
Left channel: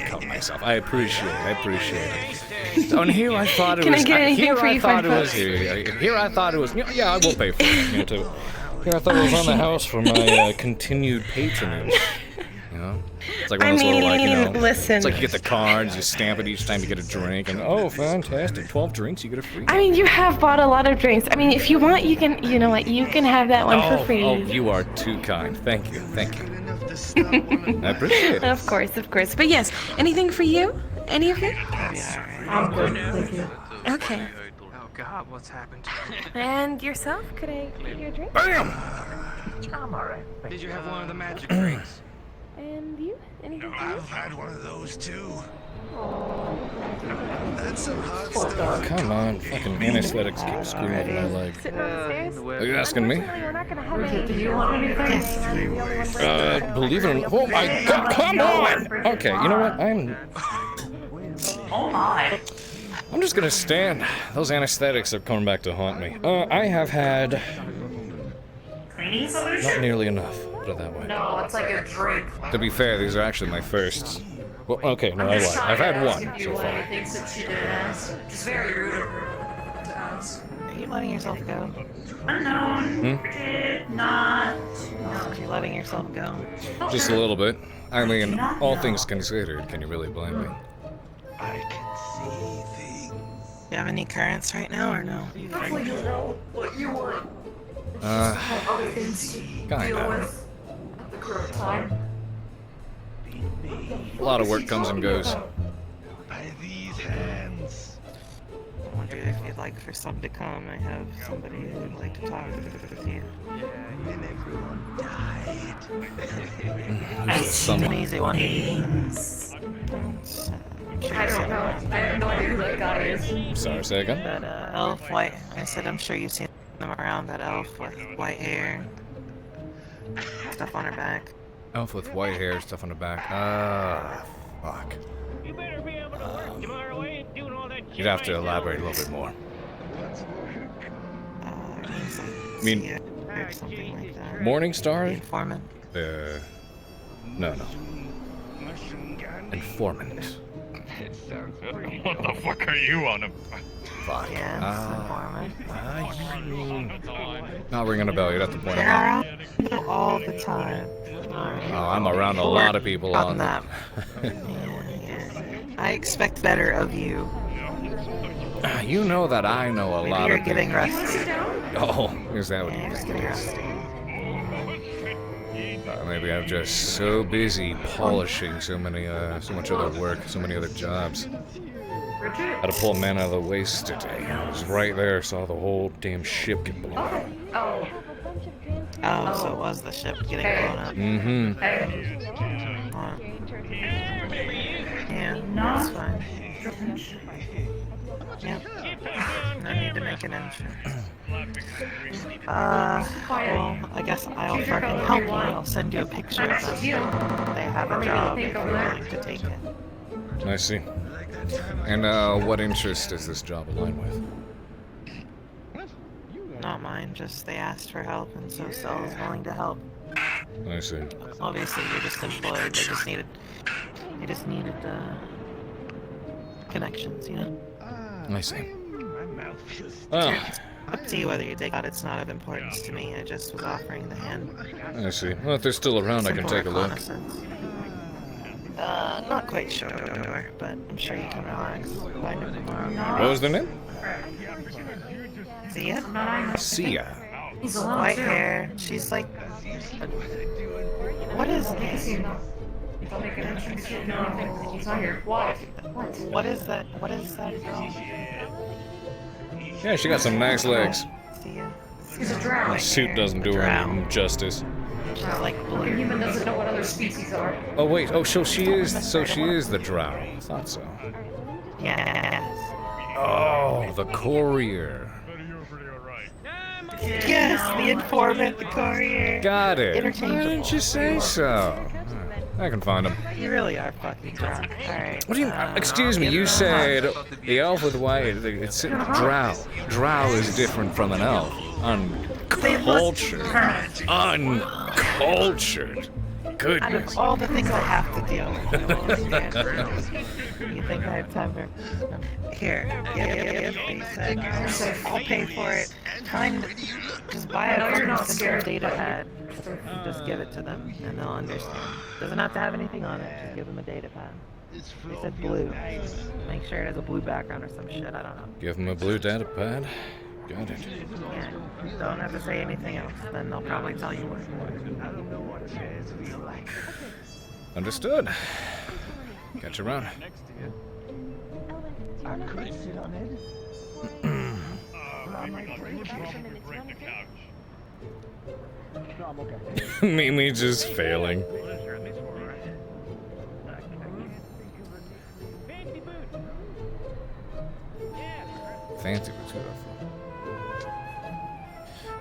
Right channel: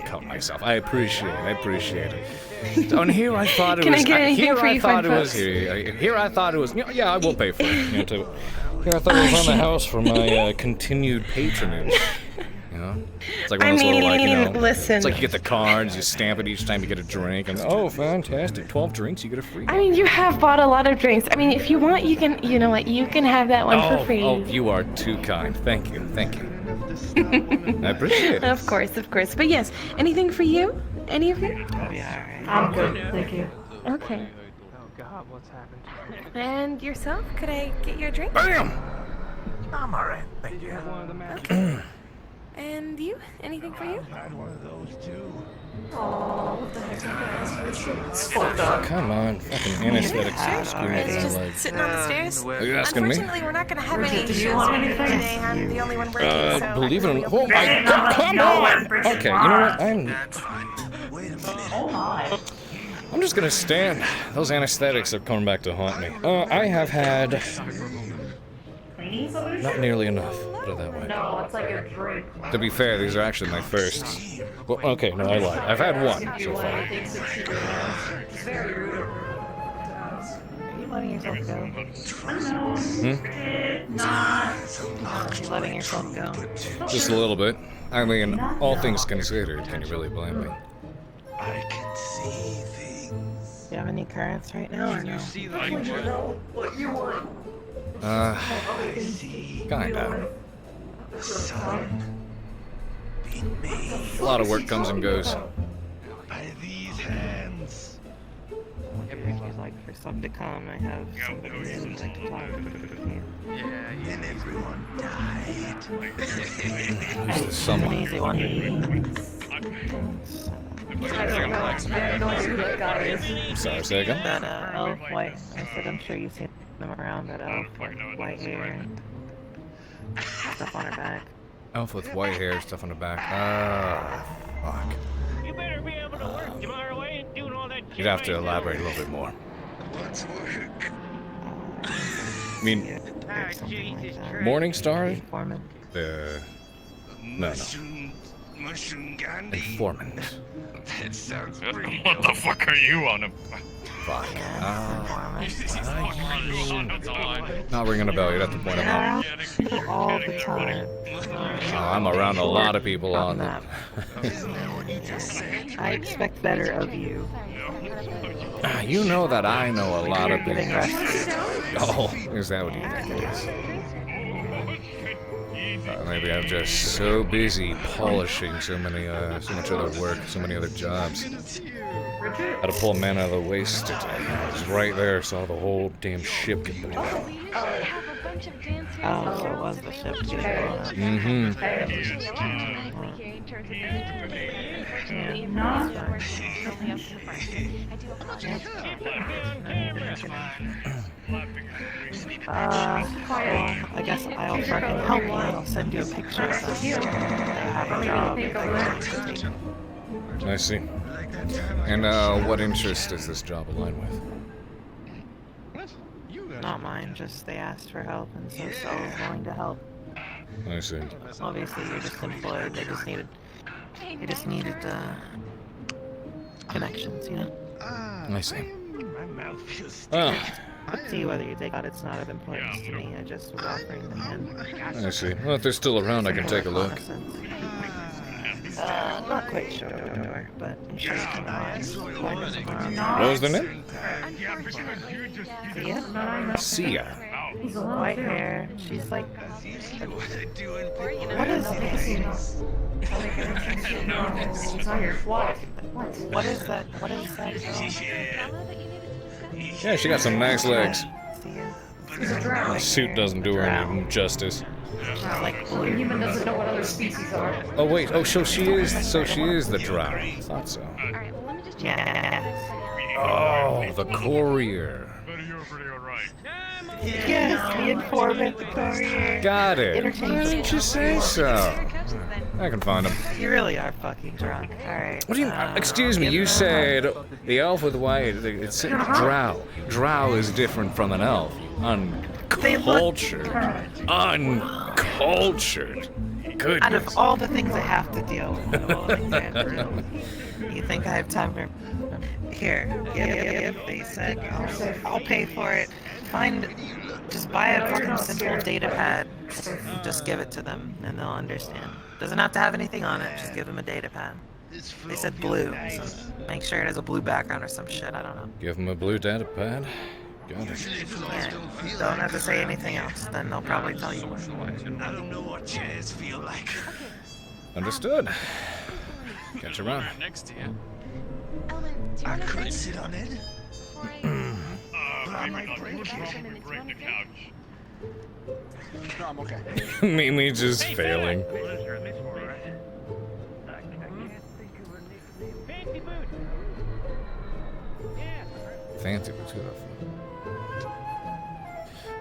cut myself. I appreciate it. And here I thought it was... Can I get anything for you, fine folks? Here I thought it was... Yeah, I will pay for it. Here I thought it was on the house for my continued patronage. You know? It's like one of those little, listen. It's like you get the cards, you stamp it each time you get a drink, and oh, fantastic, 12 drinks, you get a free one. I mean, you have bought a lot of drinks. I mean, if you want, you can, you know what, you can have that one for free. Oh, you are too kind. Thank you. I appreciate it. Of course. But yes, anything for you? Any of you? Yeah, I'm good, thank you. Okay. Oh God, what's happened? And yourself? Could I get your drink? Bam! I'm alright. Did you have one of the magic drinks? And you? Anything for you? I've had one of those too. Come on, fucking anesthetics screwing up my leg. Sitting on the stairs? Are you asking me? We're not gonna have any issues or anything. Believe it or not. Oh my God, come on! Okay, you know what? I'm just gonna stand. Those anesthetics are coming back to haunt me. I have had not nearly enough. Put it that way. No, it's like a drink. To be fair, these are actually my first. Well, okay, no, I lied. I've had one so far. It's very rude. Are you letting yourself go? Are you letting yourself go? Just a little bit. I mean, all things considered, can you really blame me? I can see things. Do you have any currents right now or no? What you want? Kinda. A lot of work comes and goes. By these hands. If you'd like for some to come, I have somebody who would like to talk with you. And everyone died. Who's the someone? I don't know who that guy is. Sorry, say again? That elf white. I said I'm sure you've seen them around. That elf with white hair, stuff on her back. Elf with white hair, stuff on the back. Fuck. You'd have to elaborate a little bit more. I mean, Something like that. Morningstar? Foreman. No. Informant. That sounds pretty. What the fuck are you on a? Fuck. Not ringing a bell. You'd have to point him out. All the time. Oh, I'm around a lot of people on that. I expect better of you. You know that I know a lot of Getting people. rested. Oh, is that what you think it is? Maybe I'm just so busy polishing so much other work, so many other jobs. Had to pull a man out of the waste today. I was right there, saw the whole damn ship get blown up. Oh, so it was the ship getting blown up. Mm-hmm. I need to make an entry. Well, I guess I'll fucking help you. I'll send you a picture of them. They have a job if you're willing to take it. I see. And what interest does this job align with? Not mine, just they asked for help, and so Saul was willing to help. I see. Obviously, you're just employed. They just needed connections, you know? I see. Well, up to you whether you take it. It's not of importance to me. I just was offering the hand. I see. Well, if they're still around, I can take a look. Not quite sure, but I'm sure you can find them tomorrow. What was their name? Sia? Sia. White hair. She's like... What is it? What is that? What is that? Yeah, she got some nice legs. The suit doesn't do her any justice. Like A human doesn't know what other species are. Oh wait, oh so she is the drow. Thought so. Yeah. Oh, the courier. Yes, the informant, the courier. Got it. Why didn't you say so? I can find him. You really are fucking drunk. Alright. What do you? Excuse me. You said the elf with white. It's drow. Drow is different from an elf. Uncultured. Uncultured. Goodness. Out of all the things I have to deal with, you think I have time for... Here. Yep. He said, I'll pay for it. Just buy a fucking simple data pad. And just give it to them, and they'll understand. Doesn't have to have anything on it. Just give them a data pad. They said blue. So make sure it has a blue background or some shit. I don't know. Give them a blue data pad. Got it. Yeah. Don't have to say anything else. Then they'll probably tell you what. Understood. Catch you around. I could sit on it. Mimi just failing. Fancy boots, who the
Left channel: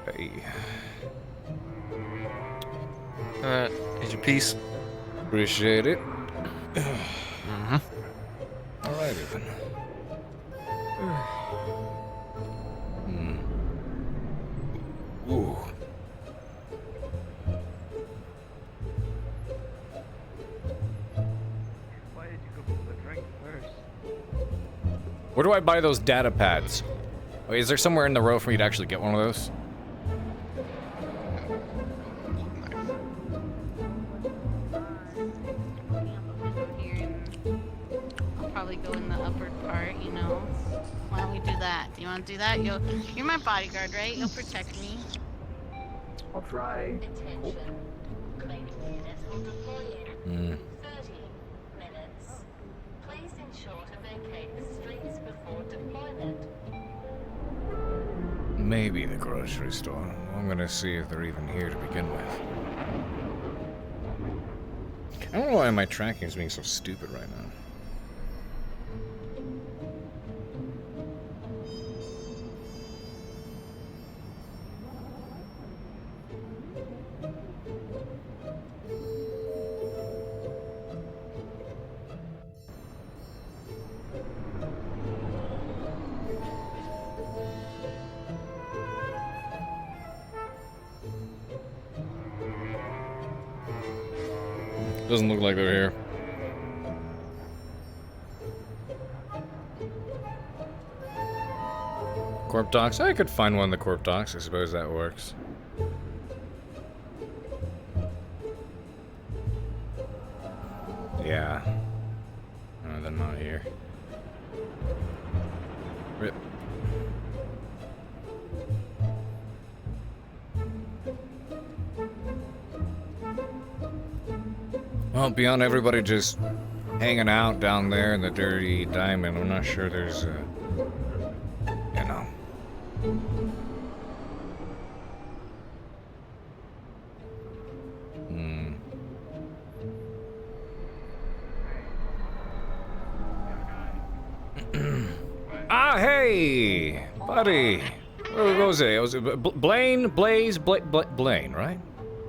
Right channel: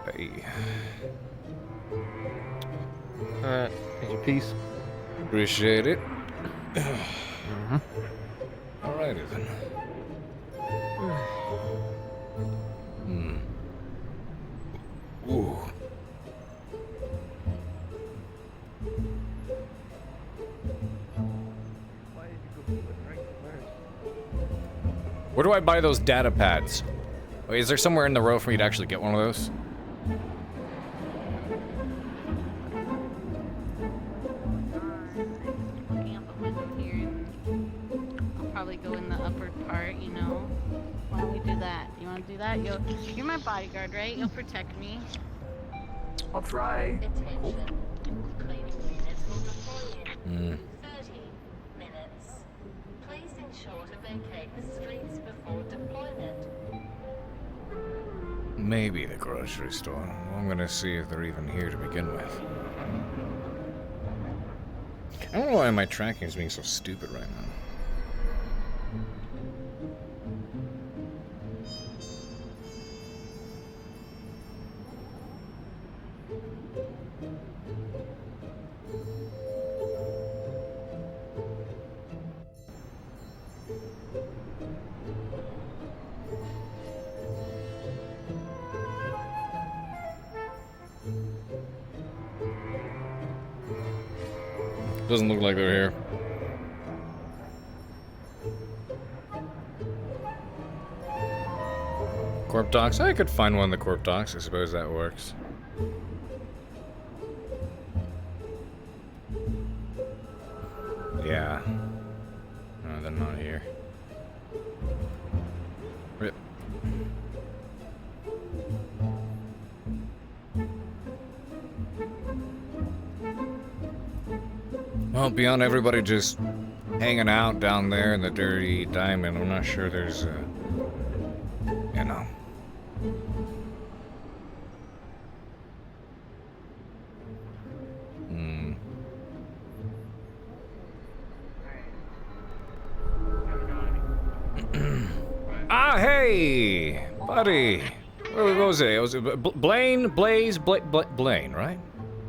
fuck? Hey. Here's your piece. Appreciate it. Alrighty then. Ooh. Where do I buy those data pads? Wait, is there somewhere in the row for me to actually get one of those? I'll probably go in the upper part, you know. Why don't we do that? Do you want to do that? You're my bodyguard, right? You'll protect me. I'll try. Attention. Cleaning units will deploy in 30 minutes. Please ensure to vacate the streets before deployment. Maybe the grocery store. I'm gonna see if they're even here to begin with. I don't know why my tracking is being so stupid right now. Doesn't look like they're here. Corp docks? I could find one in the corp docks. I suppose that works. Yeah. No, they're not here. Rip. Well, beyond everybody just hanging out down there in the dirty diamond, I'm not sure there's you know. Ah, hey, buddy. What was it? It was Blaine, Blaine, right?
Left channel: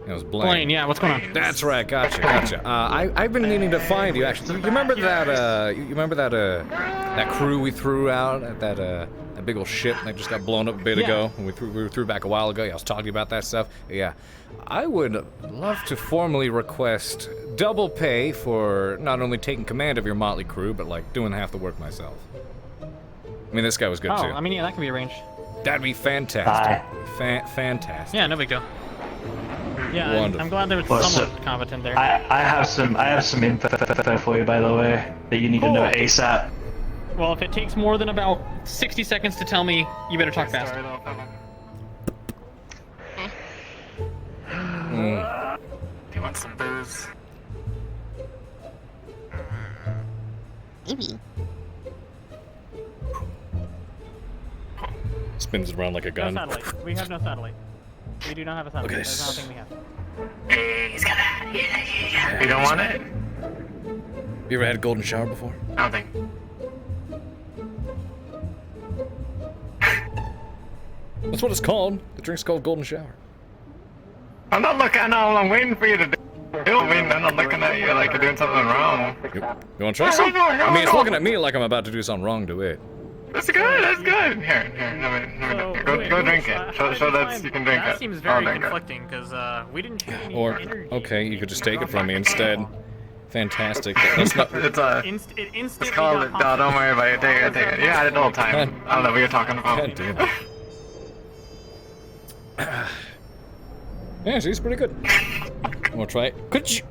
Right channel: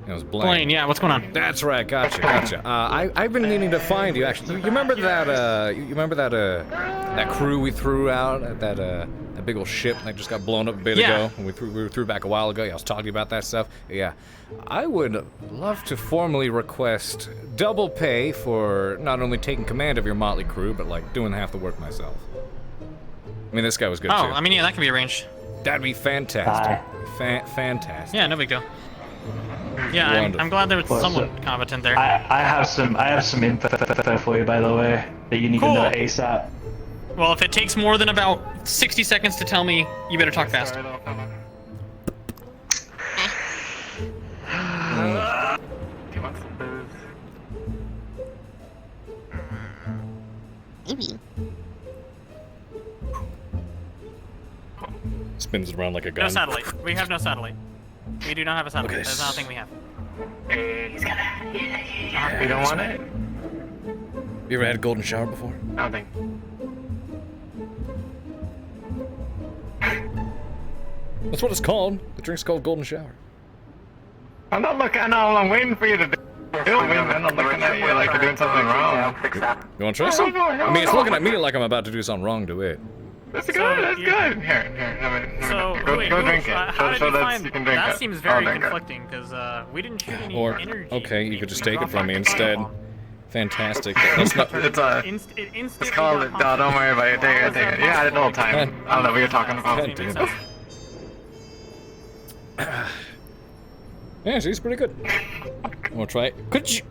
It was Blaine. Blaine, yeah. What's going on? That's right. Gotcha. I've been meaning to find you. Actually, you remember that? You remember that? That crew we threw out at that big old ship that just got blown up a bit ago, and we threw back a while ago. Yeah, I was talking to you about that stuff. Yeah, I would love to formally request double pay for not only taking command of your motley crew, but like doing half the work myself. I mean, this guy was good too. Oh, I mean, yeah, that can be arranged. That'd be fantastic. Fantastic. Yeah, no big deal. Yeah, I'm glad there was someone competent there. I have some info for you, by the way, that you need to know ASAP. Well, if it takes more than about 60 seconds to tell me, you better talk fast. Do you want some booze? Maybe. Spins it around like a gun. No satellite. We have no satellite. We do not have a satellite. Okay. That's not a thing we have. He's gonna. You don't want it? You ever had a golden shower before? I don't think. That's what it's called. The drink's called golden shower. I'm not looking. I'm waiting for you to do it. I'm not looking at you like you're doing something wrong. You want to try some? I mean, it's looking at me like I'm about to do something wrong to it. That's good. That's good. Here. Go drink it. So that you can drink it. That seems very conflicting because we didn't shoot any energy. Okay, you could just take it from me instead. Fantastic. That's not. It's called it. No, don't worry about it. Take it. You had it the whole time. I don't know what you're talking about. God damn it. Yeah, she's pretty good. Wanna try it? Could you?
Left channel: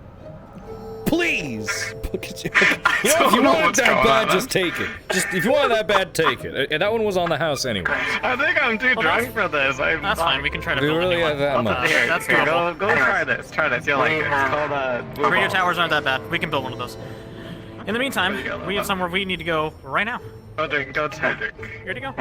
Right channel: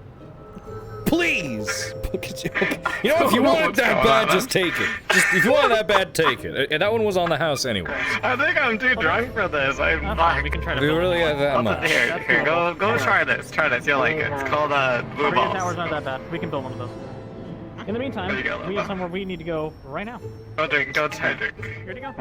Please! You know, if you want it that bad, just take it. If you want it that bad, take it. And that one was on the house anyways. I think I'm too drunk for this. That's fine, we can try to. Do you really have that much? Here, go try this. Try this, you'll like it. It's called Blue Radio Balls. towers aren't that bad. We can build one of those. In the meantime, we have somewhere we need to go right now. Go try drink. Here to go.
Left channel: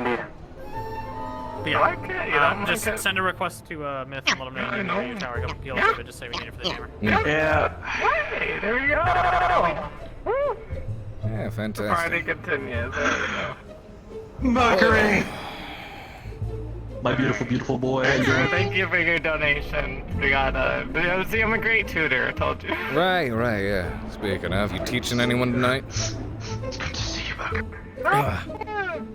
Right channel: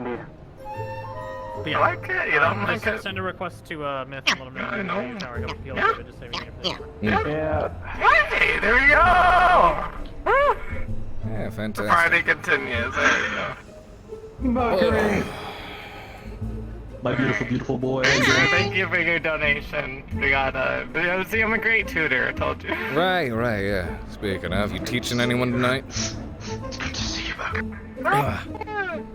You like it? You don't like just it? send a request to Myth and let him know I the know. radio tower. He'll appeal to it. Just say we need it for the camera. Yeah. Hey, there we go! Yeah, fantastic. Friday continues. There you go. Mercury! My beautiful boy. Thank you for your donation. We got see, I'm a great tutor, I told you. Right, yeah. Speaking of, you teaching anyone tonight? Good to see you, Buck.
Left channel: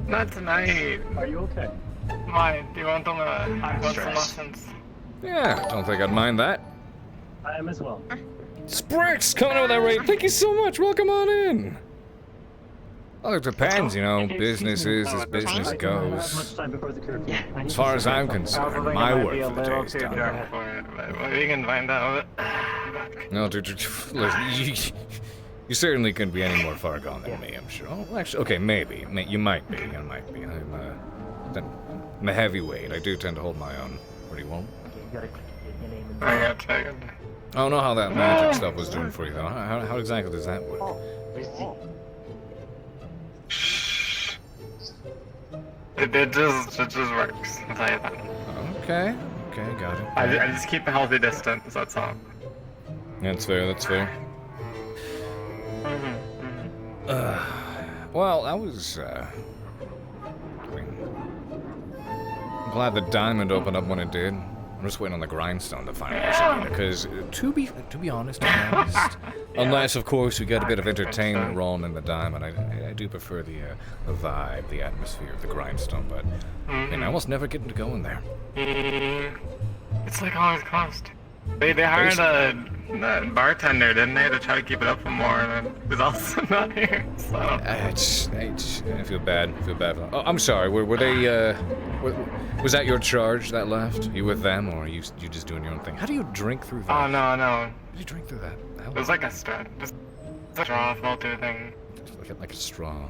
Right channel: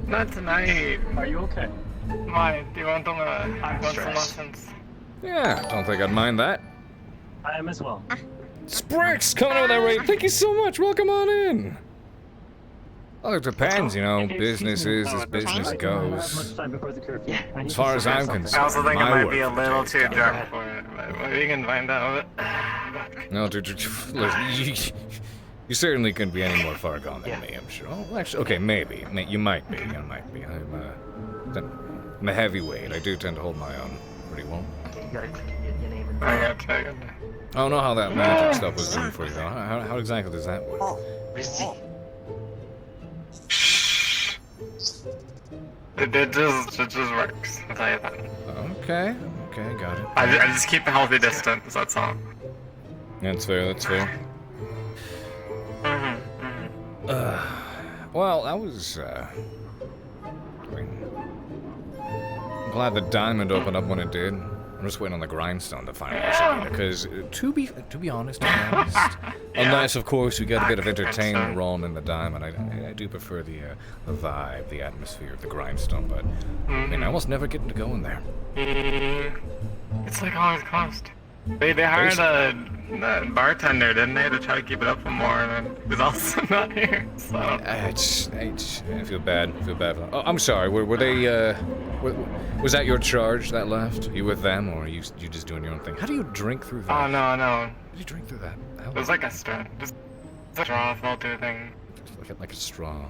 Not tonight. Are you okay? Why? Do you want some stressed. lessons? Yeah, don't think I'd mind that. I am as well. Sprix coming out with that rate. Thank you so much. Welcome on in. Well, it depends, you know. Business is as business goes. As far as I'm concerned, my work be a for the day little is too done. drunk for it, but we can find out. No, dude, look, you certainly couldn't be any more far gone than me, I'm sure. Oh, actually, okay, maybe. You might be. I'm a heavyweight. I do tend to hold my own pretty well. I don't know how that magic stuff was doing for you, though. How exactly does that work? It just works. I'll tell you that. Okay, got it. I just keep a healthy distance, that's all. That's fair. Well, I was, I'm glad the diamond opened up when it did. I'm just waiting on the grindstone to finally issue, because to be honest, unless of course we get a bit of entertainment rolling in the diamond, I do prefer the vibe, the atmosphere of the grindstone, but I mean, I almost never get to go in there. It's like always cost. They hired a bartender, didn't they, to try to keep it up for more, and then he's also not here. So I feel bad. Oh, I'm sorry. Were they Was that your charge that left? You with them, or you just doing your own thing? How do you drink through that? Oh, no. How do you drink through that? It was like a straw. Just a straw filter thing. Like a straw.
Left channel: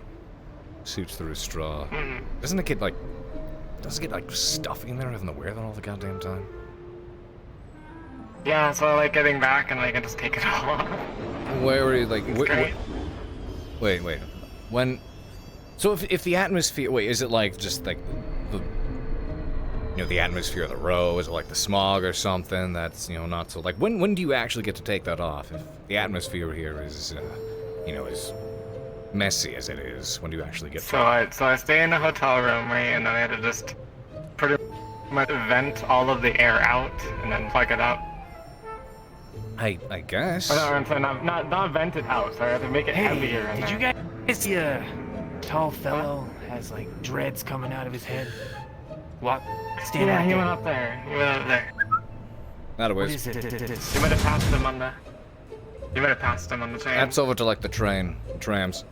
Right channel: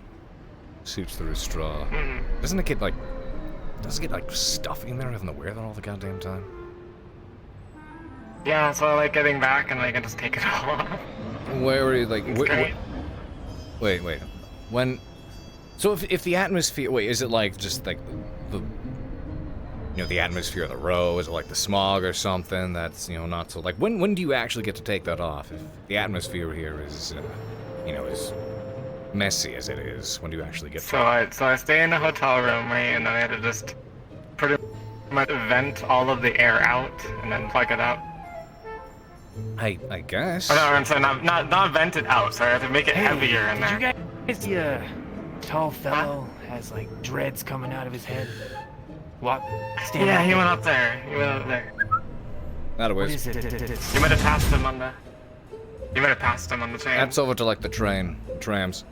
Suits through a straw. Mm. Doesn't it get like stuffy in there having to wear that all the goddamn time? Yeah, so I like getting back and like I just take it all off. Where were you like? Wait. Wait. When? So if the atmosphere, wait, is it like just like the, the atmosphere of the row? Is it like the smog or something? That's not so like. When do you actually get to take that off? If the atmosphere here is, as messy as it is, when do you actually get? So I stay in a hotel room, right, and then I had to just pretty much vent all of the air out and then plug it up. I guess. Or no, not vent it out. Sorry, I have to make it heavier. Did you guys see a tall fellow has like dreads coming out of his head? What? Stand Yeah, right he there. went up there. Not a What waste. is it? You might have passed him on the. You might have passed him on the train. That's over to like the trams.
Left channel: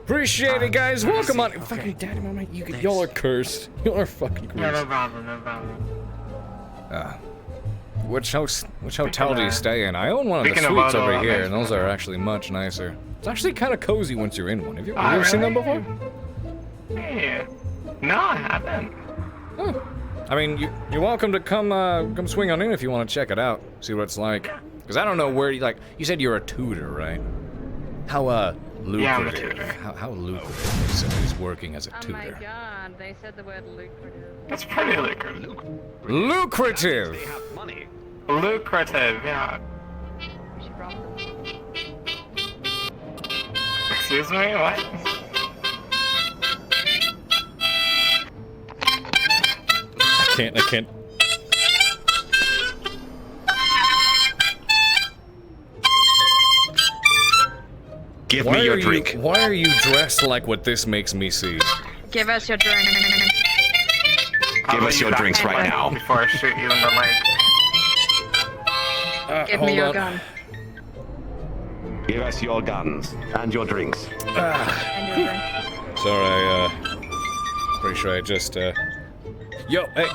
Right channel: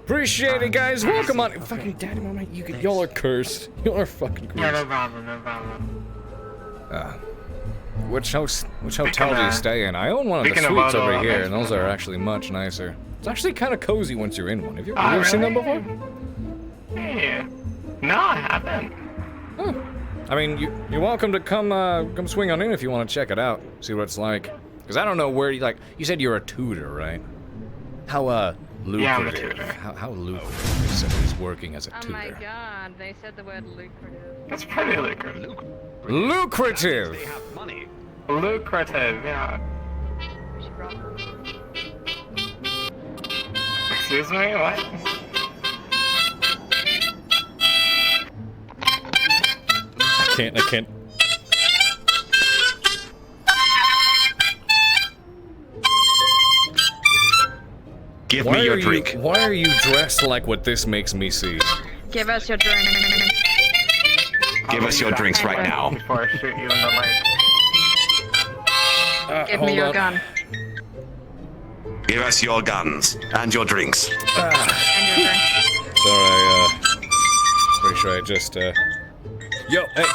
Appreciate it, guys. Welcome on. Fucking daddy, mama, y'all are cursed. Y'all are fucking cursed. Yeah, no problem. Which hotel do you stay in? I own one of the Speaking of suites auto, over here, and those are actually much nicer. It's actually kind of cozy once you're in one. Have you Oh, ever seen them really? before? Yeah. No, I haven't. Huh. I mean, you're welcome to come swing on in if you want to check it out, see what it's like. Because I don't know where you said you're a tutor, right? How lucrative? Yeah, I'm a tutor. How lucrative is working as a tutor? Oh my god, they said the word lucrative. That's pretty lucrative. Lucrative. They have money. Lucrative, yeah. We should rob them. Excuse me, what? I can't. Give me your drink. Why are you dressed like what this makes me see? Give us your drink. Give us your drinks right now. Before I shoot you in the leg. Give me your gun. Give us your guns and your drinks. And your drink. Sorry, pretty sure I just, Yo, hey,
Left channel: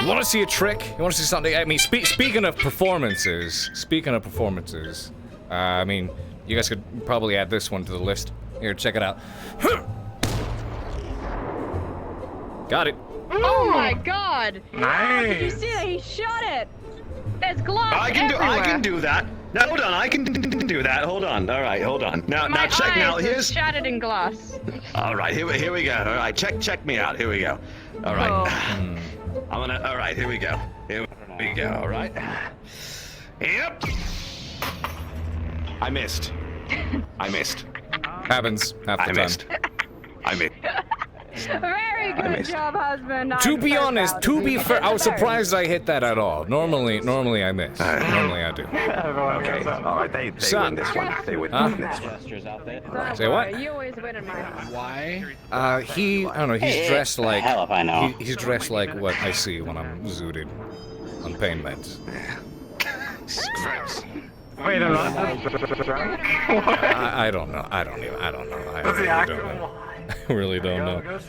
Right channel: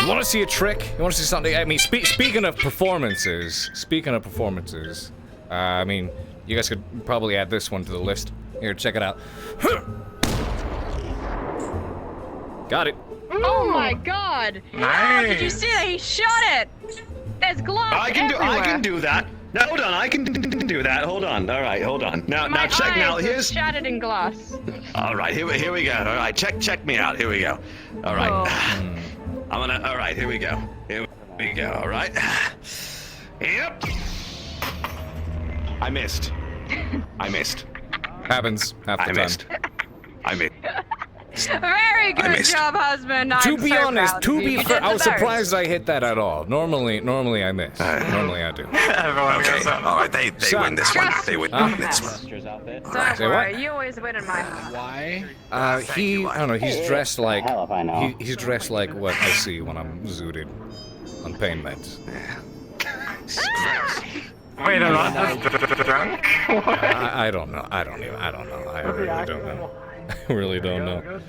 you want to see a trick? You want to see something? I mean, speaking of performances, I mean, you guys could probably add this one to the list. Here, check it out. Got it. Oh my god! Nice. Did you see that? He shot it! There's gloves I can do that. No, hold on, I can do that. Hold on. All right, hold on. Now check. Now here's. Shattered in glass. All right, here we go. All right, check me out. Here we go. All right. All right, here we go. Here we go. All right. Yep. I missed. Happens half the time. I missed. Very good job, husband. To be honest, to be fair, I was surprised I hit that at all. Normally I miss. Normally I do. Okay. All right, they win this one. They win this one. Say what? You always win in mine. Why? I don't know. He's dressed like he's dressed like what I see when I'm zooted on pain meds. Wait, I'm not drunk? I don't know. I really don't know. I really don't know. Go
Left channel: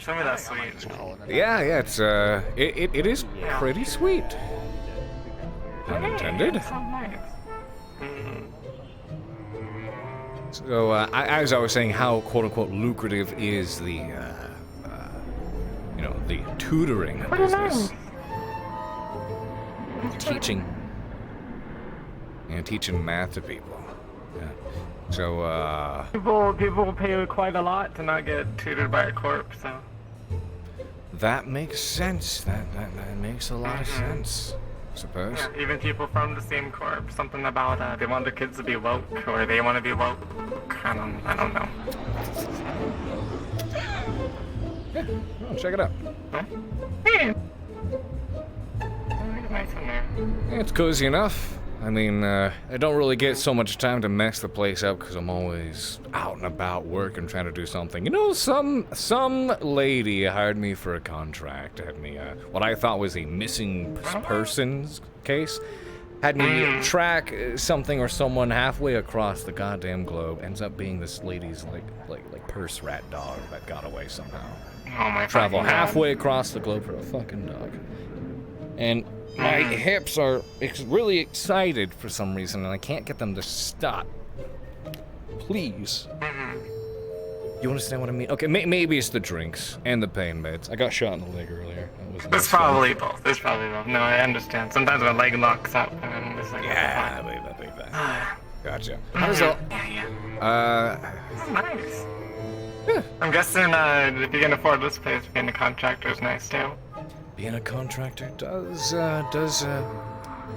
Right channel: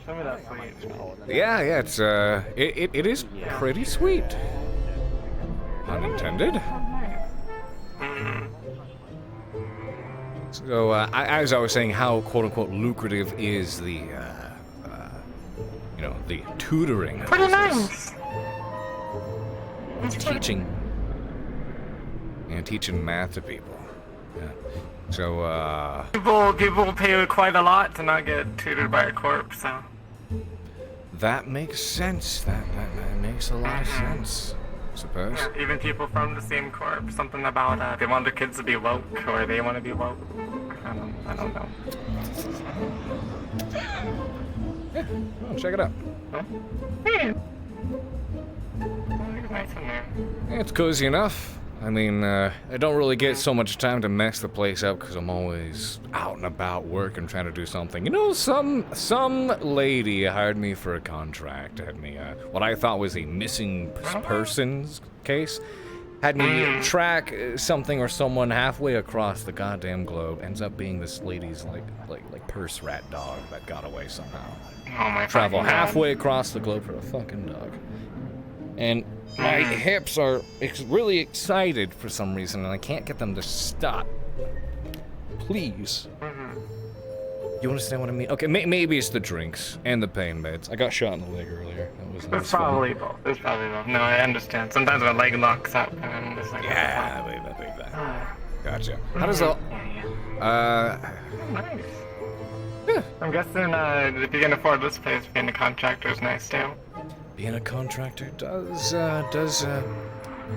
show me that sweet. Yeah, it's it is pretty sweet. Pun intended. So, as I was saying, how quote-unquote lucrative is the, the tutoring business. Teaching math to people. Yeah. So, People pay quite a lot to not get tutored by a corp, so. That makes sense. That makes a lot of sense, I suppose. Yeah, even people from the same corp. Something about they want their kids to be woke, or they want to be woke. I don't know. Yeah, well, check it out. Nice in there. Yeah, it's cozy enough. I mean, I don't really get so much time to mess the place up because I'm always out and about working, trying to do something. You know, some lady hired me for a contract, had me, what I thought was a missing persons case, had me track something or someone halfway across the goddamn globe. Ends up being this lady's, like purse rat dog that got away somehow. Oh my travel fucking God. halfway across the globe for a fucking dog. And my hips are really excited for some reason, and I can't get them to stop. Please. You understand what I mean? Okay, maybe it's the drinks and the pain meds. I got shot in the leg earlier. That wasn't It's as fun. probably both. It's probably both. No, I understand. Sometimes my leg locks up and it's like. Yeah, I believe that. Gotcha. How does all? Nice. I'm guessing if you can afford this place, being a contractor is nice too. Being a contractor does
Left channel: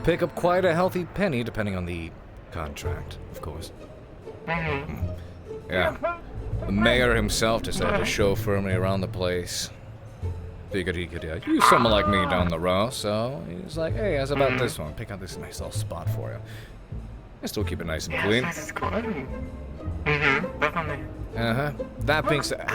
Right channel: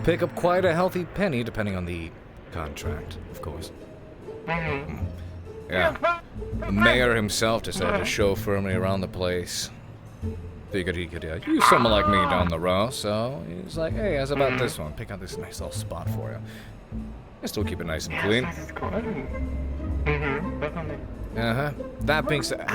pick up quite a healthy penny, depending on the contract, of course. Yeah. The mayor himself decided to chauffeur me around the place. Figured he could use someone like me down the road, so he's like, hey, how's about this one? Pick out this nice little spot for you. I still keep it nice and clean. Definitely. Uh-huh. That being said,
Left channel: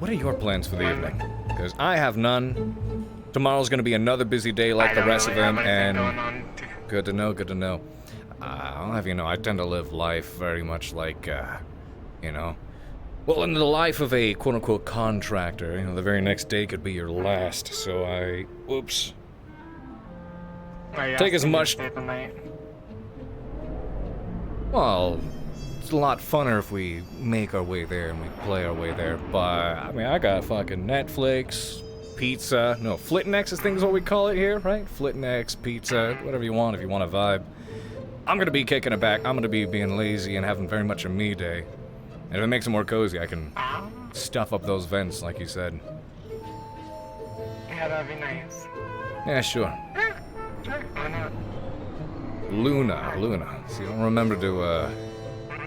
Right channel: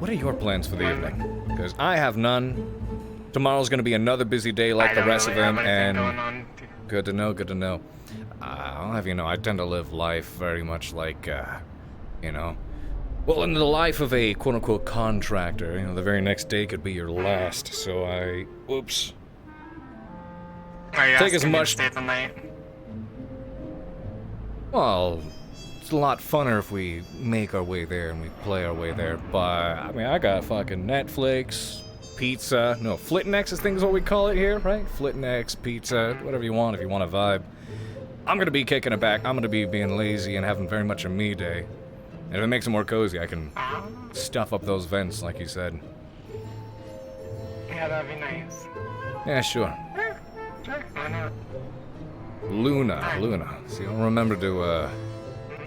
what are your plans for the evening? Because I have none. Tomorrow's gonna be another busy day like the rest of them, and good to know. I'll have you know, I tend to live life very much like, you know, well, in the life of a quote-unquote contractor, you know, the very next day could be your last, so whoops. Take as much. Well, it's a lot funner if we make our way there and we play our way there, but, I mean, I got fucking Netflix, pizza, no, Flitnex, I think is what we call it here, right? Flitnex, pizza, whatever you want if you want a vibe. I'm gonna be kicking it back, I'm gonna be being lazy and having very much a me day. And if it makes it more cozy, I can stuff up those vents, like you said. Yeah, that'd be nice. Yeah, sure. Sure, why not? Luna. See, I'll remember to,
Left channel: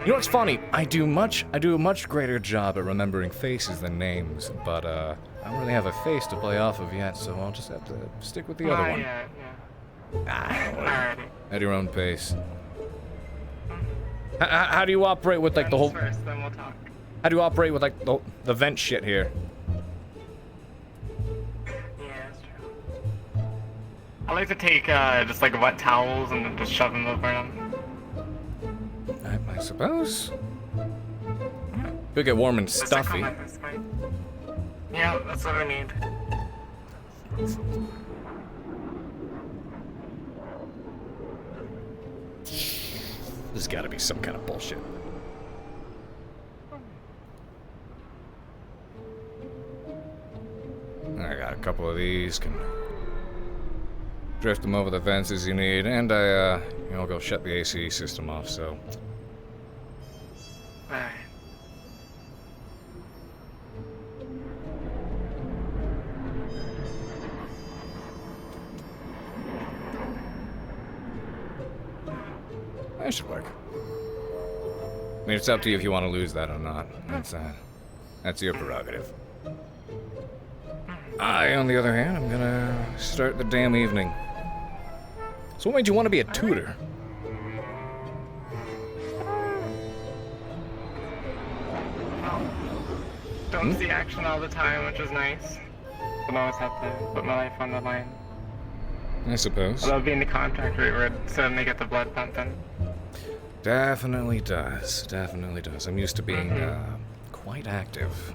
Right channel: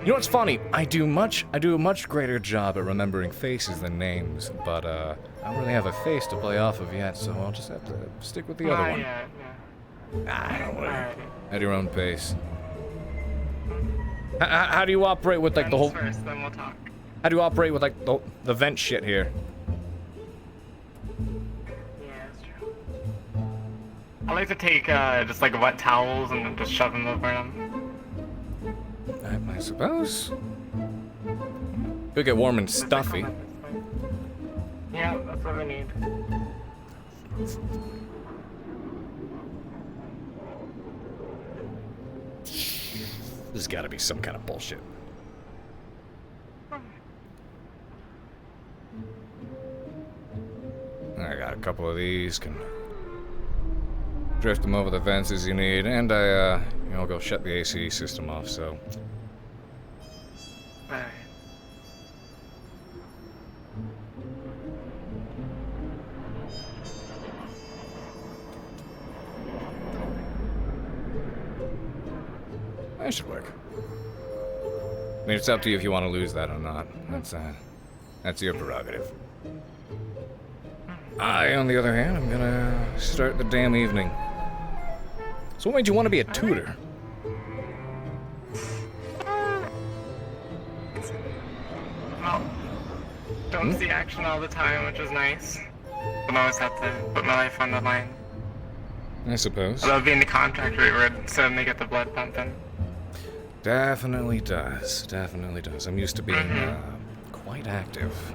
You know what's funny? I do a much greater job at remembering faces than names, but, I don't really have a face to play off of yet, so I'll just have to stick with the other one. Yeah. Don't worry. At your own pace. How do you operate with, like, the whole... First, then we'll talk. How do you operate with, like, the vent shit here? Yeah, that's true. I like to take, just, like, wet towels and then just shove them over them. I suppose. Could get warm and stuffy. Yeah, that's what I need. There's gotta be some kind of bullshit. I got a couple of these, can drift them over the vents as you need, and I'll go shut the AC system off, so. Alright. That should work. I mean, it's up to you if you want to lose that or not. That's your prerogative. I, on the other hand, I'm gonna start the damn evening. So what made you want to be a tutor? Don't see action all the time, which is nice. But I always have to put my life on the line. I suppose. Although being the contractor, it would suddenly get the blood pumping. Definitely does. I'm used to being, quite active.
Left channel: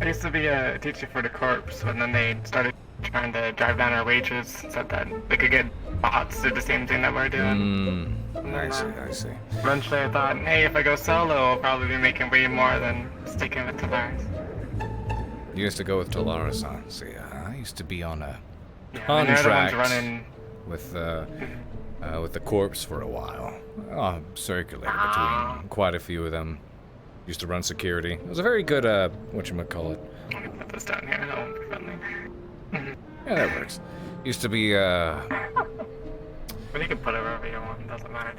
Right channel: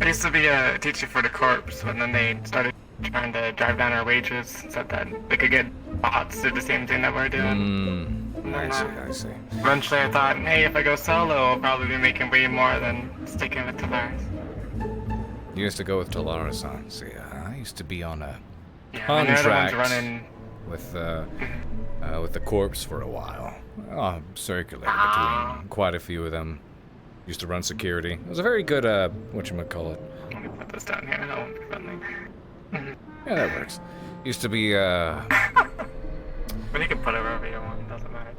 I used to be a teacher for the corps, and then they started trying to drive down our wages, said that they could get bots to do the same thing that we're doing. I see. Eventually I thought, hey, if I go solo, I'll probably be making way more than sticking with Talaris. You used to go with Talaris, huh? See, I used to be on a contract with the corps for a while. Circulated between quite a few of them. Used to run security. It was a very good, whatchamacallit. Put this down here, that won't be friendly. Yeah, that works. Used to be, But you can put it wherever you want, doesn't matter.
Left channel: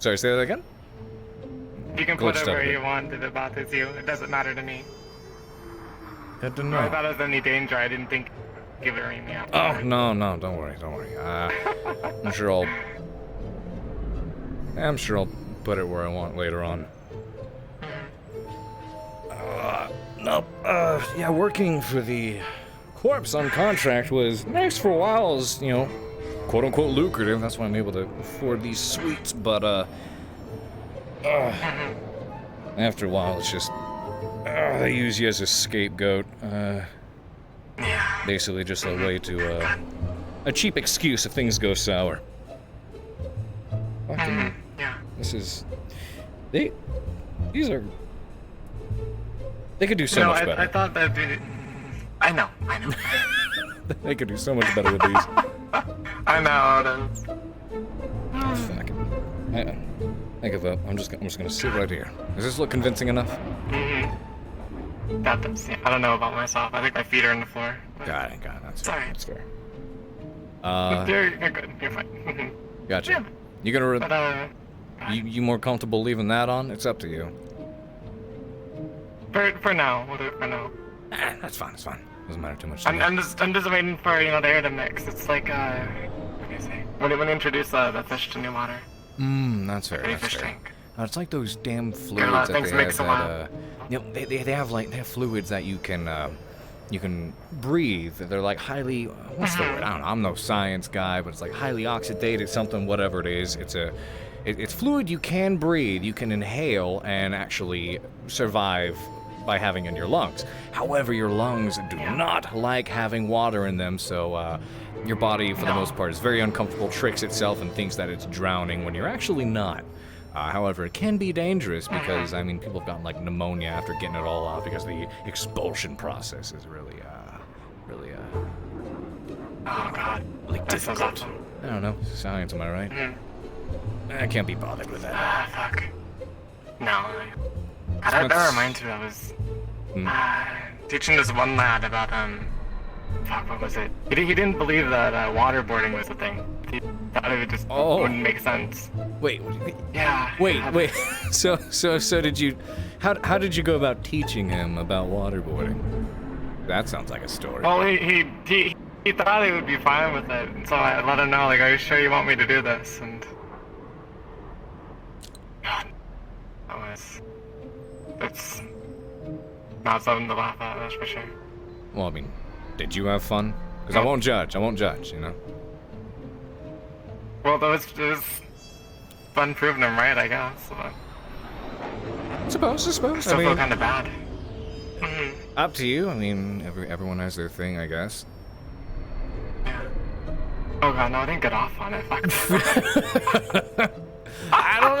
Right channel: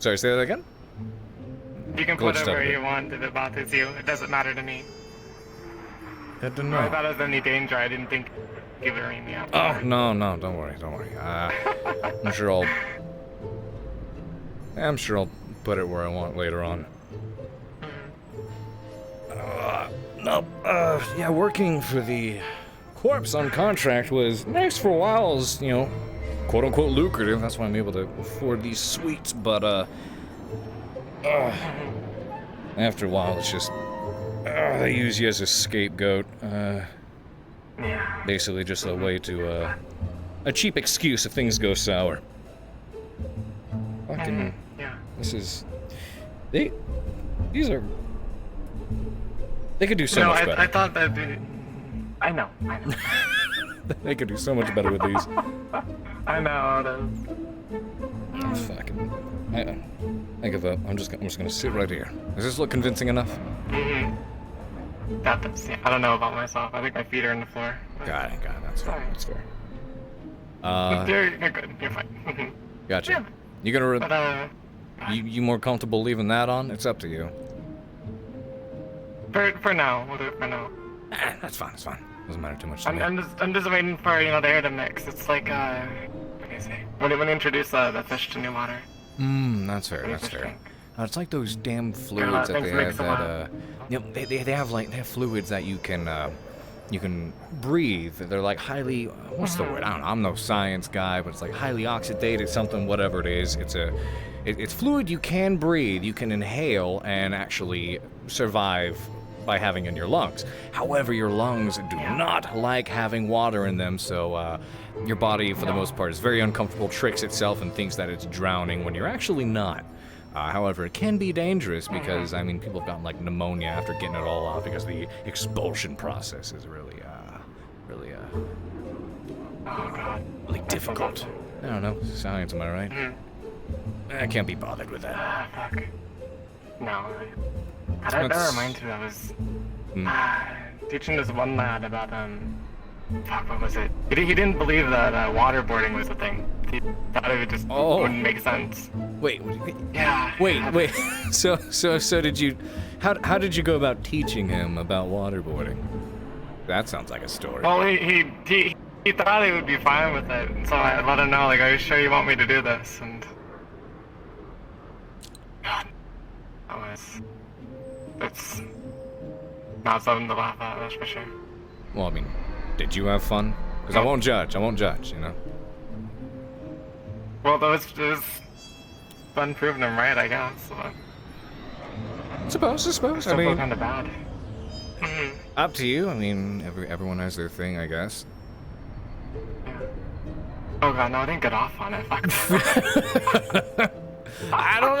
Sorry, say that again? You can put it where you want if it bothers you. It doesn't matter to me. Good to know. I thought it was any danger. I didn't think you would ring me up. Oh, no, don't worry. I'm sure I'll put it where I want later on. Yeah, working for the corpse on contract was nice for a while, as, you know, quote-unquote lucrative. That's why I'm able to afford these suites, but, after a while, it's just, they use you as a scapegoat. Basically just a way to, a cheap excuse if things go sour. Fucking, this is, these are, they could do so much better. I thought that, I know. They could do so much better with these. I know. Fucking, I give up. I'm just gonna sit right here. Does this look convincing enough? That does. Yeah, I don't know about myself. I think my feet are on the floor. Got it. That's fair. That's fair. You're good. You're fine. Gotcha. Yeah. You gonna? You more comfortable leaving that on? It's up to you. For now, we'll do it for now. That's fine. Doesn't matter too much to me. I'm just waiting for the air to mix. It's like what do you say? When you introduce the fish to new water. That's fair. It's like those damn fluids that they have that they have fluids that you can breathe. They're like highly, what's the word? I don't know. I'm no science guy, but it's like highly oxidated something, whatever it is. It's fluid you can breathe, you can inhale and actually survive by having in your lungs. However, your lungs do not like having water in them, so your body, for the most part, is very uncomfortable, tricks itself, and thinks that it's drowning when you're actually not. However, it can be dangerous because, I mean, people have gotten, like, pneumonia after getting it all out because the expulsion process is really difficult. I don't know. Science, am I right? I can't be bothered with that. Fuck. No. That reminds me, I was teaching this one lad about, fuck, what was it? He didn't believe that waterboarding was a thing. He thought it just wouldn't make sense. Wait. Yeah. Wait. So did you? How did you go about teaching him about waterboarding? That sounds like a story. Well, he thought he would be fine with it, so I let him know, like, are you sure you want me to do this? And God, that's not something to laugh at, that's for sure. Well, I mean, did you have fun? Because I won't judge, you know? Well, it was fun proving him right, I guess. So. Suppose. I mean, kind of bad. Up to you. I mean, everyone has their thing, I guess. Yeah. Oh god, no, I didn't get off on it. Fuck. I don't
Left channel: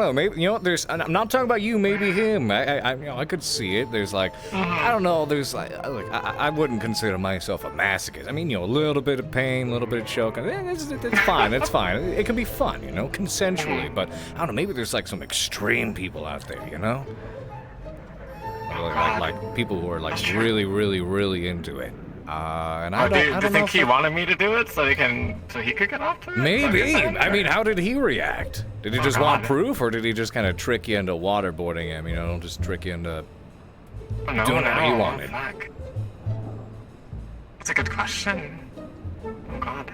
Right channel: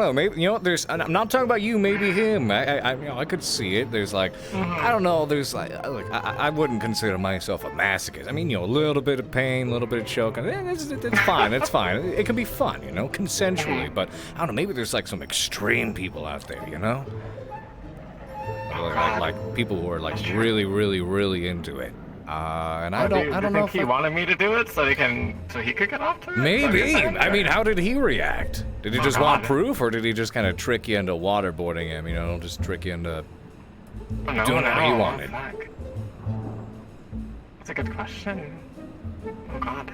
know. Maybe, you know, I'm not talking about you. Maybe him. I could see it. There's like, I don't know. There's like, look, I wouldn't consider myself a masochist. I mean, you know, a little bit of pain, a little bit of choking. It's fine. It's fine. It can be fun, you know, consensually. But I don't know. Maybe there's like some extreme people out there, you know, like people who are like really, really, really into it. And I don't know. Do you think he wanted me to do it so he could get off to it? Maybe. I mean, how did he react? Did he just want proof, or did he just kind of trick you into waterboarding him? You know, just trick you into doing what he wanted. That's a good question. Oh God.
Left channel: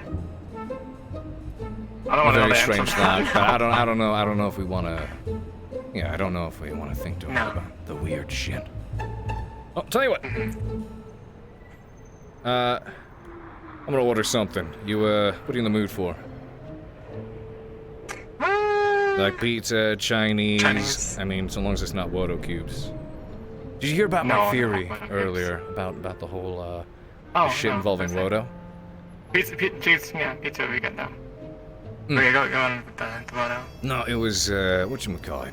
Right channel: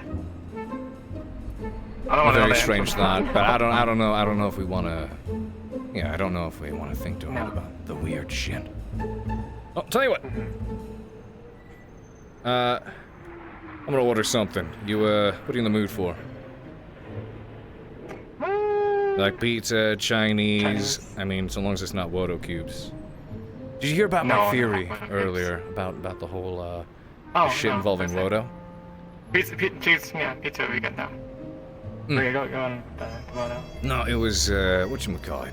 I don't want to. Very strange thought, but I don't know. I don't know if we want to. Yeah, I don't know if we want to think too much about the weird shit. Oh, tell you what. I'm gonna order something. You, what are you in the mood for? Like pizza, Chinese. I mean, so long as it's not Wodo cubes. Did you hear about my theory earlier about the whole, shit involving Wodo? Pizza would be good though. Okay, go on with the Wodo. No, it was, whatchamacallit?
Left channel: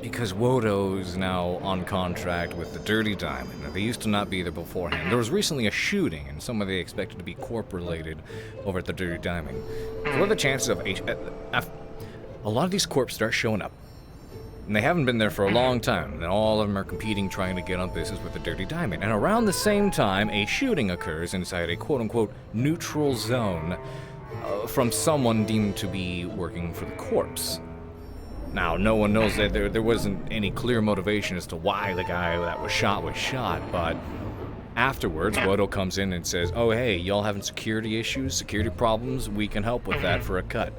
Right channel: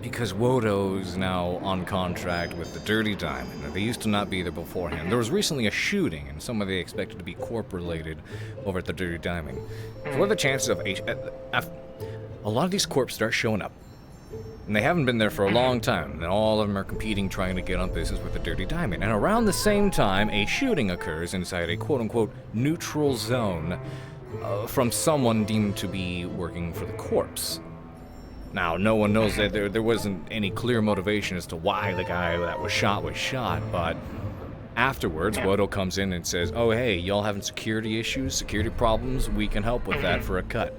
Because Wodo's now on contract with the Dirty Diamond. They used to not be there beforehand. There was recently a shooting, and some of they expected to be corp-related over at the Dirty Diamond. What are the chances of a lot of these corps start showing up, and they haven't been there for a long time, and all of them are competing, trying to get on business with the Dirty Diamond. And around the same time, a shooting occurs inside a quote-unquote neutral zone from someone deemed to be working for the corps. Now, no one knows that there wasn't any clear motivation as to why the guy that was shot, but afterwards, Wodo comes in and says, oh, hey, y'all having security issues, security problems? We can help with that for a cut.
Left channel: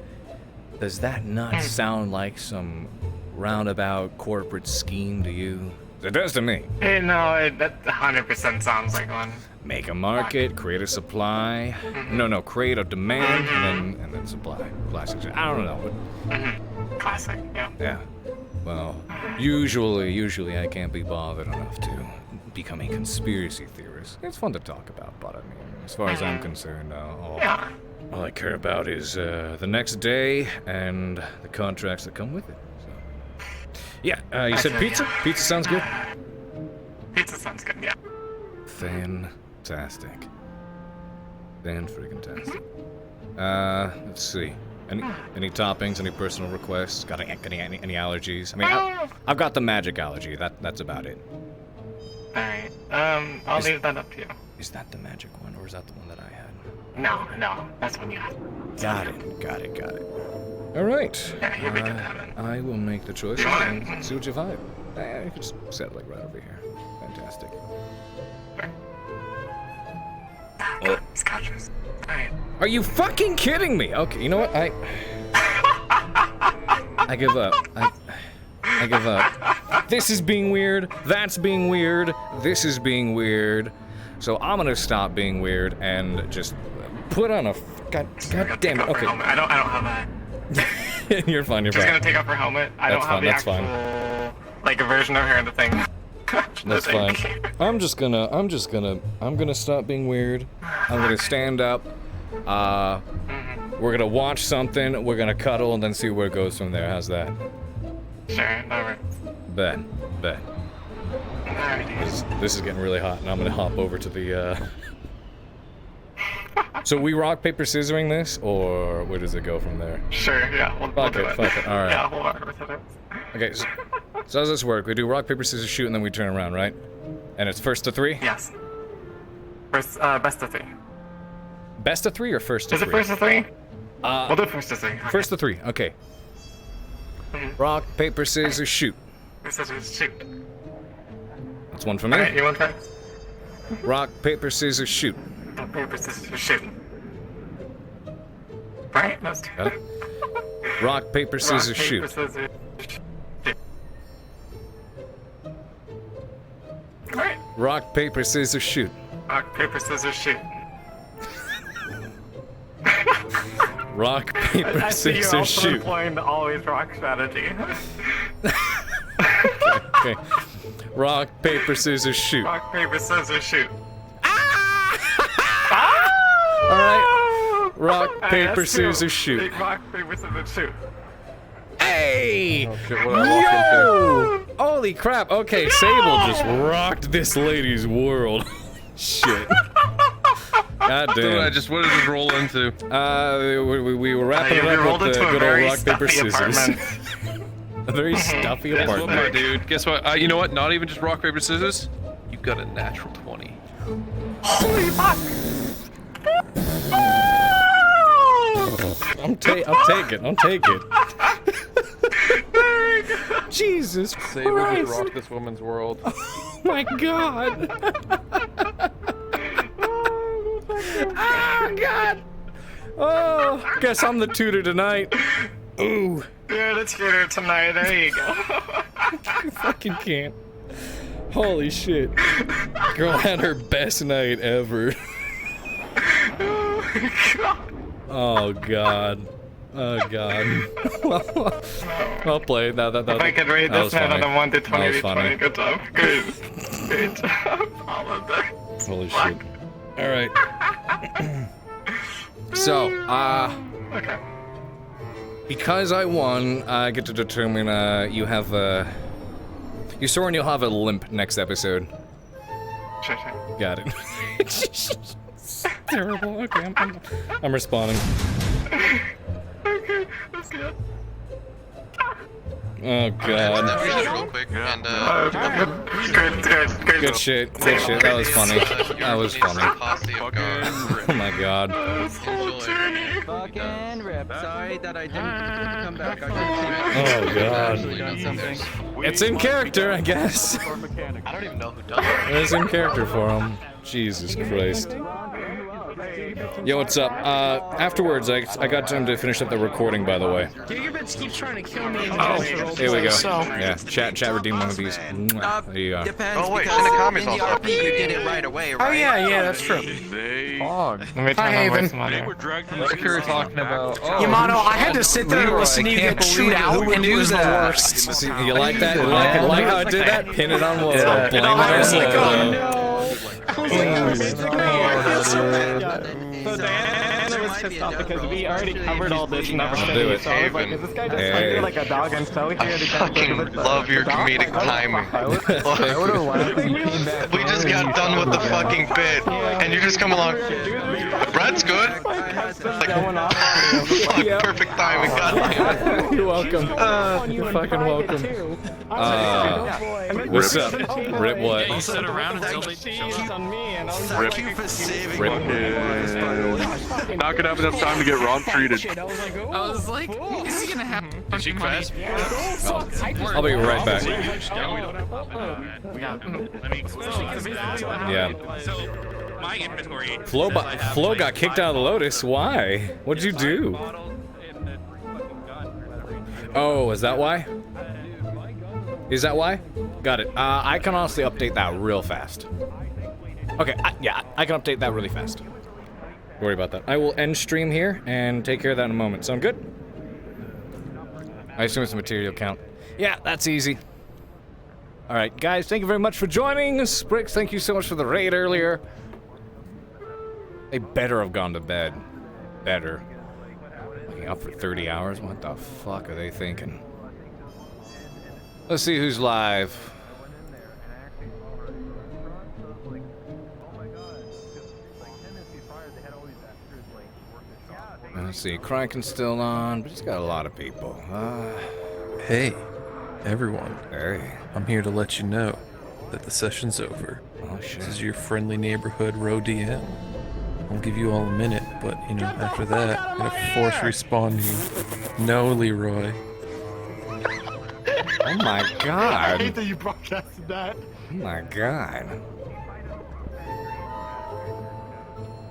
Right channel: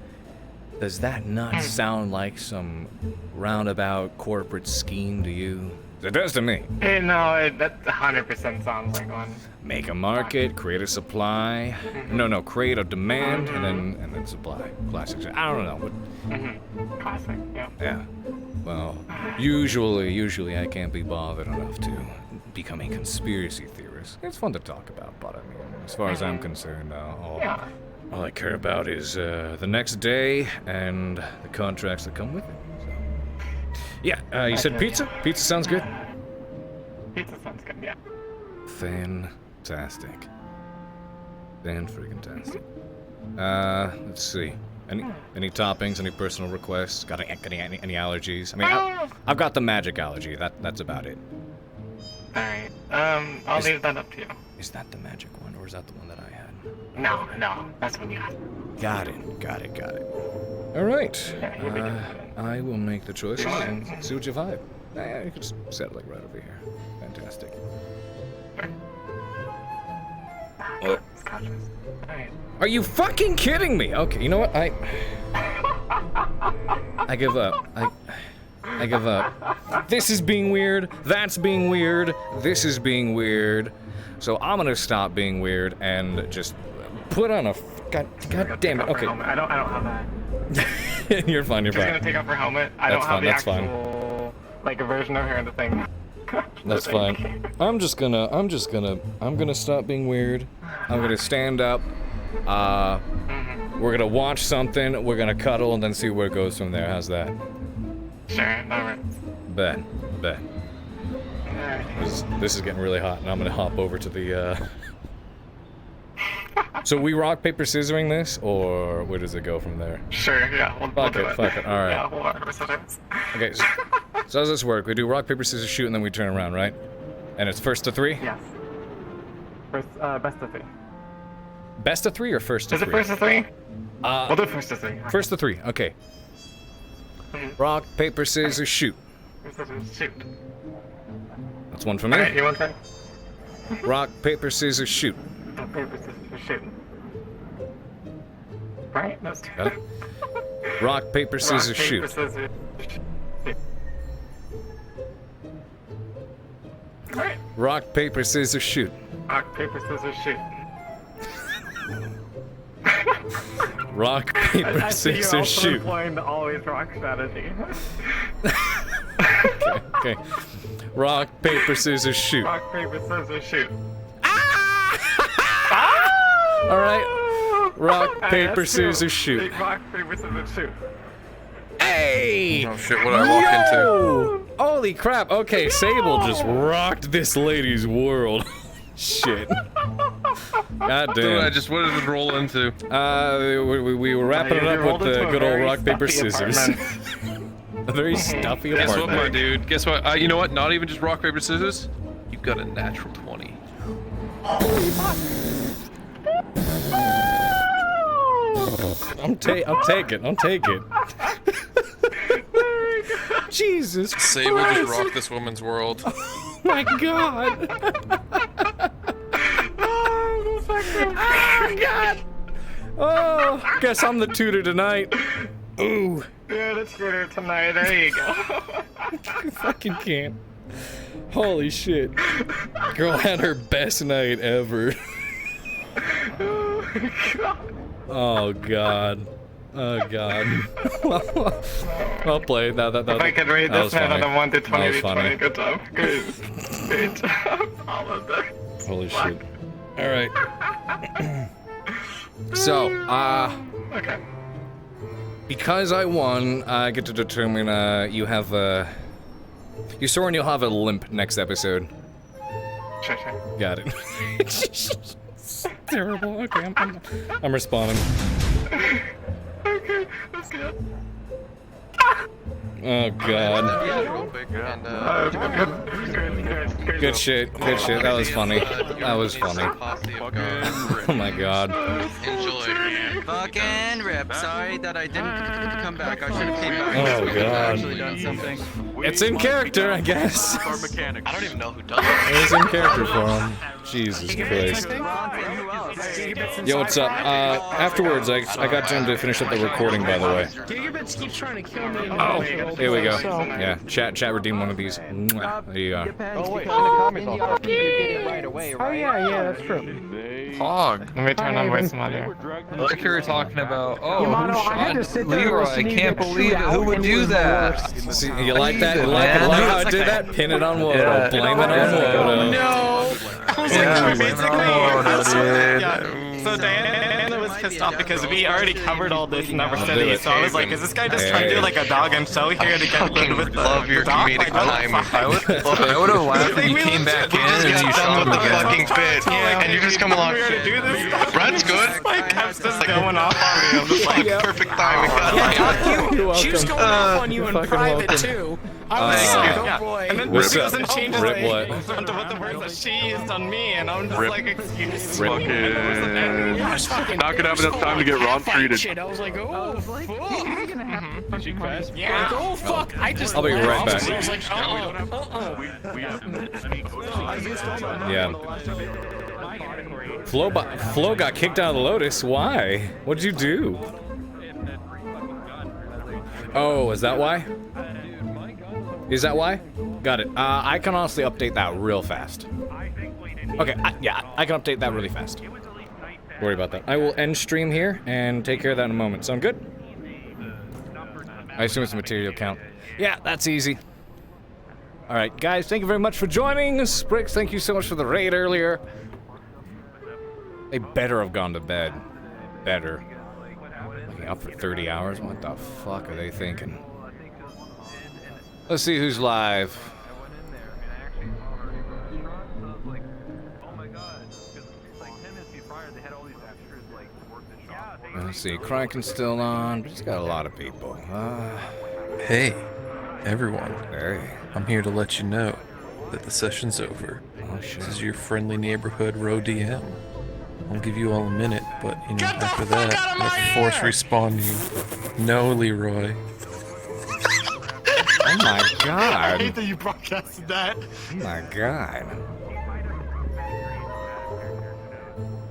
Does that not sound like some roundabout corporate scheme to you? It does to me. Hey, no, that 100% sounds like one. Make a market, create a supply. No, create a demand and then supply. Classic shit. I don't know. But... Classic, yeah. Yeah. Well, usually I can't be bothered enough to become a conspiracy theorist. It's fun to talk about, but I mean, as far as I'm concerned, all I care about is the next day and the contracts that come with it. So, yeah. You said pizza? Pizza sounds good. Pizza sounds good. Yeah. Fantastic. Fan-friggin-tastic. Let's see. Any toppings? Any personal requests? Got any allergies? I mean, I've got the magic allergy. That's about it. All right. I'll leave that up to you. Is that the magic one, or is that the one that I had? No, that's one you had. Got it. All right. I will make the choices and see what you vibe. You can just set it like right over here. Fantastic. Well, are you fucking kidding me? Okay, you know what? I give up. I give up. This is being weird. That's being weird. This is being weird. So I'm gonna stop being weird and just put on a. God damn it. Okay. I don't have that. You're fine. She's gonna take off her helmet. I don't have the actual, like a version of her in the thing. That's fine. I'm gonna stop being weird. I'm gonna stand up. We're gonna watch something. We're gonna cuddle and then see where it goes from there. How's that? Sure. Alright. Bet. This is getting really hot, and I'm gonna hop over to the. So we rock paper scissoring this, or where does it go from there? Sure. Yeah. We'll do it. Fuck it. All right. Yeah. We'll rock paper scissors. Okay. So how does this work? We do rock paper scissors shoot, and then we turn around, right? And it's first to three. Yes. First, best of three. Best of three or first to three? Is it first to three? We'll do first to three. First to three. Okay. Rock paper scissors shoot. Scissors shoot. That's one for me. Alright, you want that? Rock paper scissors shoot. Rock paper scissors shoot. Right? That's Got it. Rock paper scissors shoot. Rock paper scissors shoot. Alright. Rock paper scissors shoot. Rock paper scissors shoot. Rock paper scissors shoot. You're employing the always rock strategy. Okay. Rock paper scissors shoot. Rock paper scissors shoot. All right. Rock paper scissors shoot. Rock paper scissors shoot. Hey! Oh shit, what did I walk into? Holy crap! Okay, Sable just rocked this lady's world. Shit. God damn. What did I just roll into? We were wrapping it up with the good old rock paper scissors. A very stuffy Guess apartment. what, my dude? Guess what? You know what? Not even just rock paper scissors. You got a natural 20. I'll take it. Jesus Sable Christ. just rocked this woman's world. Oh my god. Oh god. Oh, guess I'm the tutor tonight. Ooh. Yeah, let's get her tonight. There you go. You fucking can't. Holy shit. Girl had her best night ever. Oh god. Oh god. Well played. That if I could rate this man on a 1 to 20, 20, good job. Good job. Holy shit. Alright. So, okay. Because I won, I get to determine, you have, you Soren, you'll have a limp next episode. Sure. Got it. It's terrible. Okay, I'm responding. Okay, that's good. Oh god. Good shit. That was funny. Oh my god. Fucking rip. Sorry that I didn't come back. I should keep Oh god. It's in character, I guess. I don't even know who does it. It's in character for him. Jesus Christ. Yo, what's up? Afterwards, I got time to finish up the recording, by the way. Gigabits keeps trying to kill me. Oh, here we go. Yeah, chat redeem one of these. Mwah. There you go. Oh, wait. In the RP, you did it right away, right? Oh, yeah, that's true. Let me turn on voice monitor. Like you were talking about, oh, Yamato, who I had shot to sit there Leroy? I listening can't to it believe it. shoot Who out, would and it do was the that? worst. See, you like that? You like how I did that? Pin it on Wodo. Yeah. Blame it on Wodo. So Diana was pissed off because we already covered all this in number I'll 70, do it. so I was like, is this guy just trying to do like a dog? I'm so here to get fucking love your comedic timing. We just got done with the fucking bit, and you just come along. The bread's good. Fuck, perfect timing. God. You're welcome. You're fucking welcome. What's up? Rip what? Rip. Not gonna have enough time to get Ron treated. I was like, he's gonna have Did she crash? I'll be right back. Yeah. Flo got kicked out of the Lotus. Why? What'd you do? Oh, is that why? Is that why? Got it. I can honestly update that real fast. Okay, yeah, I can update that really fast. Don't worry about that. I will end stream here and take care of that in a moment. Sound good? I assume it's a material count. Yeah, that's easy. Alright, guys, thank you very much for joining us. Bricks, thank you so much for the raid earlier. They better have gone to bed. Better. Looking up for 30 hours? What the fuck are they thinking? Let's see who's live. Let's see, Criken's still on, but he's got a lot of people. Hey, everyone. Hey. I'm here to let you know that the session's over. Oh, shit. This is your friendly neighborhood Row DM. I'll give you all a minute, but, you know, after that, I'm gonna force respawn you. No, Leroy. Oh my god. I hate that you broadcasted that. Oh my god.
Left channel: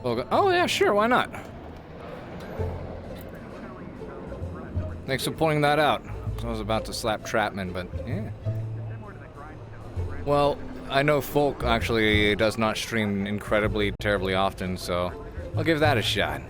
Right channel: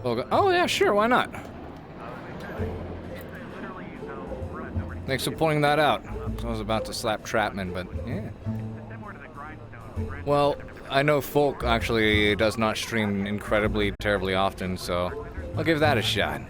Oh yeah, sure, why not? Thanks for pointing that out. I was about to slap Trapman, but yeah. Well, I know Folk actually does not stream incredibly, terribly often, so I'll give that a shot.